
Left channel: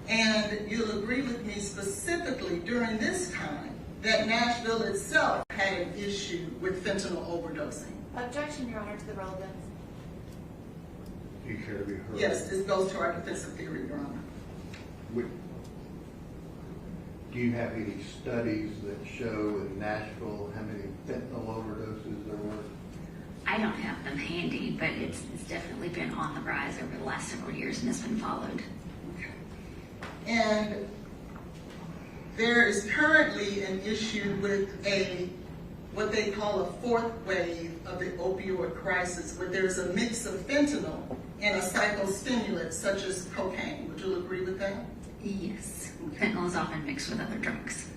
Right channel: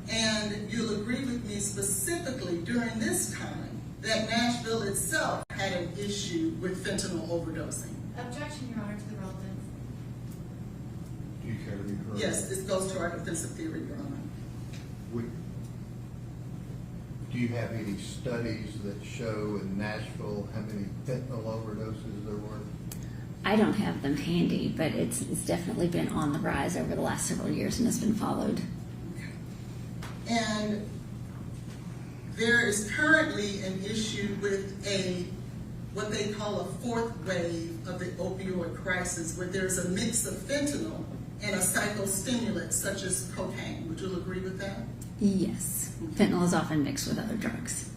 And you'll agree with me specifically during this time that Nashville itself had an issue with fentanyl overdosing. Objection, Your Honor, to the relevance. Do you care to be heard? Yes, this goes to our defensive theory, Your Honor. Do you have any studies that show in Nashville how many fentanyl overdoses there were? I don't have them handy, but it's definitely been on the rise over the last several years and has been followed. And there is currently an issue with what they call a fourth wave of the opioid crisis, where there's a mix of fentanyl and a psychostimulant such as cocaine. Would you agree with that? Yes. Fentanyl is often mixed with other drugs.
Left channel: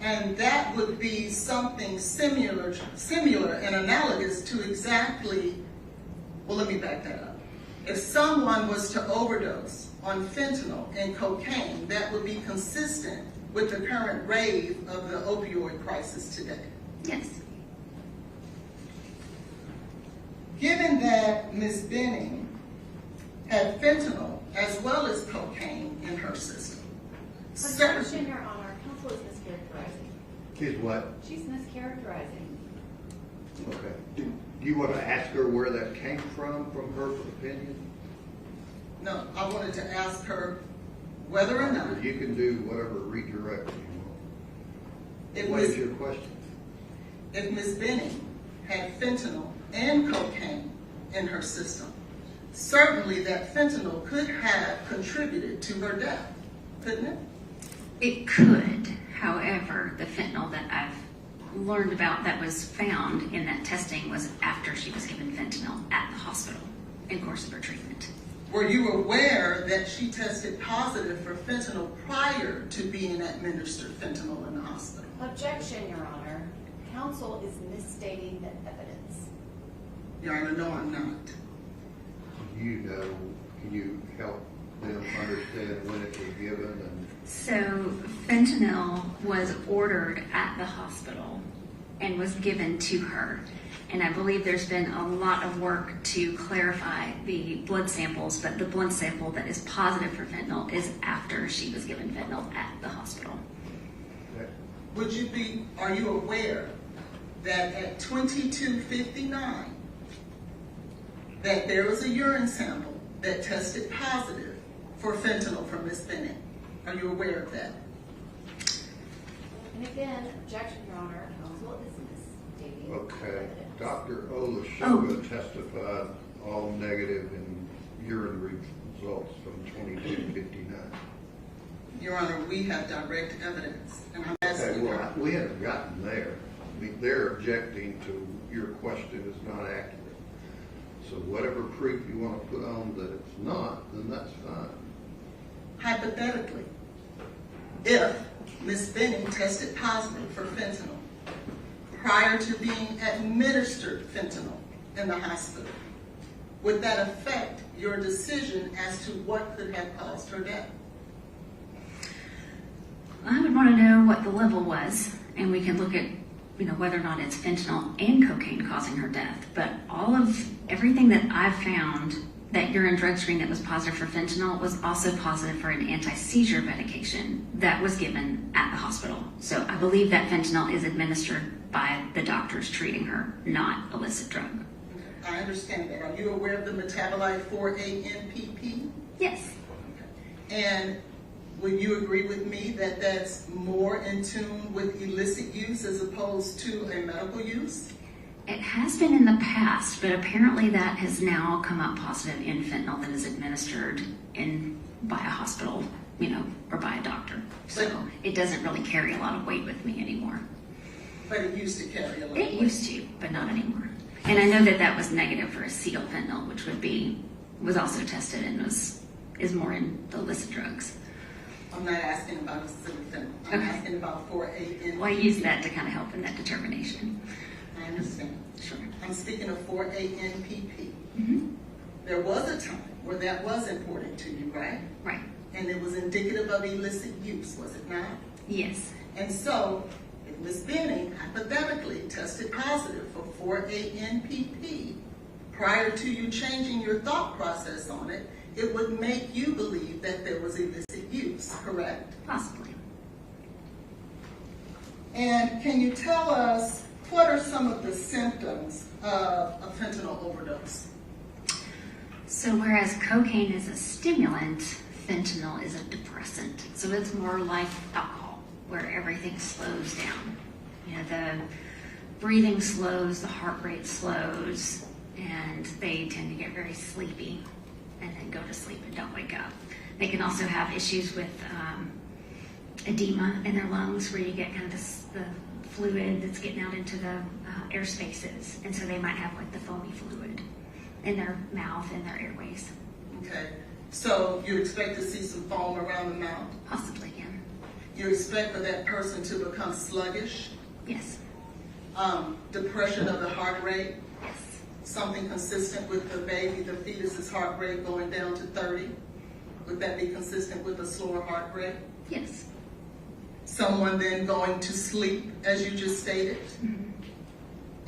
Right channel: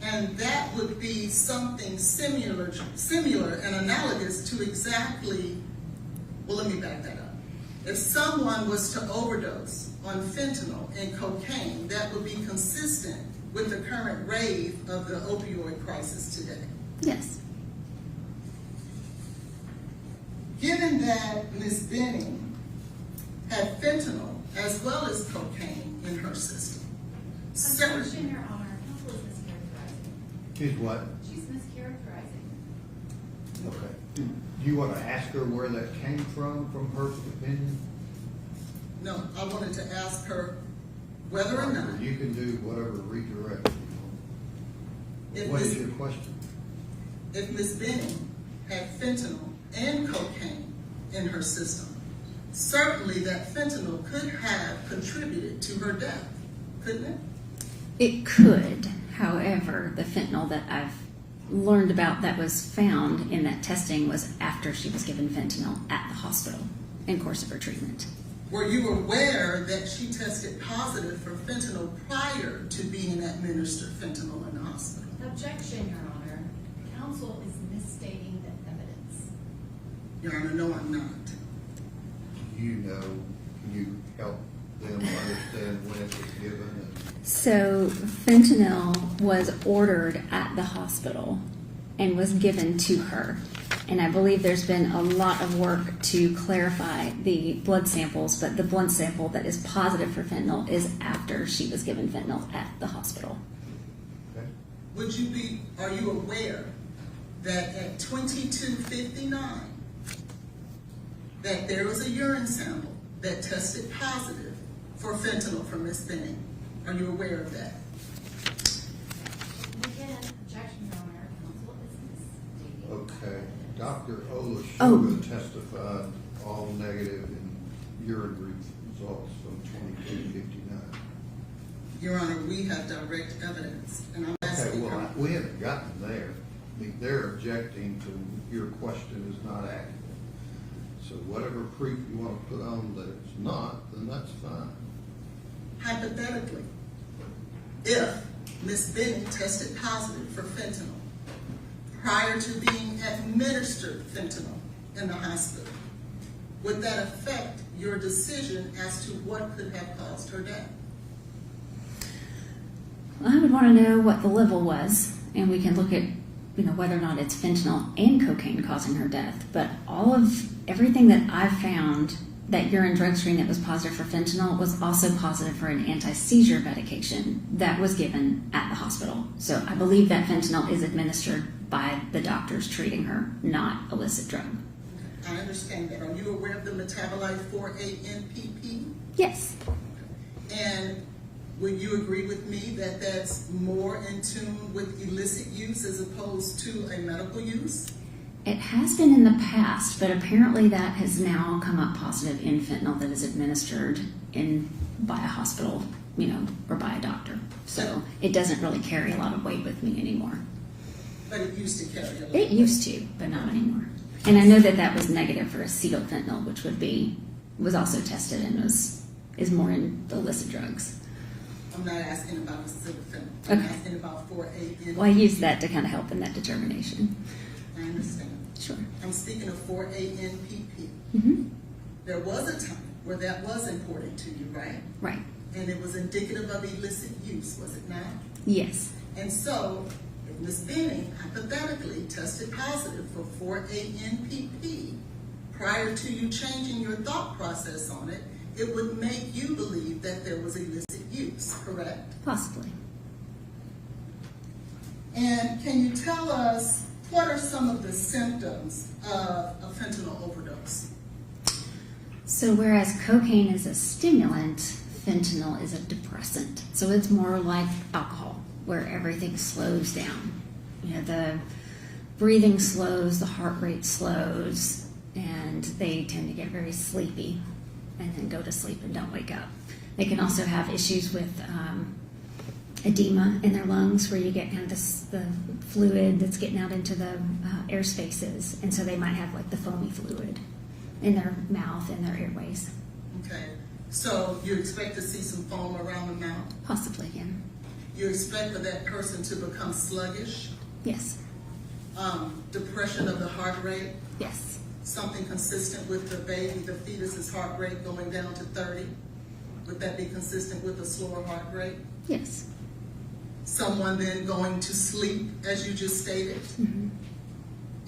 And that would be something similar and analogous to exactly, well, let me back that up. If someone was to overdose on fentanyl and cocaine, that would be consistent with the current rave of the opioid crisis today. Yes. Given that Ms. Benning had fentanyl as well as cocaine in her system, Objection, Your Honor. Counsel is mischaracterizing. Is what? She's mischaracterizing. Okay. Do you want to ask her where that came from her opinion? no, I wanted to ask her whether or not, You can do whatever redirect you if want. What is Ms. your question? if Ms. Benning had fentanyl and cocaine in her system, certainly that fentanyl could have contributed to her death, couldn't it? It could. However, the fentanyl that I've learned about that was found in that testing was after she was given fentanyl at the hospital in course of her treatment. Were you aware that she tested positive for fentanyl prior to being administered fentanyl in the hospital? Objection, Your Honor. Counsel is misstating the evidence. Your Honor, no, I'm not. You know, can you help them understand when it was given? And So fentanyl was ordered at the hospital and was given to her. And I believe there's been a lot of work to clarify the blood samples, but the blood sample that is positive for fentanyl is after she was given fentanyl at the hospital. okay. Are you aware that at 22:59, that there was a urine sample that tested positive for fentanyl from Ms. Benning? Are you aware of that? And again, objection, Your Honor. Counsel is misstating Okay. evidence. Dr. Olashuga Oh. testified all negative in urine results from 2259. Your Honor, we have direct evidence, and I'm Okay, asking well, her. we haven't gotten there. I mean, they're objecting to your question is not accurate. So whatever proof you want to put on that it's not, then that's fine. Hypothetically, if Ms. Benning tested positive for fentanyl prior to being administered fentanyl in the hospital, would that affect your decision as to what could have caused her death? I would want to know what the level was, and we can look at, whether or not it's fentanyl and cocaine causing her death. But everything that I've found, that urine drug screen that was positive for fentanyl was also positive for an anti-seizure medication that was given at the hospital. So I believe that fentanyl is administered by the doctors treating her, not illicit drug. I understand that. Are you aware of the metabolite 4-ANPP? Yes. And would you agree with me that that's more in tune with illicit use as opposed to a medical use? It has been in the past, but apparently that has now come up positive in fentanyl that is administered by a hospital, or by a doctor. So it doesn't really carry a lot of weight with me anymore. But it used to carry a lot. It used to, but not anymore. And I know that that was negative for acetylfentanyl, which was also tested and is more in the illicit drugs. I'm not asking about acetylfentanyl. I'm Okay. asking about 4-ANPP. Well, I use that to kind of help in that determination. I understand. Sure. I'm speaking of 4-ANPP. Mm-hmm. There was a time where that was important to you, right? Right. And it was indicative of illicit use, was it not? Yes. And so, if Ms. Benning hypothetically tested positive for 4-ANPP prior to you changing your thought process on it, it would make you believe that there was illicit use, correct? Possibly. And can you tell us what are some of the symptoms of a fentanyl overdose? So whereas cocaine is a stimulant, fentanyl is a depressant. So it's more like alcohol, where everything slows down. You know, the breathing slows, the heart rate slows, and they tend to get very sleepy and then go to sleep and don't wake up. They can also have issues with edema in their lungs, where you get kind of the fluid that's getting out into the air spaces, and so they might have like the foamy fluid in their mouth and their airways. Okay, so you expect to see some foam around the mouth? Possibly, yeah. You expect for that person to become sluggish? Yes, Depression of the heart rate? yes, Something consistent with the baby, the fetus's heart rate going down to 30? Would that be consistent with a slower heart rate? yes. Someone then going to sleep, as you just stated? Mm-hmm.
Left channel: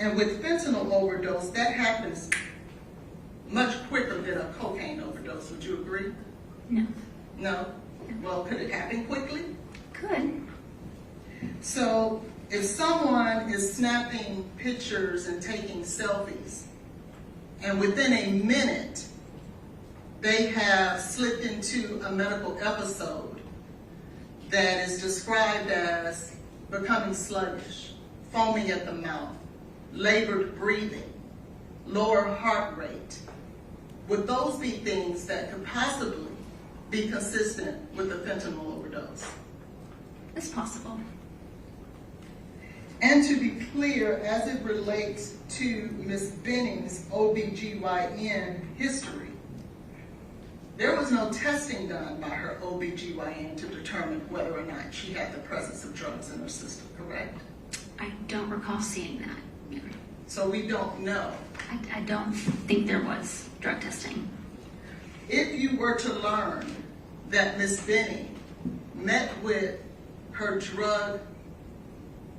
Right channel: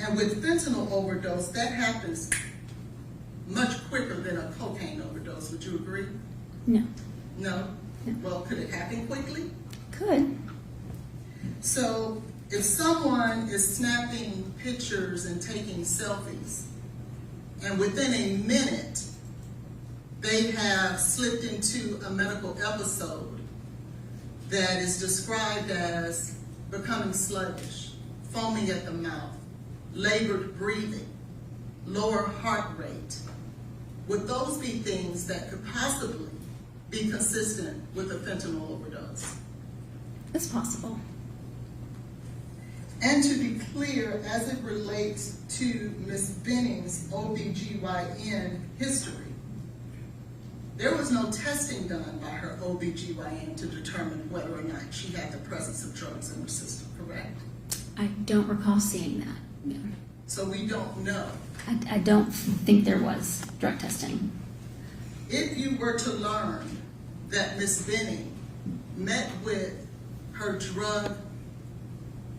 And with fentanyl overdose, that happens much quicker than a cocaine overdose. Would you agree? No, No? Well, could it happen quickly? could. So if someone is snapping pictures and taking selfies, and within a minute they have slipped into a medical episode that is described as becoming sluggish, foaming at the mouth, labored breathing, lower heart rate, would those be things that could possibly be consistent with a fentanyl overdose? It's possible. And to be clear, as it relates to Ms. Benning's OBGYN history, there was no testing done by her OBGYN to determine whether or not she had the presence of drugs in her system, correct? I don't recall seeing that. Yeah. So we don't know. I don't think there was drug testing. If you were to learn that Ms. Benning met with her drug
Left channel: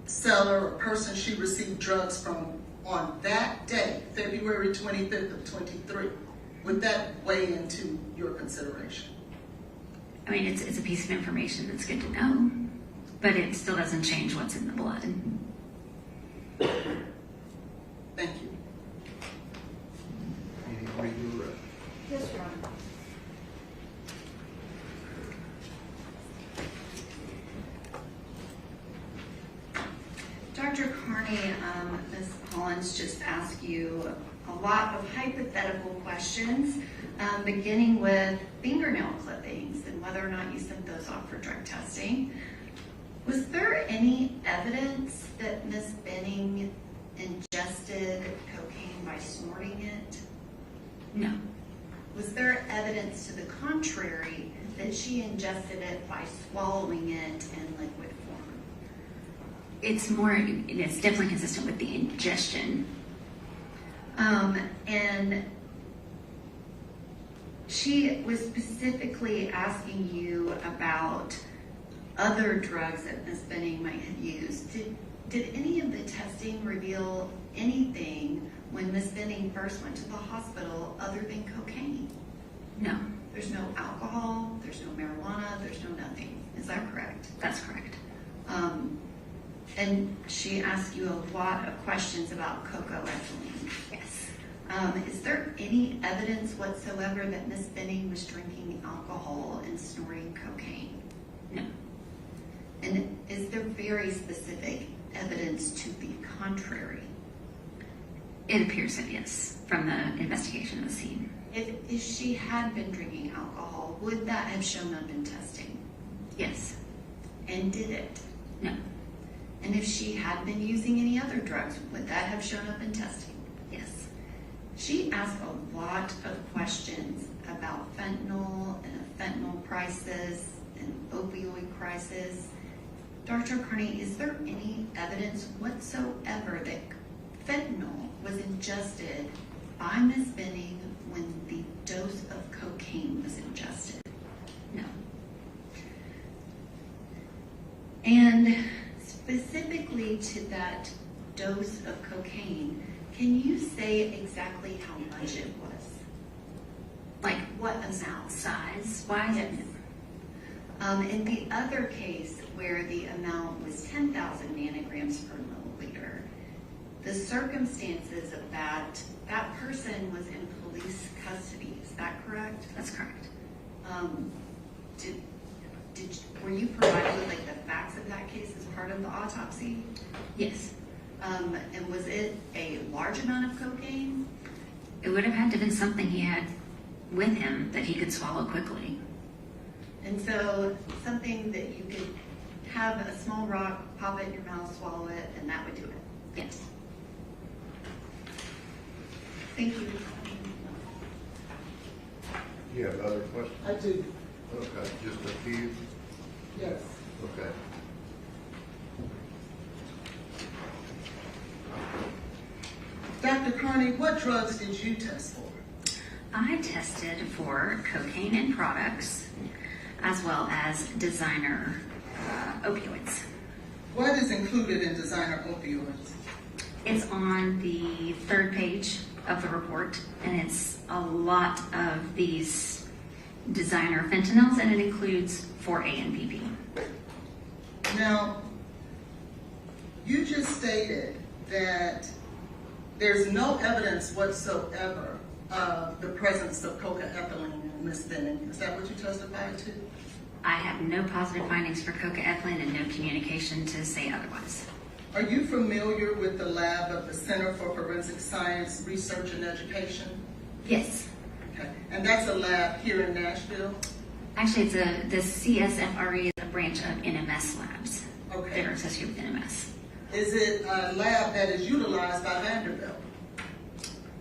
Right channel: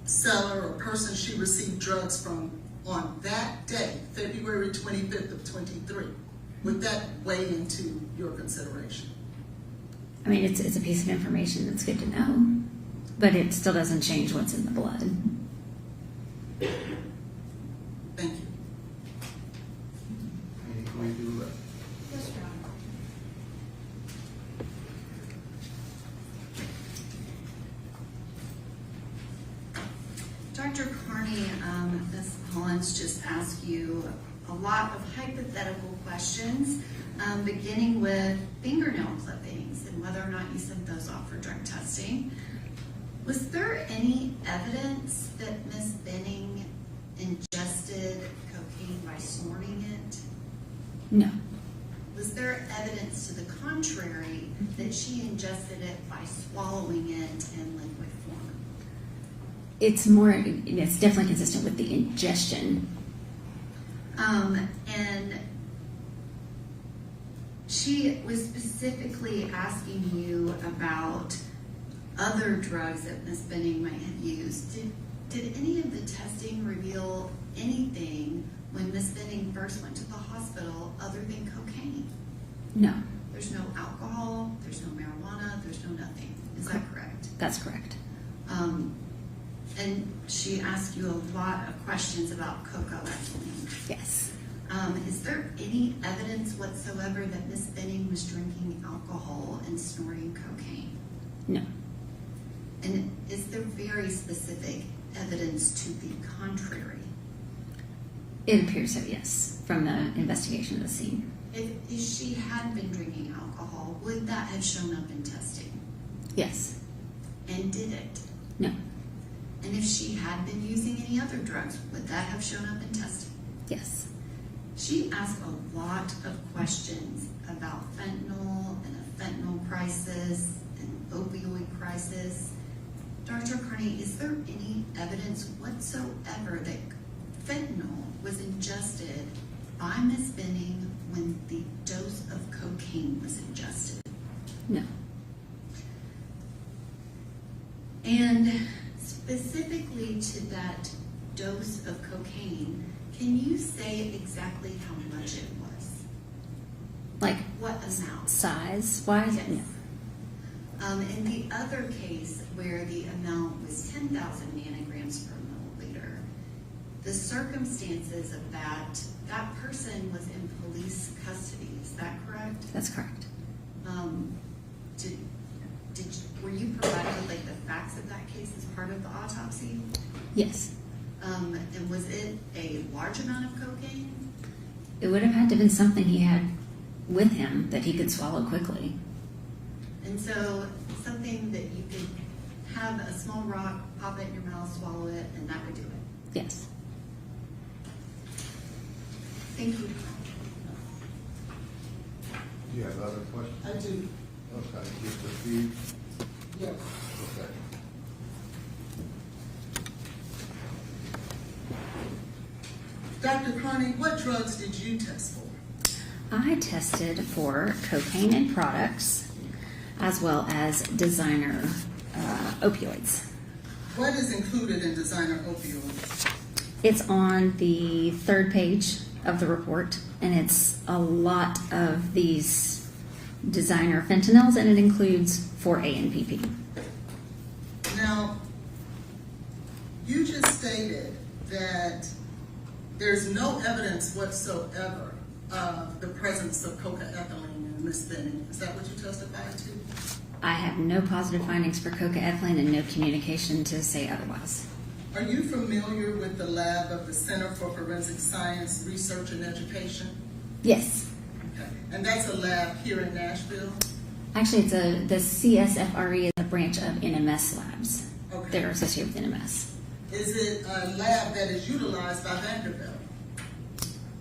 seller or person she received drugs from on that day, February 25th of 23, would that weigh into your consideration? I mean, it's a piece of information that's good to know, but it still doesn't change what's in the blood. Thank you. Any redirect? Yes, Your Honor. Dr. Carney, Ms. Hollins just asked you a lot of hypothetical questions, beginning with fingernail clippings and whether or not you sent those off for drug testing. Was there any evidence that Ms. Benning ingested cocaine by snorting it? No, Was there evidence to the contrary that she ingested it by swallowing it in liquid form? it's definitely consistent with the ingestion. And she was specifically asking you about other drugs that Ms. Benning might have used. Did any of the testing reveal anything when Ms. Benning first went to the hospital other than cocaine? No, There's no alcohol, there's no marijuana, there's no nothing. Is that correct? that's correct. And she asked you a lot of questions about cocoethylene. Yes. Is there any evidence whatsoever that Ms. Benning was drinking alcohol and snorting cocaine? No. And is there very specific evidence to the contrary? It appears that yes, from the investigation of the scene. If she had been drinking alcohol, would that have shown up in testing? Yes. And did it? No. And if she had been using any other drugs, would that have shown up in testing? Yes. She asked a lot of questions about fentanyl and fentanyl prices and opioid crisis. Dr. Carney, is there any evidence whatsoever that fentanyl was ingested by Ms. Benning when the dose of cocaine was ingested? No. And specifically to that dose of cocaine, can you say exactly how much it was? Like What amount? size wise? Yes. In the other case where the amount was 10,000 nanograms per milliliter, the circumstances of that person was in police custody, is that correct? That's correct. Were you provided with like the facts of that case as part of the autopsy? Yes. And was it a large amount of cocaine? It would have had to have been something he had with him that he could swallow quickly. And so something that you could have a small rock, pop it in your mouth, swallow it, and that would do it. Yes. Thank you. Do you have other questions? I do, Okay, just a few? yes. Okay. Dr. Carney, what drugs did you test for? I tested for cocaine and products as well as designer opioids. What is included in designer opioids? It's on the 3rd page of the report, and it's a lot of these designer fentanyls, and it includes 4A and PP. Now, you just stated that there's no evidence whatsoever of the presence of cocaethylene in Ms. Benning. Is that what you testified to? I have no positive findings for cocaethylene and no communication to say otherwise. Are you familiar with the lab of the Center for Forensic Science, Research and Education? Yes. Okay. And that's a lab here in Nashville? Actually, the CSFRE is a branch of NMS labs. Okay. They're associated with NMS. Is it a lab that is utilized by Vanderbilt?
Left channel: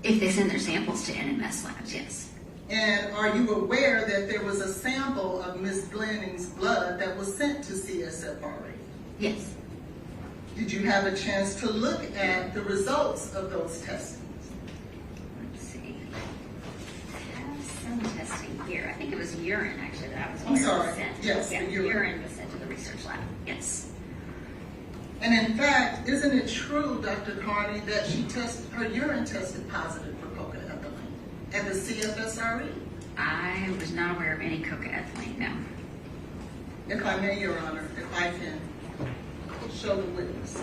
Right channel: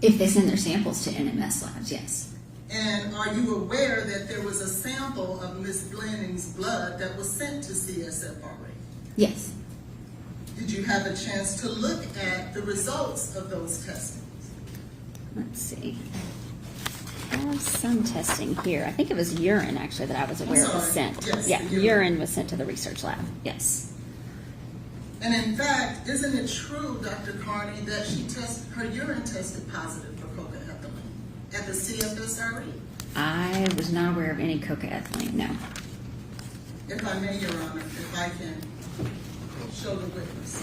If they send their samples to NMS labs, yes. And are you aware that there was a sample of Ms. Benning's blood that was sent to CSFRE? Yes. Did you have a chance to look at the results of those testings? Let's see. I have some testing here. I think it was urine, actually, that I was aware was sorry. sent. Yes, Yeah, urine. urine was sent to the research lab. Yes. And in fact, isn't it true, Dr. Carney, that her urine tested positive for cocaethylene at the CFSRE? I was not aware of any cocaethylene, no. If I may, Your Honor, if I can show the witness.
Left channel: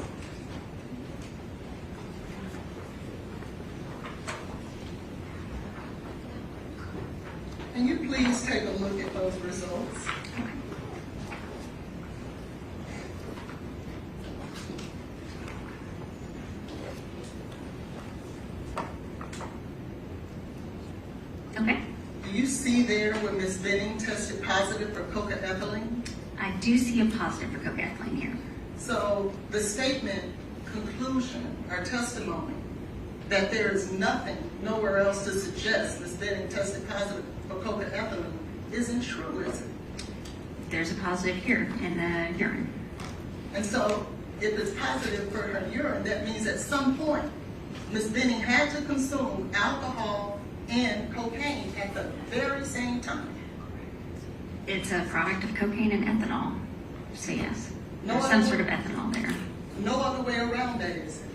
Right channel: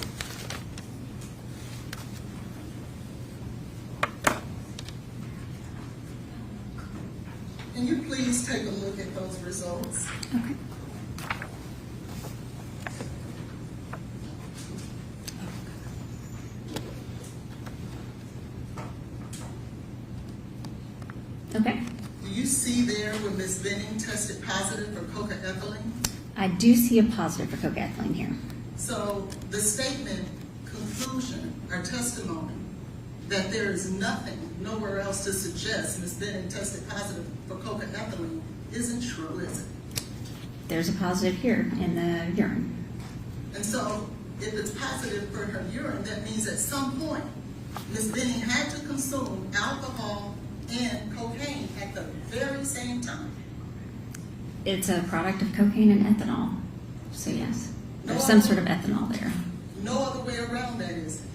Can you please take a look at those results? Okay. Okay. Do you see there where Ms. Benning tested positive for cocaethylene? I do see a positive for cocaethylene here. So the statement, conclusion, or testimony that there is nothing, nowhere else to suggest Ms. Benning tested positive for cocaethylene isn't true, is it? There's a positive here in the urine. And so if it's positive for her urine, that means at some point, Ms. Benning had to consume alcohol and cocaine at the very same time. It's a product of cocaine and ethanol. So yes, No there's some other sort of way- ethanol there. No other way around that, is it?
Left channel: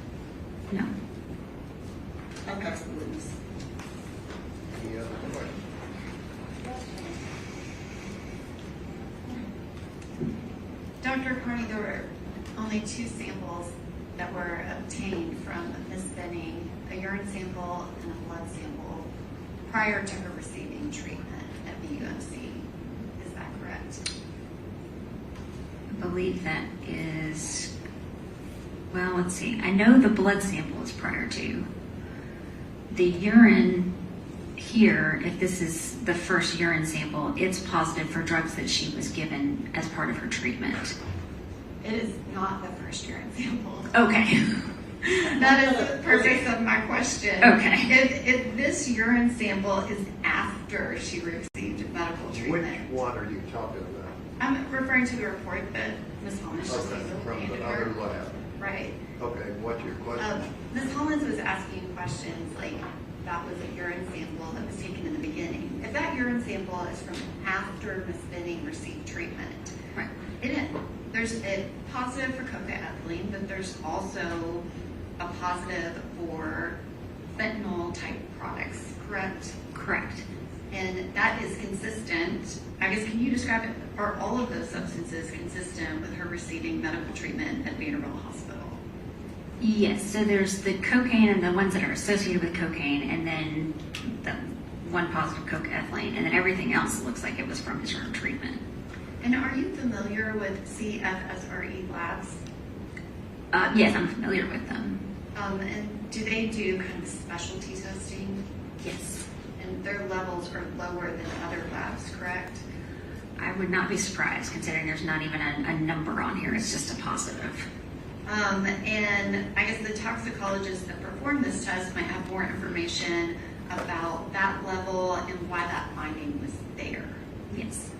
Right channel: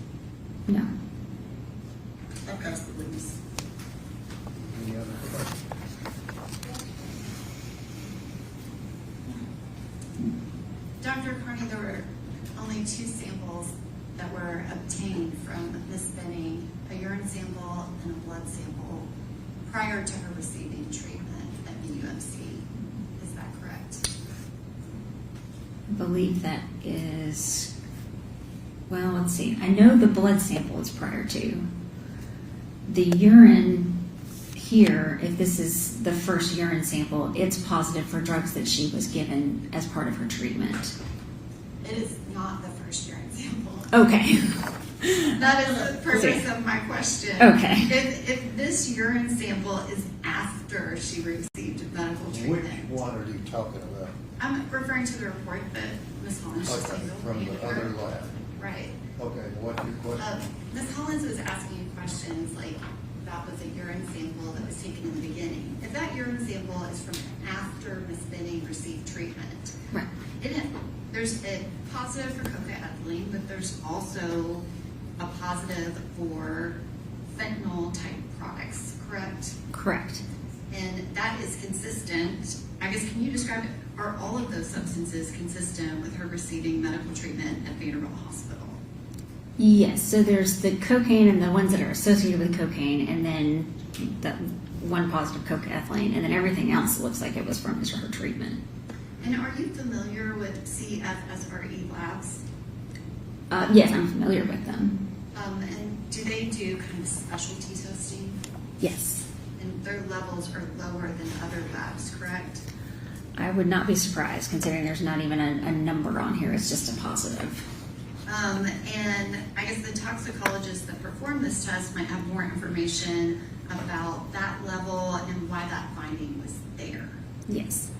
No. I pass the witness. Any other questions? Dr. Carney, there were only 2 samples that were obtained from Ms. Benning, a urine sample and a blood sample, prior to her receiving treatment at BUMC. Is that correct? I believe that is, well, let's see. I know the blood sample was prior to. The urine here, if this is the first urine sample, it's positive for drugs that she was given as part of her treatment. It is not the first urine sample. Okay. That is the purpose of my question. Okay. If this urine sample is after she received medical Which treatment, one are you talking about? I'm referring to the report that Ms. Hollins just Okay, gave. from the other lab. Right. Okay, what's your question? Ms. Hollins was asking questions like that was a urine sample that was taken in the beginning. If that urine sample is from after Ms. Benning received treatment, Right. there's a positive for cocaine, but there's also a positive for fentanyl type products, correct? Correct. And that is consistent. I guess, can you describe it? Are all of those substances consistent with her receiving medical treatment at Vanderbilt Hospital? Yes, so there's the cocaine and the ones that are associated with cocaine, and then the one positive cocaethylene, and then everything else looks like it was from his or her treatment. And are you familiar with CFSRE labs? Yes, I'm familiar with them. And do they do kind of specialty testing? Yes. And their levels are lower than other labs, correct? I would not be surprised, considering there's not even a number on here. It's just a positive. And I guess the toxicologist that performed this test might have more information about that level and why that finding was there. Yes.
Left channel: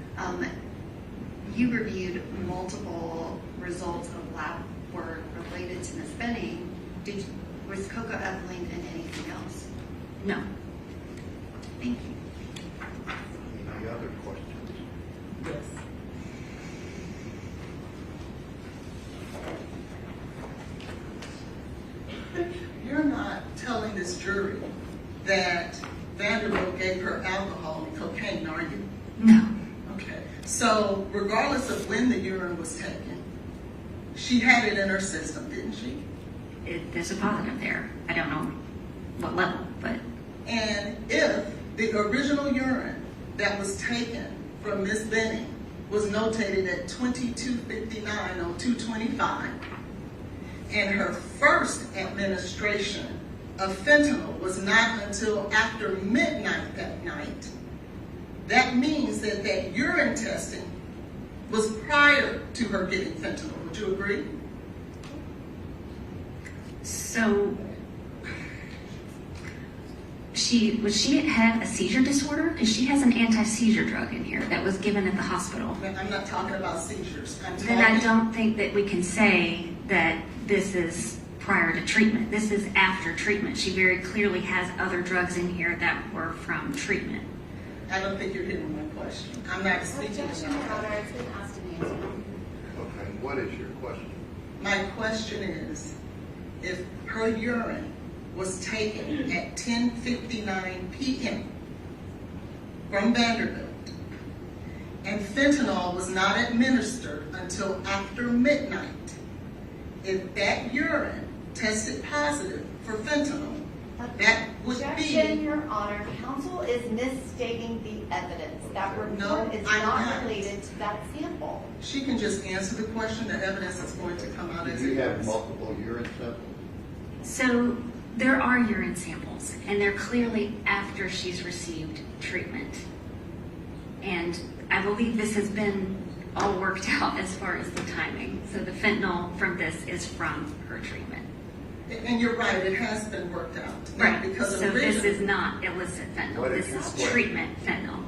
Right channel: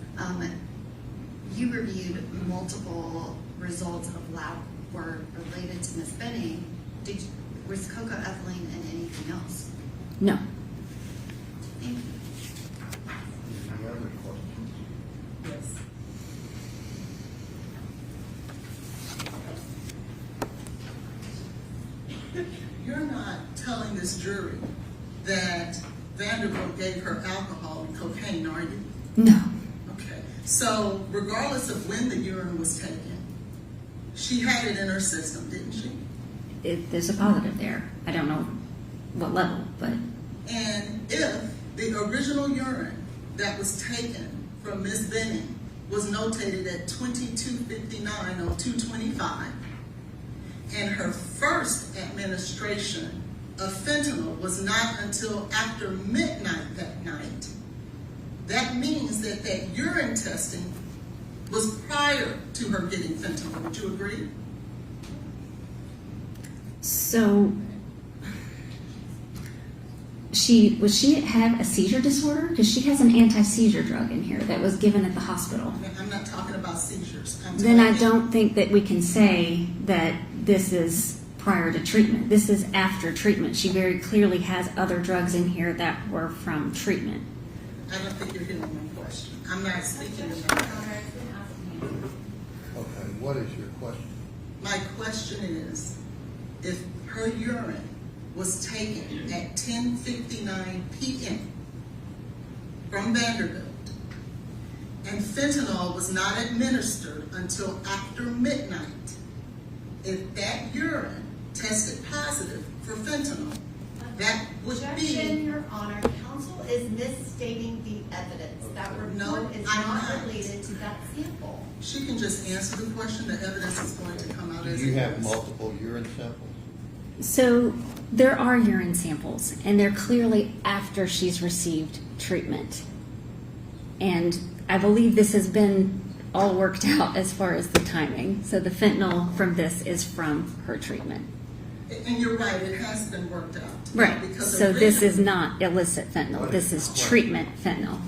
You reviewed multiple results of lab work related to Ms. Benning. Was cocaethylene in anything else? No. Thank you. Any other questions? Yes. You're not telling this jury that Vanderbilt gave her alcohol and cocaine, are you? No. Okay. So regardless of when the urine was taken, she had it in her system, didn't she? There's a positive there. I don't know what level, but And if the original urine that was taken from Miss Benning was notated at 2259 on 225, and her first administration of fentanyl was not until after midnight that night, that means that that urine testing was prior to her getting fentanyl. Would you agree? so she had a seizure disorder because she has an anti-seizure drug in here that was given at the hospital. I'm not talking about seizures. Then I don't think that we can say that this is prior to treatment. This is after treatment. She very clearly has other drugs in here that were from treatment. I don't think you're hitting my question. I'm not speaking Objection, about Your Honor, it's been asked and answered. Okay, what is your question? My question is, if her urine was taken at 10:59 p.m. from Vanderbilt, and fentanyl was not administered until after midnight, if that urine tested positive for fentanyl, that would Objection, be... Your Honor. Counsel is misstating the evidence. That No, report is I'm not not. related to that sample. She can just answer the question. The evidence is going to come out as Do you it have is. multiple urine samples? So there are urine samples, and they're clearly after she's received treatment. And I believe this has been all worked out as far as the timing. So the fentanyl from this is from her treatment. And you're right, it has been worked out. Right. Because So this is originally- not illicit fentanyl. What This is- is treatment fentanyl.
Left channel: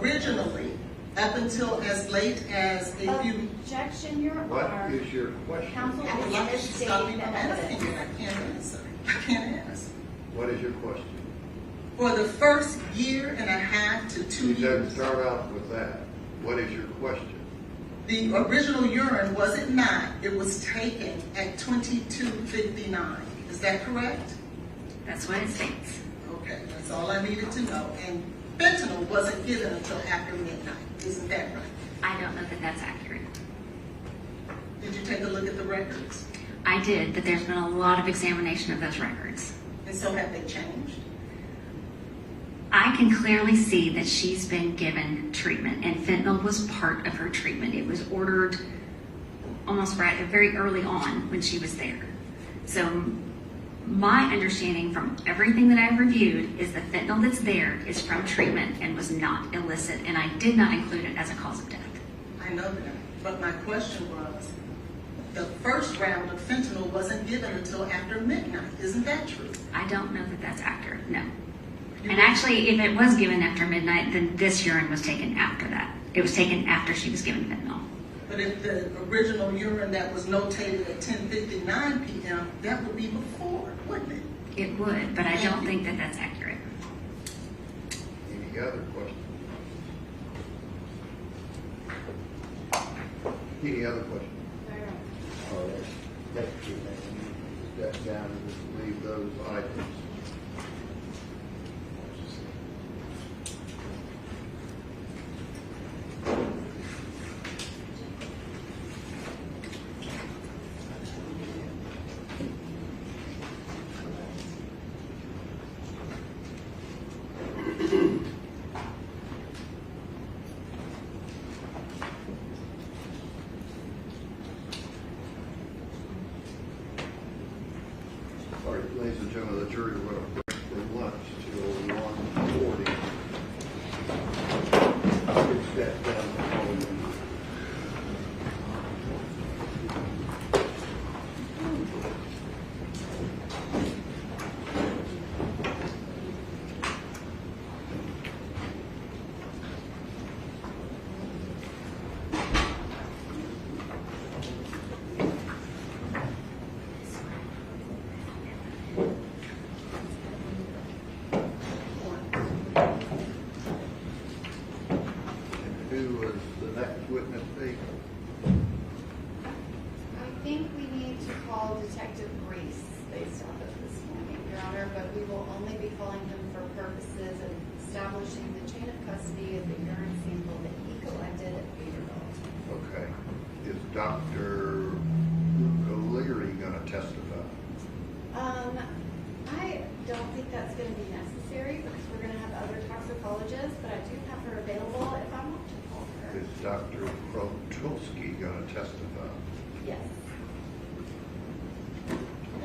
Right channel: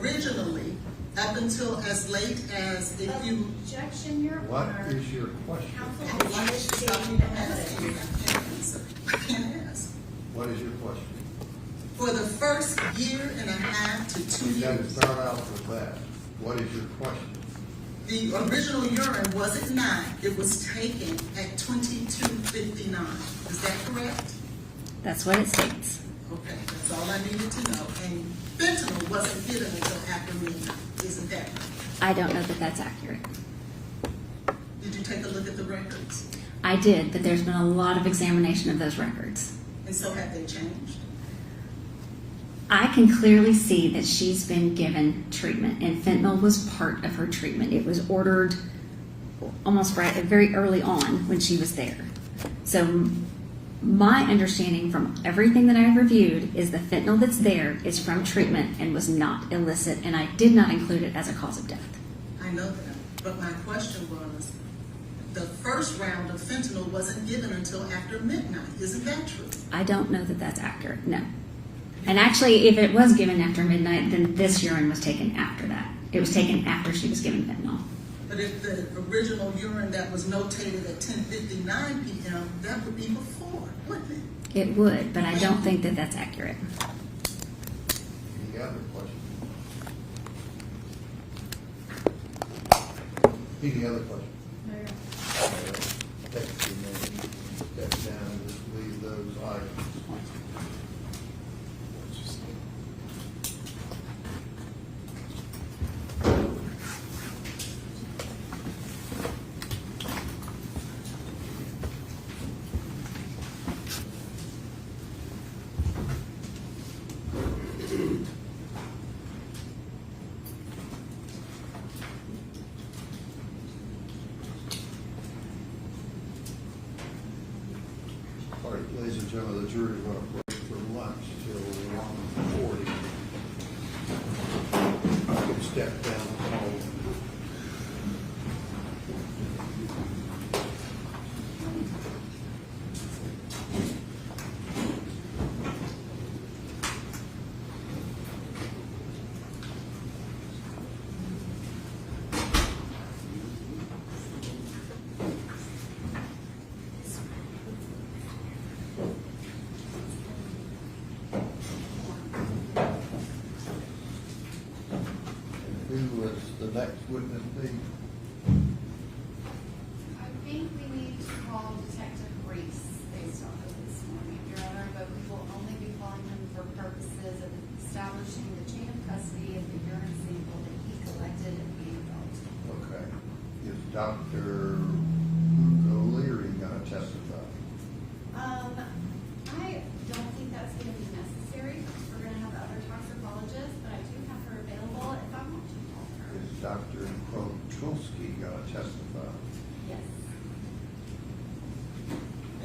Originally, up until as late as a few... Objection, Your What Honor. is your question? Counsel I would like is to stop misstating you the from asking it. evidence. I can't answer. I can't answer. What is your question? For the first year and a half to 2 You said years, start out with that. What is your question? the original urine wasn't 9, it was taken at 22:59. Is that correct? That's what it states. Okay, that's all I needed to know. And fentanyl wasn't given until after midnight. Isn't that right? I don't know that that's accurate. Did you take a look at the records? I did, but there's been a lot of examination of those records. And so have they changed? I can clearly see that she's been given treatment, and fentanyl was part of her treatment. It was ordered almost right very early on when she was there. So my understanding from everything that I've reviewed is the fentanyl that's there is from treatment and was not illicit, and I did not include it as a cause of death. I know that. But my question was, the first round of fentanyl wasn't given until after midnight. Isn't that true? I don't know that that's accurate, no. And actually, if it was given after midnight, then this urine was taken after that. It was taken after she was given fentanyl. But if the original urine that was notated at 10:59 p.m., that would be before, wouldn't it? It would, but I don't think that that's accurate. Any other questions? Any other questions? All right. Deputy, maybe step down and just leave those items. All right, ladies and gentlemen, the jury went for lunch till 1:40. You can step down the hall. And who was the next witness be? I think we need to call Detective Reese based off of this morning, Your Honor, but we will only be calling him for purposes of establishing the chain of custody of the urine sample that he collected at Vanderbilt. Okay. Is Dr. O'Leary going to testify? I don't think that's gonna be necessary, because we're gonna have other toxicologists, but I do have her available if I want to call her. Is Dr. Krotulski going to testify? Yes.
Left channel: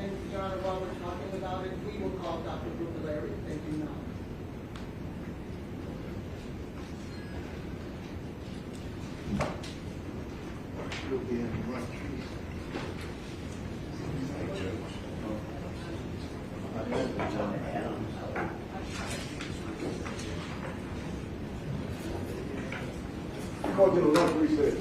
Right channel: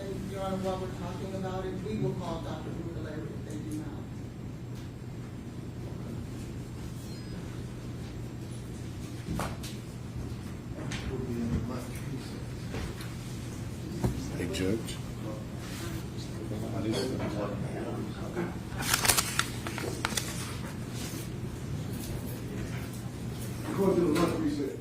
And Your Honor, while we're talking about it, we will call Dr. Brugaleri if they do not. We'll be in lunch recess. Hey, Judge. Go to the lunch recess.